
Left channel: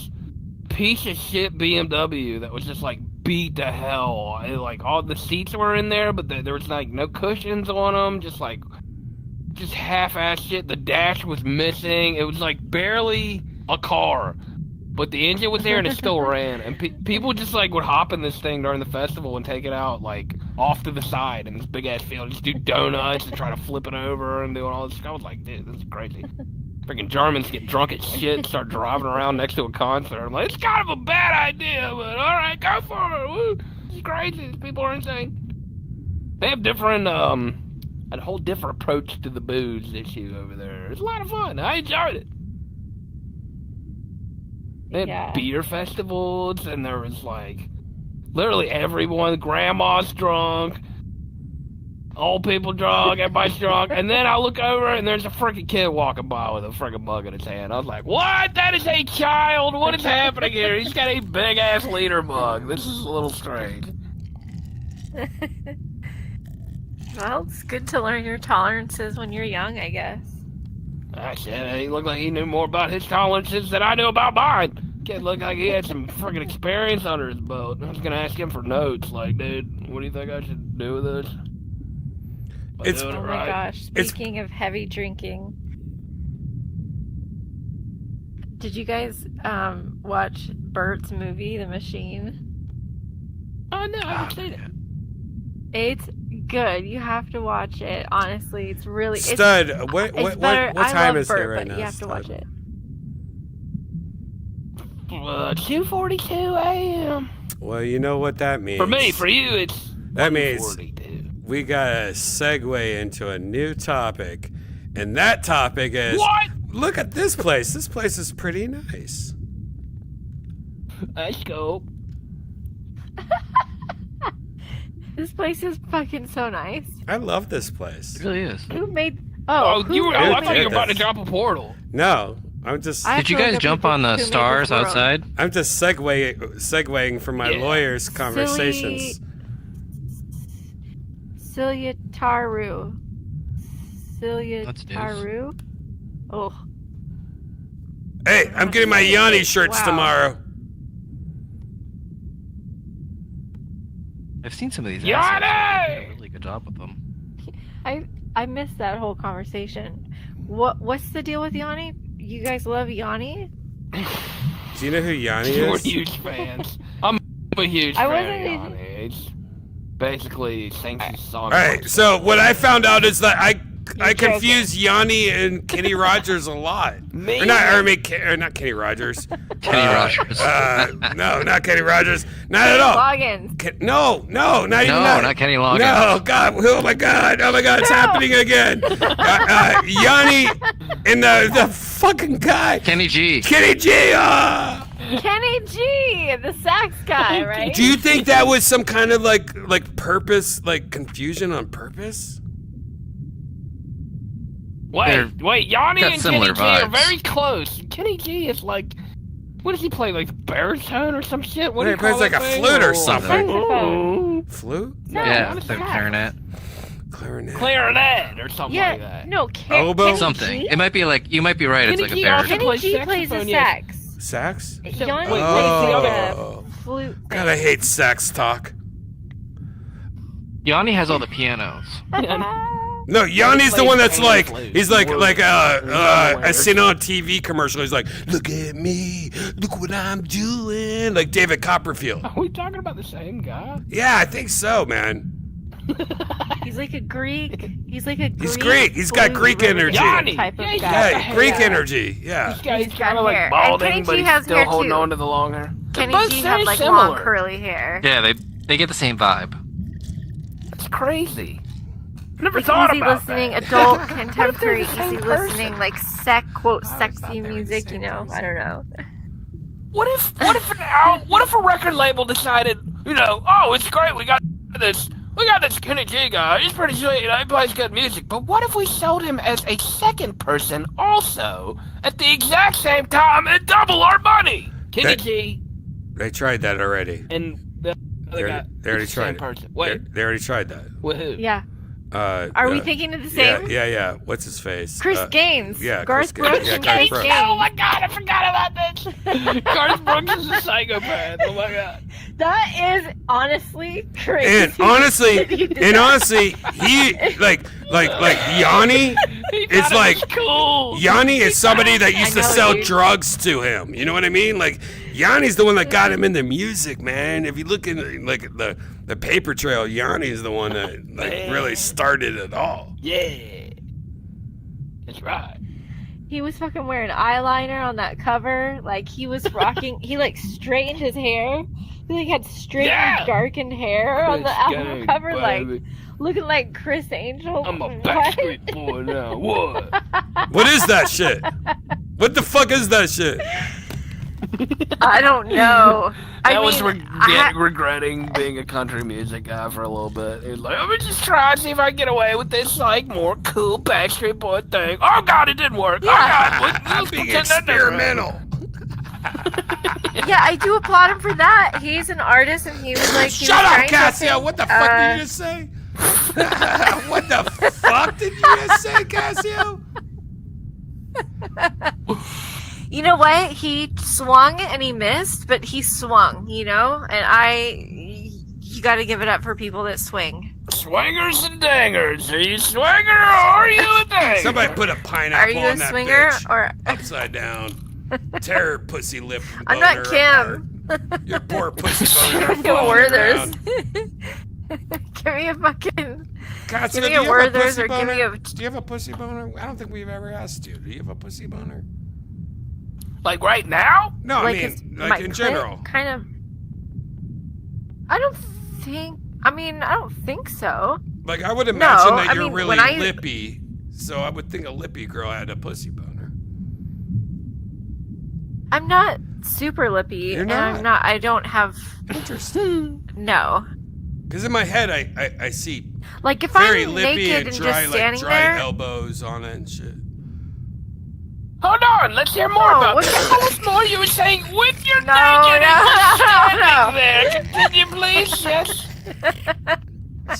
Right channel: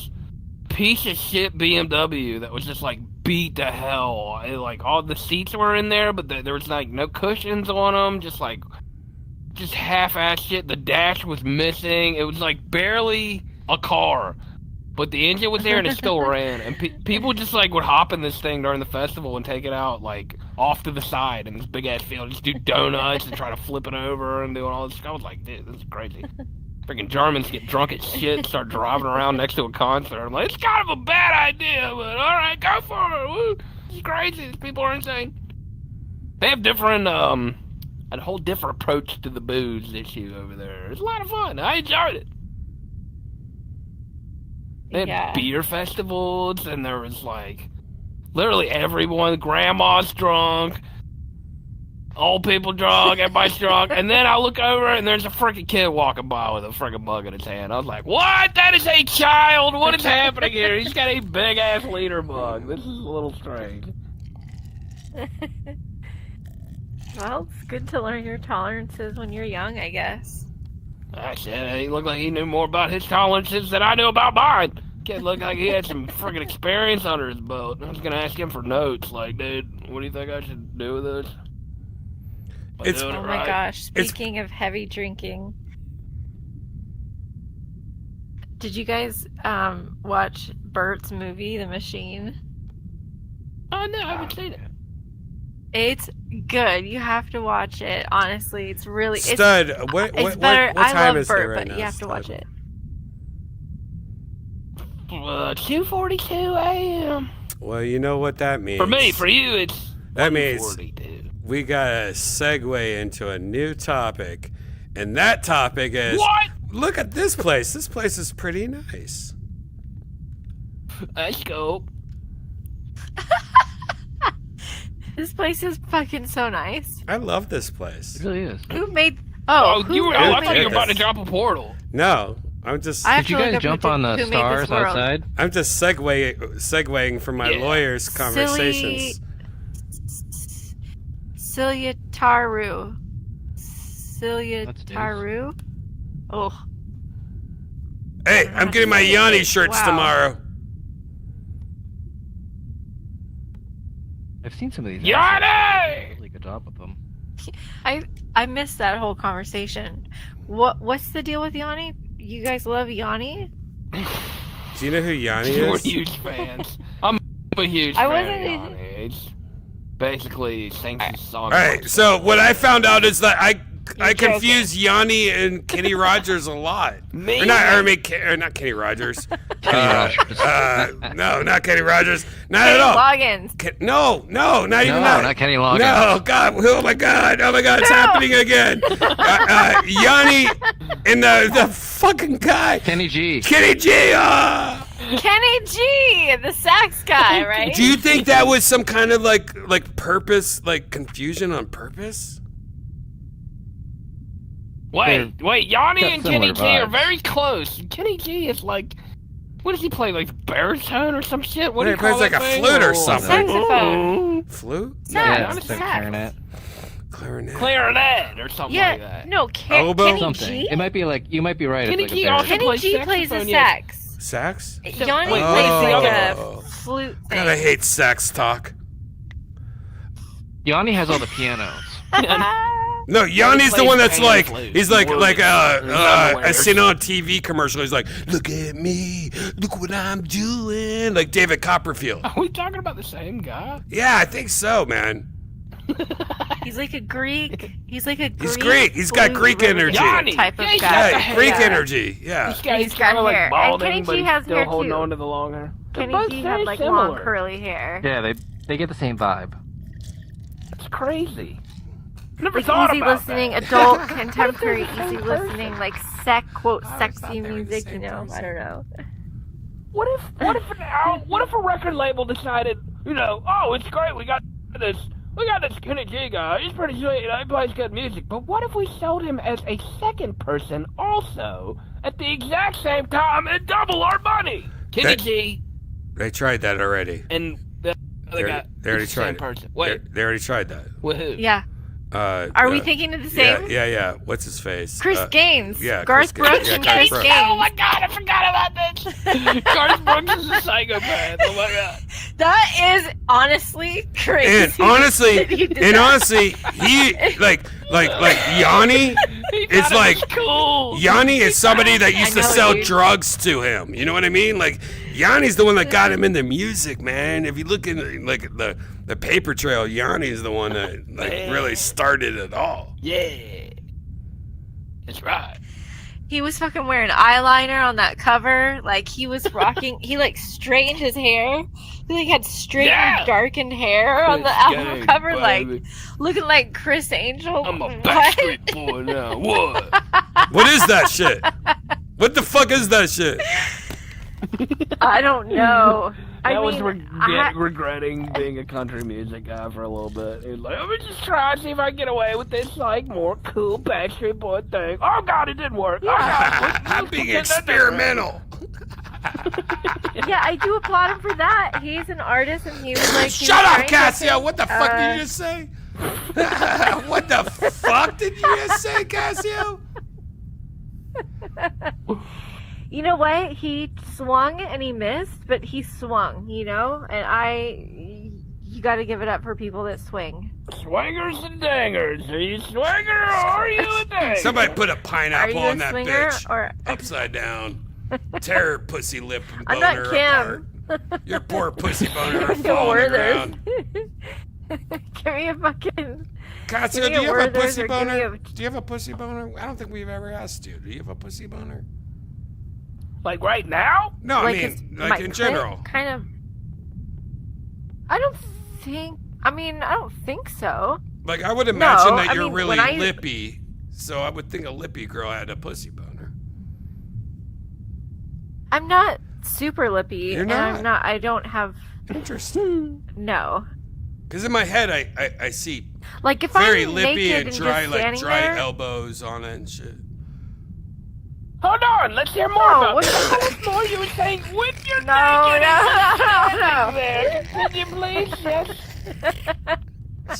piece of shit BMW that was just like beat to hell. Like all the seats were in there, but there was like no cushions on them. Just half-ass shit. The dash was missing. It was like barely a car. But the engine was there and it still ran. And people just like would hop in this thing during the festival and take it out like off to the side in this big ass field. Just do donuts and try to flip it over and doing all this. I was like, dude, this is crazy. Freaking Germans get drunk as shit and start driving around next to a concert. I'm like, it's kind of a bad idea, but alright, go for it. Woo. It's crazy. These people are insane. They have different, a whole different approach to the booze issue over there. It's a lot of fun. I enjoyed it. They had beer festivals, and there was like literally everyone. Grandma's drunk, old people drunk, everybody's drunk. And then I look over, and there's a freaking kid walking by with a freaking mug in his hand. I was like, "What? That is a child. What is happening here? He's got a big ass liter mug. This is a little strange." Well, it's good to learn your tolerances when you're young, I guess. Shit, he looked like he knew more about his tolerances than I knew about mine. Kid looked like he had some freaking experience under his belt. I was gonna ask him for notes, like, dude, what do you think I should do with this? Oh my gosh! Speaking of heavy drinking, did you guys watch Bert's movie, The Machine? Oh no, I haven't seen it. It's good. You have to watch it. Honestly, it's really Stud. What time is it right now? You have to watch it. 2:42 a.m. Well, you know what that means. For me, for you, it's that means we gotta segue into a new topic, and that topic is what? Look at this place. This place is pretty nice. Let's go. This place is fucking so nice. I love this place. It really is. Who made? I thought you were about to this? drop a portal. No, I'm just. Did you guys jump on the stars outside? I'm just segueing from my lawyer's conversations. Celia Taru. Oh. Hey, I'm getting my Yanni shirts tomorrow. I've seen some of these. Yanni! Really good job with them. I missed that whole conversation. What's the deal with Yanni? You guys love Yanni? Do you know who Yanni is? We're huge fans. I'm a huge fan of Yanni. It's basically sings his song. Alright, so what I found out is that I confuse Yanni and Kenny Rogers a lot. Not Kenny Rogers. No, not Kenny Rogers. Not at all. Loggins. No, not even that. Not Kenny Loggins. No, God, oh my God, it's happening again. Yanni and the fucking guy. Kenny G. Kenny G, the sax guy, right? Do you think that was some kind of like purpose, like confusion on purpose? Wait, Yanni and Kenny G are vibes. very close. Kenny G is like, what does he play, like baritone or some shit? What do you He plays call like that a thing? flute or something. Saxophone. Flute? Yeah, not a it's the sax. clarinet. Clarinet or something like that. No, Oboe? Kenny Something. G? It might be like, you might be right. Kenny it's like G a also baritone. plays Kenny G plays saxophone, the yes. sax. Sax? Yanni Oh. plays like a flute thing. God, I hate sax talk. Yanni has all the pianos. No, Yanni's the plays one that's the like, flute. he's like, I He's seen on a TV commercial. He's like, look at me, look what I'm doing, like David Copperfield. Are we talking about the same guy? Yeah, I think so, man. He's like a Greek. He's like a Greek. He's Greek. He's got flute Greek energy. Yanni! type of Yeah, he's guy. got Yeah, Greek energy. Yeah. He's kind got of hair. like And Kenny balding, but G he's has still hair, holding too. on to the long hair. Kenny They're both G very have like similar. long curly hair. Yeah, they get the same vibe. It's crazy. Never Like thought easy about listening, that. adult, contemporary, easy Same listening, like I always sexy thought they were the music. same You know, person. I don't know. What if a record label decided, oh, it's great, we got this Kenny G guy, he's pretty sweet, he plays good music, but what if we sold him as a second person also at the exact same time and double our money? Kenny G They tried that already. and the other guy, They already the same tried it. person. Wait, They already tried that. with who? Yeah. Are we thinking of the same? Yeah. What's his face? Chris Gaines. Yeah, Garth Chris Gaines. Brooks Yeah, and Garth Chris Brooks. Gaines. Oh my god, I forgot about this! Garth Brooks is a psychopath, oh my god. That is honestly crazy. And honestly, he like Yanni is like Cool. Yanni is somebody that used I to know, sell dude. drugs to him. You know what I mean? Like Yanni's the one that got him into music, man. If you look in like the paper trail, Yanni is the one that like really started it all. Yeah. That's right. He was fucking wearing eyeliner on that cover. Like he was rocking. He like straightened his hair. He like had straight Yeah. darkened hair on the Chris album Gaines, cover, like baby. looking like Chris Angel. I'm a What? backstreet boy now. What? What is that shit? What the fuck is that shit? I don't know. I was I regretting being a country music guy for a little bit. He was like, let me just try and see if I can get away with this, like, more cool Backstreet Boy thing. Oh, God, it didn't work. I'm being experimental. yeah, I do applaud him for that. He's an artist, and he was like, he Shut was up, trying Cassio! something, What the fuck did you just say? What the fuck did you just say, Cassio? You know what? He swung and he missed, but he swung, you know? And you gotta give it up for people that swing. Swingers and dangers. Are you a swinger or are you a danger? Somebody put a Are pineapple you on a that swinger bitch or upside down. Tear her pussy lip and I'm boner not apart. Kim. Your poor pussy boner will Give fall on the Werther's. ground. Give me a fucking. Cassio, Give do me you a have a Werther's pussy or give me boner? a- Do you have a pussy boner? I don't think we've ever asked you. Do you have a pussy boner? Like right now? No, Like I his- mean, my like in clit general. Kind of. I don't think so. Like, I would imagine No, that I you're mean, really when I- lippy, so I would think a lippy girl had a pussy boner. I'm not super lippy. You're and not? I'm not. I don't have. Interesting. No. Because in my head, I see Like if very I'm lippy naked and dry, just like standing dry there, elbows on it and shit. Hold on, let's hear more No, about what- this. Tell us more. You were saying when you're No, naked no, and just no, standing no. there. Continue, please. Yes.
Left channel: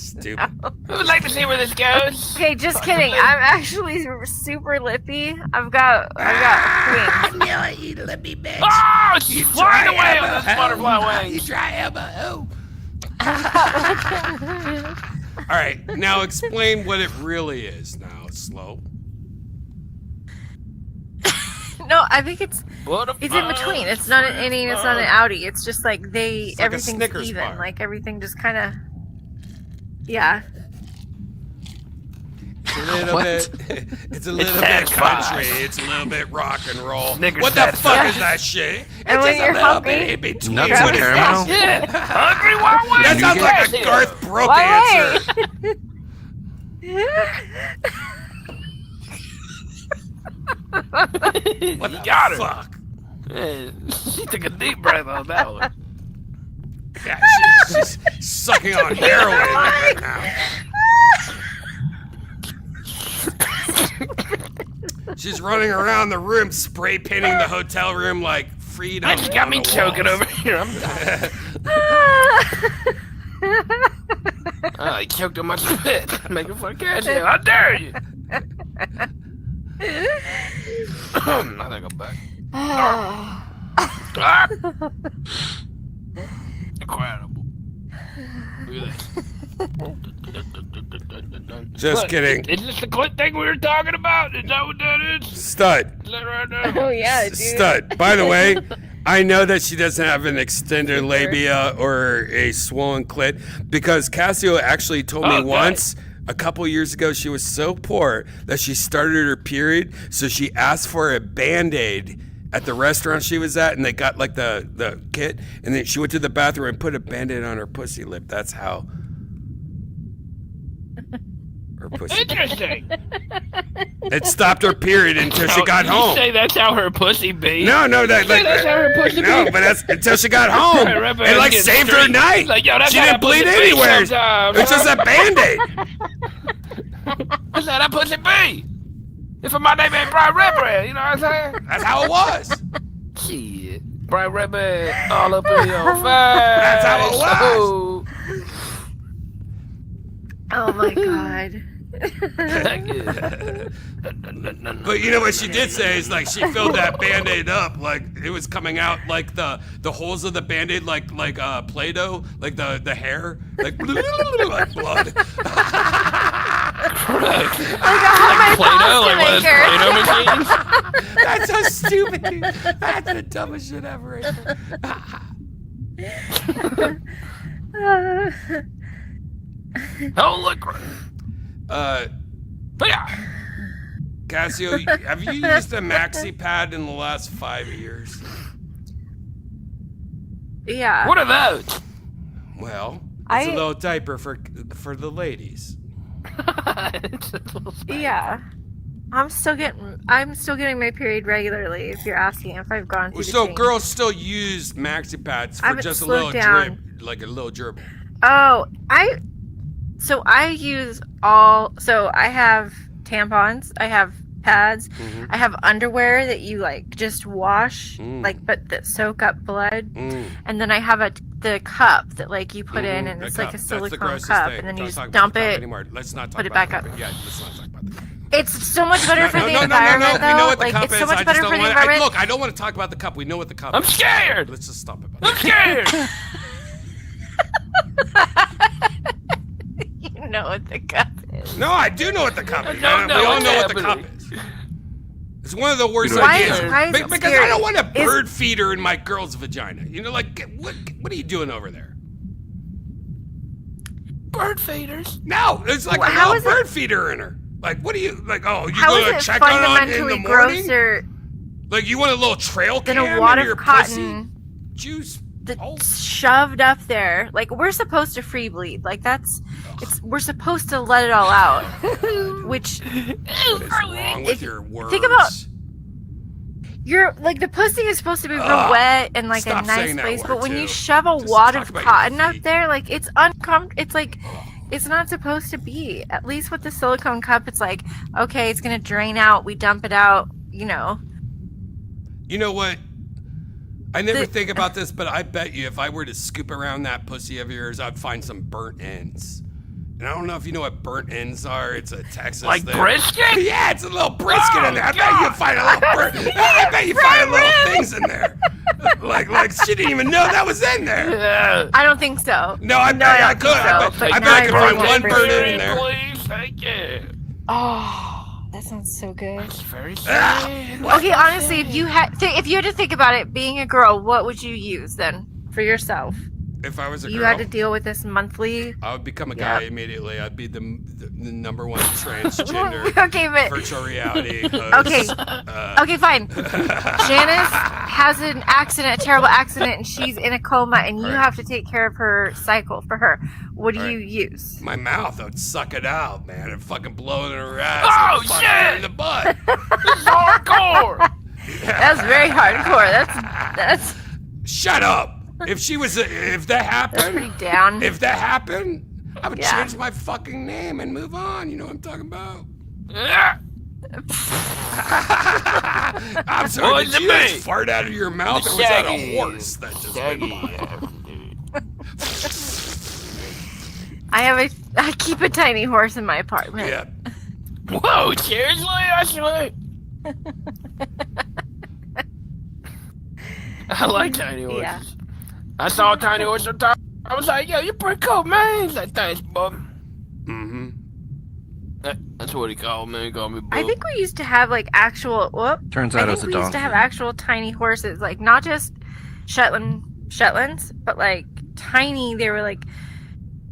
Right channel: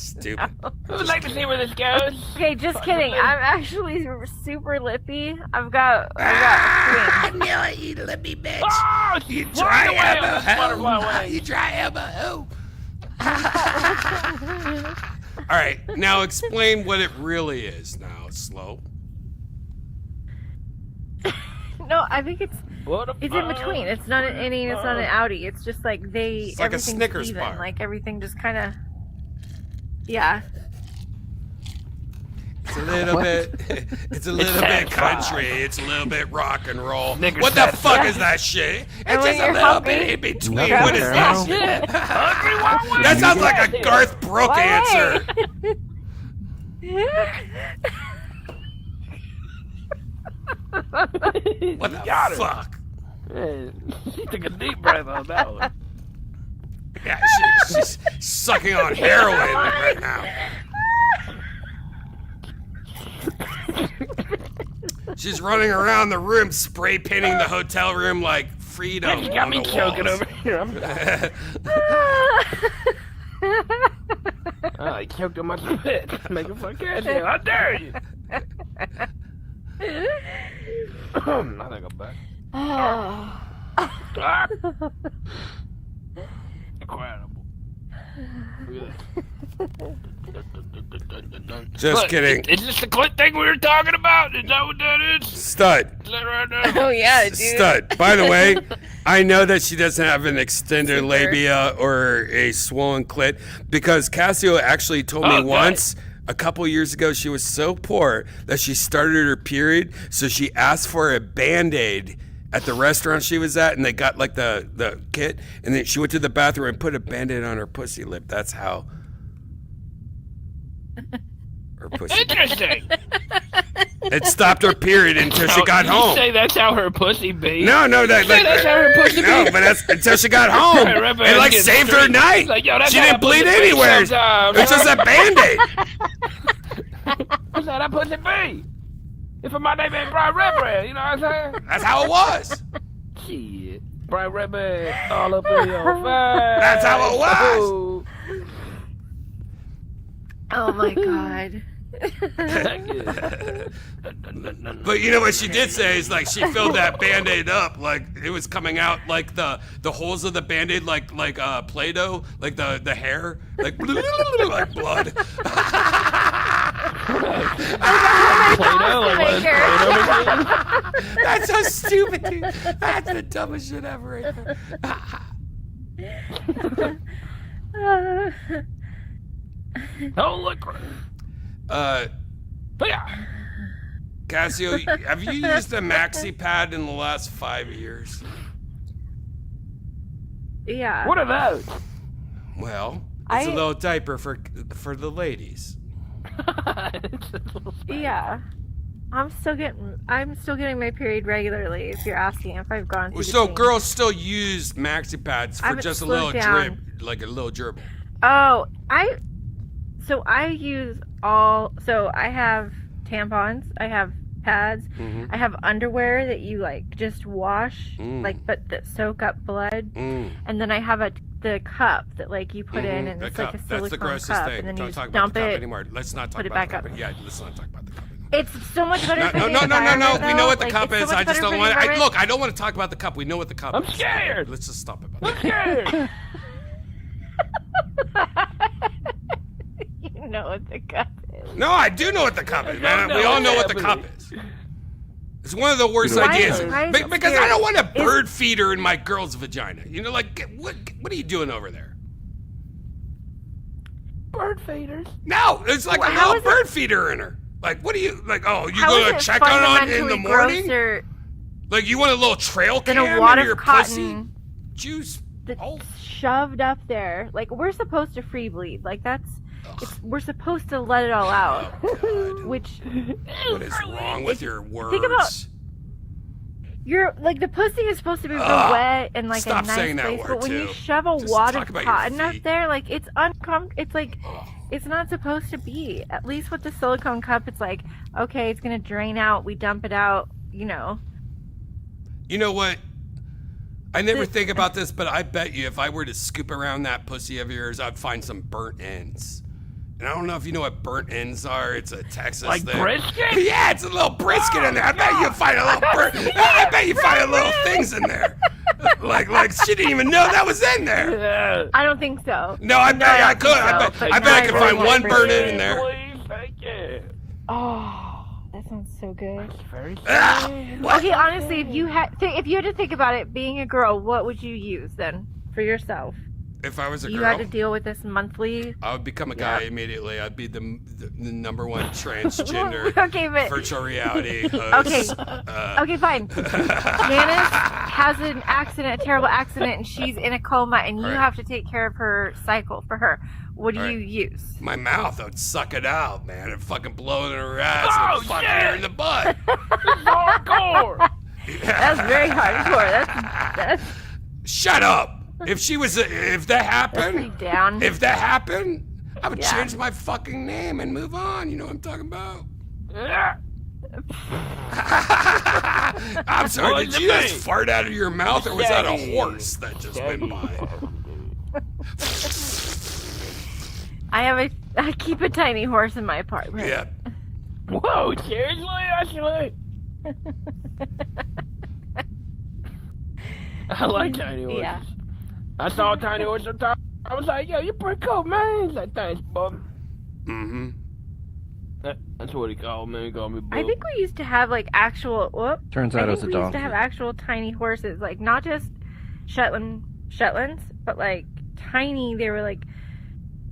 Stupid. We would like to see where this goes. Okay, just kidding. I'm actually super lippy. I've got I twins. knew it, you lippy bitch. Oh, You right dry away elbow on this hoe. butterfly You wings. dry elbow hoe. All right, now explain what it really is now, Slow. No, I think it's Butterfly. in between. It's not an innie, it's not an outie. It's just like It's like a everything's Snickers even. bar. Like everything just kind of. Yeah. It's a little What? bit. It's a little bit country. It's a little bit rock and roll. Snickers What the bar. fuck is that shit? And It's when just a you're little hungry, bit in between. Nuts What and is that caramel. shit? Hungry Wild Wings. That sounds like a Garth Brooks Wait. answer. What the got her. fuck? She took a deep breath on that one. Yeah, she's sucking on heroin right now. She's running around the room, spray painting the hotel room like freedom. You got on me the choking walls. over here. Oh, he choked on my spit. Make a fuck catch you. How dare you? I think I'm back. Incredible. Look at this. Just Look, kidding. Is this the clip thing we were talking about? Is that what that is? Stud. Is that right now? Oh yeah, dude. Stud. By the way, I know that she doesn't have an extended labia or a swollen clit because Cassio actually told me once, a couple years ago, she was so poor that she started her period, so she asked for a Band-Aid at the restaurant she was at, and they got like the kit, and then she went to the bathroom and put a Band-Aid on her pussy lip. That's how her pussy. Interesting. It stopped her period until she got You home. say that's how her pussy be? No, That's how her pussy no, be? but that's until she got home. Right, right, It like get saved her straight. night. Like, yo, that's She how didn't my pussy bleed be anywhere. sometimes, It's just a Band-Aid. That's how that pussy be. If my name ain't Brian Redban, you know what I'm saying? That's how it was. Shit. Brian Redban all up in your face. That's how it was. Ooh. Oh my god. But you know what she did say is like she filled that Band-Aid up like it was coming out like the holes of the Band-Aid like Play-Doh, like the hair, like like blood. Play-Doh, like what is Play-Doh machines? That's so stupid, dude. That's the dumbest shit ever. Oh, look. Yeah. Cassio, have you used a maxi pad in the last 5 years? Yeah. What are those? Well, it's a little diaper for the ladies. Yeah. I'm still getting my period regularly. If you're asking if I've gone through. the So change. girls still use maxi pads for haven't just a slowed little down. drip, like a little dribble. Oh, I use all. So I have tampons. I have pads. Mm-hmm. I have underwear that you like just wash, but that soak up blood. And then I have the cup that like you put in, and The it's cup. like a That's silicone the grossest cup, thing. and then you Don't just talk about dump the cup it. anymore. Let's not talk put it about back the cup. up. Yeah, let's not talk about the cup. It's so much better for No, the no. environment, We know what the though. cup Like, it's is. so I much just better don't for the want. environment. Look, I don't want to talk about the cup. We know what the cup I'm is. scared. Let's just stop about I'm it. scared. You know what the cup is. No, I do know what the cup is, man. don't We know all know what's what the cup happening. is. It's one of the worst Why- ideas why is it because I scary? don't want a bird feeder in my girl's vagina. You know, like what are you doing over there? Bird feeders. No, it's like Well, a how little is bird feeder in her. Like, what are you like? Oh, you How gonna is it check on it in the fundamentally morning? grosser Like, you want a little trail than cam a wad in of your cotton pussy juice? that's Oh. shoved up there? Like we're supposed to free bleed. Like we're supposed to let it all out. Which What is wrong with your words? think about- you're like the pussy is supposed to be real Ugh. wet and like Stop a nice saying that place, word, but when you too. shove a Just wad talk of about your cotton up feet. there, like it's uncomfortable. It's like it's not supposed to be. At least with the silicone cup, it's like okay, it's gonna drain out. We dump it out. You know. You know what? I never think about this, but I bet you if I were to scoop around that pussy of yours, I'd find some burnt ends. And I don't know if you know what burnt ends are. It's a Texas Like thing. brisket? Yeah, it's a little brisket in there. I bet you find a little I bet you find a little things in there. Like she didn't even know that was in there. Yeah. I don't think so. No, I bet I don't could. think so. I bet I could find one burnt end in Please, there. thank you. Oh, that sounds so good. It's very Ah, sad. what? Okay, honestly, if you had to think about it, being a girl, what would you use then for yourself? If I was a You girl, had to deal with this monthly. I would become a guy immediately. I'd be the number one transgender Okay, but virtual reality host. okay, okay, fine. Janice has an accident, a terrible accident, and she's in a coma, and you Right. have to take care of her cycle for her. What do Right. you use? My mouth, I would suck it out, man, and fucking blow it in her ass Oh, and fucking shit. her in the butt. This is hardcore. That's very hardcore. That's Shut up. If that happened, down. if that happened, I would Yeah. change my fucking name and move on. You know what I'm talking about? Yeah. I'm sorry, What did was you it just mean? fart out of your mouth, or was that a Shaggy. horse that just went by? I keep a tiny horse in my apartment. Yeah. Whoa, seriously? Actually? I like tiny horses. Yeah. I saw a tiny horse one time. I was like, yo, you're pretty cool, man. He's like, thanks, bub. Mm-hmm. That's what he called me. He called me bub. I think we used to have like actual. Turns out I it was think a we used to donkey. have actual tiny horses, like not just Shetlands, but like tiny. They were like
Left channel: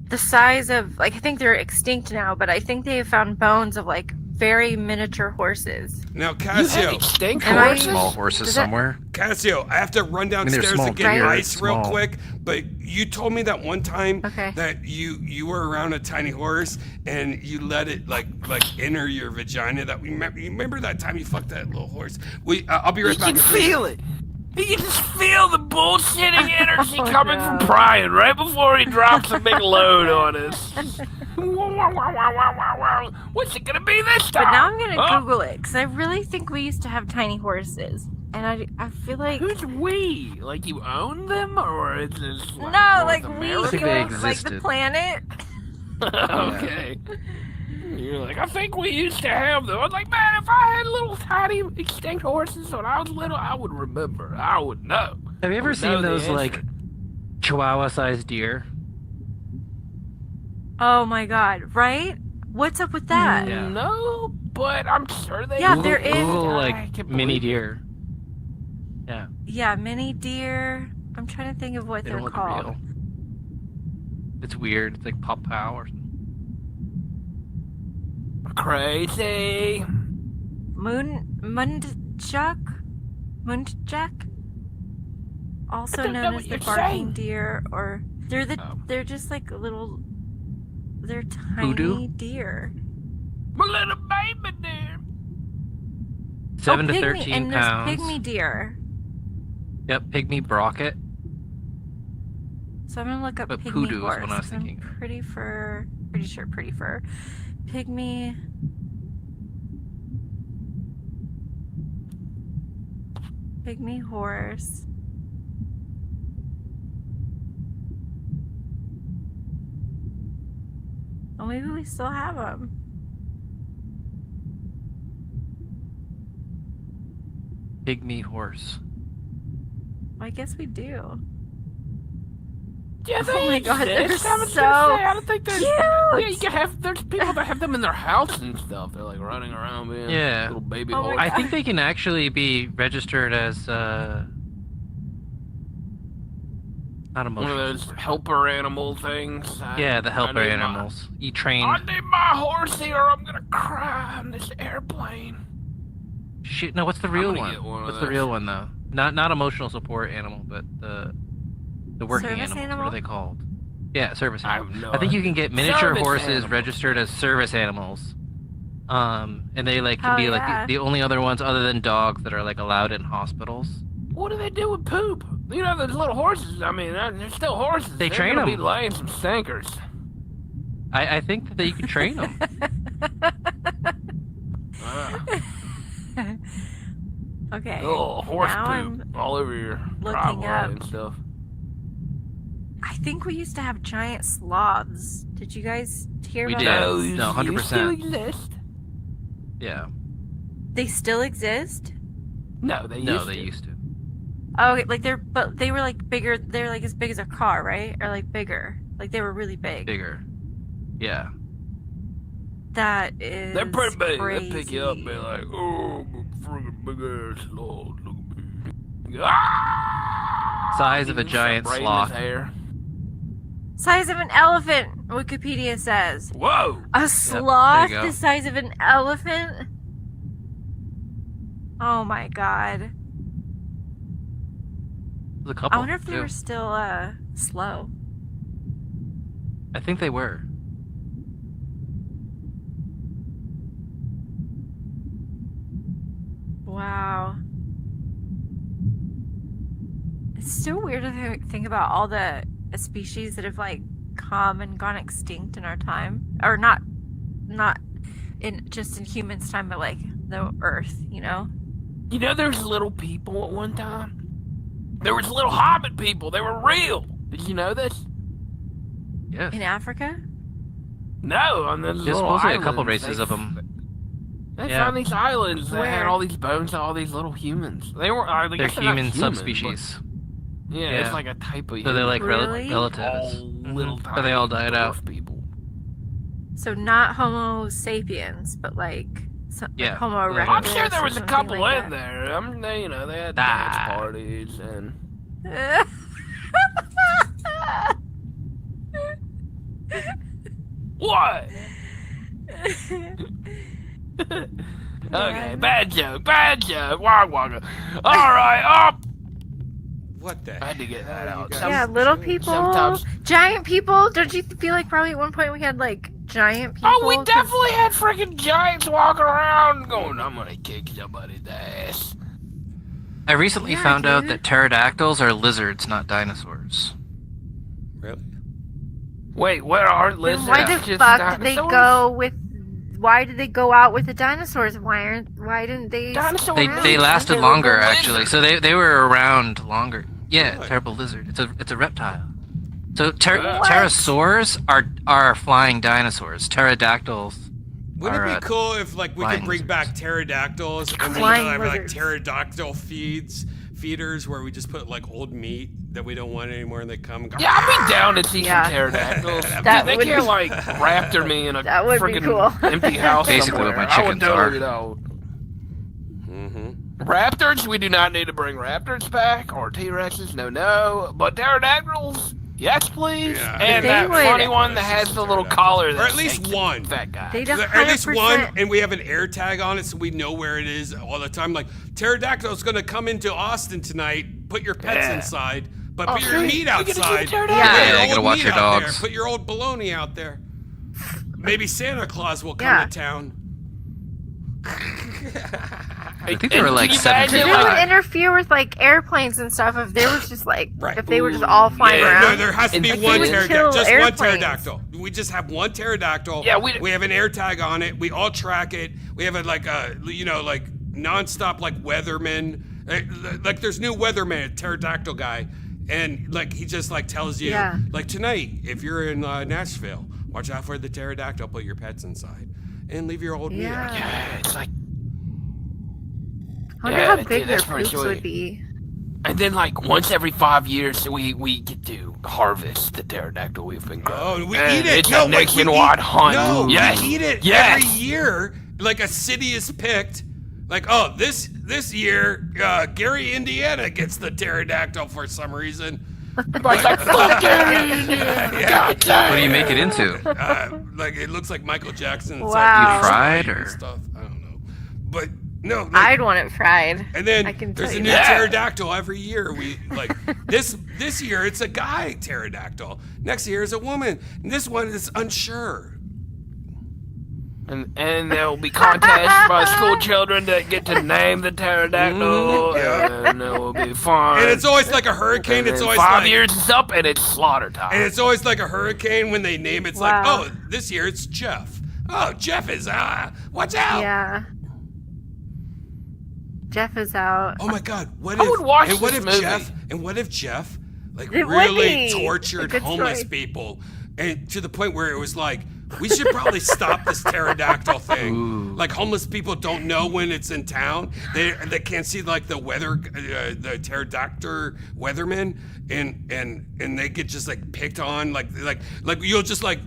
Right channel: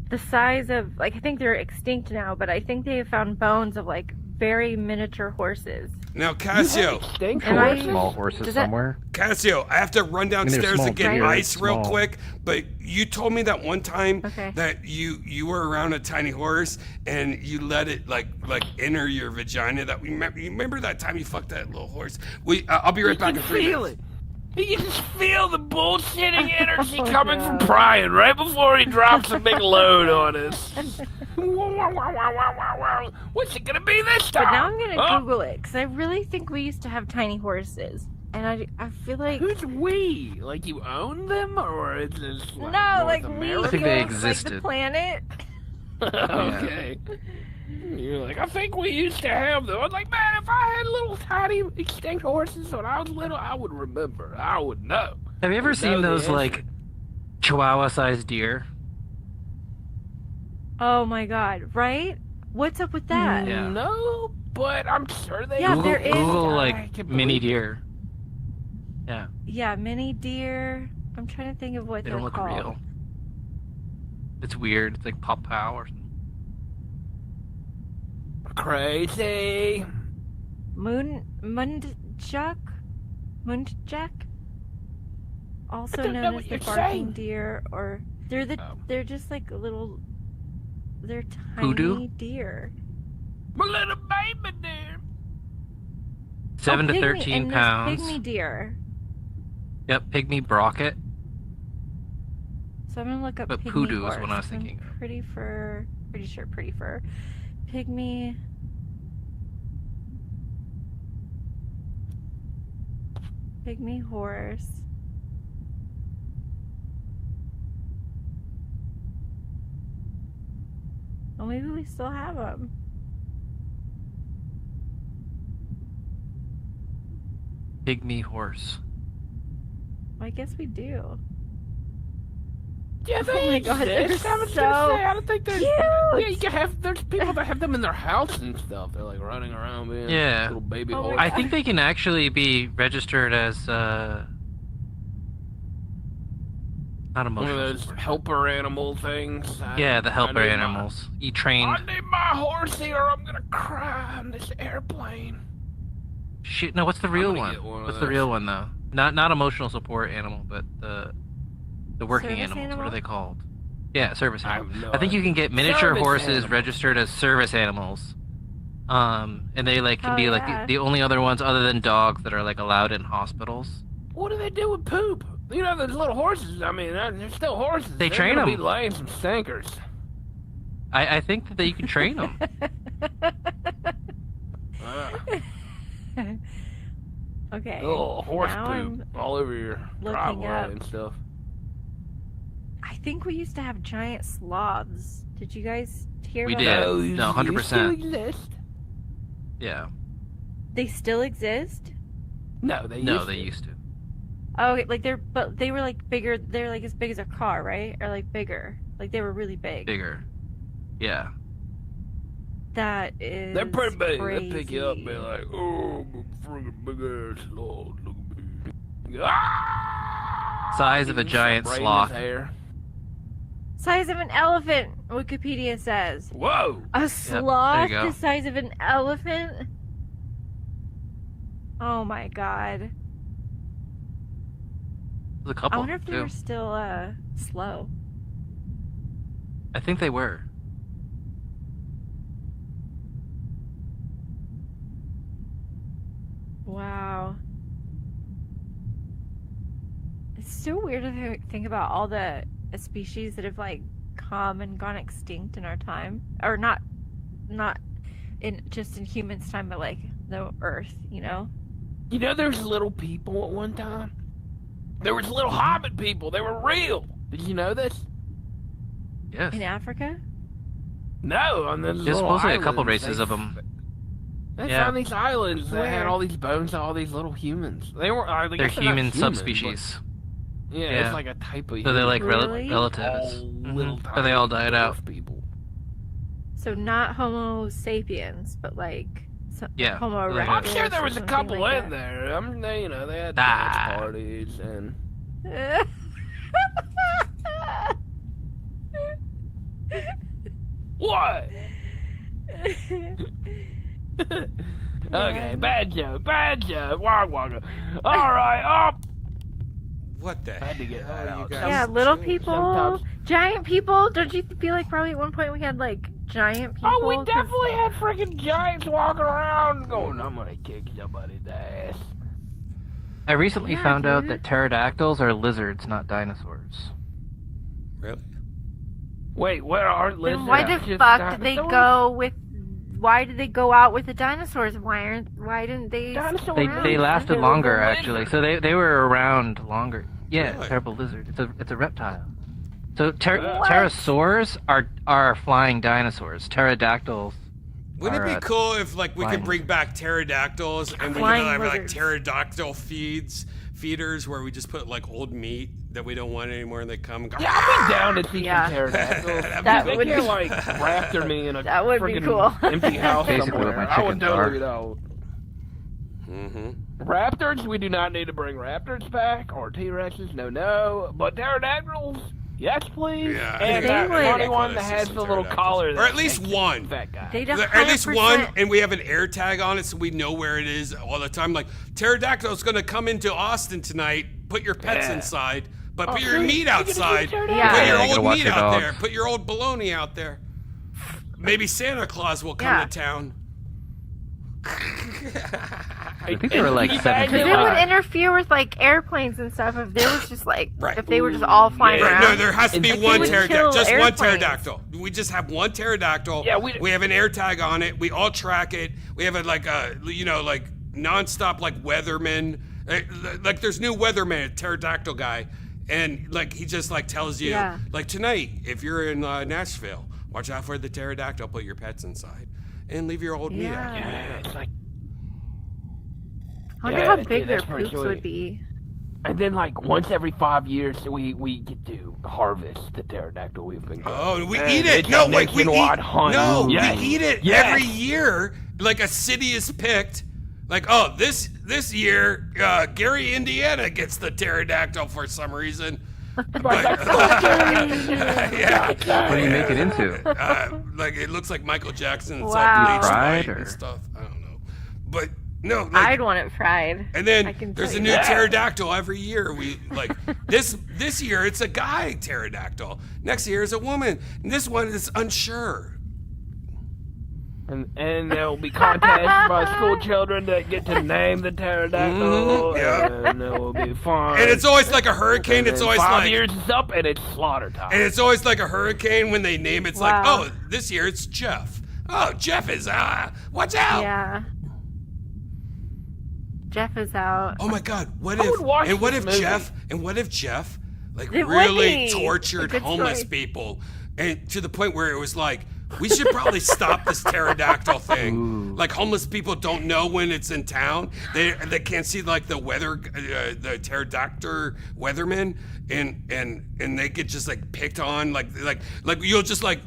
the size of like I think they're extinct now, but I think they have found bones of like very miniature horses. Now, Cassio. Small horses somewhere. Cassio, I have to run downstairs small and get deer, ice real small. quick. But you told me that one time Okay. that you were around a tiny horse and you let it like enter your vagina. That you remember that time you fucked that little horse? I'll be right You back. can in 3 feel minutes. it. You can just feel the bullshitting energy coming from Brian right before he drops a big load on us. What's it gonna be this time? But now I'm gonna Huh? Google it because I really think we used to have tiny horses, and I feel like Who's we? Like you own them, or is this like no, North like we America? I think they like the existed. planet. Okay. You're like, I think we used to have them. I was like, man, if I had little tiny extinct horses when I was little, I would remember. I would know. Have you I ever would know seen the those answer. like Chihuahua-sized deer? Oh my god! Right? What's up with that? Yeah. No, but I'm sure they. Yeah, Google, there is- Google I like can't mini believe- deer. Yeah, Yeah, mini deer. I'm trying to think of what they they're don't look called. real. It's weird. It's like pop pow or something. Crazy. Mundjuk, also I don't know known what as the you're barking saying. deer, or they're Oh. they're just like little, they're tiny Hoodoo? deer. My little baby deer. 7 to Pygmy- 13 and there's pounds. Pygmy deer. Yep, pygmy brocket. So I'm gonna look up But pygmy poodoo is horse. what I was I'm thinking of. Pretty fur. Pretty sure pretty fur. Pygmy. Pygmy horse. Well, maybe we still have them. Pygmy horse. Well, I guess we do. Yeah, they Oh my God, they're exist. I was gonna so say, I don't think there's. cute. Yeah, you can have. There's people that have them in their house and stuff. They're like running around, man. Yeah. Little baby Oh my horse. I think they can actually be registered as not One of emotional. those helper animal things. Yeah, the helper I need animals. You train. I need my horsey or I'm gonna cry on this airplane. Shit, no. What's the real gonna one? get one of What's the those. real one though? Not emotional support animal, but the working Service animals. What animal? are they called? Yeah, service I have animals. no I think you can get miniature Service horses animals. registered as service animals. And they like can Oh, be yeah. like the only other ones other than dogs that are like allowed in hospitals. What do they do with poop? You know, those little horses. I mean, they're still horses. They They're train gonna 'em. Be laying some stinkers. I think that you can train them. Okay. Oh, horse now poop all over your looking driveway up. and stuff. I think we used to have giant sloths. Did you guys hear We about did. those? No, 100%. They still exist. Yeah. They still exist? No, they No, used they to. used to. Oh, okay, like they were like bigger. They're like as big as a car, right? Or like bigger. Like they were really big. Bigger. Yeah. That is. They're pretty big. Crazy. They pick you up and be like, oh, friggin' big ass sloth. Look at me. Ah! Size of a Start giant braiding sloth. his hair. Size of an elephant. Wikipedia says. Whoa! A sloth go. the size of an elephant. Oh my god. There's a couple I wonder if they too. were still slow. I think they were. Wow. It's so weird to think about all the species that have like come and gone extinct in our time, or not in just in humans' time, but like the Earth, you know? You know, there's little people at one time. There was little hobbit people. They were real. Did you know this? Yes. In Africa? No, on those There's little supposedly a couple islands, races they- of them. They Yeah. found these islands that had Where? all these bones of all these little humans. They were. I They're guess not human human, subspecies. but Yeah, Yeah. it's like a type of. So they're like Really? relatives. Little Or they all died out. people. So not Homo sapiens, but like Yeah, Homo like I'm erectus sure there or was a something couple like in that. there. They had Ah. dance parties and. What? Okay, bad joke. Wog wogga. All right, up. What the I had to get hell that you out. guys Yeah, little doing? people, Sometimes- giant people. Don't you feel like probably at one point we had like giant people? Oh, we 'Cause- definitely had freaking giants walking around going, I'm gonna kick somebody's ass. I recently Yeah, found out dude. that pterodactyls are lizards, not dinosaurs. Really? Wait, where are lizards? Then why the just fuck did they dinosaurs? go with? Why did they go out with the dinosaurs? Why didn't they? Dinosaurs? They lasted They were longer lizards. actually, so they were around longer. Yeah, Really? terrible lizard. It's a reptile. So What? pterosaurs are flying dinosaurs. Pterodactyls. Wouldn't it are, be cool if like we could flying bring back pterodactyls and we could Flying have like lizards. pterodactyl feeders where we just put like old meat that we don't want anymore and they come and go. Yeah, I'd be down to see Yeah. some pterodactyls. That they would can't be- like raptor me in a That would be friggin' cool. empty house Basically somewhere. what my I would chickens totally are. know. Mm-hmm. Raptors, we do not need to bring raptors back or T-Rexes. No. But pterodactyls, yes please. Yeah, and They that would- funny one that has the little collar. Or that at least makes one. Fat guy. They At least one, 100%. and we have an air tag on it so we know where it is all the time. Like, pterodactyl's gonna come into Austin tonight, put your pets Yeah. inside, but put Oh, your see? meat You get to see outside. pterodactyl. Yeah. Put Yeah, your you gotta old watch meat your out there. dogs. Put your old bologna out there. Maybe Santa Claus will come Yeah. to town. I think there were like Can you 7 imagine, Because it would interfere with like airplanes and stuff if there was just like Right. if they were just all flying Yeah. around. No, there has to be And one they would pterodactyl. kill Just one airplanes. pterodactyl. We just have one pterodactyl. Yeah, we have an air tag on it. We all track it. We have a like nonstop like weatherman. Like there's new weatherman, a pterodactyl guy, and like he just like tells you Yeah. like tonight if you're in Nashville, watch out for the pterodactyl. Put your pets inside and leave your old meat out. Yeah. Yeah, it's like, I wonder Yeah, how dude, big their that's pretty poops sweet. would be. and then like once every 5 years we get to harvest the pterodactyl we've been growing. Oh, we And eat it. it's No, a wait, we eat. nationwide hunt. No, Yes. we eat it Yes. every year. Like a city is picked. Like, oh, this year, Gary, Indiana gets the pterodactyl for some reason. Yeah. What do you make it into? Like it looks like Michael Jackson and Wow. salt bleached Fried white or- and stuff. I don't know, but no, like, I'd want it fried. and I then can there's tell a you new that. pterodactyl every year. We like this year it's a guy pterodactyl. Next year is a woman. And this one is unsure. And there will be contests by school children that get to name the pterodactyl. Mhm, yeah. And it will be fun. And it's always like a hurricane. And It's then always 5 like years is up and it's slaughter time. and it's always like a hurricane when they name it's like, Wow. oh, this year it's Jeff. Oh, Jeff is watch out. Yeah. Jeff is out. Oh my God! What I if would watch and what this if movie. Jeff like It would really be tortured a good homeless story. people and to the point where it was like we should probably stop this pterodactyl thing. Like homeless people don't know when it's in town. They can't see like the weather, the pterodactyl weatherman, and they get just like picked on. Like you'll just like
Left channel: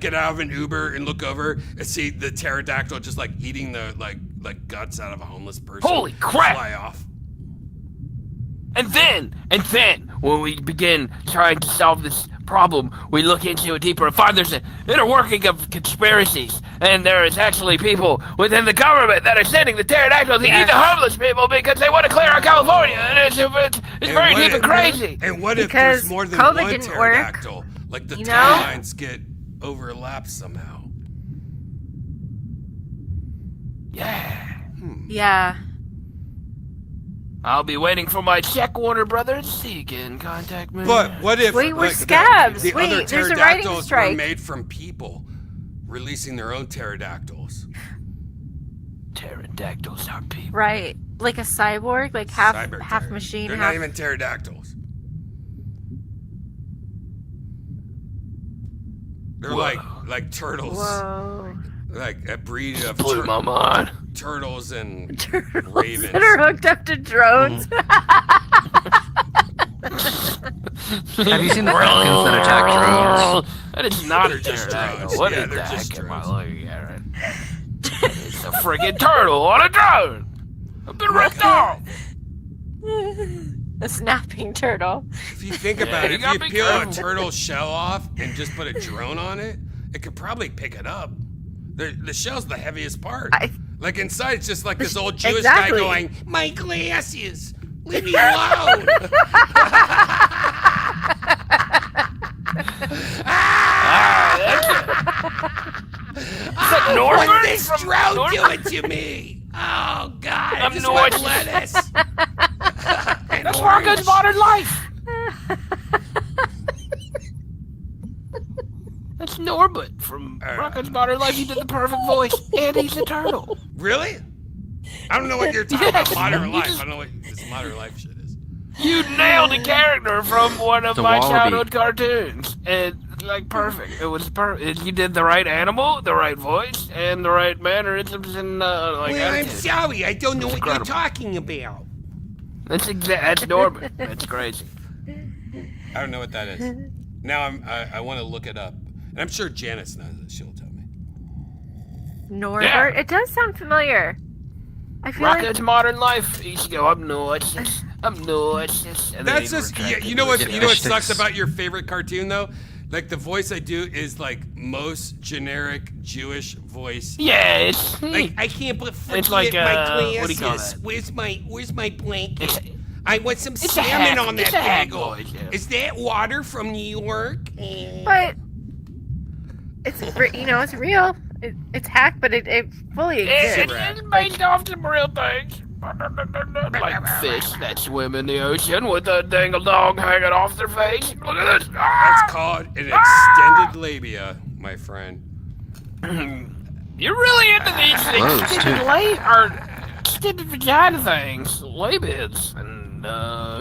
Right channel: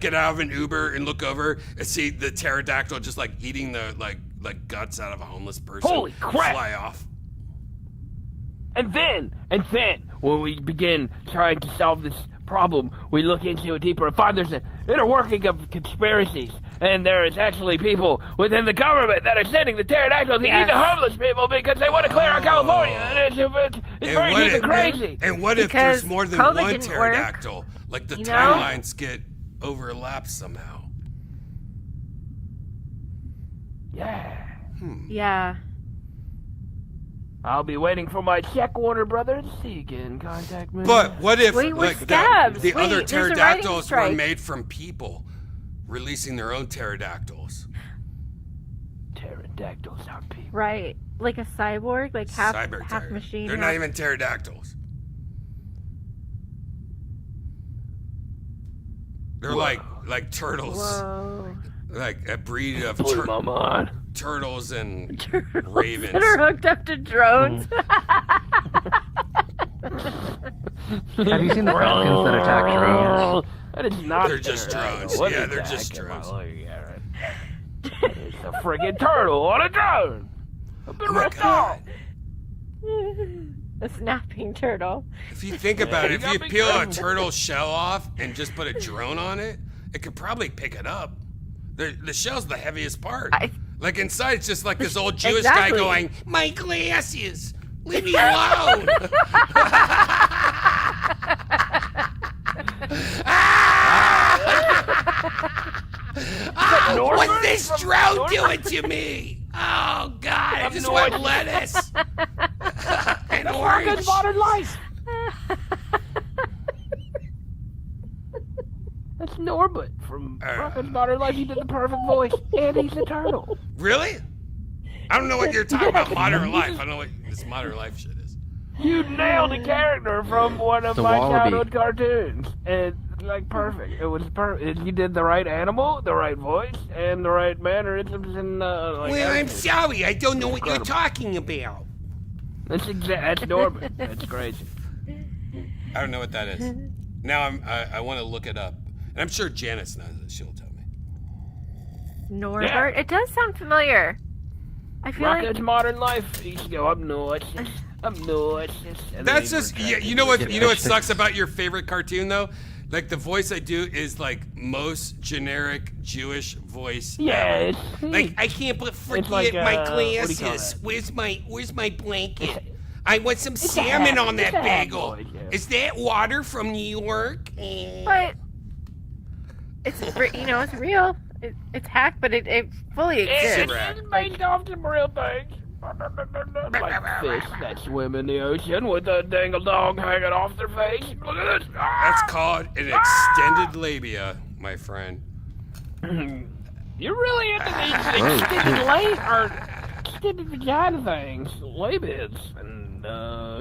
get out of an Uber and look over and see the pterodactyl just like eating the like guts out of a homeless person. Holy crap. Fly off. And then, when we begin trying to solve this problem, we look into it deeper and find there's an inner working of conspiracies. And there is actually people within the government that are sending the pterodactyls to eat the homeless people because they want to clear out California. And it's very what deep if- and crazy. And what if Because there's more than COVID one didn't work, pterodactyl? Like the you know? timelines get overlapped somehow. Yeah. I'll be waiting for my check, Warner Brothers. So you can contact me. But what if Wait, we're like scabs. the other Wait, there's a writing pterodactyls were strike. made from people releasing their own pterodactyls? Pterodactyls are people. Right. Like a cyborg, like half Cyber machine. They're half... not even pterodactyls. They're like turtles. Whoa. Like a breed of Blew my mind. turtles and Turtles ravens. that are hooked up to drones. Have you seen the falcons that attack drones? That is not They're a just turtle. drones. What Yeah, is they're that? just Come on, drones. look at it. It's a friggin' turtle on a drone. I've been Oh my ripped off. A snapping turtle. If you think about you it, if gotta you be peel a careful. turtle shell off and just put a drone on it, it could probably pick it up. The shell's the heaviest part. Like inside, it's just like this old Jewish guy Exactly. going, "My glasses, leave me alone." What's this drone doing to me? Oh God, I just want lettuce and orange. Good modern life. That's Norbert from Rocco's Modern Life. He did the perfect voice, and he's a turtle. Really? I don't know what you're talking about. Modern life. I don't know what this modern life shit is. You nailed a character from one of The my wallaby. childhood cartoons, and like perfect. It was perfect. You did the right animal, the right voice, and the right mannerisms, and like. Well, I'm everything. sorry. I don't know what you're Incredible. talking about. That's Norbert. That's crazy. I don't know what that is. Now I want to look it up. And I'm sure Janice knows it. She'll tell me. Norbert. Yeah. It does sound familiar. I feel Rocco's like Modern Life. He used to go, I'm nuts. I'm nuts. And then That's he'd just, retract yeah, it. you know what sucks about your favorite cartoon, though? Like, the voice I do is, like, most generic Jewish voice. Yeah, it's Like, I can't forget like, my what do you call glasses. that? Where's my blanket? I want some salmon on that bagel. voice, yeah. Is that water from New York? but it's it's real. It's hacked, but it fully exists. It's based off some real things. Like fish that swim in the ocean with a dangle dong hanging off their face. Look at this. That's called an extended labia, my friend. You're really into these things. Extended or extended vagina things. Labids and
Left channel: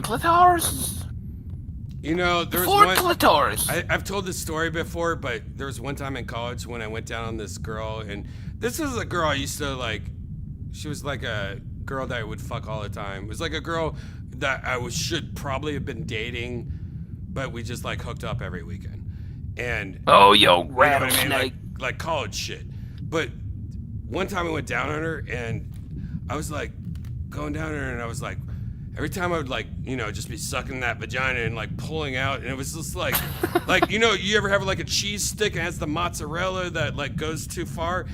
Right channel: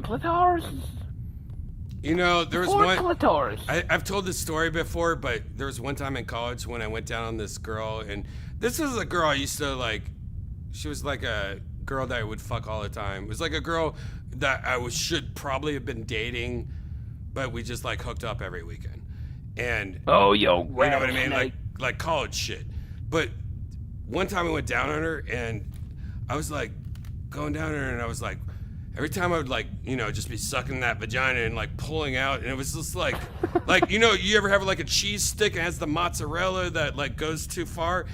clitoris. You know, there was Four one. clitoris. I've told this story before, but there was one time in college when I went down on this girl, and this was a girl I used to like. She was like a girl that I would fuck all the time. It was like a girl that should probably have been dating, but we just like hooked up every weekend. And Oh, yo, you know what I mean? rattlesnake. Like college shit. But one time I went down on her, and I was like going down on her, and I was like, every time I would like, just be sucking that vagina and like pulling out, and it was just like, you ever have like a cheese stick and it has the mozzarella that like goes too far?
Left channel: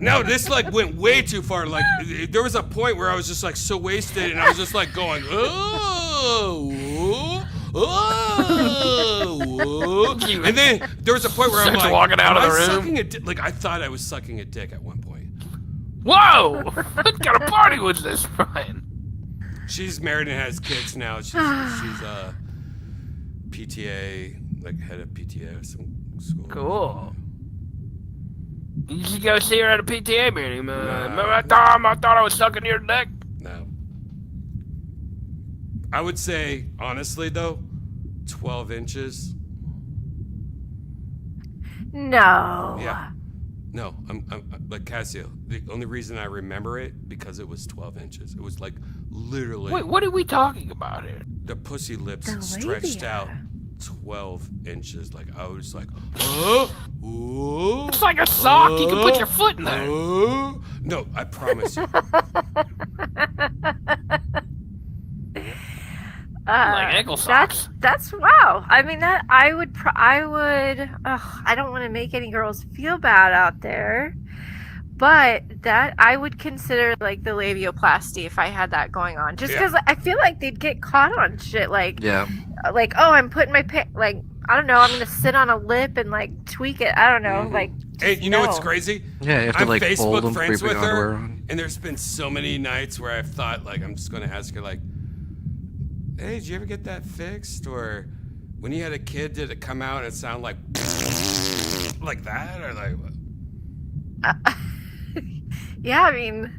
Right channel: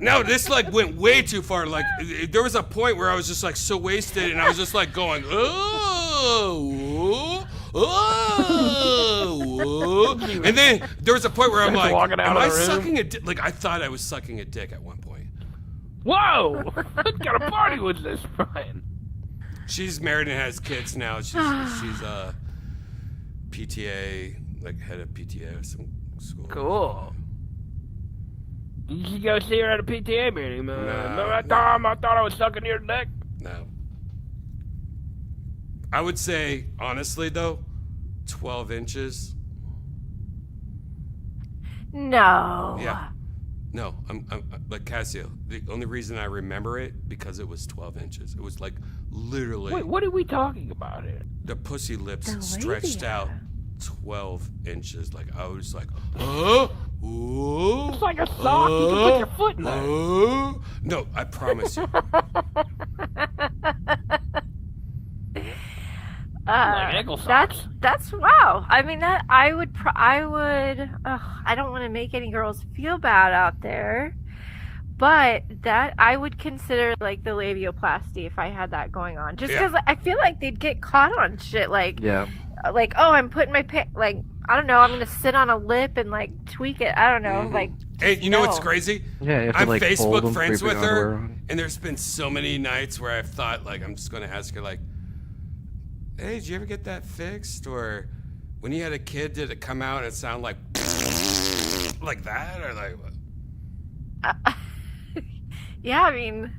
No, this like went way too far. Like there was a point where I was just like so wasted, and I was just like going, and then there was a point where I'm like, walking out am of I the room. sucking a dick? Like I thought I was sucking a dick at one point. Whoa! What kind of party was this, Brian? She's married and has kids now. She's PTA, like head of PTA of some school. Cool. You should go see her at a PTA meeting, man. Nah, Remember that time I thought I was sucking your dick? No. I would say, honestly though, 12 inches. No. Yeah. No, I'm like Casio. The only reason I remember it because it was 12 inches. It was like literally Wait, what are we talking about here? the pussy lips The stretched labia. out 12 inches. Like I was like, oh, oh, It's like a sock. You can put your foot in there. oh. No, I promise you. Like ankle socks. That's wow. I mean that I would I don't want to make any girls feel bad out there, but that I would consider like the labioplasty if I had that going on. Just Yeah. because I feel like they'd get caught on shit like Yeah. like oh I'm putting my like I don't know I'm gonna sit on a lip and like tweak it. I don't know like. Hey, you know what's no. crazy? Yeah, you have to, I'm like, fold Facebook them friends before you with put it on her, her. and there's been so many nights where I've thought like I'm just gonna ask her like, "Hey, did you ever get that fixed?" Or when you had a kid, did it come out and sound like that, or like? What? Yeah, I mean.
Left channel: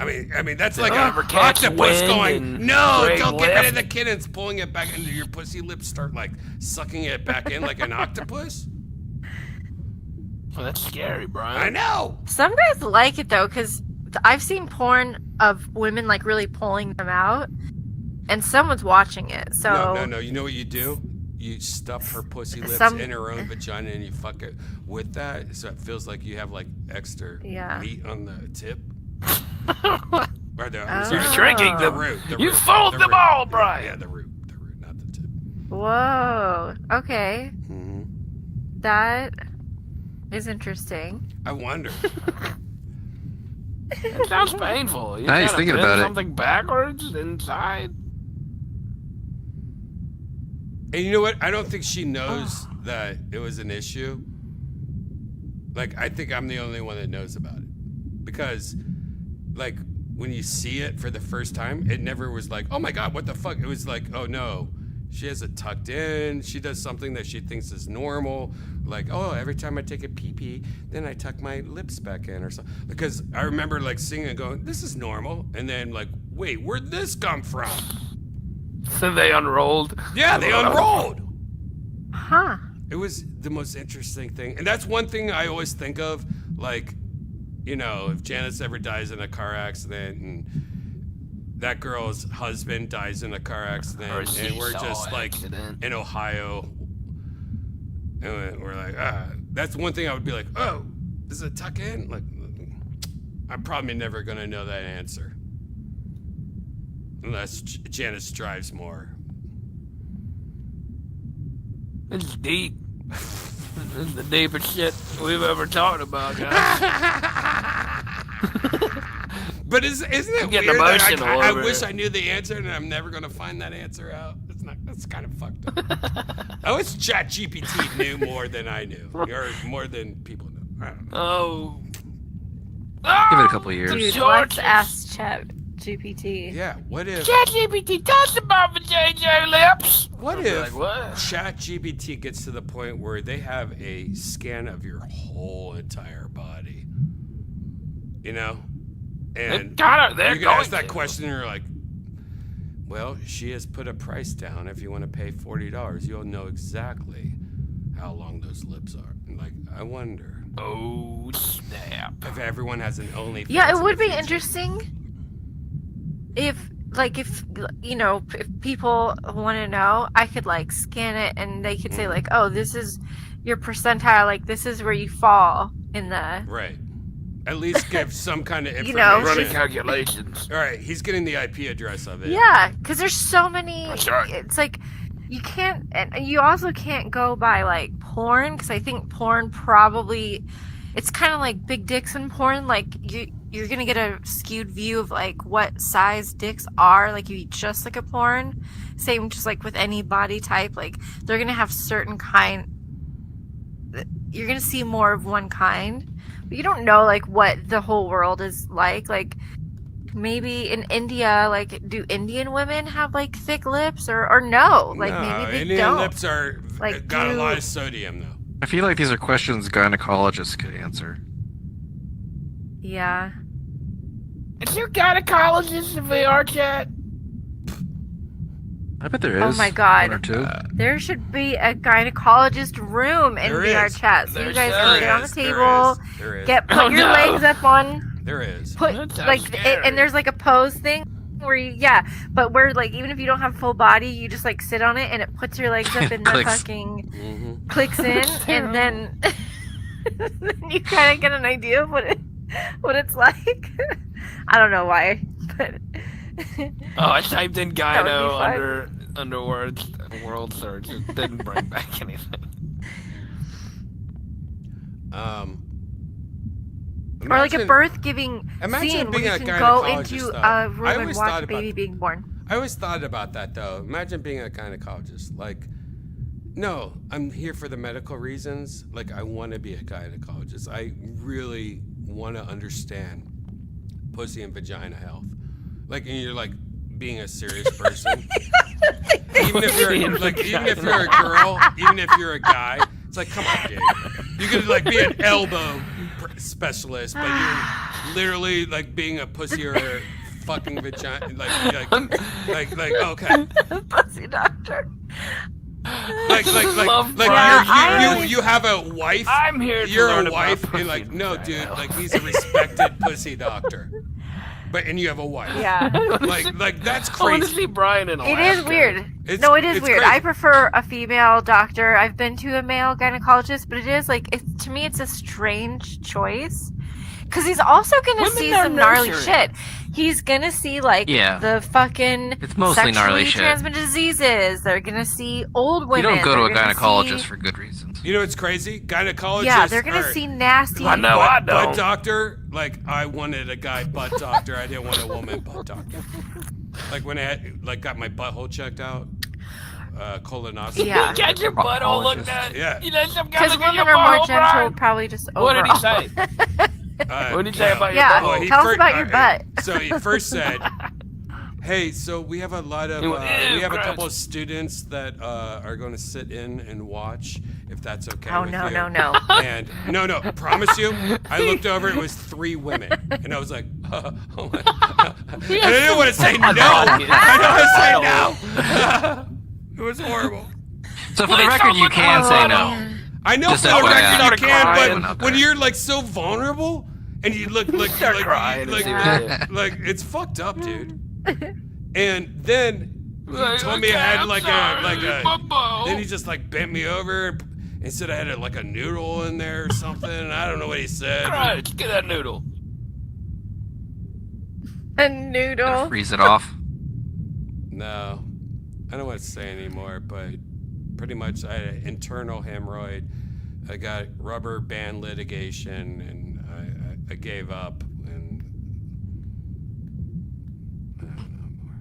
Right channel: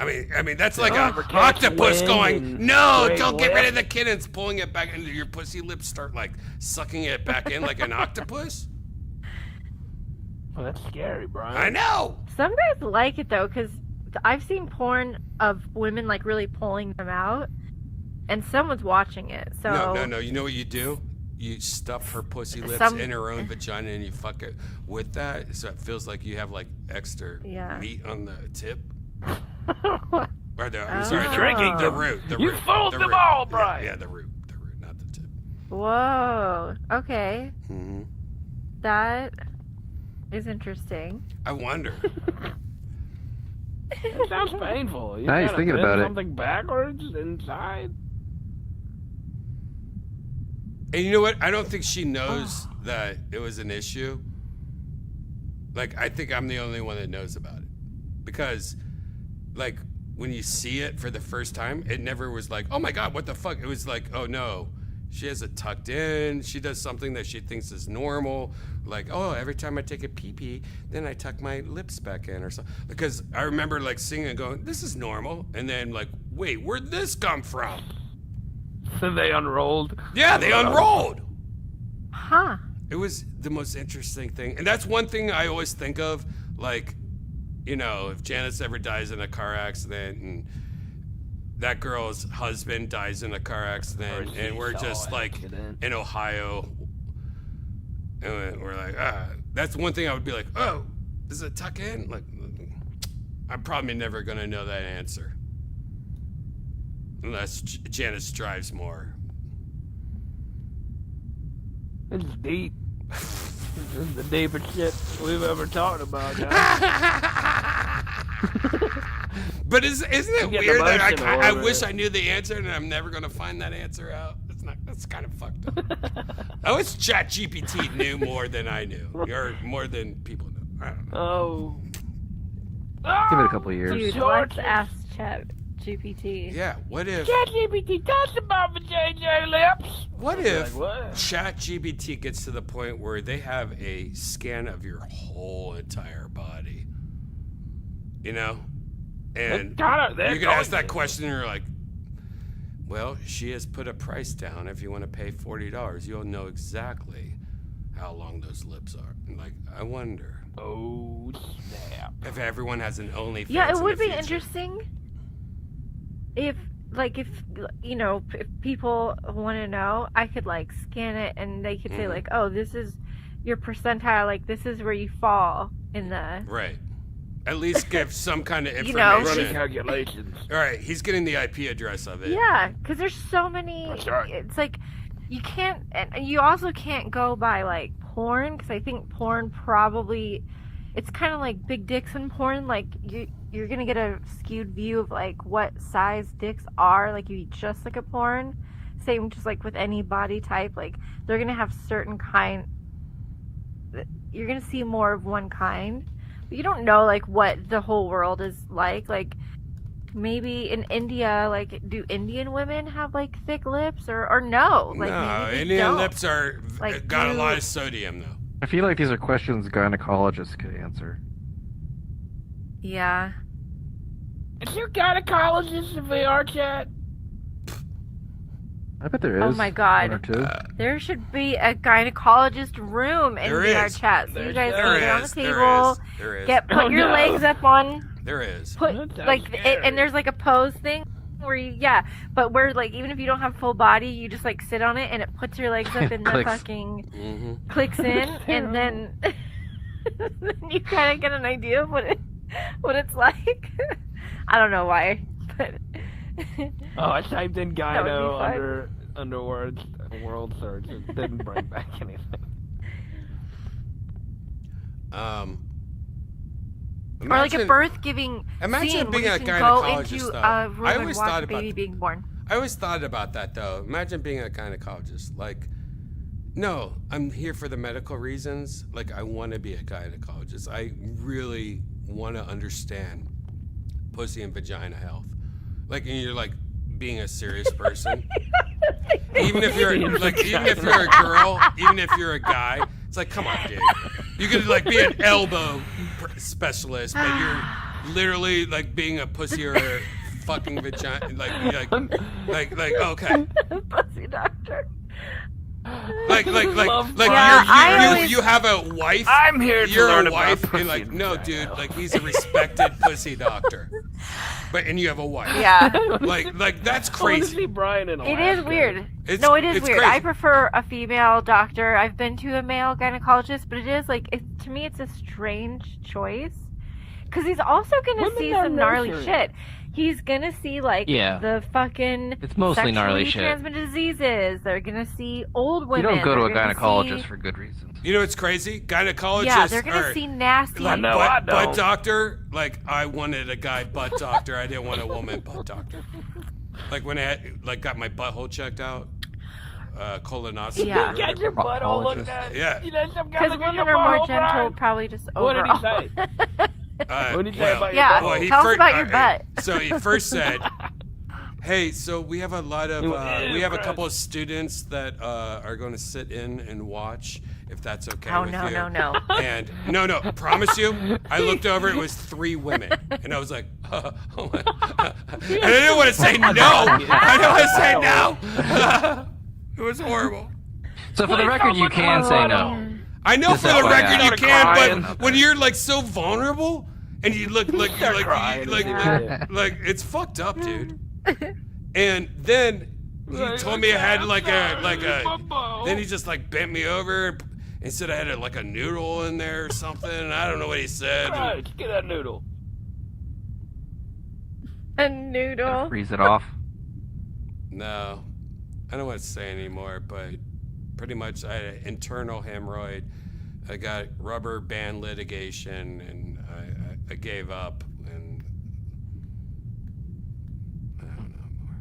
I mean that's like a catch octopus wind going, and "No, great don't get rid of lift." the kid," and it's pulling it back into your pussy lips. Start like sucking it back in like an octopus. Well, that's scary, Brian. I know. Some guys like it though, because I've seen porn of women like really pulling them out, and someone's watching it. So No. You know what you do? You stuff her pussy lips in her own vagina and you fuck it with that, so it feels like you have like extra meat on the tip. Or I'm sorry, Drinking the root. You fooled them all, Brian. Yeah, the root, not the tip. Whoa. Okay. Mm-hmm. That is interesting. I wonder. It sounds painful. You Nice, gotta thinking bend about it. something backwards inside. And you know what? I don't think she knows that it was an issue. Like, I think I'm the only one that knows about it. Because, like, when you see it for the first time, it never was like, oh my God, what the fuck? It was like, oh no, she has it tucked in. She does something that she thinks is normal. Like, oh, every time I take a pee-pee, then I tuck my lips back in or something. Because I remember, like, seeing it going, this is normal. And then, like, wait, where'd this come from? So they unrolled? Yeah, they unrolled. Huh. It was the most interesting thing. And that's one thing I always think of, like, you know, if Janice ever dies in a car accident and that girl's husband dies in a car accident and we're just like in Ohio and we're like, that's one thing I would be like, oh, does it tuck in? Like, I'm probably never going to know that answer. Unless Janice drives more. This is deep. This is the deepest shit we've ever talked about. But isn't it weird that I over wish it. I knew the answer and I'm never gonna find that answer out? That's kind of fucked up. I wish ChatGPT knew more than I knew, or more than people knew. I don't know. Give it a couple years. Dude, let's ask Chat GPT. Yeah, what if ChatGPT talks about the JJ lips? What if Like, what? ChatGPT gets to the point where they have a scan of your whole entire body? You know? And They're you can ask going that question and you're like, well, she has put a price down. If you want to pay $40, you'll know exactly how long those lips are. And like, I wonder. Oh, snap. If everyone has an OnlyFans. Yeah, it in would the be future. interesting if you know, if people want to know, I could like scan it and they could say like, oh, this is your percentile, like this is where you fall in the Right. At least give some kind of You know, information. Running calculations. All right, he's getting the IP address of it. Yeah, because there's so many. That's right. It's like you can't, and you also can't go by like porn, because I think porn probably, it's kind of like big dicks in porn. Like you're gonna get a skewed view of like what size dicks are. Like you just look at porn. Same, just like with any body type. Like they're gonna have certain kind. You're gonna see more of one kind. But you don't know like what the whole world is like. Like maybe in India, like do Indian women have like thick lips or no? Like No, maybe they Indian don't. lips are Like, got a do- lot of sodium though. I feel like these are questions gynecologists could answer. Yeah. Is your gynecologist in VR chat? I bet there Oh is. my God. One or two. There should be a gynecologist room in There VR is. chat. So you guys There can get on the is. table, There is. put Oh, your no. legs up on, There is. put That sounds like, scary. and there's like a pose thing where you, but where like even if you don't have full body, you just like sit on it and it puts your legs up and the Clicks. fucking Mm-hmm. clicks in, and then then you kind of get an idea of what it's like. I don't know why, but Oh, I typed in That would be gyno fun. under world search. It didn't bring back anything. or like a Imagine- birth giving imagine scene being where a you can go gynecologist, into though. a room I and always watch thought a baby about- being born. I always thought about that though. Imagine being a gynecologist. Like, no, I'm here for the medical reasons. Like, I want to be a gynecologist. I really want to understand pussy and vagina health. Like, and you're like being a serious person. even if you're like, even if you're a girl, even if you're a guy, it's like, come on, dude. You could like be an elbow specialist, but you're literally like being a pussy or a fucking vagina. Like, okay. Pussy doctor. Like Yeah, you have a wife. I'm here to You're learn a about wife, pussy and like, no, and dude, vagina. like he's a respected pussy doctor. and you have a wife. Yeah. Like that's I wanna crazy. see Brian in It Alaska. is weird. It's- No, it is it's weird. crazy. I prefer a female doctor. I've been to a male gynecologist, but it is like to me, it's a strange choice because he's also gonna Women see are some gnarly nurturing. shit. He's gonna see like Yeah. the fucking It's mostly gnarly sexually shit. transmitted diseases. They're gonna see old You women. don't go to a They're gonna gynecologist see- for good reasons. You know what's crazy? Gynecologists Yeah, they're gonna are see nasty. like No, I butt don't. doctor. Like I wanted a guy butt doctor. I didn't want a woman butt doctor. Like when I had, got my butthole checked out, colonoscopy. Yeah. or Get your whatever. butt all looked at. Yeah. You know, some guy Because look at women your are more butthole, gentle, Brian. probably just What overall. did he say? What did he say about your Yeah, butt? tell us about your butt. So he first said, "Hey, so we have a lot of we have a gross. couple of students that are going to sit in and watch, if that's okay Oh, with no, you." no, no. And no, promise you. I looked over, it was 3 women, and I was like, oh my. And I didn't want to say no. I didn't want to say no. It was horrible. So for the record, you can say no. I know Just for the FYI. record you Started can, crying. but when you're like so vulnerable and you look like crying. like it's fucked up, dude. And then he told me I had like a then he just like bent me over and said I had like a noodle in there or something. I don't know what he said. Christ, get that noodle. A noodle. Freeze it off. No, I don't want to say anymore, but pretty much I had an internal hemorrhoid. I got rubber band litigation, and I gave up, and I don't know more.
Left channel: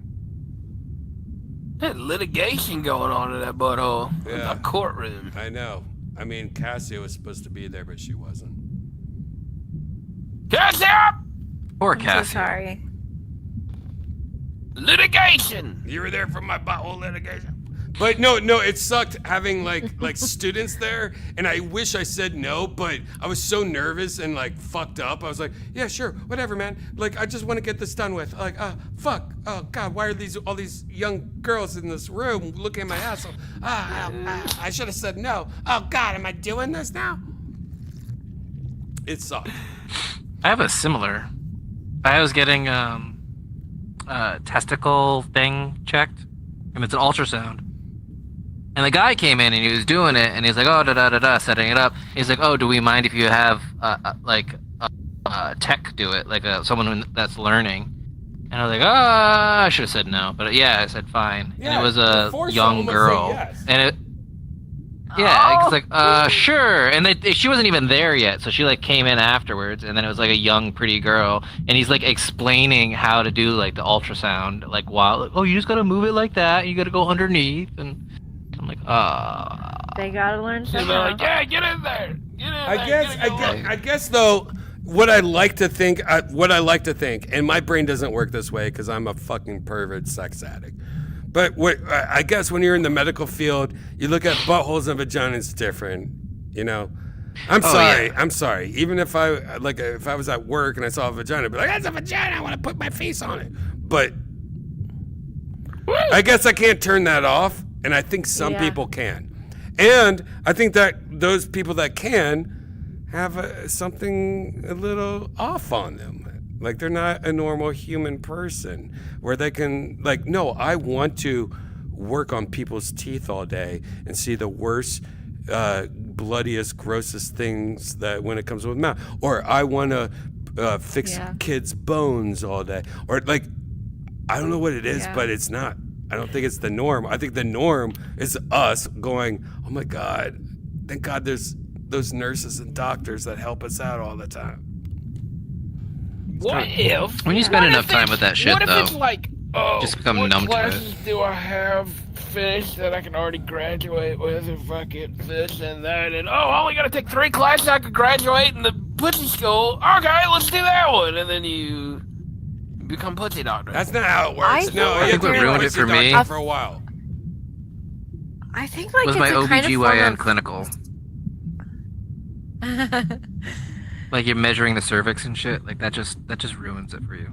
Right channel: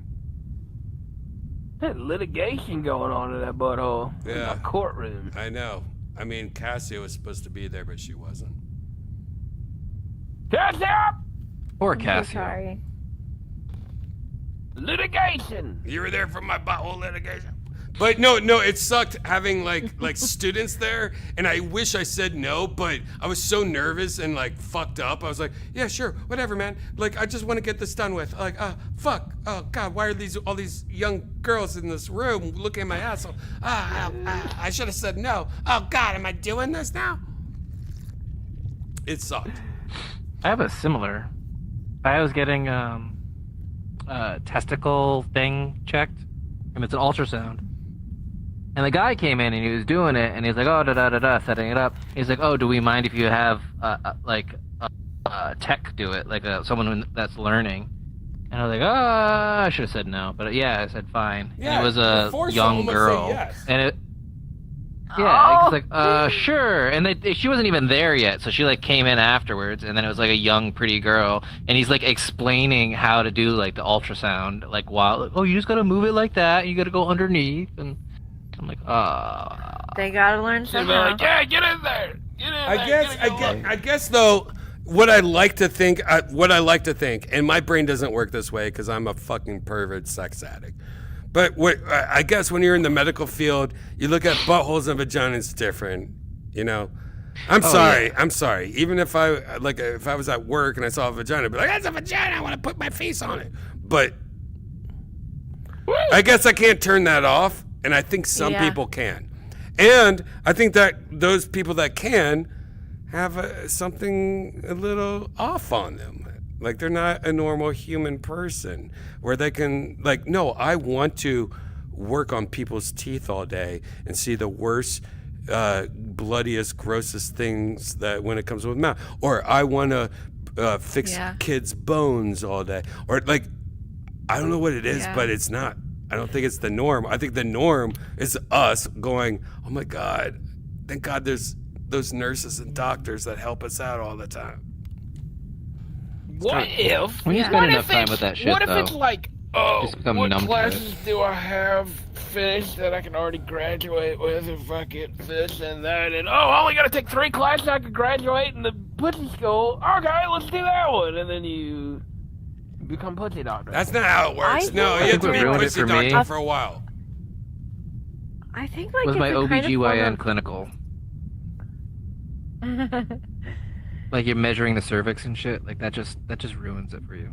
There's litigation going on in that butthole. Yeah. In the courtroom. I know. I mean, Cassia was supposed to be there, but she wasn't. Cassia! Poor I'm so Cassie. sorry. Litigation! You were there for my butthole litigation. But no, it sucked having like students there, and I wish I said no, but I was so nervous and like fucked up. I was like, yeah, sure, whatever, man. Like, I just want to get this done with. Like, fuck, oh god, why are all these young girls in this room looking at my asshole? I should have said no. Oh god, am I doing this now? It sucked. I have a similar. I was getting a testicle thing checked, and it's an ultrasound. And the guy came in and he was doing it, and he's like, "Oh, setting it up." He's like, "Oh, do we mind if you have tech do it, like someone that's learning?" And I was like, I should have said no, but yeah, I said fine. Yeah, and it was a force young almost say girl, yes. and it. Yeah, it's like, sure. And she wasn't even there yet, so she like came in afterwards, and then it was like a young, pretty girl, and he's like explaining how to do like the ultrasound, like while, oh, you just gotta move it like that, you gotta go underneath, and I'm like, They gotta learn They'll be somehow. like, yeah, get in there. Get in there. I guess though, what I like to think, and my brain doesn't work this way because I'm a fucking pervert sex addict. But I guess when you're in the medical field, you look at buttholes and vaginas different. You know, I'm sorry. Even if I was at work and I saw a vagina, I'd be like, that's a vagina. I want to put my face on it. But I guess I can't turn that off, and I think some people can. And I think that those people that can have something a little off on them. Like they're not a normal human person where they can no, I want to work on people's teeth all day and see the worst, bloodiest, grossest things that when it comes with mouth. Or I want to fix kids' bones all day. Or I don't know what it is, but it's not. I don't think it's the norm. I think the norm is us going, oh my God, thank God there's those nurses and doctors that help us out all the time. What if? When you spend enough time with that shit, what if though, it's like, oh, just become what numb to it. classes do I have finished that I can already graduate with if I get this and that? And I only got to take 3 classes I can graduate in the pussy school. Okay, let's do that one. And then you become pussy doctor. That's not how it works. No, you have to be a pussy doctor for a while. I think like was it's my a kind of OBGYN form of- clinical. Like you're measuring the cervix and shit, like that just ruins it for you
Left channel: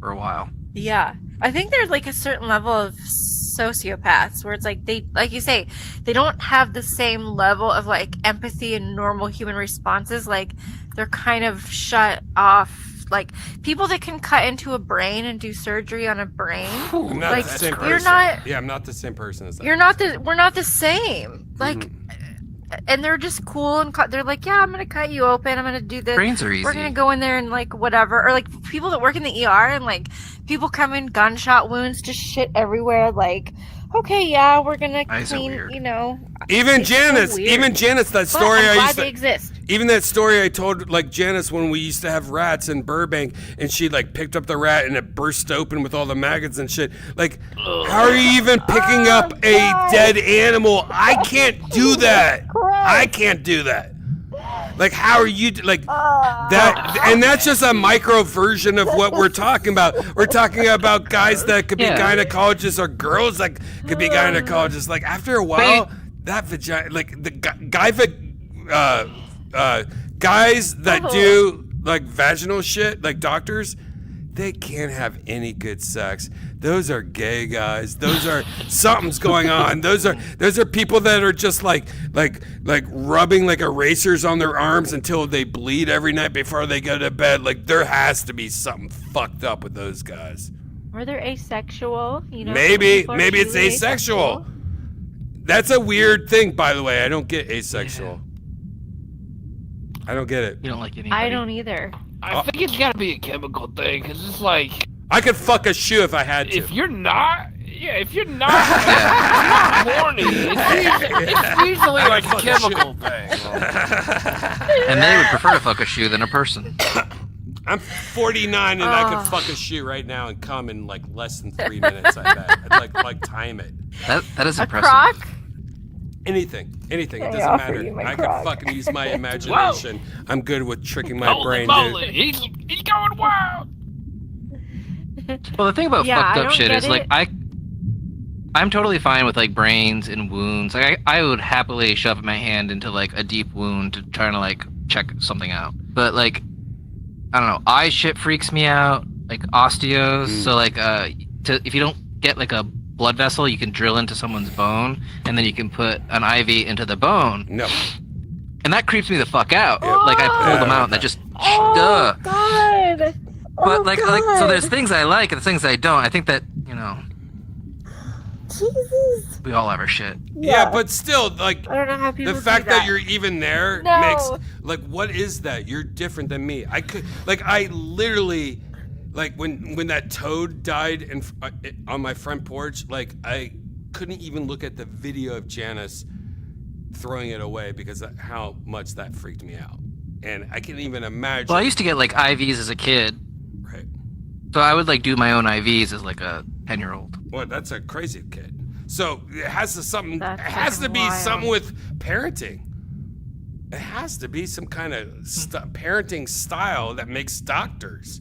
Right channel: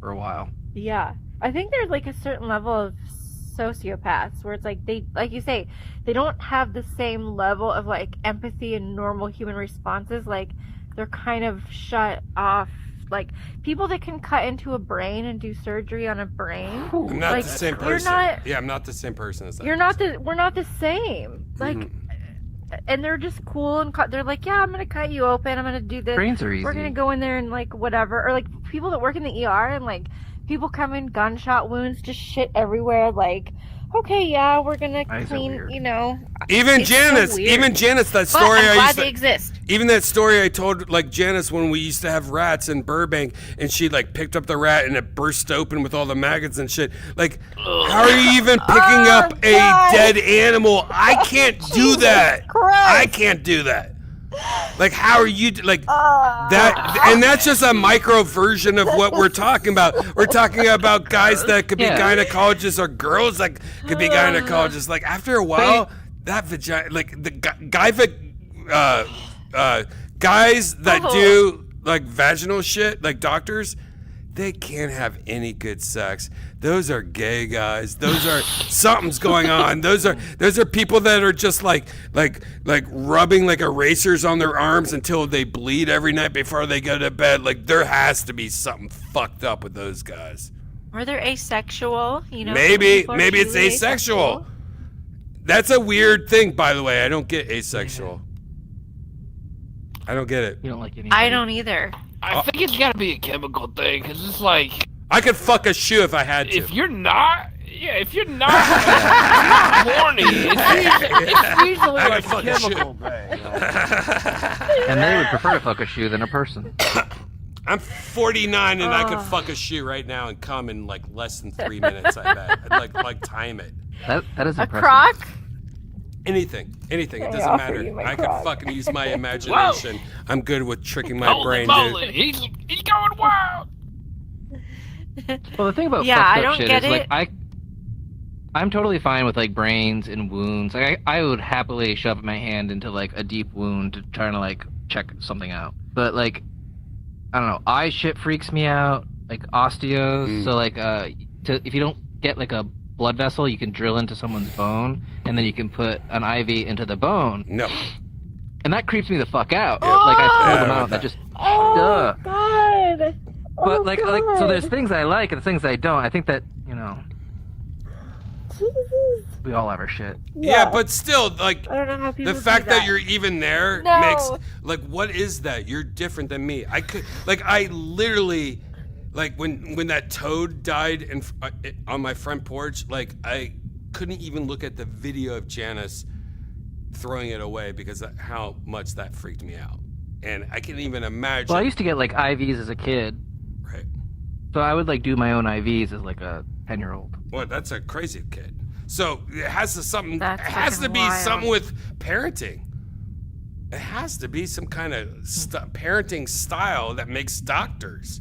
for a while. Yeah. I think there's like a certain level of sociopaths where it's like they, like you say, they don't have the same level of like empathy and normal human responses. Like they're kind of shut off like people that can cut into a brain and do surgery on a brain. I'm not like, the same you're person. not, Yeah, I'm not the same person as that. You're not the. We're not the same. Like, and they're just cool and they're like, yeah, I'm gonna cut you open. I'm gonna do this. Brains are easy. We're gonna go in there and like whatever, or like people that work in the ER and like people come in gunshot wounds, just shit everywhere. Like, okay, yeah, we're gonna clean. You know. Even It's Janice, so weird. even Janice, that But story I'm I glad used to. they exist. Even that story I told, like Janice, when we used to have rats in Burbank, and she like picked up the rat and it burst open with all the maggots and shit. Like, how are you even picking up a dead animal? I can't do that. I can't do that. Like, how are you like that? And that's just a micro version of what we're talking about. We're talking about guys that could be gynecologists or girls that could be gynecologists. Like, after a while, that vagina, like the guys that do like vaginal shit, like doctors, they can't have any good sex. Those are gay guys. Those are something's going on. Those are people that are just like rubbing like erasers on their arms until they bleed every night before they go to bed. Like, there has to be something fucked up with those guys. Or they're asexual. You know. Maybe it's asexual. That's a weird thing, by the way. I don't get asexual. I don't get it. You don't like anybody. I don't either. I think it's gotta be a chemical thing, because it's like... I could fuck a shoe if I had to. If you're not... Yeah, if you're not horny, it's usually I a could fuck a shoe. chemical thing. And they would prefer to fuck a shoe than a person. I'm 49 and I could fuck a shoe right now and come in like less than 3 minutes. I bet. I'd like time it. That is A impressive. crock? Anything. It I doesn't offer matter. you my I could crock. fucking use my imagination. I'm good with tricking my Holy brain, moly, dude. he's going wild. Well, the thing about Yeah, I fucked up don't shit get is like it. I'm totally fine with like brains and wounds. Like I would happily shove my hand into like a deep wound to try to like check something out. But like I don't know, eye shit freaks me out. Like osteos. So like if you don't get like a blood vessel, you can drill into someone's bone and then you can put an IV into the bone. No. And that creeps me the fuck out. Yeah. Like I pull Yeah, them I out like and that that. just Oh God. But like so there's things I like and things I don't. I think that, you know, Jesus. we all have our shit. Yeah, but still, like, I don't know how people the do fact that that. you're even there No. makes, like, what is that? You're different than me. I literally, like, when that toad died on my front porch, like, I couldn't even look at the video of Janice throwing it away because of how much that freaked me out. And I can't even imagine. Well, I used to get like IVs as a kid. Right. So I would like do my own IVs as like a 10-year-old. Well, that's a crazy kid. So it has to That's It has to fucking be wild. something with parenting. It has to be some kind of parenting style that makes doctors.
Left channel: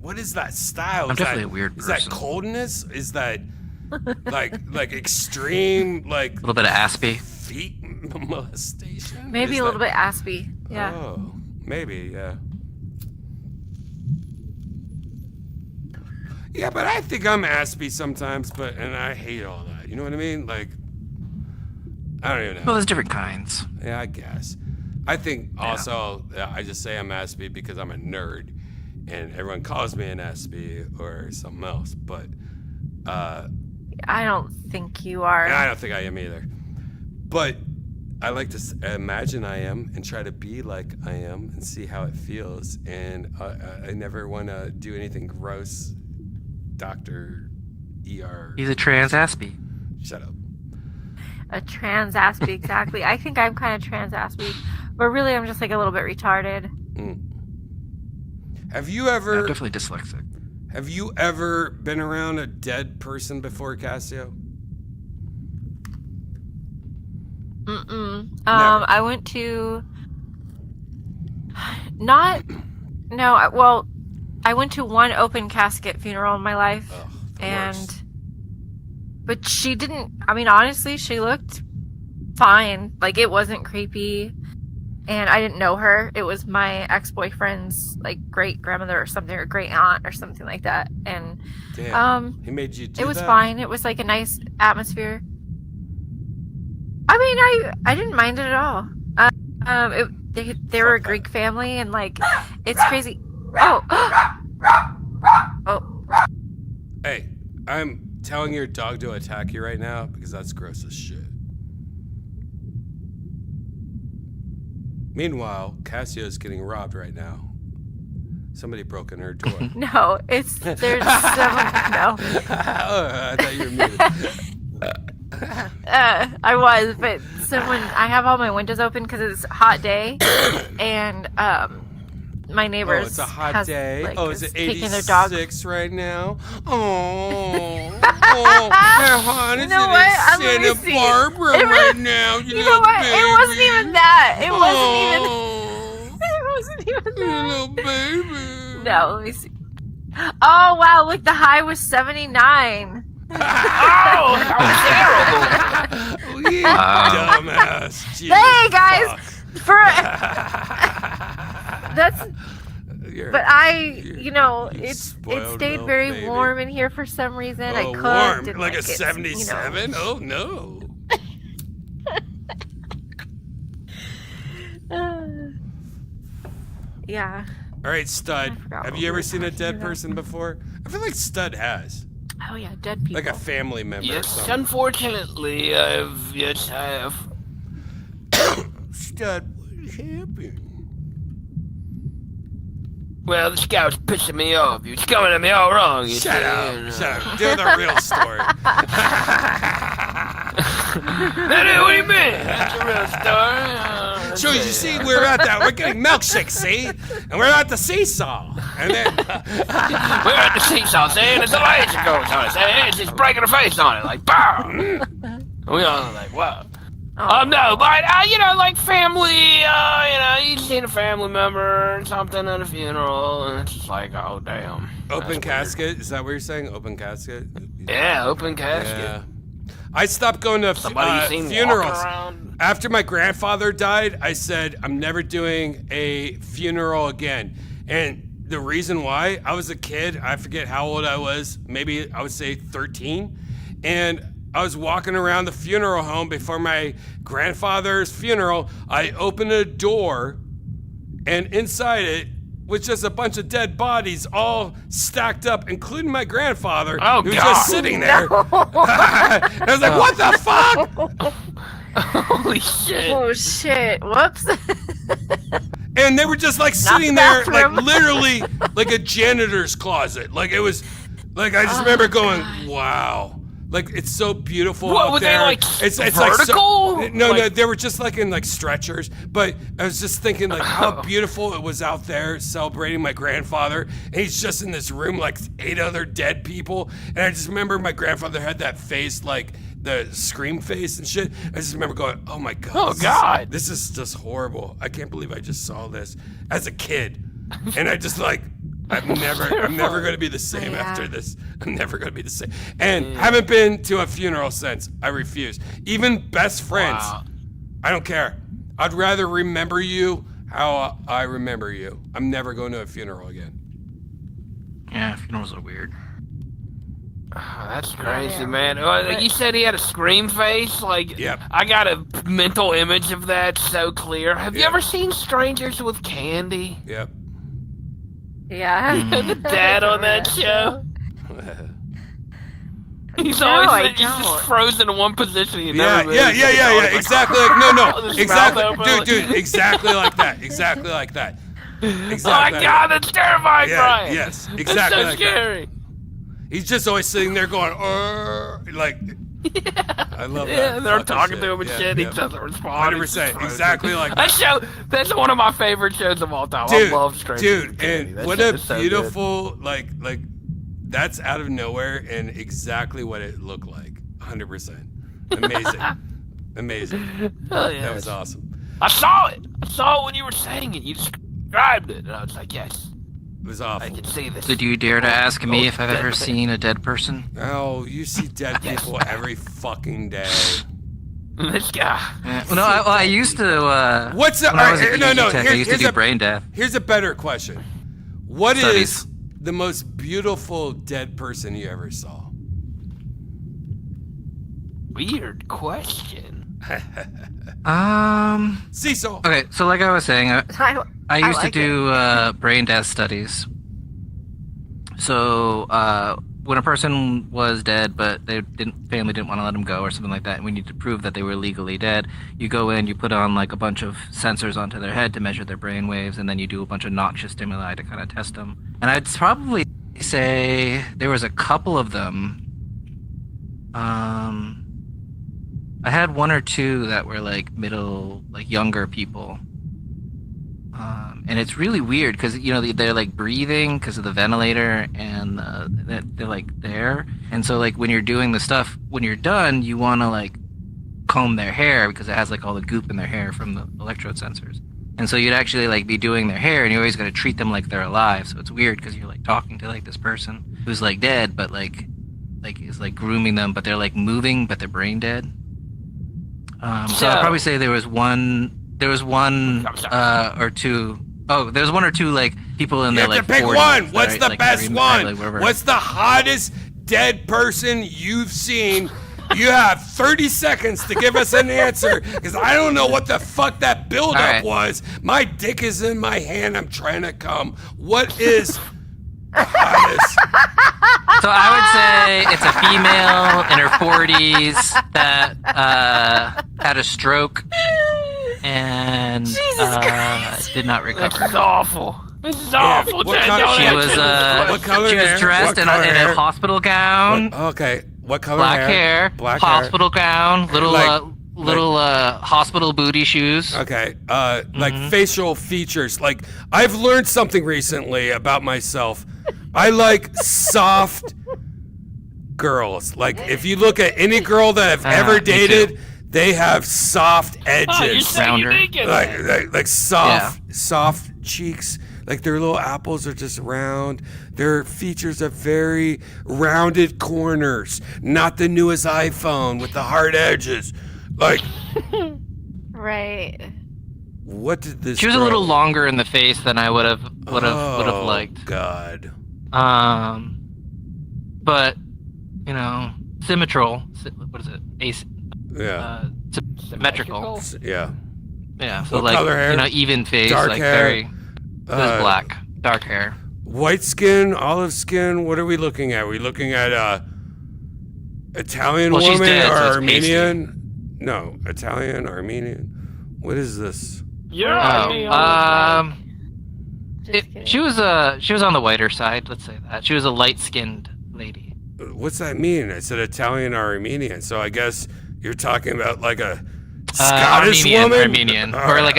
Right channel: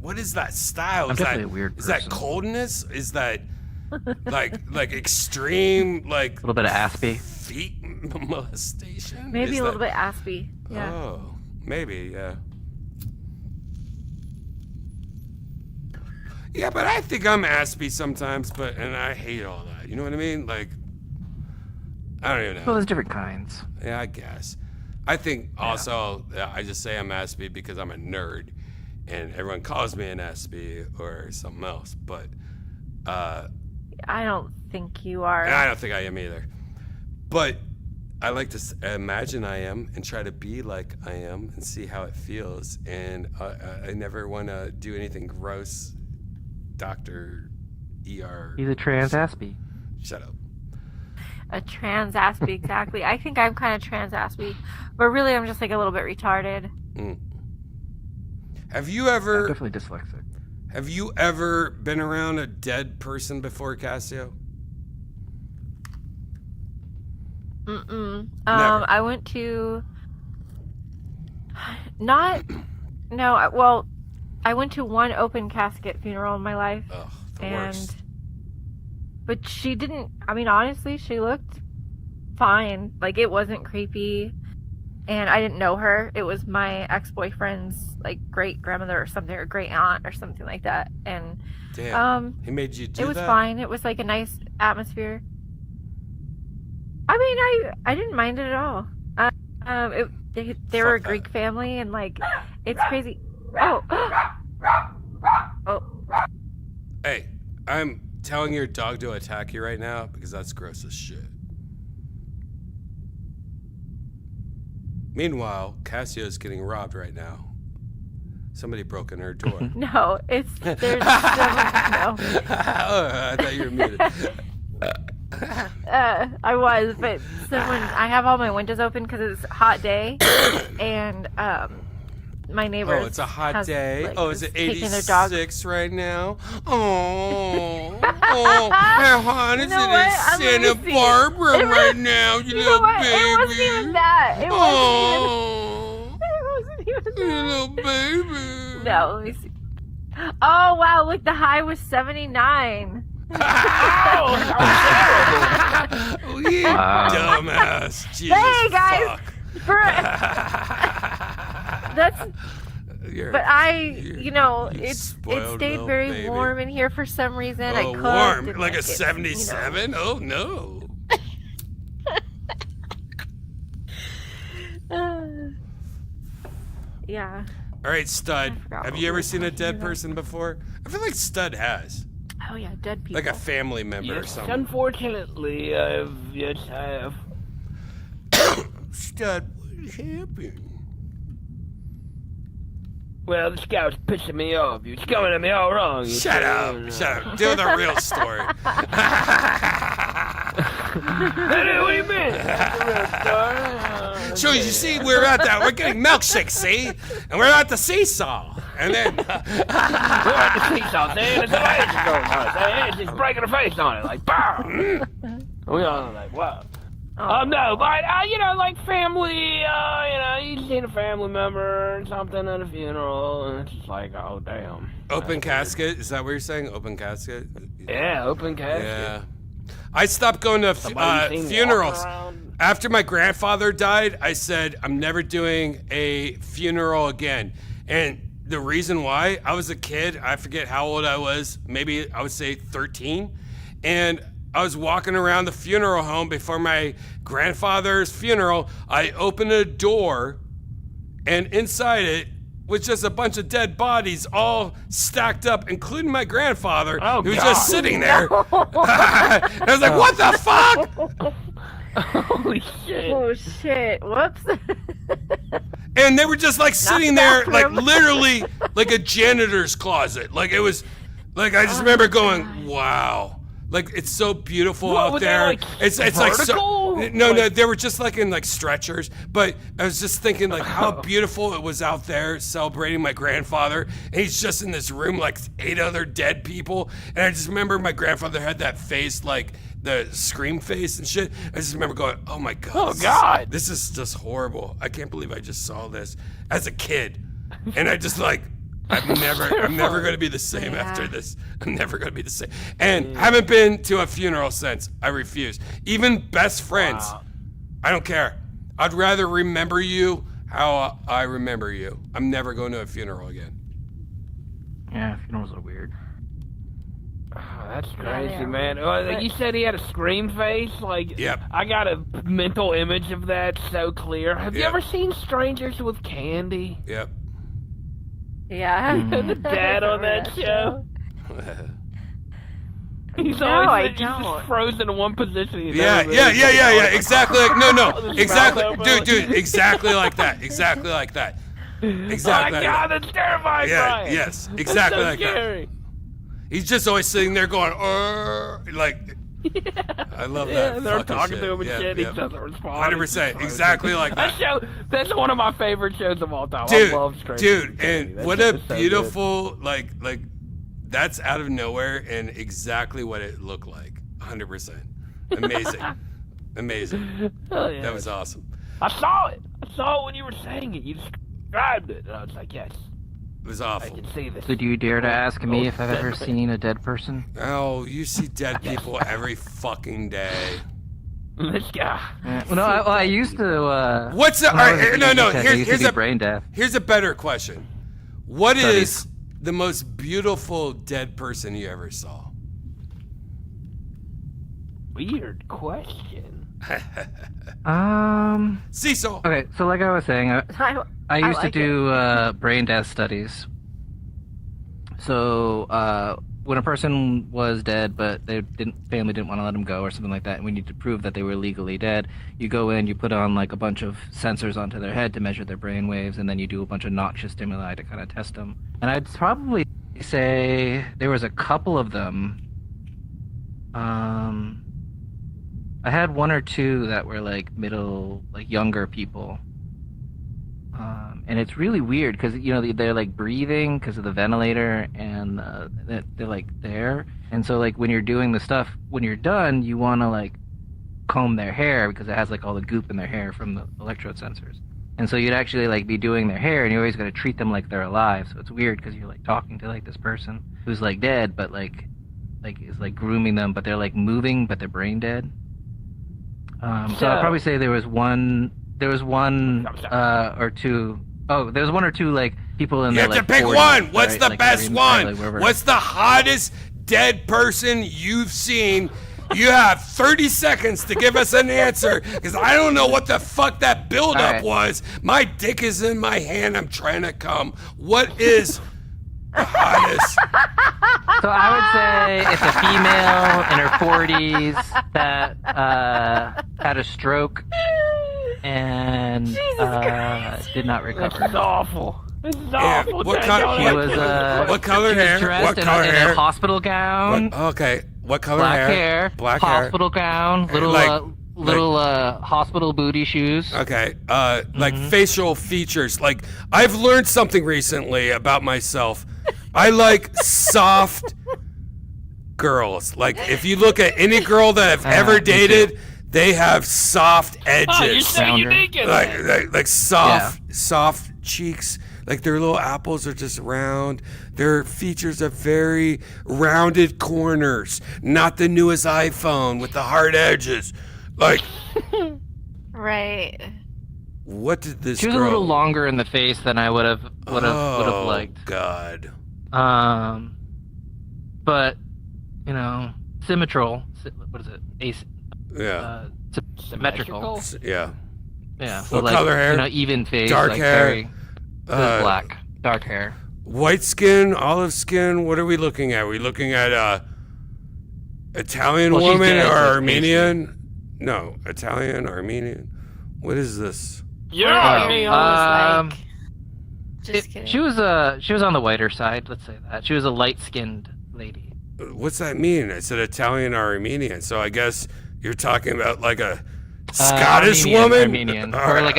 What is that style? I'm Is definitely that a weird is that person. coldness? Is that like extreme like A little bit of Aspie. feet molestation? Maybe Is a little that- bit aspy. Yeah. Oh, maybe, yeah. Yeah, but I think I'm aspy sometimes, and I hate all that. You know what I mean? Like, I don't even know. Well, there's different kinds. Yeah, I guess. I think also I just say I'm aspy because I'm a nerd, and everyone calls me an aspy or something else. But I don't think you are. and I don't think I am either. But I like to imagine I am and try to be like I am and see how it feels. And I never want to do anything gross. Doctor, ER. He's a trans Aspie. Shut up. A trans aspie, exactly. I think I'm kind of trans aspie, but really I'm just like a little bit retarded. Have you ever? I'm definitely dyslexic. Have you ever been around a dead person before, Cassio? Mm-mm. Never. I went to well, I went to one open casket funeral in my life. Ugh, the and worst. but she didn't, I mean, honestly, she looked fine. Like, it wasn't creepy. And I didn't know her. It was my ex-boyfriend's, like, great-grandmother or something, or great-aunt or something like that. And, Damn. He made you do that? it was fine. It was, like, a nice atmosphere. I mean, I didn't mind it at all. They were a Fuck that. Greek family, and, like, it's crazy. Oh. Oh. Hey, I'm telling your dog to attack you right now because that's gross as shit. Meanwhile, Cassia's getting robbed right now. Somebody broke in her door. No, there's someone. No. Oh, I thought you were muted. I was, but I have all my windows open because it's a hot day, and my neighbors. Oh, it's a hot day. Like, Oh, is it taking their dog. 86 right now? Oh, hey, hon, it's in Santa Barbara right now, you little baby. It wasn't even that. It wasn't even that. Little baby. No, let me see. Oh wow! Look, the high was 79. Oh, you dumbass. Jesus, hey guys, fuck. But it stayed very baby. warm in here for some reason. Oh, I cooked warm, and, like a 77? Oh no. Yeah. All right, Stud. Have you ever seen a dead person before? I feel like Stud has. Oh yeah, dead people. Like a family member or Yes, something. unfortunately, I have. Stud, what happened? Well, this guy was pissing me off. He was coming at me all wrong. Shut up. Do the real story. Hey, what do you mean? That's the real story. So you see, we're getting milkshakes, see? And we're at the seesaw. And then we're at the seesaw, see? There's a light that goes on it, see? It's just breaking her face on it, like, pow! We all like, wow. No, but, like family, you seen a family member or something at a funeral, and it's just like, oh, damn. Open casket? Is that what you're saying? Open casket? Yeah, open casket. Yeah. I stopped going to funerals. After my grandfather died, I said, I'm never doing a funeral again. And the reason why, I was a kid, I forget how old I was, maybe I would say 13, and I was walking around the funeral home before my grandfather's funeral. I opened a door, and inside it was just a bunch of dead bodies all stacked up, including my grandfather, who was just sitting there. And I was like, what the fuck? Holy shit. Oh shit. Whoops. And they were just like sitting there, like literally like a janitor's closet. Like it was, like I just remember going, wow. Like it's so beautiful out there. It's like so, no, they were just like in like stretchers. But I was just thinking like how beautiful it was out there celebrating my grandfather. And he's just in this room like 8 other dead people. And I just remember my grandfather had that face like the scream face and shit. I just remember going, oh my God. Oh God. This is just horrible. I can't believe I just saw this as a kid. And I just like, I'm never going to be the same after this. I'm never going to be the same. And haven't been to a funeral since. I refuse. Even best friends. Wow. I don't care. I'd rather remember you how I remember you. I'm never going to a funeral again. Yeah, funerals are weird. Oh, that's crazy, man. Like you said he had a scream face. Like, yep. I got a mental image of that so clear. Have you ever seen Strangers with Candy? Yep. Yeah. The dad on that show. He's just frozen in one position. Yeah. Exactly. Exactly. Dude. Exactly like that. Exactly like that. Exactly. Oh my God, that's terrifying. Yeah. Brian. Yes. Exactly so like scary. that. He's just always sitting there going, like. I love that. They're talking to him and shit. He doesn't respond. 100%. Exactly like that. That's one of my favorite shows of all time. Dude, I love Strangers with Candy. And that what a so beautiful, like, that's out of nowhere and exactly what it looked like. 100%. Amazing. Amazing. Yeah, that was awesome. I saw it. I saw it when you were saying it. You described it. And I was like, yes. It was awful. I can see this. Did you dare to ask me if I've ever seen a dead person? Oh, you see dead people every fucking day. This guy. Well, no, I used to. What's the? All right, no. Here's a better question. What is the most beautiful dead person you ever saw? Weird question. Cecil. Okay, so like I was saying, I used to like do brain death studies. So when a person was dead, but family didn't want to let them go or something like that, and we need to prove that they were legally dead, you go in, you put on like a bunch of sensors onto their head to measure their brain waves, and then you do a bunch of noxious stimuli to kind of test them. And I'd probably say there was a couple of them. I had one or two that were like younger people. And it's really weird because, you know, they're like breathing because of the ventilator and they're like there. And so like when you're doing the stuff, when you're done, you want to like comb their hair because it has like all the goop in their hair from the electrode sensors. And so you'd actually like be doing their hair and you always got to treat them like they're alive. So it's weird because you're like talking to like this person who's like dead, but like is like grooming them, but they're like moving, but they're brain dead. So I'd probably say there was one or two. Oh, there's one or two like people in You the have to like, pick 40s, one. What's right? the Like, best one? What's the hottest dead person you've seen? You have 30 seconds to give us an answer, because I don't know what the fuck that buildup was. My dick is in my hand. I'm trying to come. What is the hottest? So I would say it's a female in her 40s that had a stroke and did not recover. This is awful. This is Yeah, awful. what color hair? What color hair? Dressed What in color a hair? hospital gown. Okay. What color Black hair? hair. Black hair. Hospital gown. Little hospital booty shoes. Okay. Like facial features. Like, I've learned something recently about myself. I like soft girls. Like, if you look at any girl that I've ever dated, they have soft edges. Oh, you're so unique in that. Like soft cheeks. Like, their little apples are just round. Their features are very rounded corners. Not the newest iPhone with the hard edges. Like, Right. what did this She was girl... a little longer in the face than I would have liked. Oh, God. But you know, symmetrical. What is it? Symmetrical. Yeah. Yeah. So What like, color hair? You know, even face. Dark like hair? Very, black. Dark hair. White skin, olive skin. What are we looking at? Are we looking at Italian Well, she's woman dead, or so it's Armenian? No, Italian, Armenian. What is this? Just kidding. She was on the whiter side. Let's say that she was a light-skinned lady. What's that mean? I said Italian or Armenian, so I guess you're talking about like a Scottish woman, Armenian, or like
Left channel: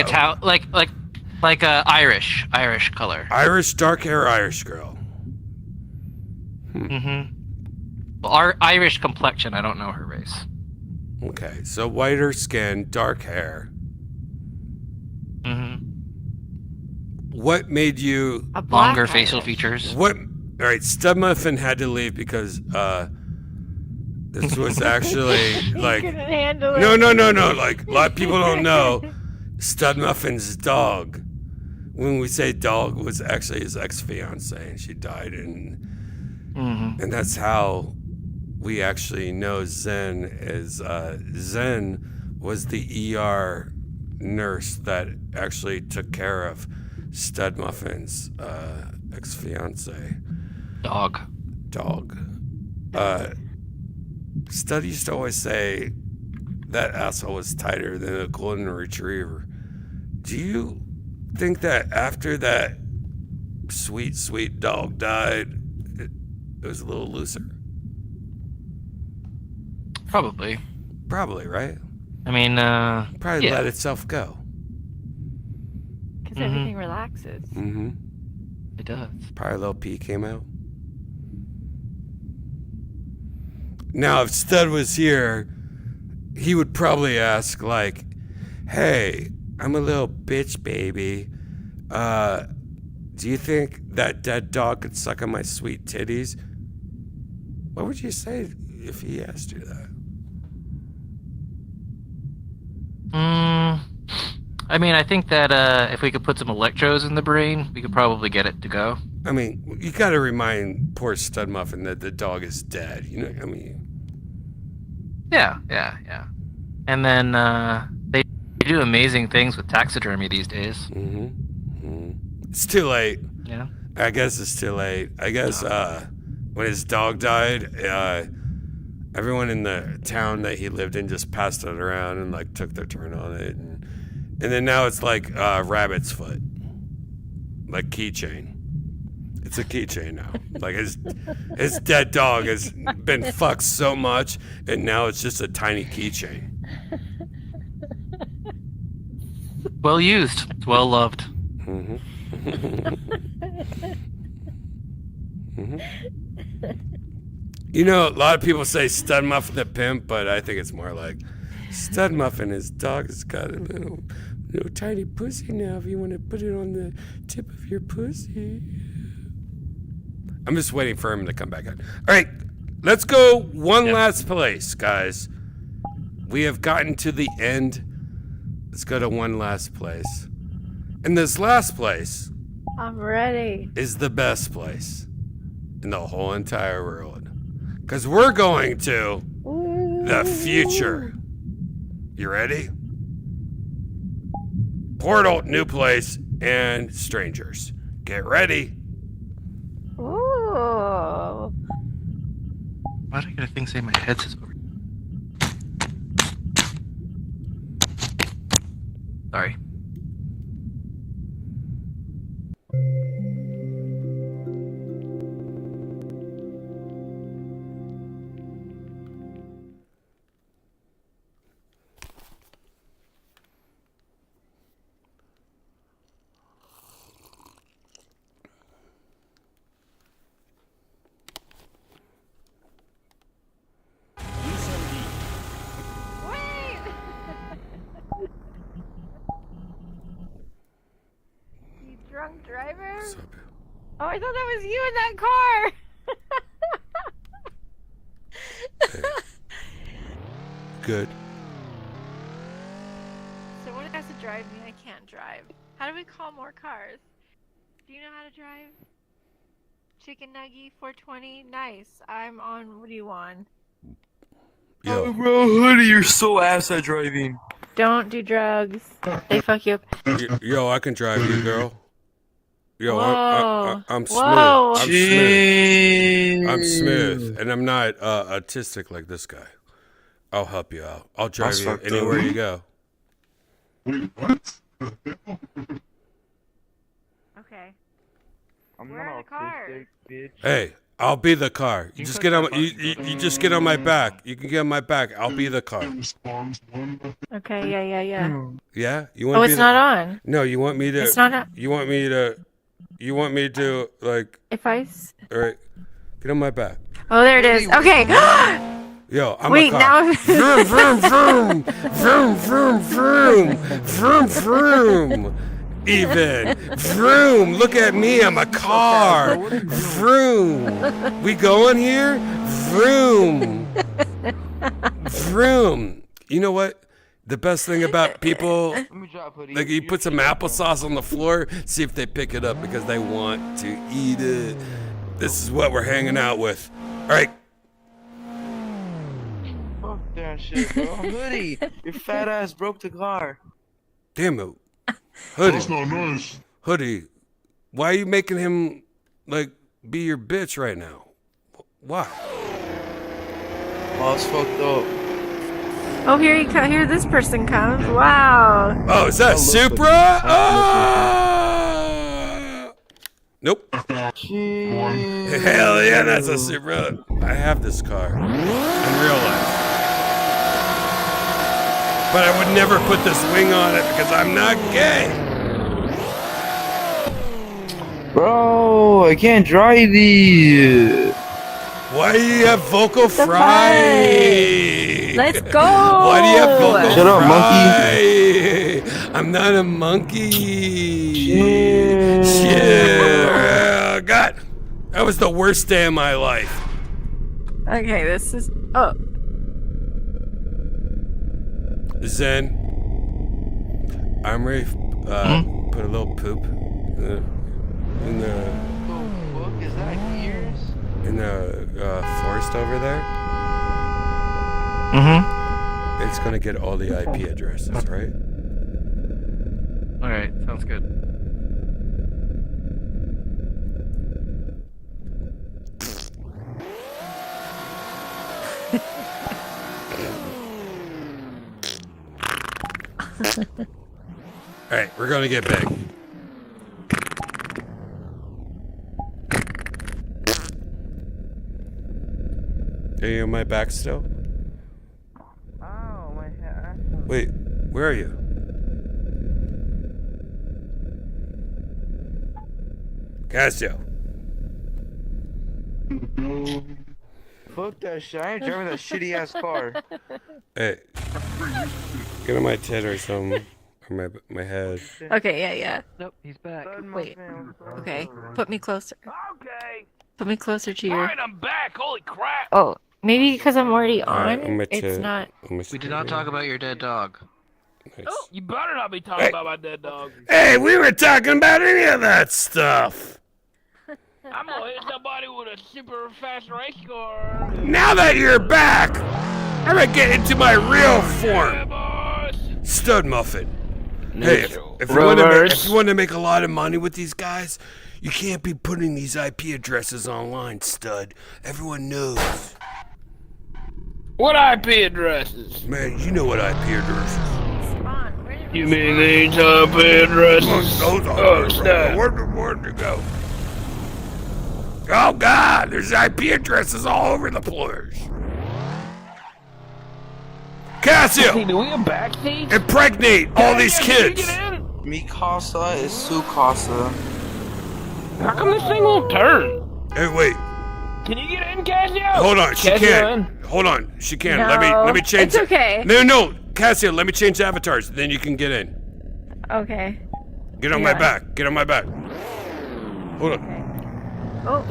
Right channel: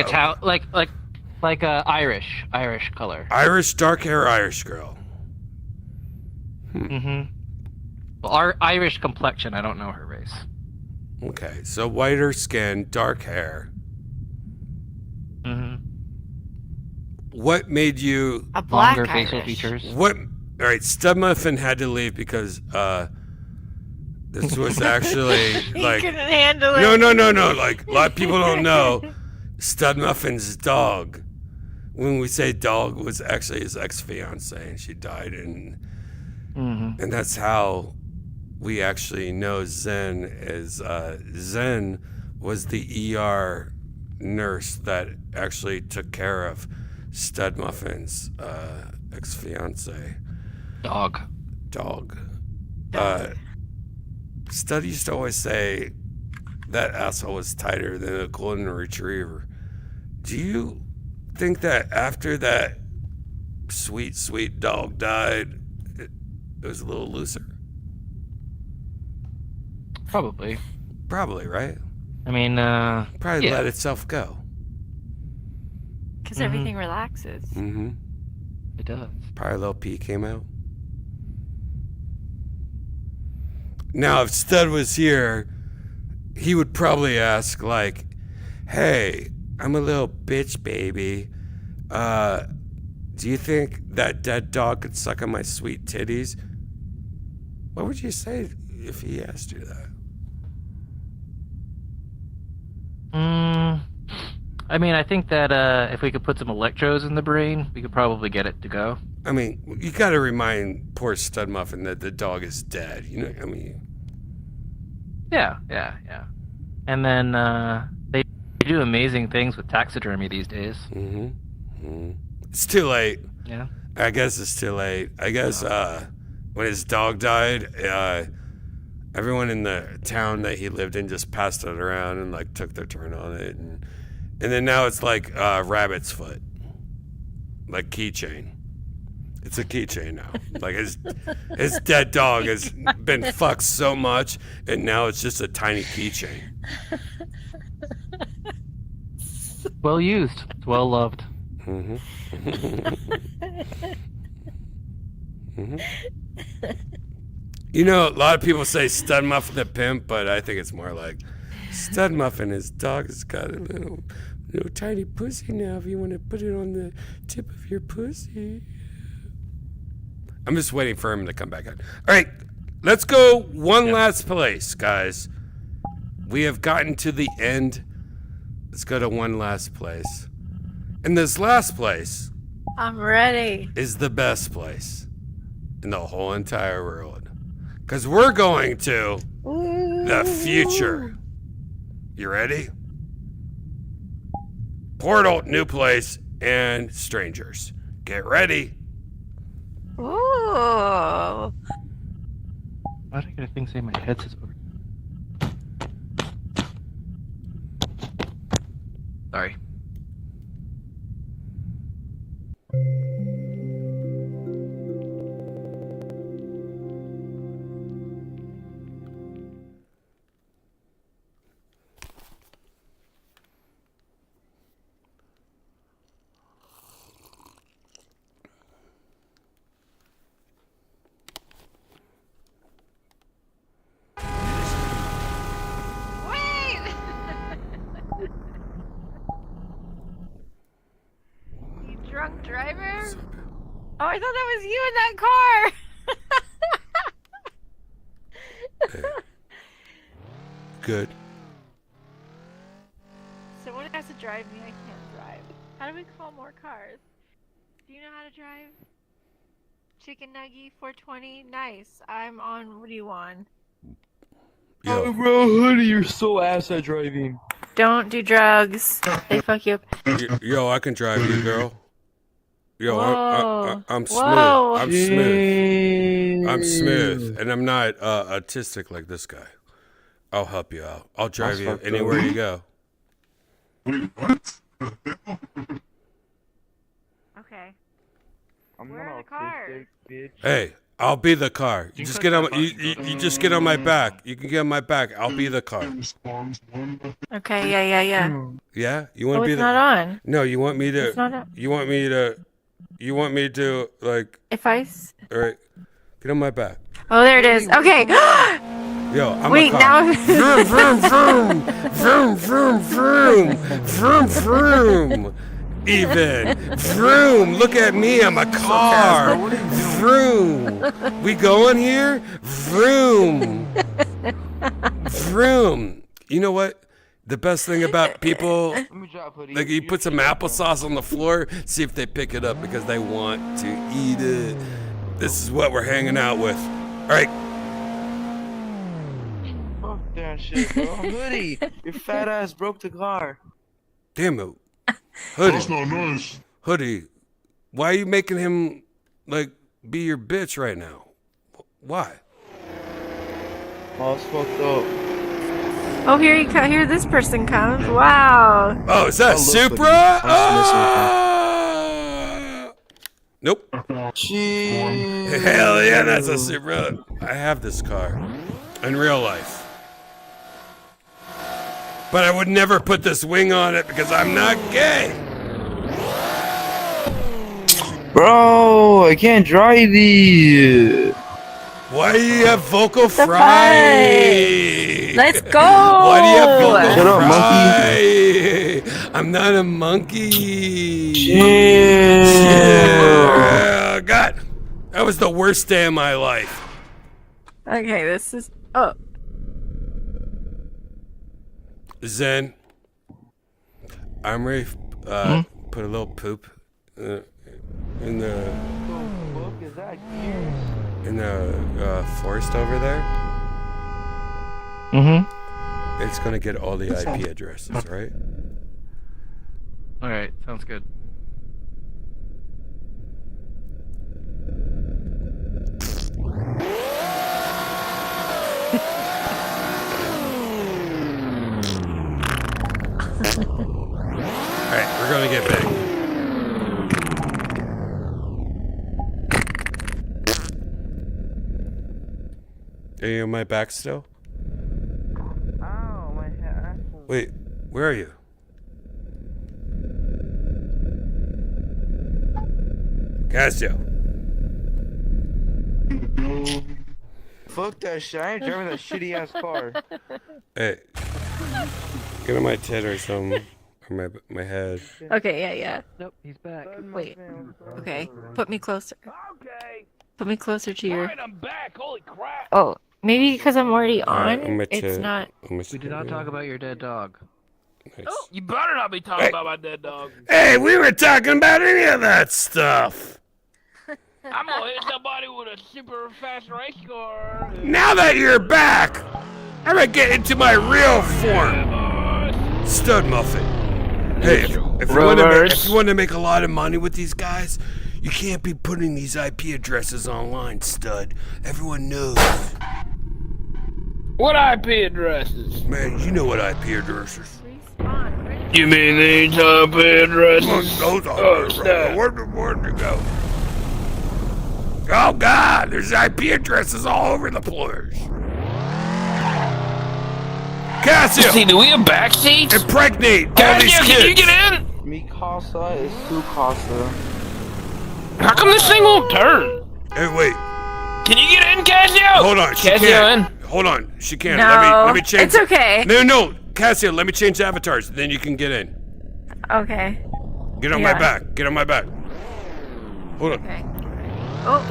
a Irish color. Irish dark hair, Irish girl. Well, our Irish complexion. I don't know her race. Okay, so whiter skin, dark hair. What made you longer facial features? What? All right, Stud Muffin had to leave because this was actually like couldn't handle it. No. Like, a lot of people don't know, Stud Muffin's dog, when we say dog, was actually his ex-fiance, and she died, and that's how we actually know Zen is. Zen was the ER nurse that actually took care of Stud Muffin's ex-fiance. Dog. Stud used to always say that asshole was tighter than a golden retriever. Do you think that after that sweet dog died, it was a little looser? Probably, right? I mean, Probably let itself go. Because everything relaxes. It does. Probably a little pee came out. Now, if Stud was here, he would probably ask, like, hey, I'm a little bitch, baby. Do you think that dead dog could suck on my sweet titties? What would you say if he asked you that? I mean, I think that if we could put some electrodes in the brain, we could probably get it to go. I mean, you got to remind poor Stud Muffin that the dog is dead. You know, I mean... Yeah. And then they do amazing things with taxidermy these days. It's too late. Yeah. I guess it's too late. I guess when his dog died, everyone in the town that he lived in just passed it around and like took their turn on it, and then now it's like rabbit's foot, like keychain. It's a keychain now. Like his dead dog has been fucked so much, and now it's just a tiny keychain. Well used. It's well loved. You know, a lot of people say Stud Muffin the pimp, but I think it's more like Stud Muffin, his dog has got a little tiny pussy now if you want to put it on the tip of your pussy. I'm just waiting for him to come back on. All right, let's go one last place, guys. We have gotten to the end. Let's go to one last place. And this last place I'm ready. is the best place in the whole entire world. Because we're going to the future. You ready? Portal, new place, and strangers. Get ready. Ooh. Why did I get a thing saying my headset's over? Sorry. You drunk driver? Oh, I thought that was you in that car. Good. Someone has to drive me. I can't drive. How do we call more cars? Do you know how to drive? Chicken Nuggy 420. Nice. I'm on. What do you want? Yo. Bro, Hoodie, you're so ass at driving. Don't do drugs. They fuck you up. Yo, I can drive you, girl. Yo, I'm smooth. Whoa. I'm smooth. I'm smooth, and I'm not autistic like this guy. I'll help you out. I'll drive you anywhere you go. Okay. Where are the cars? Hey, I'll be the car. You just get on. You just get on my back. You can get on my back. I'll be the car. Okay. Yeah. Yeah, you want Oh, to be it's the? not on. No, you want me to? It's not on. You want me to? You want me to like? If I. All right, get on my back. Oh, there it is. Okay. Yo, I'm Wait, a car. now. Vroom, vroom, vroom, vroom, vroom, vroom, vroom, vroom. Even vroom. Look at me. I'm a car. Vroom. We going here? Vroom. Vroom. You know what? The best thing about people, like you put some applesauce on the floor, see if they pick it up because they want to eat it. This is what we're hanging out with. All right. Fuck that shit, bro. Hoodie, your fat ass broke the car. Damn it. Hoodie. That's not nice. Hoodie, why are you making him, like, be your bitch right now? Why? Oh, it's fucked up. Oh, here this person comes. Wow. Oh, is that Supra? Oh! Nope. Hell yeah, that's a Supra. I have this car in real life. But I would never put this wing on it because I'm not gay. Bro, I can't drive these. Why do you have vocal fry? Let's go. Why do you have vocal Shut up, fry? I'm not a monkey. Yeah. God, that was the worst day of my life. Okay, this is. Oh. Zen, I'm ready. Put a little poop in the forest over there. It's gonna get all the IP addresses, right? All right, sounds good. All right, we're gonna get big. Are you on my back still? Oh, my head. Wait, where are you? Casio. Fuck that shit. I ain't driving that shitty ass car. Hey, get on my tit or something, or my head. Okay, yeah. Nope, he's back. Wait. Okay, put me closer. Okay. Put me closer to your. Alright, I'm back. Holy crap. Oh, maybe because I'm already Alright, on. on my It's tit. not. On my We did not talk about your dead dog. Nice. Oh, you better not be talking about my dead dog. Hey, we were talking about any of that stuff. I'm gonna hit somebody with a super fast race car. Now that you're back, I'm gonna get into my real form. Stud Muffin. Hey, if you want to make a lot of money with these guys, you can't be putting these IP addresses online, Stud. Everyone knows. What IP addresses? Man, you know what IP addresses. You mean these IP addresses? Where'd you go? Oh God, there's IP addresses all over the place. Casio! See, do we have backseats? Impregnate all these Can you kids! get in? Mi casa is su casa. How come this thing won't turn? Hey, wait. Can you get in, Casio? Hold on, she Casio can't. in? Hold on, she can't. No, Let me change. it's okay. No, Casio, let me change the avatars. Then you can get in. Okay. Get on my back. Get on my back. Hold on.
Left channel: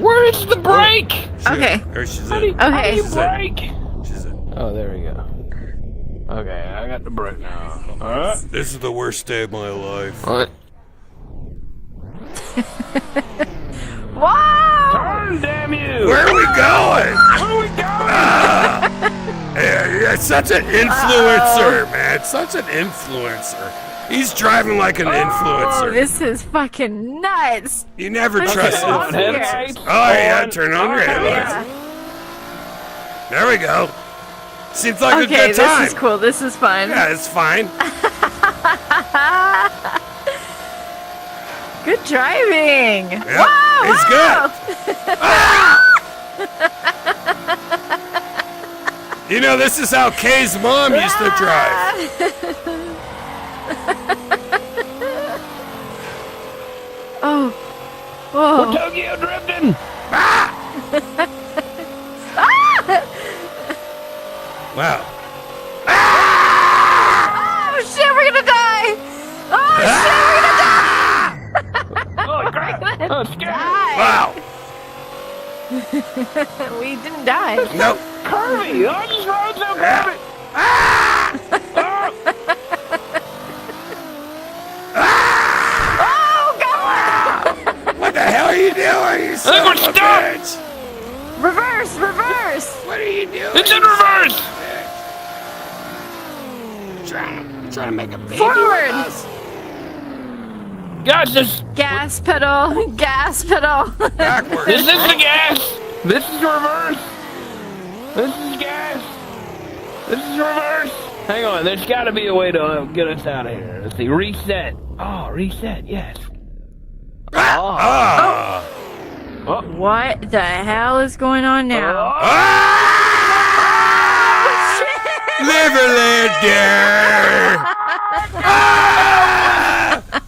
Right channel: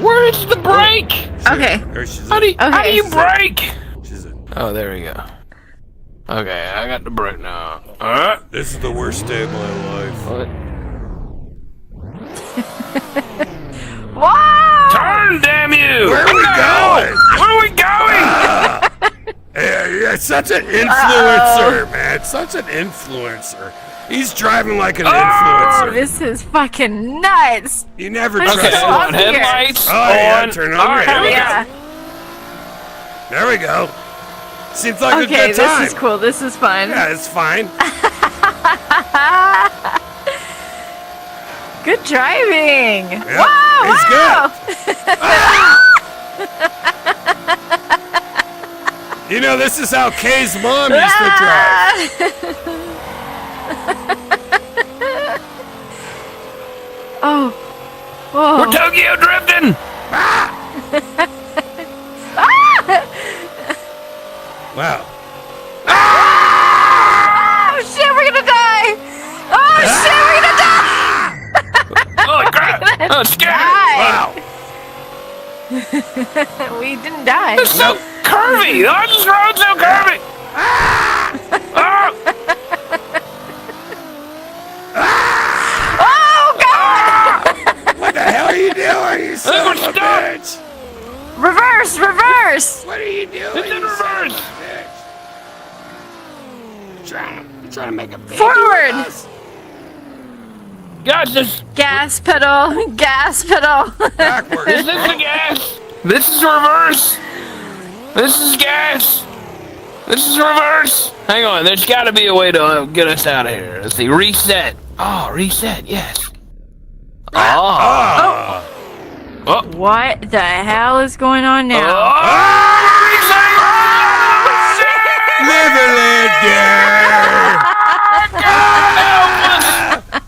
Where's the brake? Okay. There she's How do in. you She's in. brake? She's in. Oh, there we go. Okay, I got the brake now. Alright. This is the worst day of my life. What? Whoa! Turn, damn you! Where are we going? Where are we going? You're such an influencer, man. Such an influencer. He's driving like an Oh, influencer. this is fucking nuts. You never Okay, trust hold him. on. Headlights. Oh, yeah, turn on your Alright, headlights. Yeah. There we go. Seems like a Okay, good time. this is cool. This is fun. Yeah, it's fine. Good driving. Yep, Wow, it's wow. You know, this is how Kay's mom used to drive. Oh. Whoa. We're Tokyo drifting! Wow. Oh shit, we're gonna die! Oh shit, we're gonna die! Holy crap! Oh, it's scary! Wow. We didn't die. It's so curvy! Oh, this road's so curvy! Oh god! What the hell are you doing, you son of a bitch? Reverse, reverse! What are you doing? It's in you son reverse! of a bitch? Trying to make a baby Forward. with us? Guys, this Gas pedal, gas pedal. Backwards, is this bro. the gas? This is reverse. This is gas. This is reverse. Hang on, there's got to be a way to get us out of here. Let's see, reset. Oh, reset, yes. Ah. What the hell is going on now? Live and let dare.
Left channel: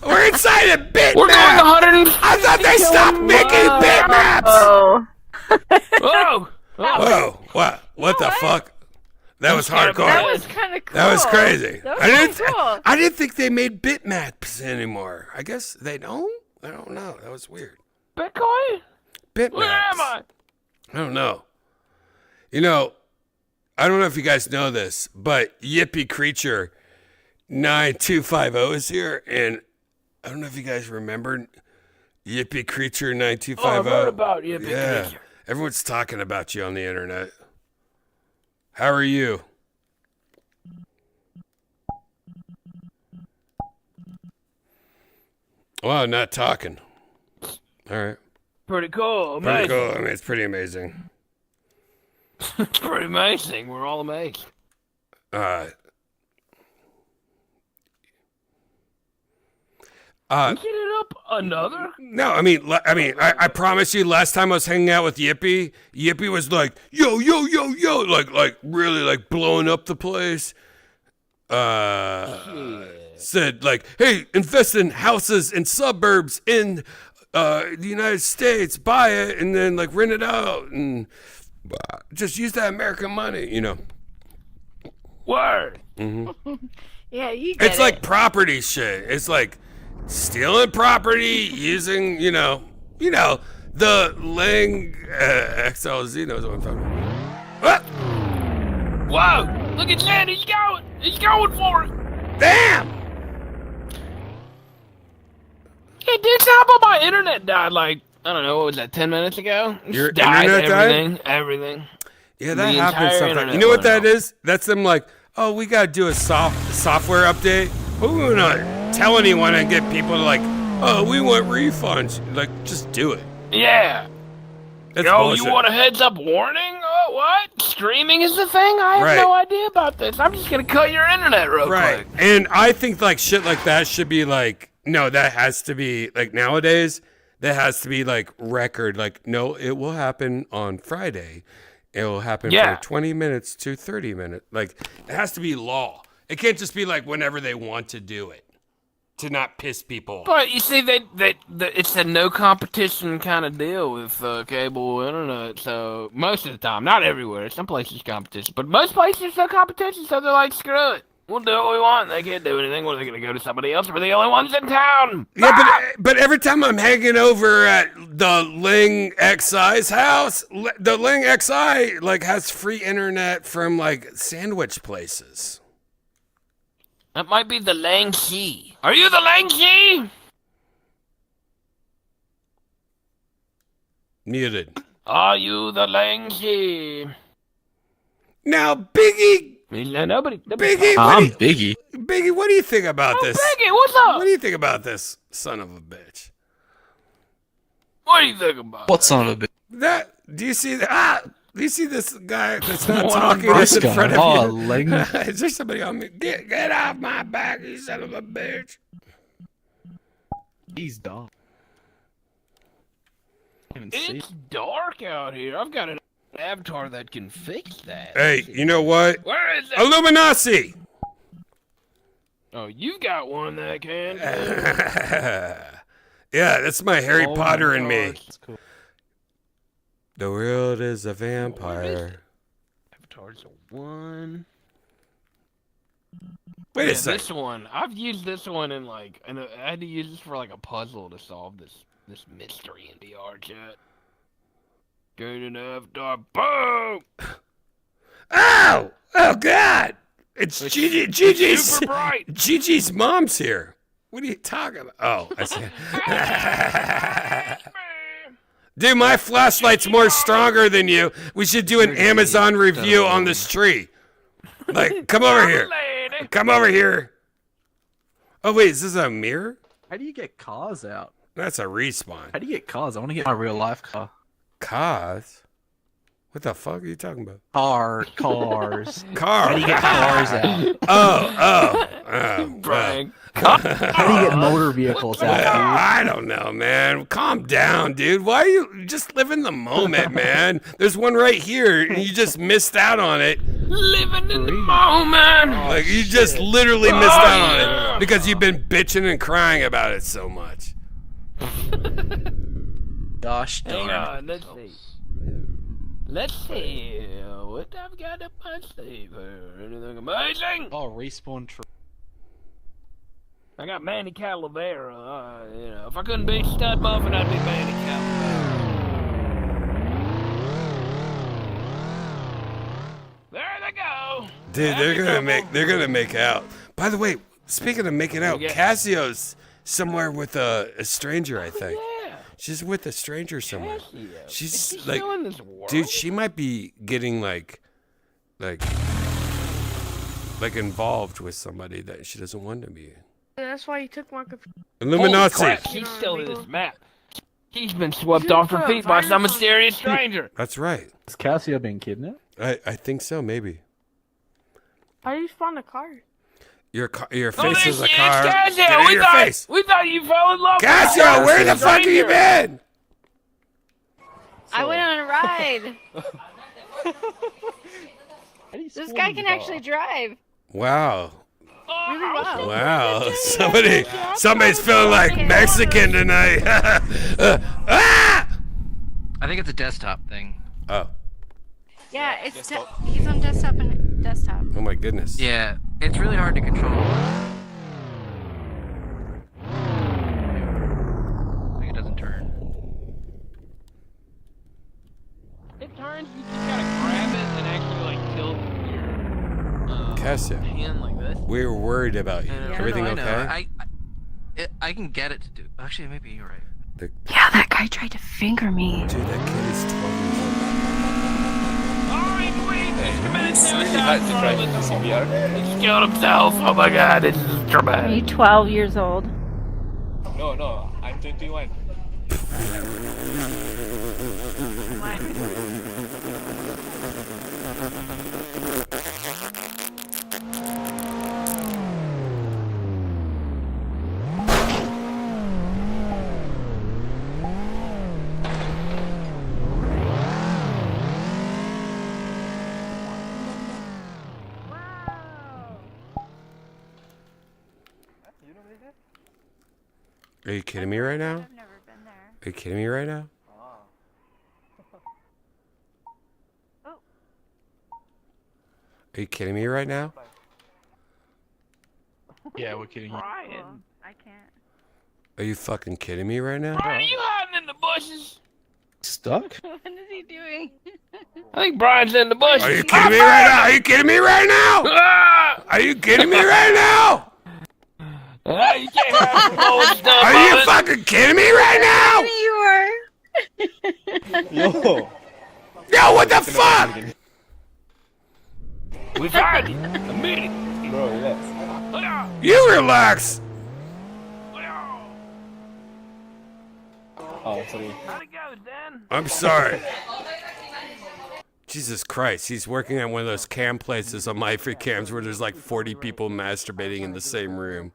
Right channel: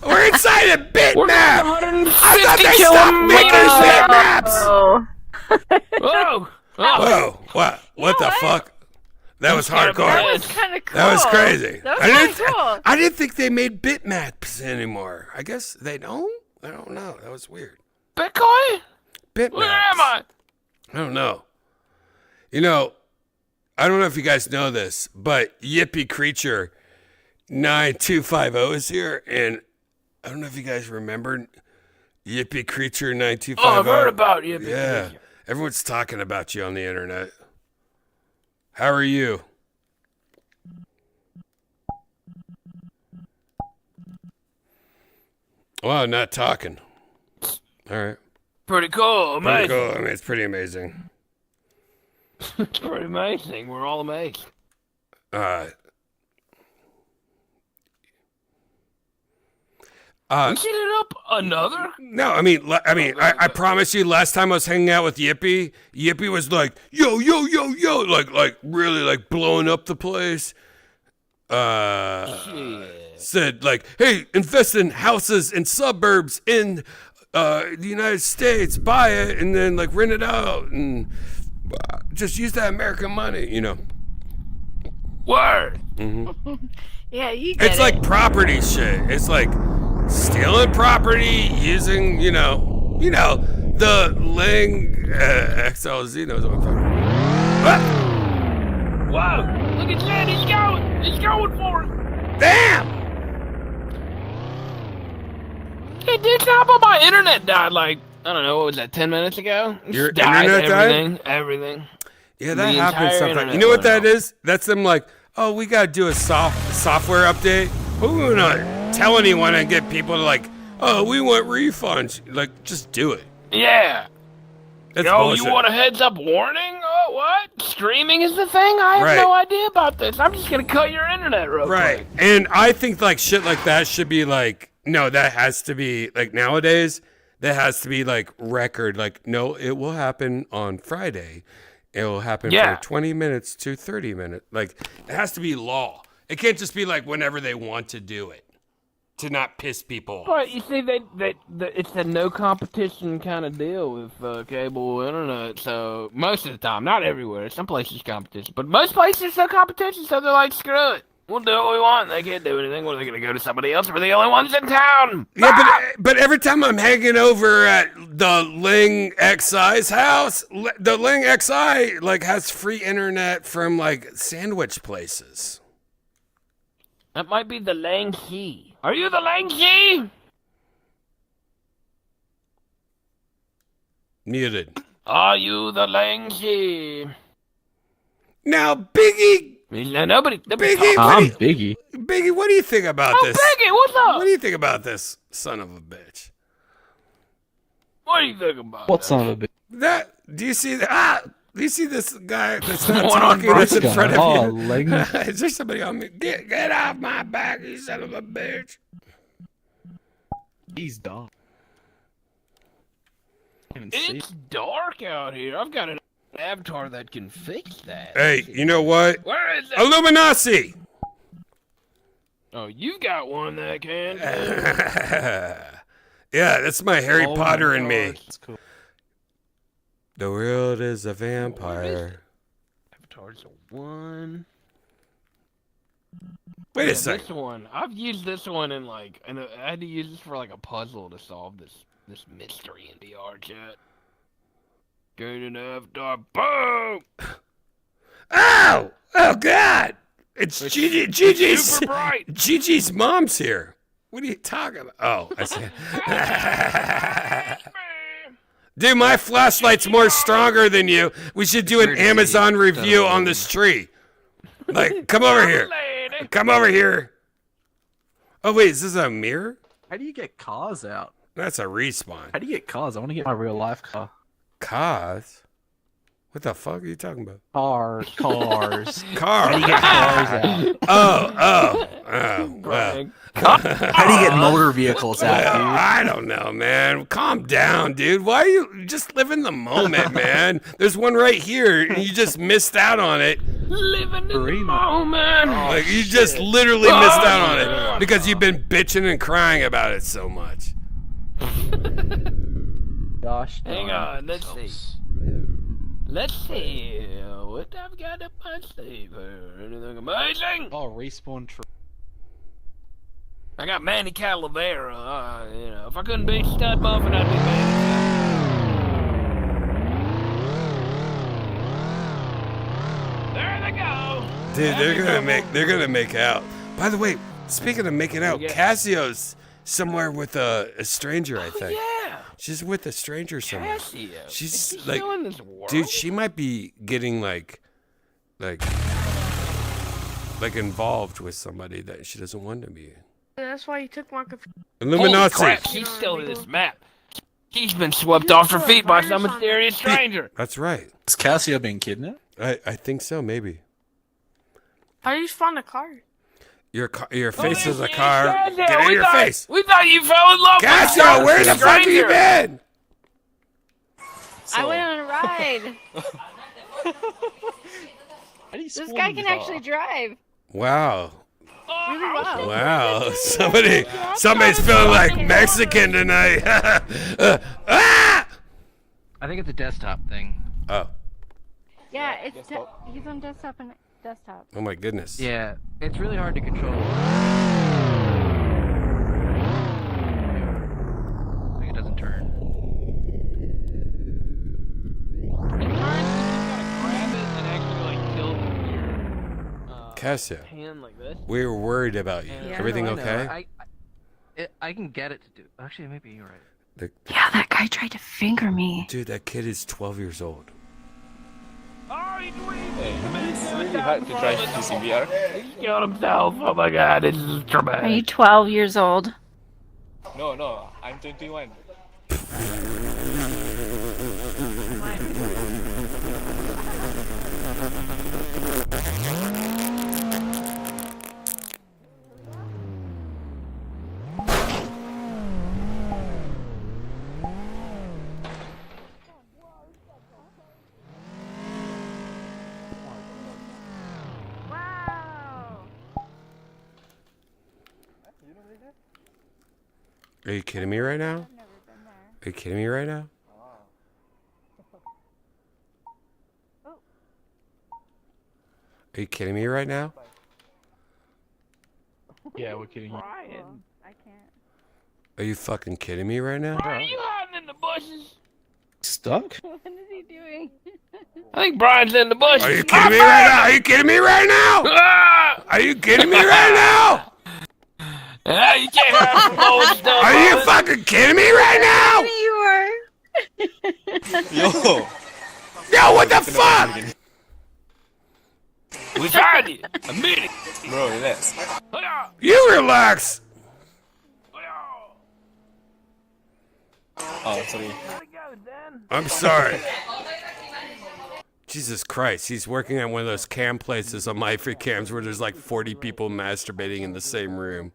We're inside a bitmap. I thought they stopped making bitmaps. Oh. Whoa! Whoa! What the fuck? That was That hardcore. was kind of cool. That was crazy. That was pretty cool. I didn't think they made bitmaps anymore. I guess they don't. I don't know. That was weird. Bitcoin? Bitmaps. Where am I? I don't know. You know, I don't know if you guys know this, but Yippee Creature 9250 is here, and I don't know if you guys remember Yippee Creature 9250. Oh, I've heard about Yippee Yeah, Creature. everyone's talking about you on the internet. How are you? Well, not talking. All right. Pretty cool. Pretty Amazing. cool. I mean, it's pretty amazing. It's pretty amazing. We're all amazed. You set it up another? No, I promise you. Last time I was hanging out with Yippee, Yippee was like, yo, yo, yo, yo, like really like blowing up the place. Said like, hey, invest in houses in suburbs in the United States, buy it, and then like rent it out, and just use that American money, you know. Word. Mm-hmm. Yeah, you get It's like property shit. It's like stealing property using, you know, the Lang XLZ knows what I'm talking about. Whoa! Look at Jen. He's going. He's going for it. Damn! Hey, dude, how about my internet died like, I don't know, what was that, 10 minutes ago? It Your just died, internet died? Everything. Yeah, The that happens entire sometimes. internet You know what went that is? That's them like, oh, we gotta do a software update. But we wanna tell anyone and get people to like, oh, we want refunds. Like, just do it. Yeah. That's Yo, bullshit. you want a heads up warning? Oh, what? Streaming is the thing? I have Right. no idea about this. I'm just gonna cut your internet real Right. quick. And I think like shit like that should be like, no, that has to be like nowadays, that has to be like record. Like, no, it will happen on Friday. It will happen Yeah. for 20 minutes to 30 minutes. Like, it has to be law. It can't just be like whenever they want to do it to not piss people off. But you see, it's a no competition kind of deal with cable internet. So most of the time, not everywhere. Some places competition, but most places no competition. So they're like, screw it, we'll do what we want. They can't do anything. What are they going to go to somebody else? We're the only ones in town. Yeah, but every time I'm hanging over at the Ling XI's house, the Ling XI like has free internet from like sandwich places. That might be the Lang Xi. Are you the Lang Xi? Muted. Are you the Lang Xi? Now, Biggie. Nobody. Biggie, Biggie, what do you think about this? Biggie, what's up? What do you think about this son of a bitch? What do you think about What son of a bitch? That, do you see that? Do you see this guy that's not What talking a that's in guy. front of Oh, you? Ling. Is there somebody on me? Get off my back, you son of a bitch. He's dumb. Can't even see. It's dark out here. I've got an avatar that can fix that. Hey, you know what? Where is it? Illuminati! Oh, you got one that can. Yeah, that's my Harry Oh Potter my and me. God, that's cool. The world is a vampire. Avatar's a one. Wait a Yeah, second. This one, I've used this one in like, and I had to use this for like a puzzle to solve this mystery in VR chat. Good enough, dog. Boom! Oh! Oh, God! It's Gigi's. Super bright. Gigi's mom's here. What are you talking about? Oh, I see. Dude, my flashlight's more stronger than you. We should do an Amazon review on this tree. Like, come over here. Come over here. Oh, wait, is this a mirror? How do you get cars out? That's a respawn. How do you get cars? I want to get my real life car. Cars? What the fuck are you talking about? Cars. Cars. How do you get cars out? Oh. Well. How do you get motor vehicles out, Well, dude? I don't know, man. Calm down, dude. Why are you just live in the moment, man? There's one right here, and you just missed out on it. Living in the moment. Like, you just literally missed out on it because you've been bitching and crying about it so much. Gosh, Hang on, let's see. Let's see what I've got up my sleeve here. Anything amazing? Oh, respawn tree. I got Manny Calavera. You know, if I couldn't be Stud Muffin, I'd be Manny. There they go. Dude, they're gonna make out. By the way, speaking of making out, Cassio's somewhere with a stranger, I think. Yeah. She's with a stranger somewhere. Cassio. She's Is he like, still in this world? dude, she might be getting like involved with somebody that she doesn't want to be. That's why you took my computer. Illuminati. Holy crap, he's still in this map. He's been swept off her feet by some mysterious stranger. That's right. Is Cassia being kidnapped? I think so, maybe. How do you find a car? Your face is a car. Get in your face. We thought you fell in love. Cassia, where the fuck have you been? I went on a ride. This guy can actually drive. Wow. Really well. Wow. Somebody's feeling like Mexican tonight. I think it's a desktop thing. Oh. Yeah, he's on desktop and desktop. Oh my goodness. Yeah, it's really hard to control. I think it doesn't turn. Cassia, we were worried about you. Yeah, Everything I know. okay? I can get it to do. Actually, maybe you're right. Yeah, that guy tried to finger me. Dude, that kid is 12 years old. He killed himself. Oh my god, this is Are you traumatic. 12 years old? No, I'm 21. Are you kidding me right now? Are you kidding me right now? Are you kidding me right now? Yeah, we're kidding you. Are you fucking kidding me right now? Are you hiding in the bushes? Stuck? What is he doing? I think Brian's in the bushes. Are you kidding me right now? Are you kidding me right now? Ah! Are you kidding me right now? Ah, you can't have the lower stuff. Are you fucking kidding me right now? You are. Yo, what the fuck? We found it. A minute. Bro, relax. You relax. Oh, sorry. I'm sorry. Jesus Christ, he's working at one of those cam places on my free cams where there's like 40 people masturbating in the same room.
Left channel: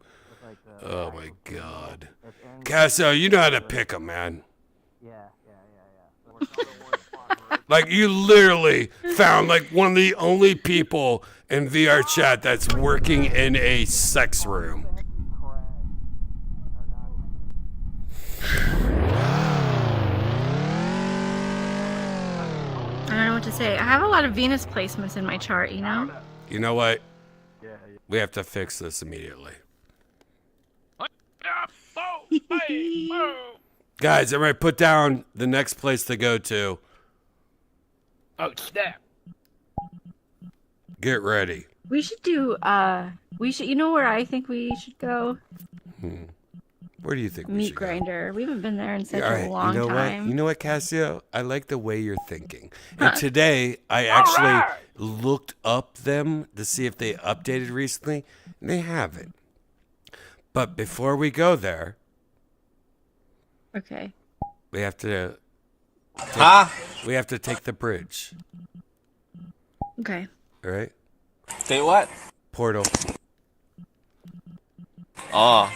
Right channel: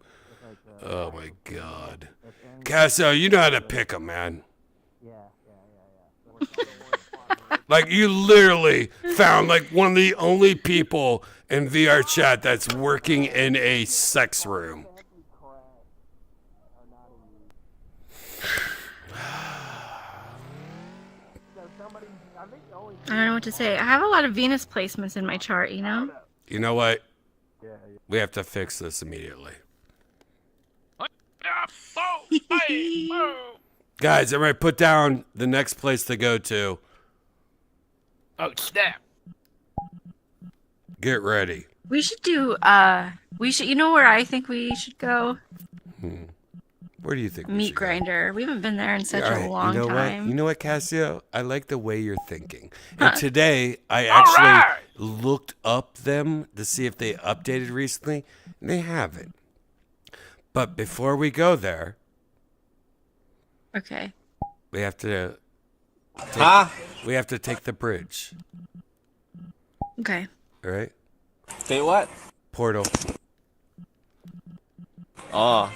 Oh my God. Casso, you know how to pick 'em, man. Like, you literally found like one of the only people in VR chat that's working in a sex room. I don't know what to say. I have a lot of Venus placements in my chart, you know? You know what? We have to fix this immediately. Guys, everybody put down the next place to go to. Oh, snap. Get ready. We should do, you know where I think we should go? Where do you think we Meat should go? Grinder. We haven't been there in such All a right, long you know time. what? You know what, Cassio? I like the way you're thinking. Huh. And today, I actually looked up them to see if they updated recently. And they haven't. But before we go there, Okay. we have to take the bridge. Okay. All right? Say what? Portal. Oh.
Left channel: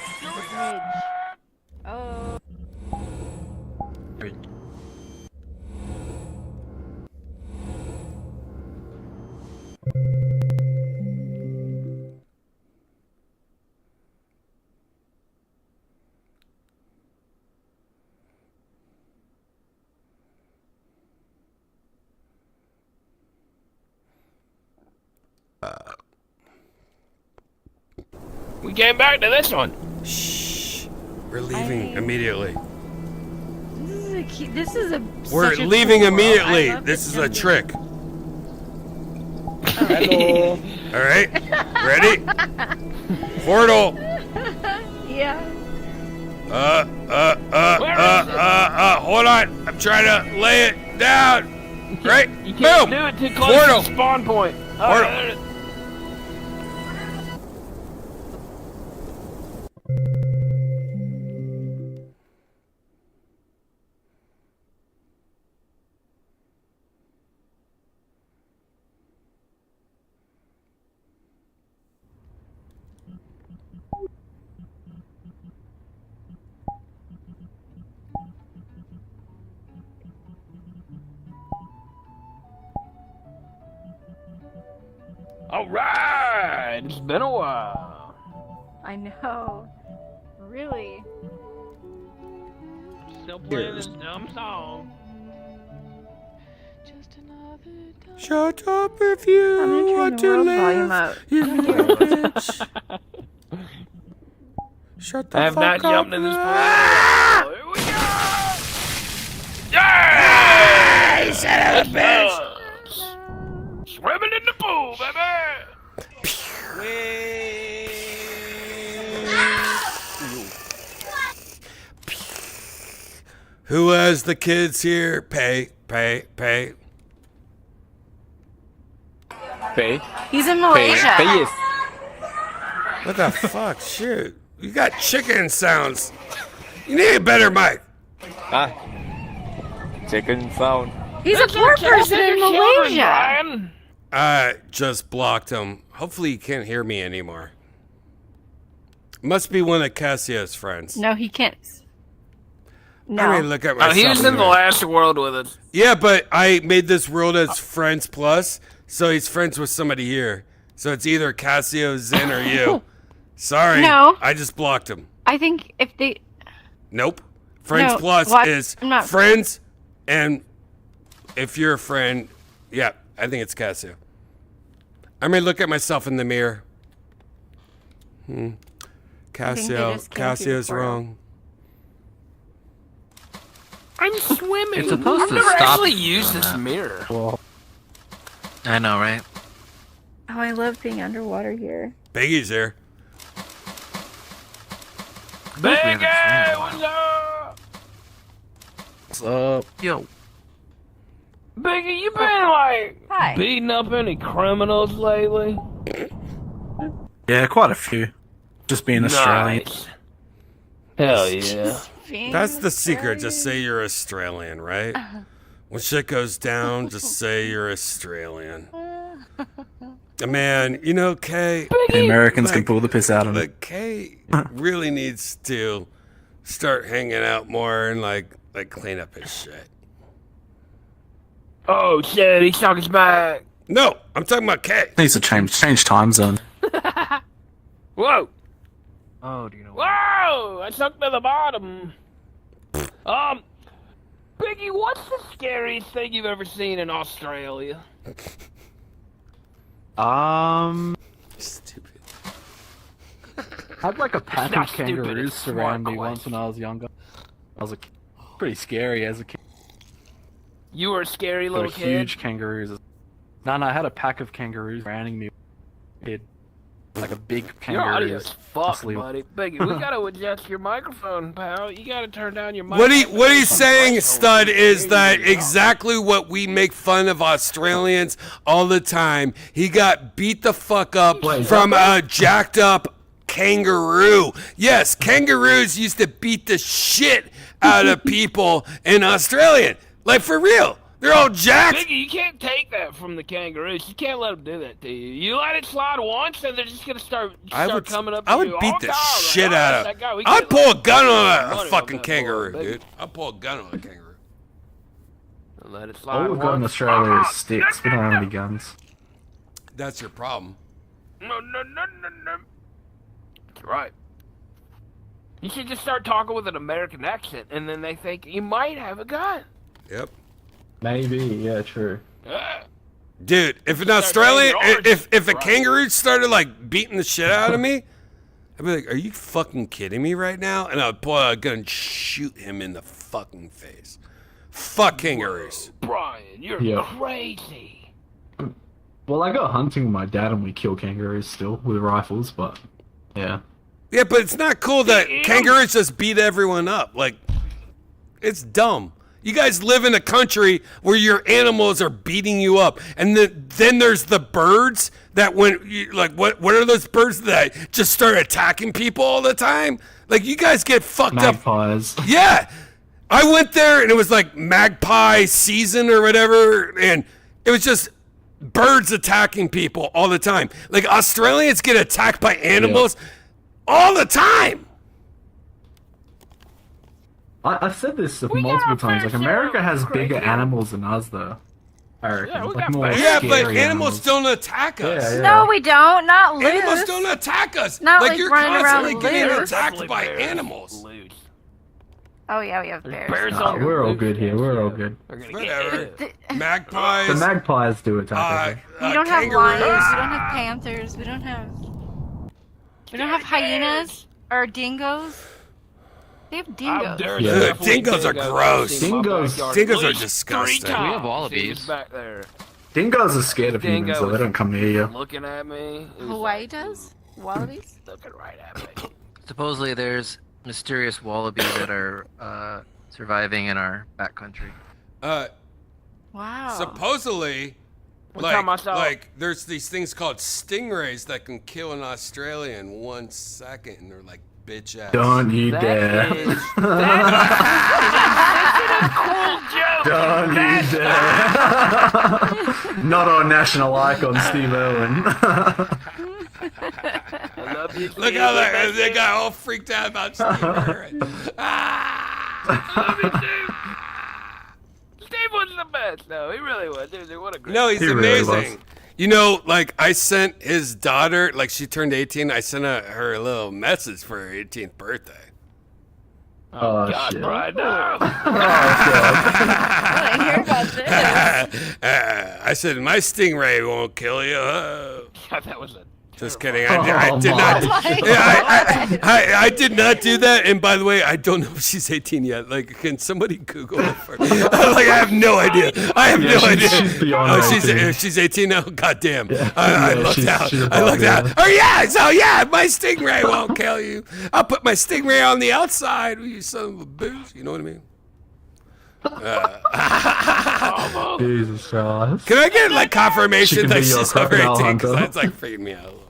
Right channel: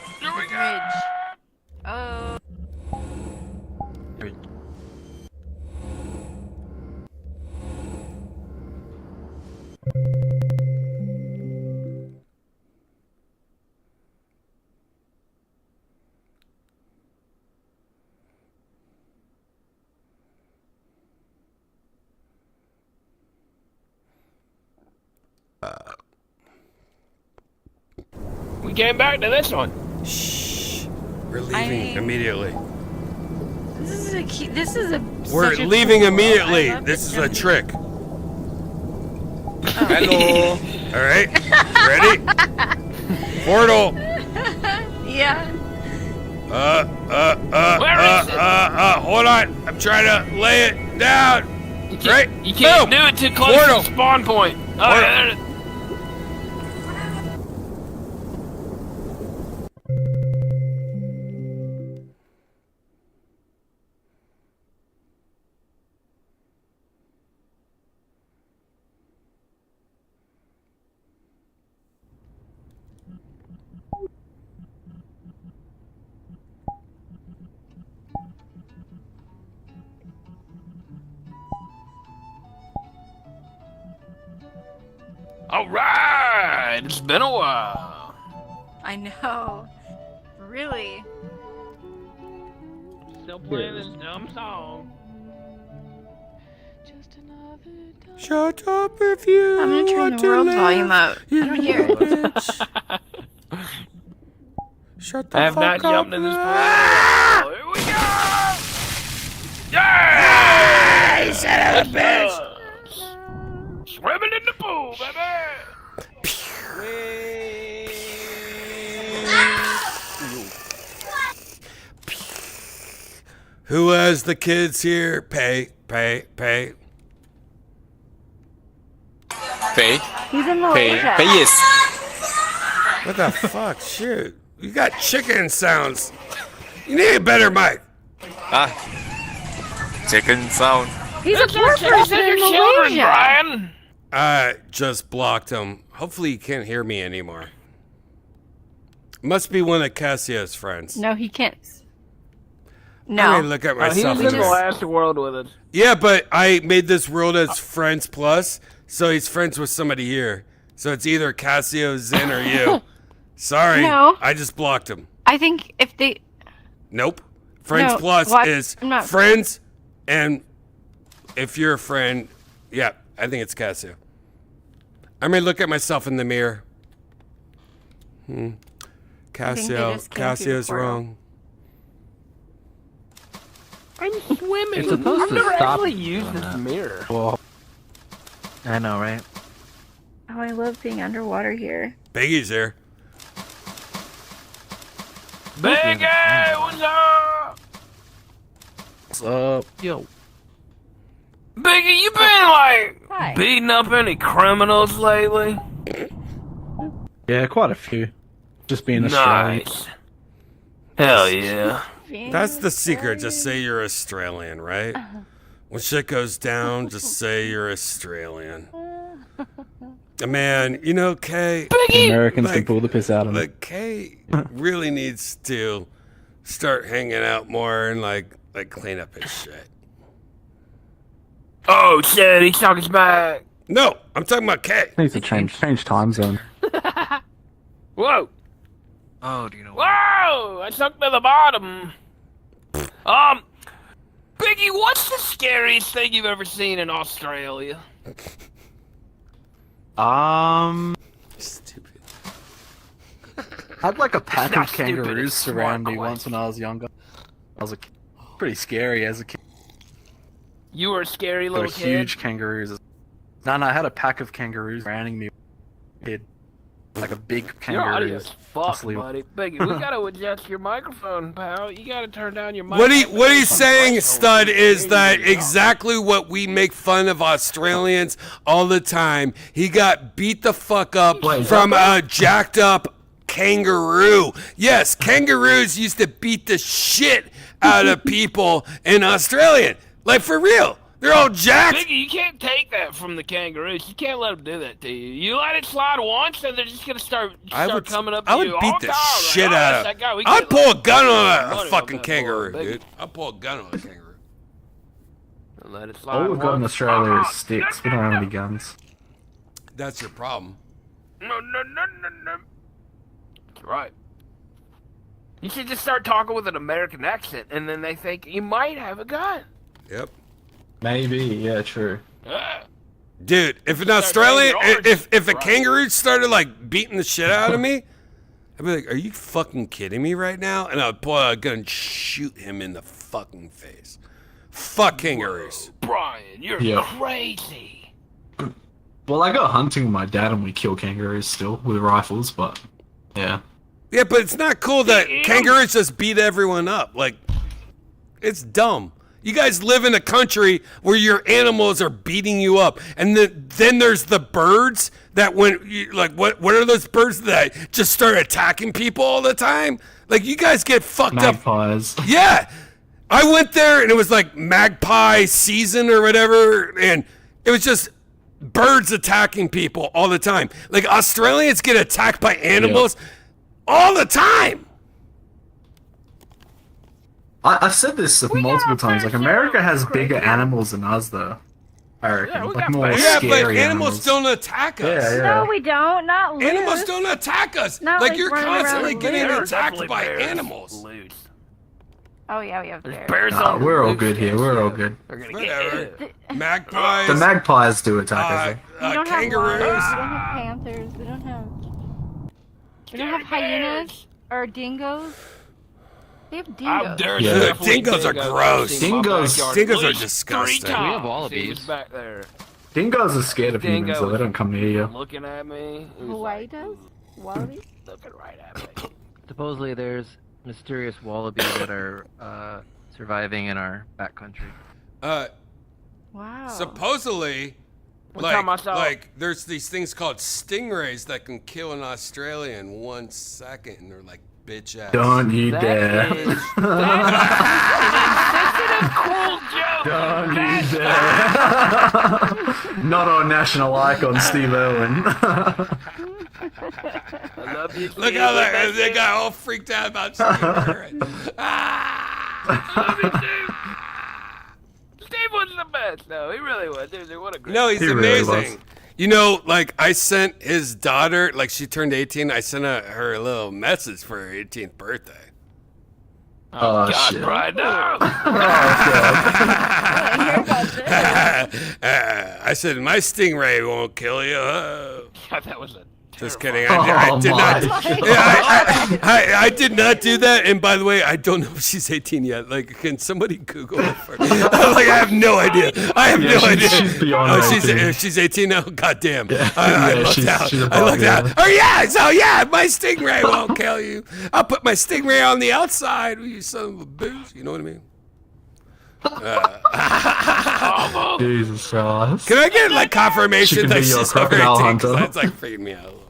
We came back to this one. Shh. We're leaving immediately. This is a We're such a leaving cool immediately. world. I love This is a trick. Hello. All right? Ready? Portal. Yeah. Hold on. I'm trying to lay it down. Right? You can't Boom. do it too close Portal. to the spawn point. Portal. All right, it's been a while. I know. Really. Still playing this dumb song. Shut up if you want to live. You little bitch. Shut the I have fuck not up. jumped in this pool. Here we go! Hey, son of a bitch! Swimming in the pool, baby! Who has the kids here? Pay. He's in Malaysia. Yes. What the fuck? Shit. You got chicken sounds. You need a better mic. Chicken sound. He's a poor person in Malaysia. I just blocked him. Hopefully he can't hear me anymore. Must be one of Cassio's friends. No, he can't. No. I mean, look at myself. He was in the mirror. last world with it. Yeah, but I made this world as Friends Plus, so he's friends with somebody here. So it's either Cassio, Zen, or you. Sorry, No. I just blocked him. I think if they. Nope. Friends No, Plus what? is I'm not- friends, and if you're a friend, yeah, I think it's Cassio. I may look at myself in the mirror. Cassio's wrong. I'm swimming. It's supposed I've to never stop. actually used this mirror. Well, I know, right? Oh, I love being underwater here. Biggie's here. Big what's up? What's up? Yo. Biggie, you been like Hi. beating up any criminals lately? Yeah, quite a few. Just being Australian. Nice. Hell yeah. That's the secret. Just say you're Australian, right? When shit goes down, just say you're Australian. Man, you know, Kay. The Americans can pull the piss out of it. Like Kay really needs to start hanging out more and like clean up his shit. Oh shit, he's talking back. No, I'm talking about Kay. Needs to change time zone. Whoa. Oh, do you know? Whoa! I sunk to the bottom. Biggie, what's the scariest thing you've ever seen in Australia? Stupid. I had like a pack Not of stupid, kangaroos it's surround smart me once when I was younger. I was pretty scary as a kid. You were a scary They little were kid. huge kangaroos. No, I had a pack of kangaroos surrounding me. Kid. Like a big Your kangaroo. audio's fucked, asleep. buddy. Biggie, we gotta adjust your microphone, pal. You gotta turn down your mic. What he's saying, Stud, is that exactly what we make fun of Australians all the time. He got beat the fuck up from a jacked up kangaroo. Yes, kangaroos used to beat the shit out of people in Australia. Like, for real. They're all jacked. Biggie, you can't take that from the kangaroos. You can't let them do that to you. You let it slide once, and they're just gonna start coming up to I would you. beat Oh, the God, shit oh, out that of guy, we I'd can't pull a let gun him on money a on fucking that kangaroo, boy, dude. I'd pull a gun on a kangaroo. Let it slide All we've got in once. Australia is sticks. We don't have any guns. That's your problem. No. That's right. You should just start talking with an American accent, and then they think you might have a gun. Yep. Maybe, yeah, true. Dude, if an Start Australian, saying yours. if a Right. kangaroo started like beating the shit out of me, I'd be like, "Are you fucking kidding me right now?" And I'd pull out a gun and shoot him in the fucking face. Fuck kangaroos. Brian, you're Yeah. crazy. Well, I go hunting with my dad and we kill kangaroos still with rifles, but yeah. Yeah, but it's not cool that Ew. kangaroos just beat everyone up. Like, it's dumb. You guys live in a country where your animals are beating you up, and then there's the birds that what are those birds that just start attacking people all the time? Like, you guys get fucked Magpies. up. Yeah, I went there and it was like magpie season or whatever, and it was just birds attacking people all the time. Like, Australians get attacked by animals all the time. I've said this multiple times. Like, America has bigger animals than us, though. I reckon. Yeah, we Like got more bears. Yeah, but scary animals don't attack us. Yeah, yeah. No, we don't. Not loose. Animals don't attack us. Not like like you're running around constantly loose. getting There are attacked definitely by bears animals. loose. Oh yeah, we have bears. Bears Nah, on the we're all loose, good here. yes, We're all yeah. good. They're gonna Whatever. get The Magpies. magpies do attack us. We don't Kangaroos. have lions. We don't have panthers. We don't have hyenas or dingoes. They have dingoes. Yeah. Dingoes are gross. Dingoes are disgusting. We have wallabies. back there. Dingoes are scared of humans, Dingo so they don't come near you. looking at me. It was Hawaii like, does? Wallabies? looking right at me. Supposedly, there's mysterious wallabies that are surviving in our backcountry. Wow. Supposedly, One time I saw- like there's these things called stingrays that can kill an Australian in 1 second, and they're like bitch ass. Don't you That dare. is- Don't you dare. Not our national icon, Steve Irwin. I love you, Look Steve. how they got all freaked out about Steve Irwin. Steve was the best, though. He really was. Dude, what a great. No, he's He really amazing. was. You know, like I sent his daughter, like she turned 18. I sent her a little message for her 18th birthday. Oh, shit. Brian, no. I said my stingray won't kill you. That was a. Just kidding. I Oh, did my. not. I did not do that. And by the way, I don't know if she's 18 yet. Like, can somebody Google it for? Like, I have no idea. I have no idea. She's beyond Oh, 18. she's 18 now. Goddamn. I Yeah, looked she's out. above, I looked yeah. out. Oh yeah. So yeah, my stingray won't kill you. I'll put my stingray on the outside. You son of a bitch. You know what I mean? Jesus Christ. Can I get like She confirmation can that be your she's over crocodile 18? Because hunter. that's like freaking me out a little.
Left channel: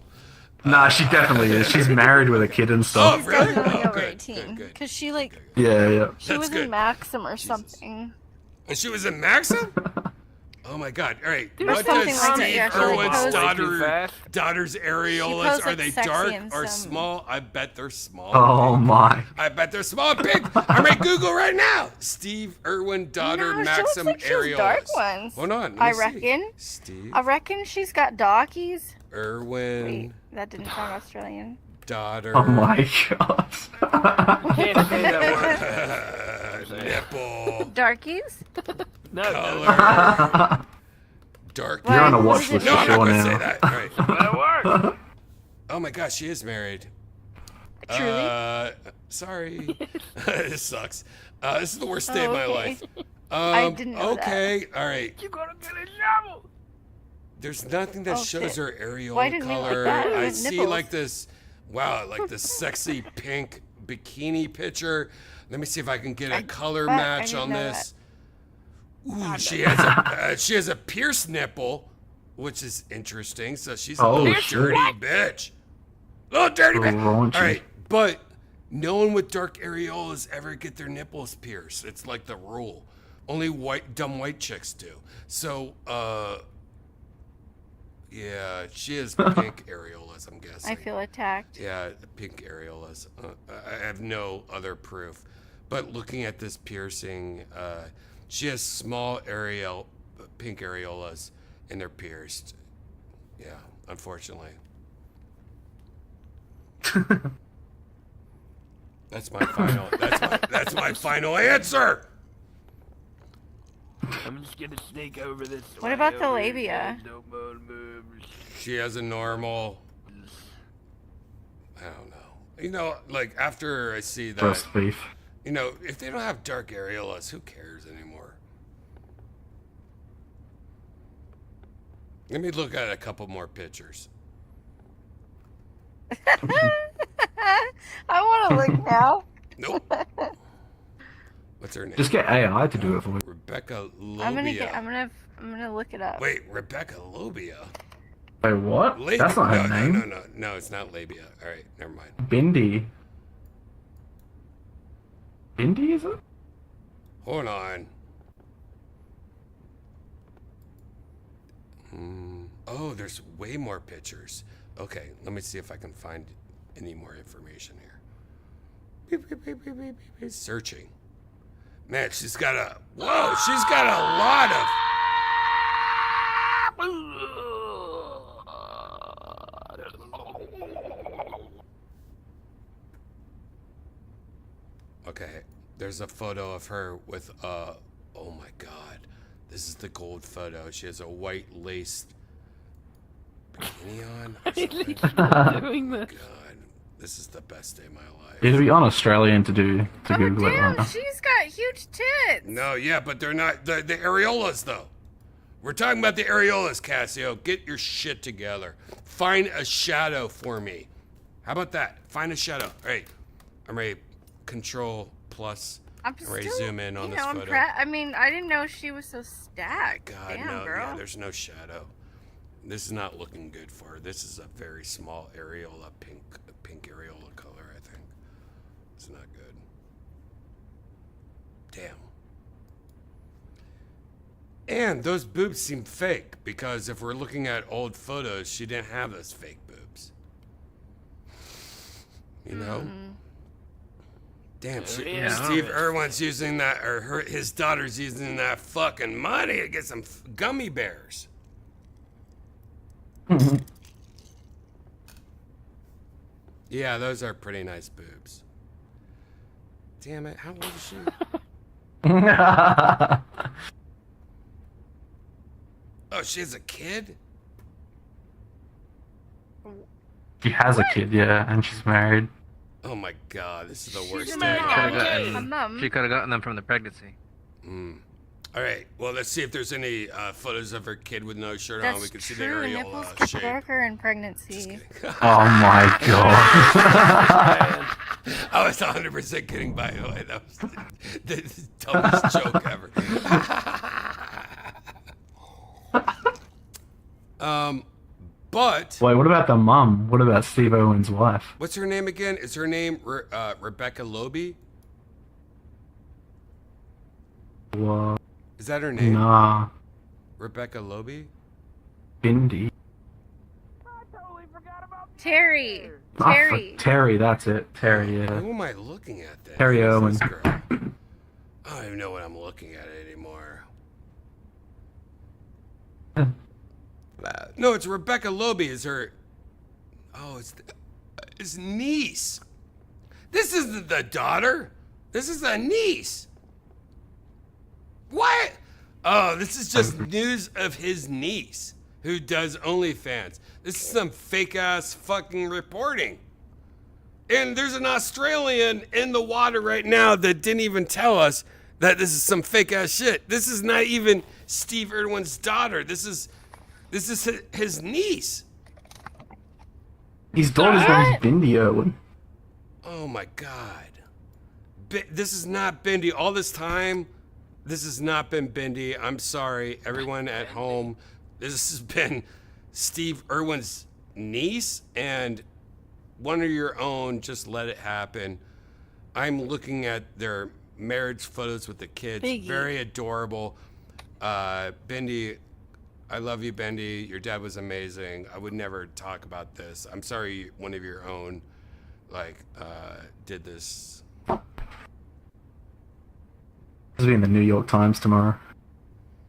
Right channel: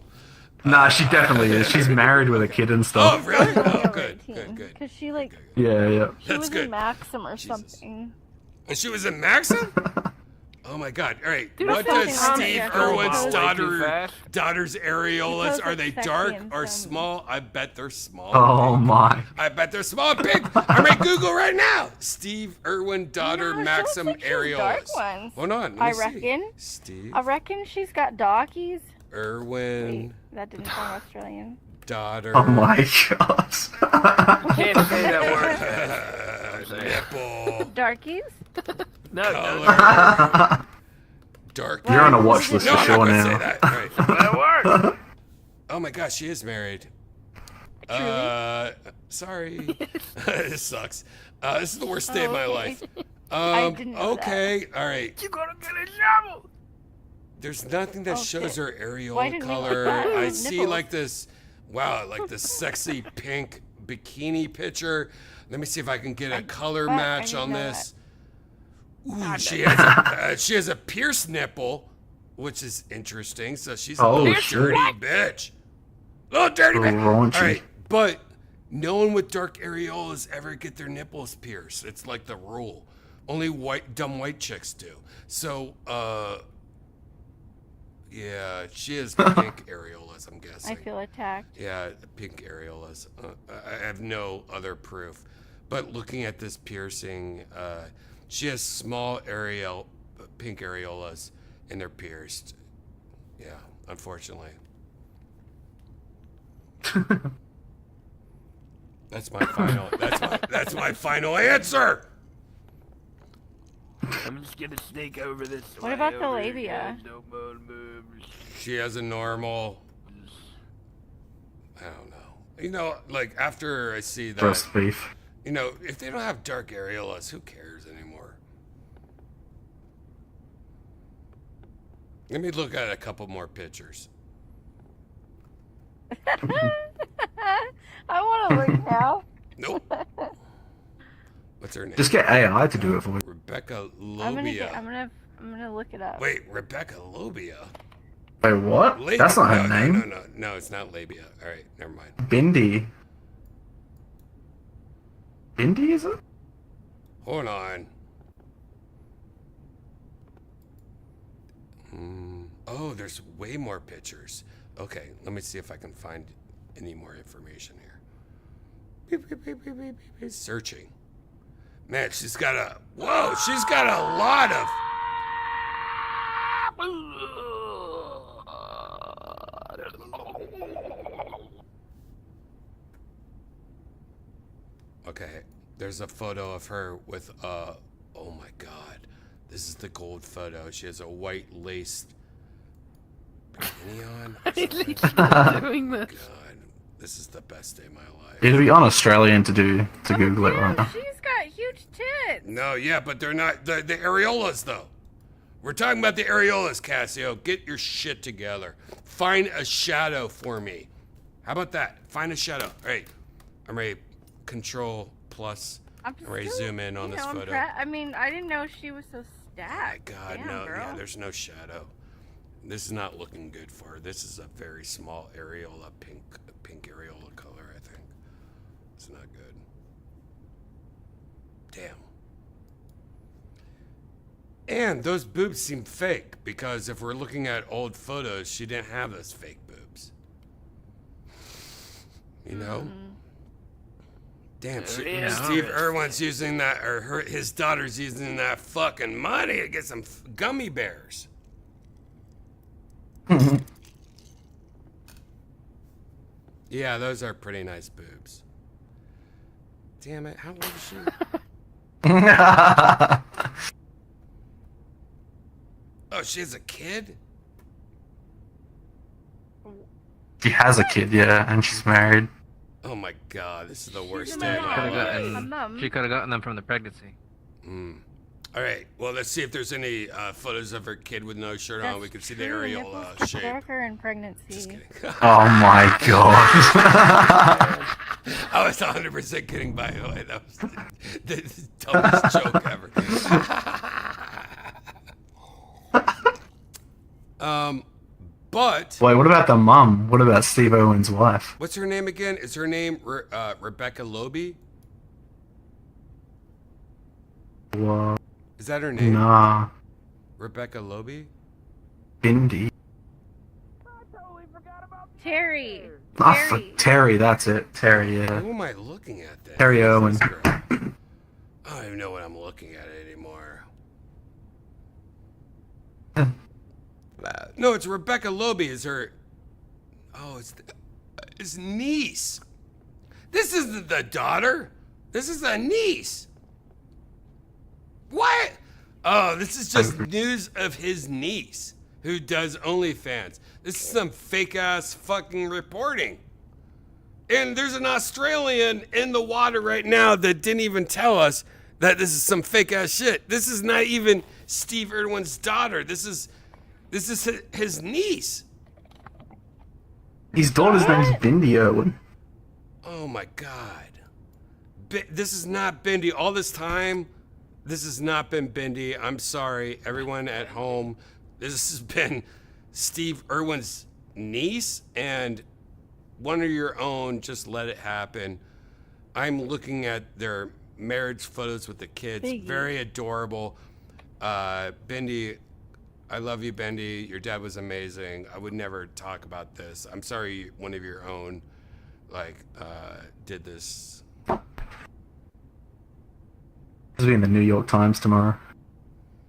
Nah, she definitely is. She's married with a kid and Oh stuff. really? Oh good. Good. Because she like Yeah, yeah. she That's was good. in Maxim or something. And she was in Maxim? Oh my God! All right, Dude, what that's does something Steve on there. Irwin's Way too fast. daughter's areolas? goes, Are like, they sexy dark and or some- small? I bet they're small. Oh my. I bet they're small. Big. I'm at Google right now. Steve Irwin daughter No, she Maxim looks like she has dark areolas. ones. Hold on, let me I see. reckon. Steve I reckon she's got doggies. Irwin That didn't sound Australian. daughter. Oh my gosh. Can't say that word. Nipple Darkies? No, color. Dark. You're on a watch list No, for I'm not sure gonna say now. that. All right. that works. Oh my gosh, she is married. Sorry. This sucks. This is the worst day of my okay. life. I didn't know Okay, all right. You gotta get a shovel. There's nothing that shows her Why areola didn't you color. like that? I Nipples. see like this, wow, like this sexy pink bikini picture. Let me see if I can get a color I match didn't on know this. Ooh, she has a pierced nipple, which is interesting. So she's a Oh, little shit. dirty bitch. Little dirty bitch. Raunchy. All right, but no one with dark areolas ever get their nipples pierced. It's like the rule. Only dumb white chicks do. So, yeah, she has pink areolas, I'm guessing. I feel attacked. Yeah, pink areolas. I have no other proof. But looking at this piercing, she has small pink areolas, and they're pierced. Yeah, unfortunately. That's my final. That's my final answer. I'm just gonna sneak over this. What way about the over here, labia? guys. Don't move. She has a normal. I don't know. You know, like after I see that, Roast beef. you know, if they don't have dark areolas, who cares anymore? Let me look at a couple more pictures. I want to look now. Nope. What's her name? Just get AI to do it for you. Rebecca I'm Lobia. gonna look it up. Wait, Rebecca Lobia? Wait, what? Labia. That's not her name. No, it's not labia. All right, never mind. Bindi. Bindi, is it? Hold on. Oh, there's way more pictures. Okay, let me see if I can find any more information here. Beep, beep, beep, beep, beep, beep, beep. Searching. Man, she's got a lot of. There's a photo of her with oh my god. This is the gold photo. She has a white lace bikini on or something. Doing this. God, this is the best day of my life. It'd be un-Australian to Google it right now. She's got huge tits. No, yeah, but they're not the areolas though. We're talking about the areolas, Cassio. Get your shit together. Find a shadow for me. How about that? Find a shadow. All right, I'm ready. Control plus. I'm ready to zoom in on this photo. I mean, I didn't know she was so stacked. Oh my God, Damn, no, girl. yeah, there's no shadow. This is not looking good for her. This is a very small areola, pink areola color, I think. It's not good. Damn. And those boobs seem fake because if we're looking at old photos, she didn't have those fake boobs. You know? Damn, Steve Irwin's using that, or his daughter's using that fucking money to get some gummy bears. Yeah, those are pretty nice boobs. Damn it, how old is she? Oh, she has a kid? She has a kid, yeah, and she's married. Oh my god, this is the worst day. She could have gotten them from the pregnancy. All right, well, let's see if there's any photos of her kid with no shirt on. We can see the areola shape. Darker in pregnancy. Just kidding. Oh my god. I was 100% kidding, by the way. That was the dumbest joke ever. But wait, what about the mum? What about Steve Irwin's wife? what's her name again? Is her name Rebecca Loby? What? Is that her name? Nah. Rebecca Loby? Bindi. Terry. Ah, Terry. Terry, that's it. Terry, yeah. Who am I looking at then? Terry Who's Irwin. this girl? I don't even know what I'm looking at anymore. No, it's Rebecca Loby. Is her? Oh, it's his niece. This isn't the daughter. This is the niece. What? Oh, this is just news of his niece who does OnlyFans. This is some fake ass fucking reporting. And there's an Australian in the water right now that didn't even tell us that this is some fake ass shit. This is not even Steve Irwin's daughter. This is his niece. His daughter's name is Bindi Irwin. Oh my god. This is not Bindi. All this time, this has not been Bindi. I'm sorry, everyone at home. This has been Steve Irwin's niece and one of your own. Just let it happen. I'm looking at their marriage photos with the kids. Biggie. Very adorable. Bindi, I love you, Bendy. Your dad was amazing. I would never talk about this. I'm sorry one of your own, did this. This will be in the New York Times tomorrow.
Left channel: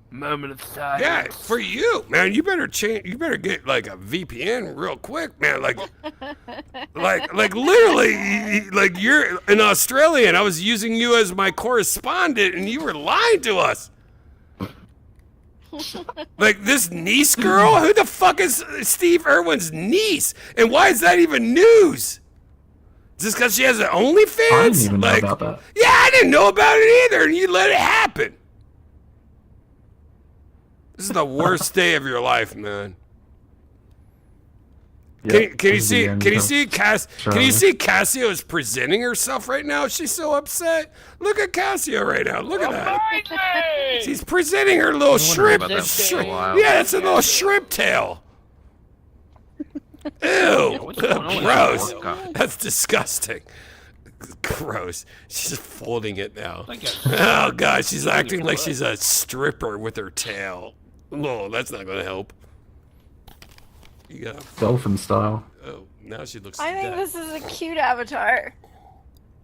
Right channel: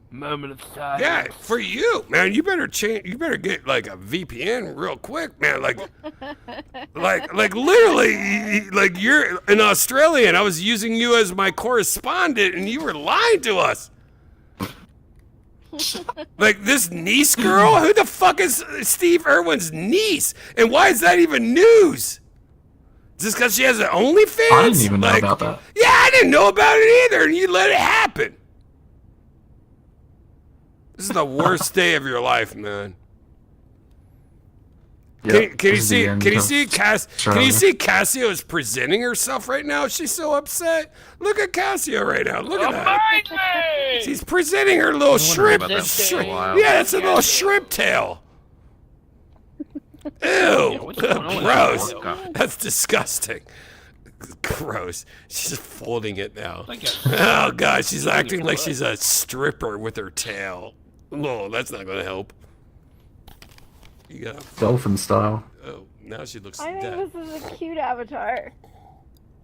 Moment of silence. Yeah, for you, man. You better change. You better get like a VPN real quick, man. Like literally, like you're an Australian. I was using you as my correspondent, and you were lying to us. Like this niece girl? Who the fuck is Steve Irwin's niece? And why is that even news? Just because she has an OnlyFans? I didn't even know about that. Yeah, I didn't know about it either, and you let it happen. This is the worst day of your life, man. Yep, Can you this is the see end Can you see Cassio is presenting herself right now? She's so upset. Look at Cassio right now. Look at that. She's presenting her little shrimp. about that for a while. Yeah, that's a little shrimp tail. Ew, what's going on with gross. that podcast? That's disgusting. Gross. She's just folding it now. Oh god, she's acting like she's a stripper with her tail. No, that's not gonna help. You got Dolphin style. Oh, now she looks I think dead. this is a cute avatar.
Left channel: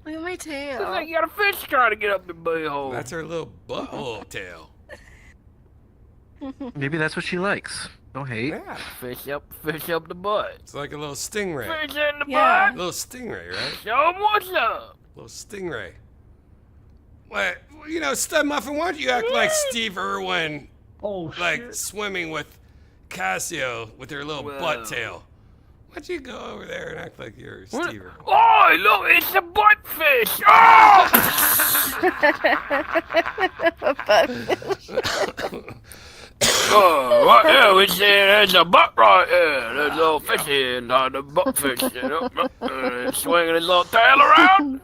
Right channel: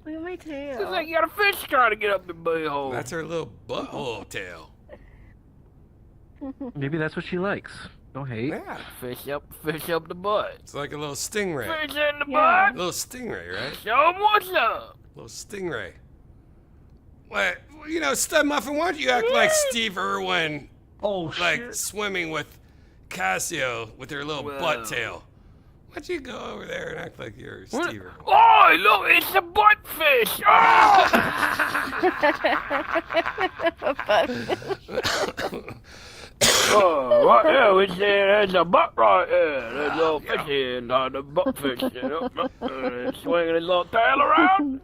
Look at my tail. Looks like you got a fish trying to get up the butthole. That's her little butthole tail. Maybe that's what she likes. Don't hate. Yeah, fish up the butt. It's like a little stingray. Fish in the Yeah. butt. Little stingray, right? Show 'em what's up. Little stingray. What? You know, Stud Muffin, why don't you act like Steve Irwin? Like swimming with Cassio with her little butt tail. Why don't you go over there and act like you're Steve Irwin? Oh, look, it's a buttfish. Oh, what now? There's a butt right there. There's a little fish in the buttfish. Swinging his little tail around.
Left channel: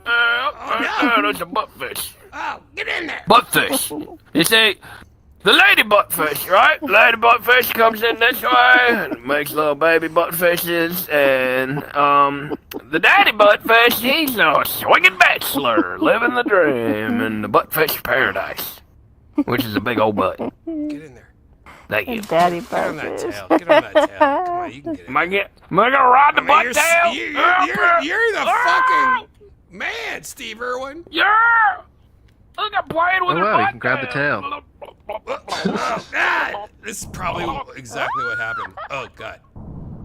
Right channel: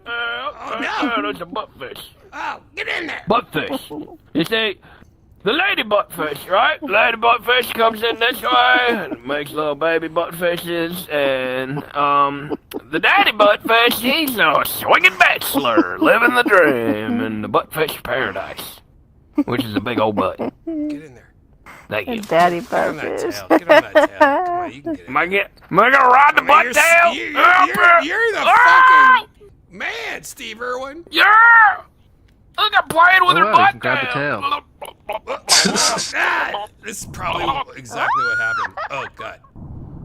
There's a buttfish. Oh, get in there. Buttfish. You see, the lady buttfish, right? Lady buttfish comes in this way and makes little baby buttfishes, and the daddy buttfish, he's a swinging bachelor, living the dream in the buttfish paradise, which is a big old butt. Get in there. Thank you. Daddy Get on that tail. Get on that tail. Come on, you can get in. Am I gonna ride the butt tail? You're the fucking man, Steve Irwin. Yeah. Look, I'm playing with her Oh, butt you can grab the tail. Oh, God. This is probably exactly what happened. Oh, God.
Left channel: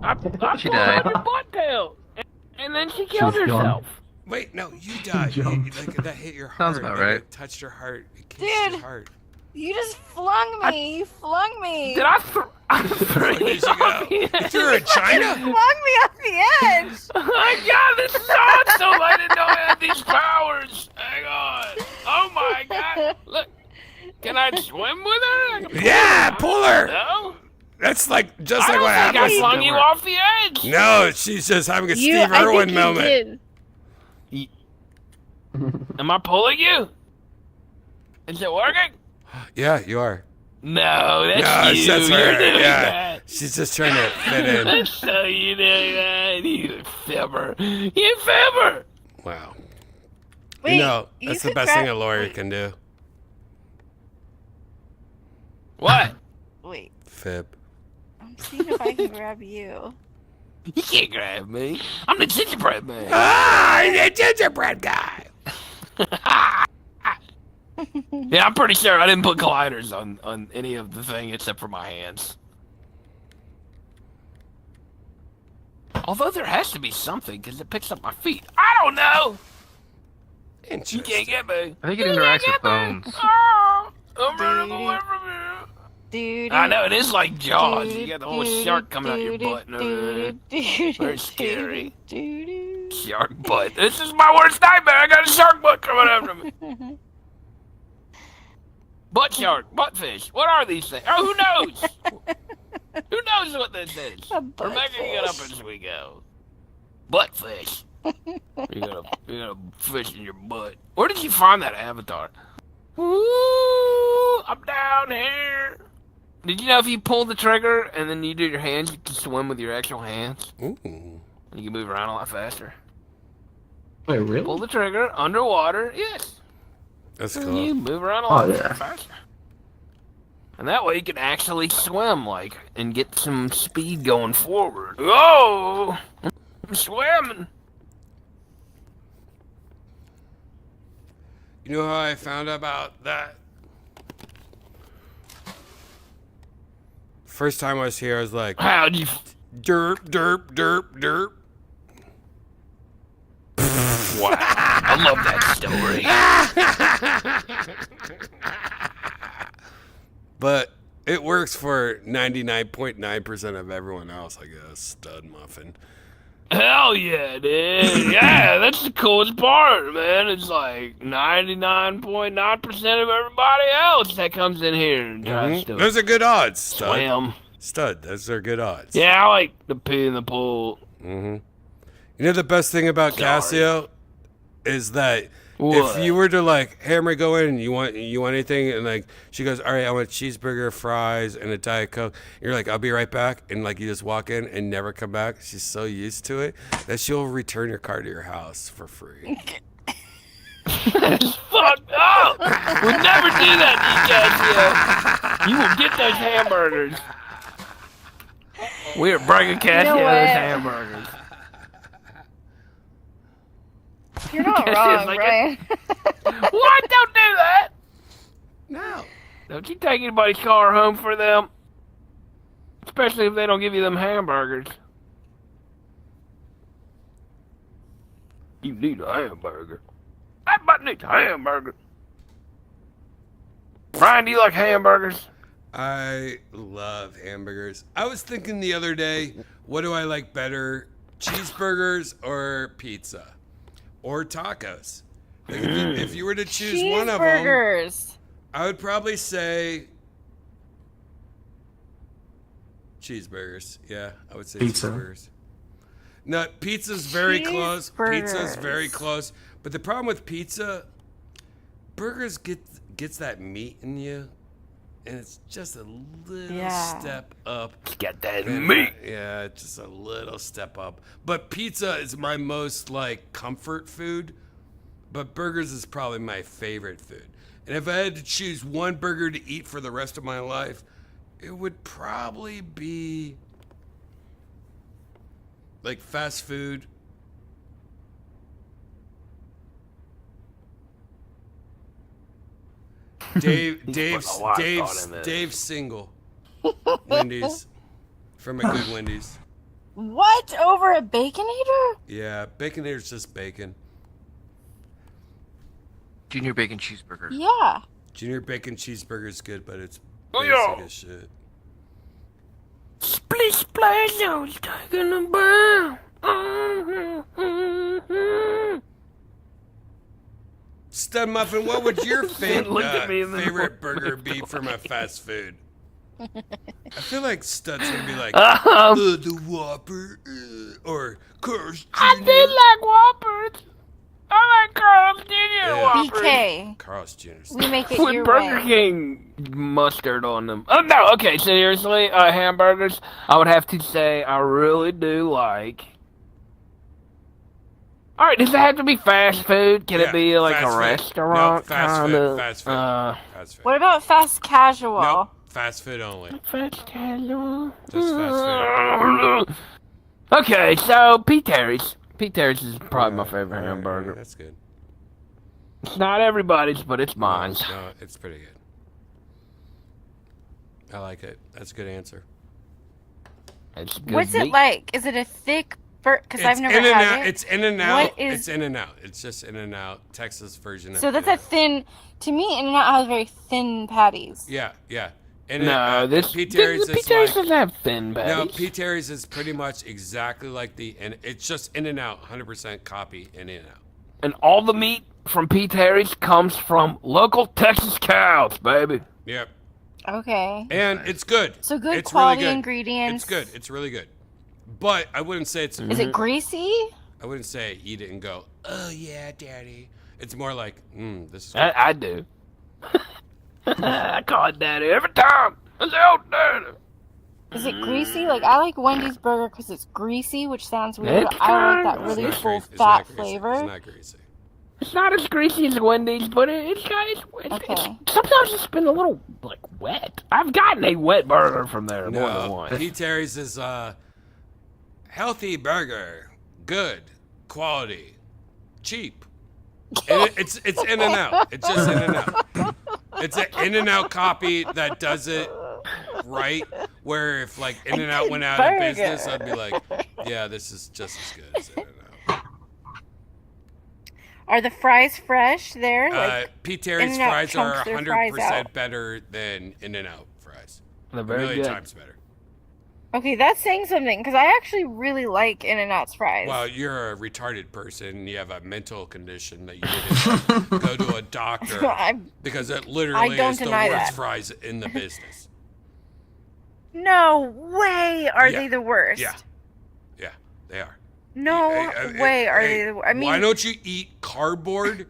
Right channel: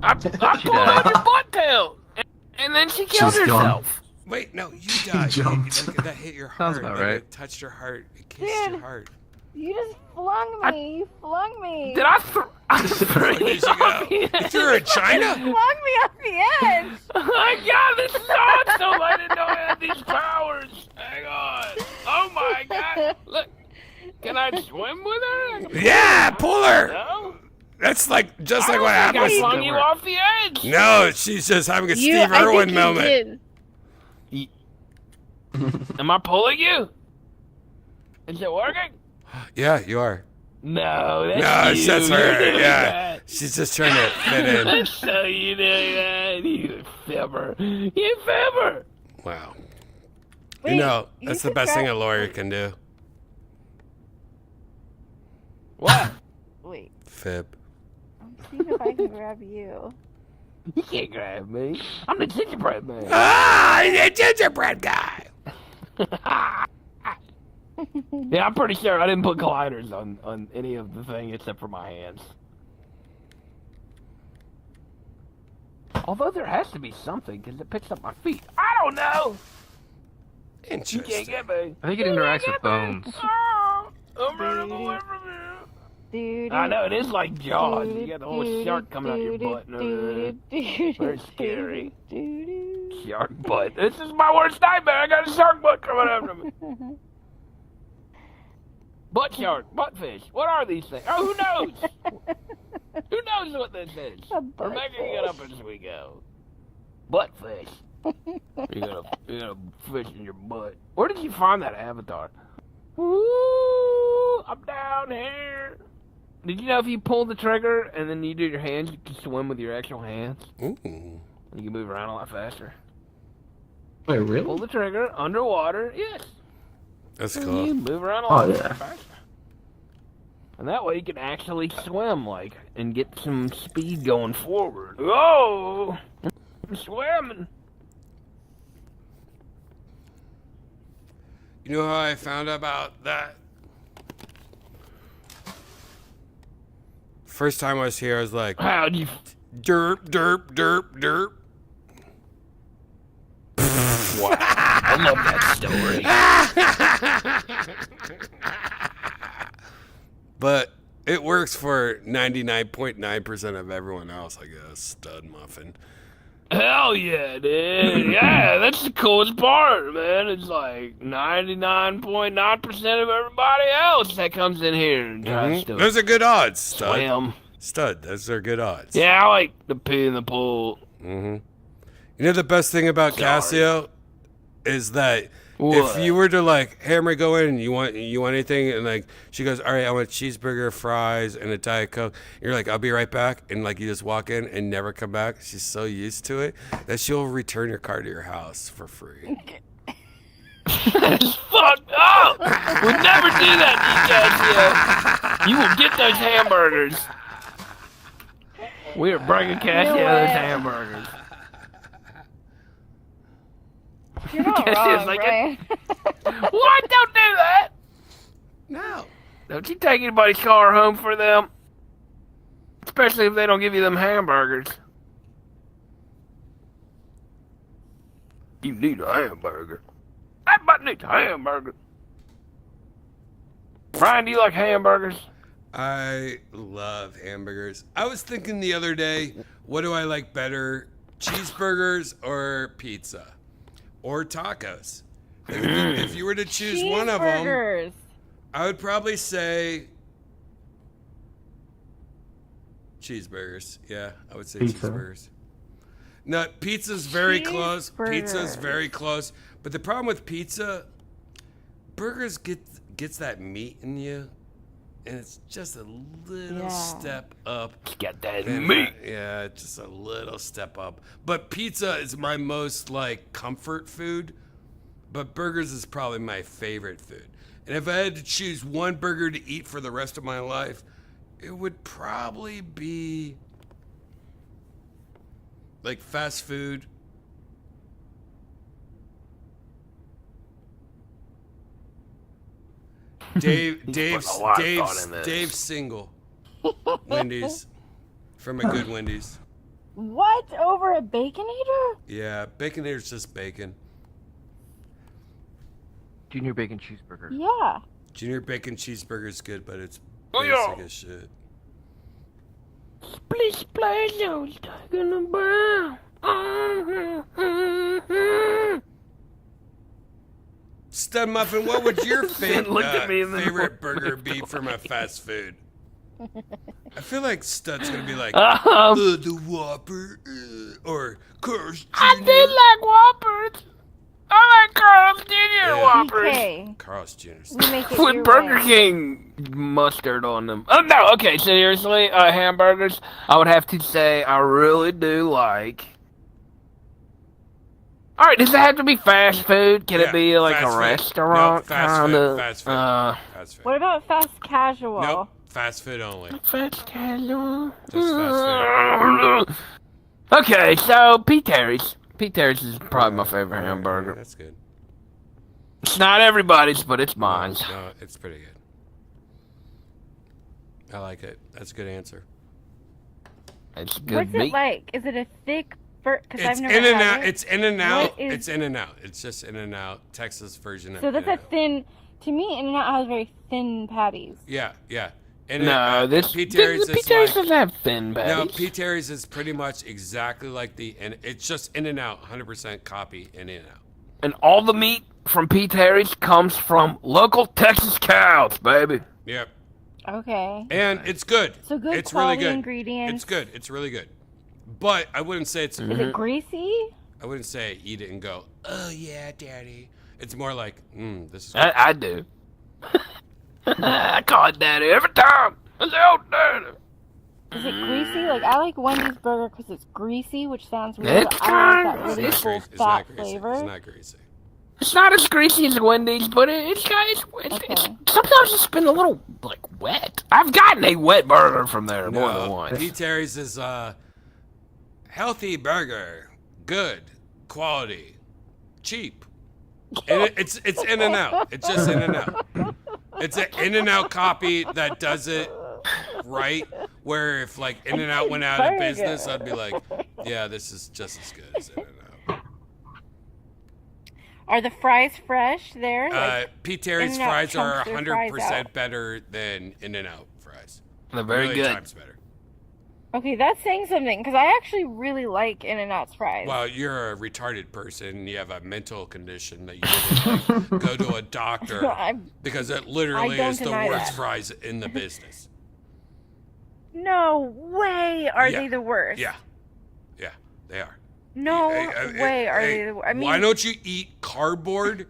I She pulled died. on your butt tail, and then she killed She's gone. herself. Wait, no, you died. Like, that hit your Sounds heart. about Like, right. it touched your heart. It kissed your heart. You just flung me. You flung me. Did I throw Where did you go? You threw her in China? Flung me off the edge. Oh my God, this is awesome! I didn't know I had these powers. Hang on. Oh my God. Look, can I swim with her? Yeah, pull her. No? That's like just like I what don't think happens. I flung you off the edge. No, she's just having a Steve I Irwin think you moment. did. Am I pulling you? Is it working? Yeah, you are. No, that's No, you. that's You're her. doing Yeah, that. she's just trying to fit in. That's how you do that. You fibber. You fibber. Wow. Wait, You know, you that's the could best thing a grab- lawyer can do. What? Wait, Fib. I'm seeing if I can grab you. You can't grab me. I'm the gingerbread man. Ah, he's a gingerbread guy. Yeah, I'm pretty sure I didn't put gliders on any of the thing except for my hands. Although there has to be something because it picks up my feet. I don't know. You Interesting. can't get me. I think it interacts with bones. Oh, I'm running away from you. Dude. I know, it is like Jaws. You got the whole shark coming out your butt and everything. Very scary. Shark butt. This is my worst nightmare. I got a shark butt coming after me. Butt shark, butt fish. What are these things? Oh, who knows? Who knows what this is? We're making it up as we go. Butt fish. You got a fish in your butt. Where did you find that avatar? Ooh, I'm down here. Did you know if you pull the trigger and then you do your hands, you can swim with your actual hands? Ooh. And you can move around a lot faster. Wait, Pull really? the trigger underwater, yes. That's And cool. you move around a Oh, lot yeah. faster. And that way you can actually swim, like, and get some speed going forward. Whoa! I'm swimming. You know how I found out about that? First time I was here, I was like, How'd you... derp, derp, derp, derp. Wow. I love that story. But it works for 99.9% of everyone else, I guess. Stud muffin. Hell yeah, dude. Yeah, that's the coolest part, man. It's like 99.9% of everybody else that comes in here and tries to Those are good odds, Stud. swim. Stud, those are good odds. Yeah, I like the pee in the pool. You know the best thing about Casio is that What? if you were to like hammer go in and you want anything and like she goes, all right, I want a cheeseburger, fries, and a Diet Coke. You're like, I'll be right back, and like you just walk in and never come back. She's so used to it that she'll return your car to your house for free. That's fucked up. We'll never do that, Casio. You will get those hamburgers. We are bringing Casio those hamburgers. You're not Cassia's wrong, like, Brian. What? Don't do that. No. Don't you take anybody's car home for them. Especially if they don't give you them hamburgers. You need a hamburger. That butt needs a hamburger. Brian, do you like hamburgers? I love hamburgers. I was thinking the other day, what do I like better, cheeseburgers or pizza? Or tacos? Like if you were to choose one of them, Cheeseburgers. I would probably say cheeseburgers. Yeah, I would say Pizza. cheeseburgers. No, pizza's very close. Pizza's very close. But the problem with pizza, burgers gets that meat in you, and it's just a little step up. Get that than meat. Yeah, just a little step up. But pizza is my most like comfort food. But burgers is probably my favorite food. And if I had to choose one burger to eat for the rest of my life, it would probably be like fast food. Dave's single. Wendy's. From a good Wendy's. What? Over a Baconator? Yeah, Baconator's just bacon. Junior bacon cheeseburger. Yeah. Junior bacon cheeseburger is good, but it's yeah. basic as shit. Split splash, I was talking about. Stud Muffin, what would your Look at me in the favorite burger be from a fast food? I feel like Stud's gonna be like, the Whopper, or Carl's Jr. I did like Whoppers. I like Carl's Jr. Whoppers. BK. Carl's Jr. We make it With your Burger way. King mustard on them. Oh, no, okay, seriously, hamburgers, I would have to say I really do like. Alright, does it have to be fast food? Can it be like a restaurant? No, fast food. Fast food. Fast food. What about fast casual? Nope. Fast food only. Fast casual. Just fast food. Okay, so Pete Terry's. Pete Terry's is probably my favorite hamburger. Yeah, that's good. It's not everybody's, but it's mine. No, it's pretty good. I like it. That's a good answer. It's good What's meat. it like? Is it a thick burger? Because I've It's never in and had out. it. It's in and out. What is- It's in and out. It's just in and out. Texas version of So that's a In-N-Out. thin. To me, In-N-Out has very thin patties. Yeah, yeah. No, this Pete Terry's Pete is Terry's like, doesn't have thin patties. no, Pete Terry's is pretty much exactly like and it's just In and Out, 100% copy In and Out. And all the meat from Pete Terry's comes from local Texas cows, baby. Yep. Okay. And it's good. So good It's really quality good. ingredients. It's good. It's really good. But I wouldn't say it's. Is it greasy? I wouldn't say eat it and go, oh yeah, daddy. It's more like, this is good. I do. I call it daddy every time. I say, oh, daddy. Is it greasy? Like, I like Wendy's burger because it's greasy, which sounds weird, but I like that It's really not full greasy. It's fat not greasy. flavor. It's not greasy. It's not as greasy as Wendy's, but it's sometimes it's been a little, like, wet. I've gotten a wet burger from there more than No, once. Pete Terry's is healthy burger, good quality, cheap. And it's In and Out. It's just In and Out. It's an In and Out copy that does it right. Where if like In and Out went out of business, I'd be like, yeah, this is just as good as In and Out. Are the fries fresh there? Like, Pete Terry's In-N-Out fries are chunks their fries 100% out. better than In and Out fries. They're very Million good. times better. Okay, that's saying something, because I actually really like In-N-Out's fries. Well, you're a retarded person. You have a mental condition that you didn't like, go to a doctor because it literally don't is the deny worst that. fries in the business. No way are Yeah. they the worst. Yeah, yeah, they are. No Hey, way are hey, they the worst. I mean, why don't you eat cardboard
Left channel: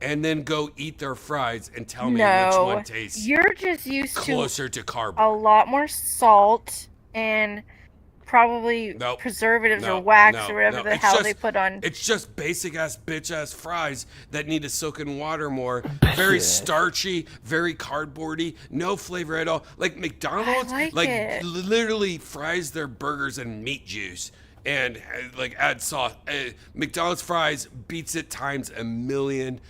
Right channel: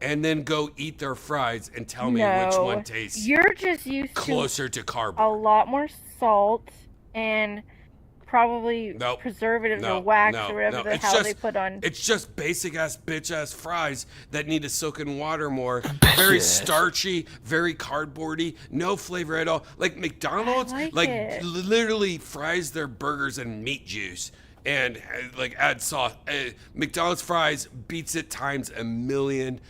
and then go eat their fries and tell me which no. one tastes You're just used closer to to cardboard? a lot more salt and probably Nope. preservatives No, or wax no, or whatever no. the It's hell just- they put on. It's just basic ass bitch ass fries that need to soak in water more. Very starchy, very cardboardy, no flavor at all. Like McDonald's, like it. literally fries their burgers in meat juice and like add sauce. McDonald's fries beats it times a million.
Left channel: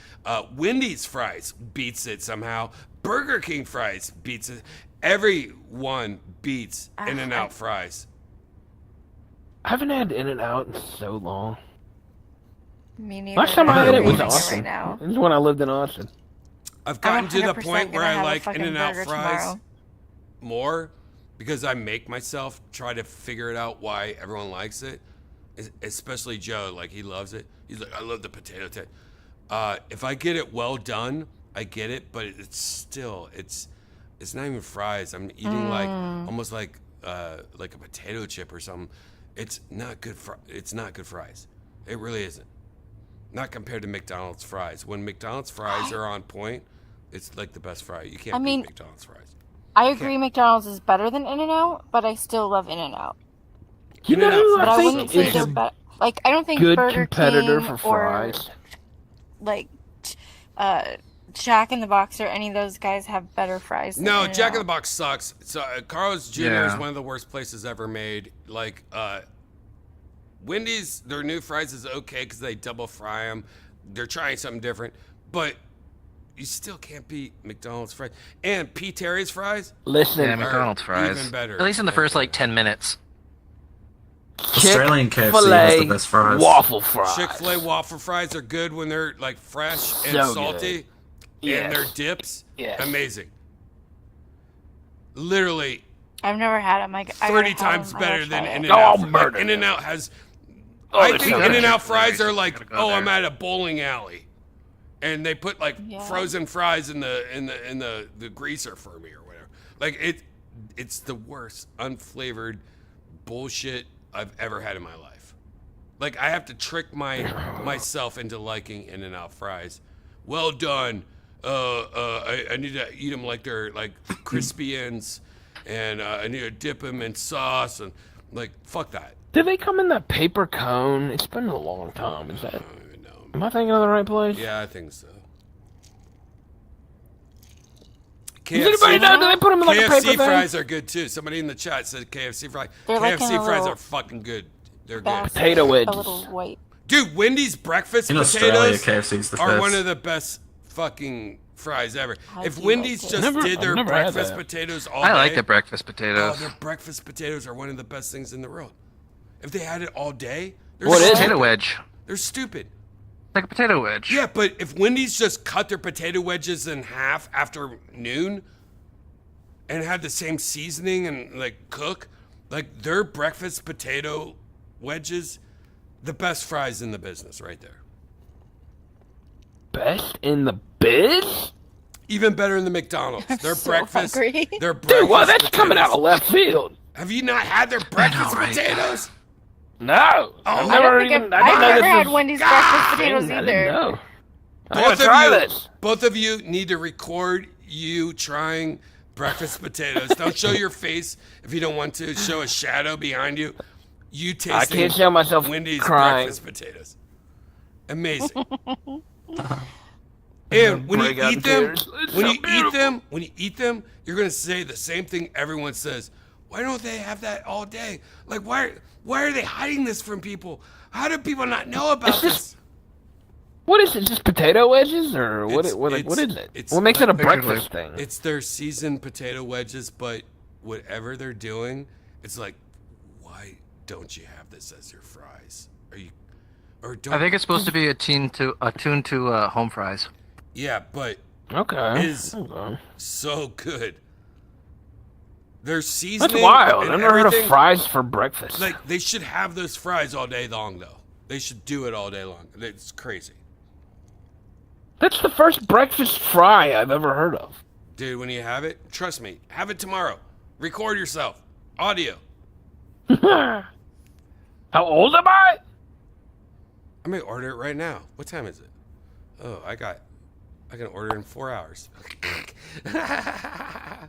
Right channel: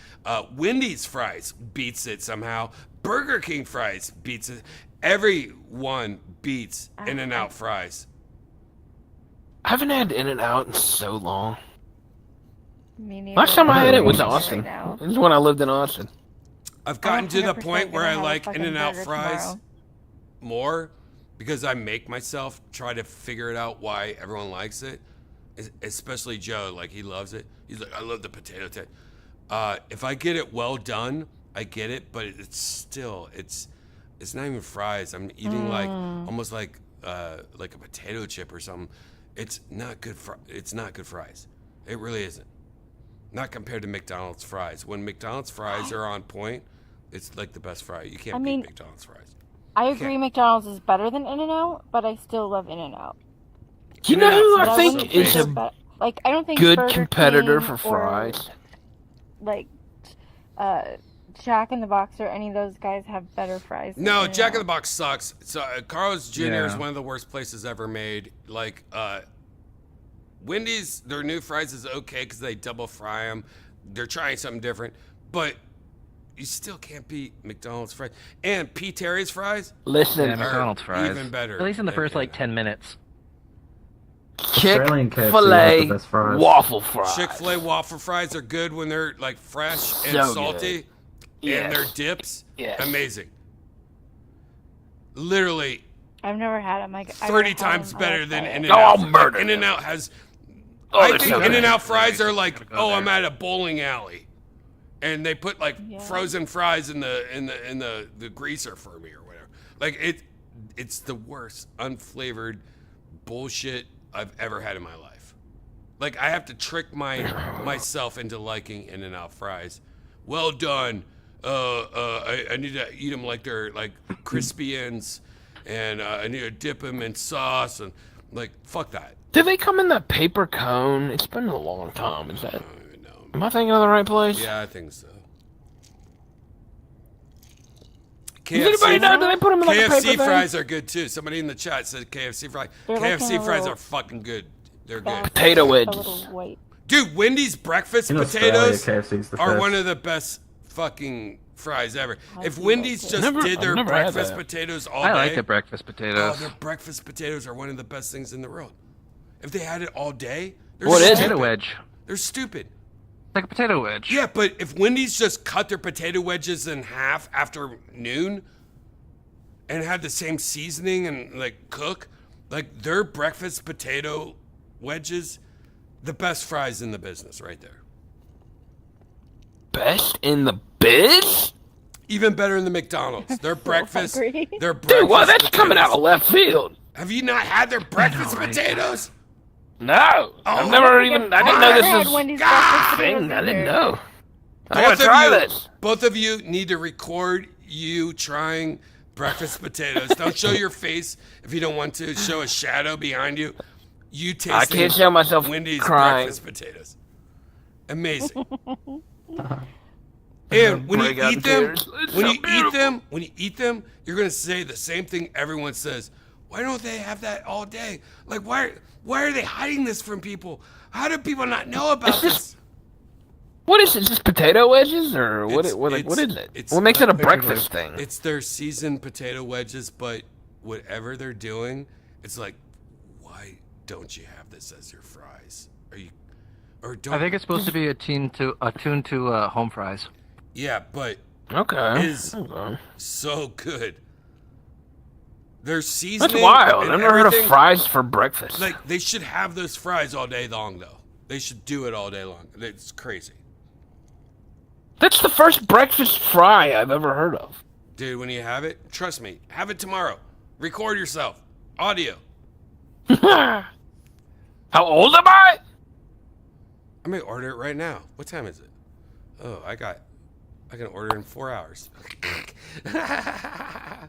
Wendy's fries beats it somehow. Burger King fries beats it. Everyone beats In-N-Out fries. I haven't had In-N-Out in so long. Me neither. Last time I had it was I'm craving Austin. right now. This is when I lived in Austin. I've gotten to the 100% point where gonna I have a like fucking In-N-Out burger fries tomorrow. more because I make myself try to figure it out why everyone likes it. Especially Joe, like he loves it. He's like, I love the potato taste. If I get it well done, I get it, but it's still it's not even fries. I'm eating like almost like a potato chip or something. It's not good. It's not good fries. It really isn't. Not compared to McDonald's fries. When McDonald's fries are on point, it's like the best fry. You can't beat McDonald's fries. I agree McDonald's is better than In-N-Out, but I still love In-N-Out. You know who I But think wouldn't is say a they're like I don't think good Burger competitor King for or, fries? like Jack in the Box or any of those guys have better fries. than No, In-N-Out. Jack in the Box sucks. So Carl's Jr. is Yeah. one of the worst places ever made. Like Wendy's, their new fries is okay because they double fry them. They're trying something different, but you still can't beat McDonald's fries. And P. Terry's fries, Listen, Yeah, McDonald's fries. even better. At least in the than first like In-N-Out. 10 minutes. Australian KFC has Chick-fil-A the best fries. waffle fries. Chick-fil-A waffle fries are good when they're like fresh and So salty, good. and their Yes. dips, Yes. amazing. Literally I've never had them. 30 times better than Oh, In-N-Out. Like, murder. In-N-Out has. Oh, I they're think so good. In-N-Out fries are like, Gotta go oh, there. I'm at a bowling alley, and they put like Yeah. frozen fries in the greaser for me or whatever. Like it's the worst unflavored bullshit I've ever had in my life. Like I have to trick myself into liking In-N-Out fries. Well done. I need to eat them like they're like crispy ends, and I need to dip them in sauce and like fuck that. Do they come in that paper cone? It's been a long time. Is that? Am I thinking of the right place? Yeah, I think so. Does anybody know? Do they put them in like a KFC paper thing? fries are good too. Somebody in the chat said KFC fries. They're like in KFC a fries little are fucking good. They're good. basket, Potato a wedges. little white. Dude, Wendy's breakfast In Australia, potatoes KFC's the are best. one of the best fucking fries ever. If Wendy's just did their I've never had breakfast that. potatoes all I day, like the breakfast oh, potatoes. their breakfast potatoes are one of the best things in the world. If they had it all day, they're What is it? stupid. Potato wedge. They're stupid. Like a potato wedge. Yeah, but if Wendy's just cut their potato wedges in half after noon and had the same seasoning and like cook, like their breakfast potato wedges, the best fries in the business right there. Best in the biz? Even better than the McDonald's. Their breakfast, hungry. their breakfast Dude, well, that's coming out potatoes. of left field. Have you not had their breakfast potatoes? No, I've never I even. I I've didn't know never this had was. Wendy's breakfast Thing. potatoes I either. didn't know. I Both gotta of try you, this. both of you need to record you trying breakfast potatoes. Don't show your face if you don't want to show a shadow behind you. You tasting can't show myself Wendy's crying. breakfast potatoes. Amazing. And when you Break out eat in them, tears. It's when so you eat them, you're gonna say the same thing everyone says. Why don't they have that all day? Like why are they hiding this from people? How do people not know about this? What is it? Just potato wedges, or what? What is it? It's What makes it a like- breakfast thing? It's their seasoned potato wedges, but whatever they're doing, it's like, why don't you have this as your fries? Are you, or don't? I think it's supposed to be attuned to home fries. Yeah, but Okay. is Okay. so good. Their seasoning. That's wild. and I've never heard everything- of fries for breakfast. Like they should have those fries all day long, though. They should do it all day long. It's crazy, That's the first breakfast fry I've ever heard of. dude. When you have it, trust me, have it tomorrow. Record yourself, audio. How old am I? I may order it right now. What time is it? Oh, I can order it in 4 hours. I'll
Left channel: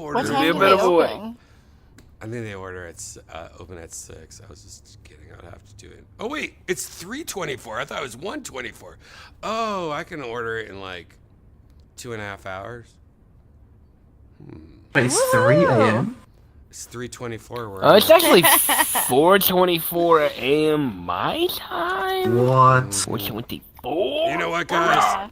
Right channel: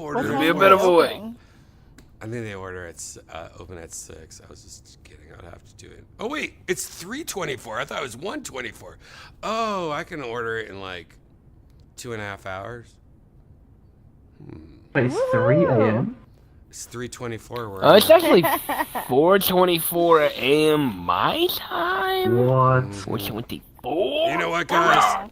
order What it time in a 4 bit hours. of a way. open? I think they order at open at 6. I was just kidding. I would have to do it. Oh wait, it's 3:24. I thought it was 1:24. Oh, I can order it in like 2.5 hours. But it's 3 a.m. It's 3:24. Where It's actually 4:24 a.m. my time. What? 4:24. You know what, guys?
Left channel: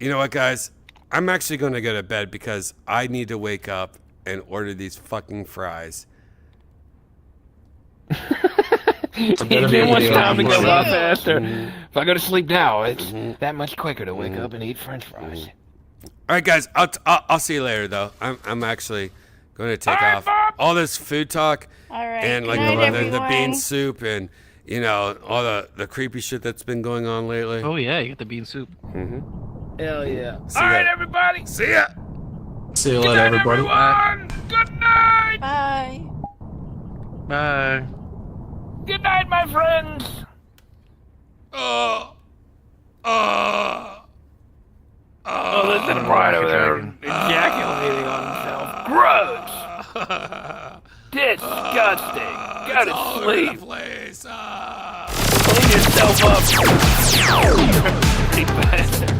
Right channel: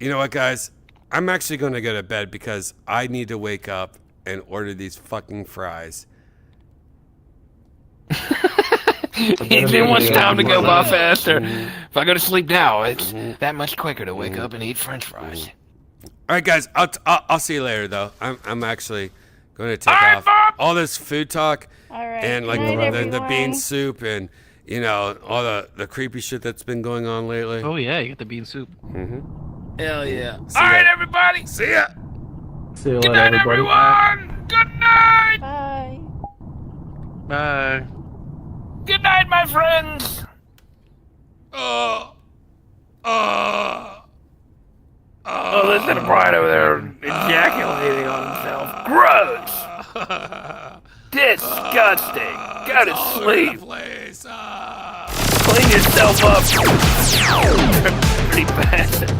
You know what, guys? I'm actually going to go to bed because I need to wake up and order these fucking fries. It wants time to go by faster. If I go to sleep now, it's that much quicker to wake up and eat French fries. All right, guys. I'll see you later, though. I'm actually going to take off. All this food talk and like the bean soup and all the creepy shit that's been going on lately. Oh yeah, you got the bean soup. Hell yeah! See All ya. right, everybody. See ya. See you Good later, night, everybody. everyone. Good night. Bye. Bye. Good night, my friends. Oh, listen to Brian over there ejaculating on himself. Gross. Disgusting. Go to sleep. Clean yourself up. Pretty bad.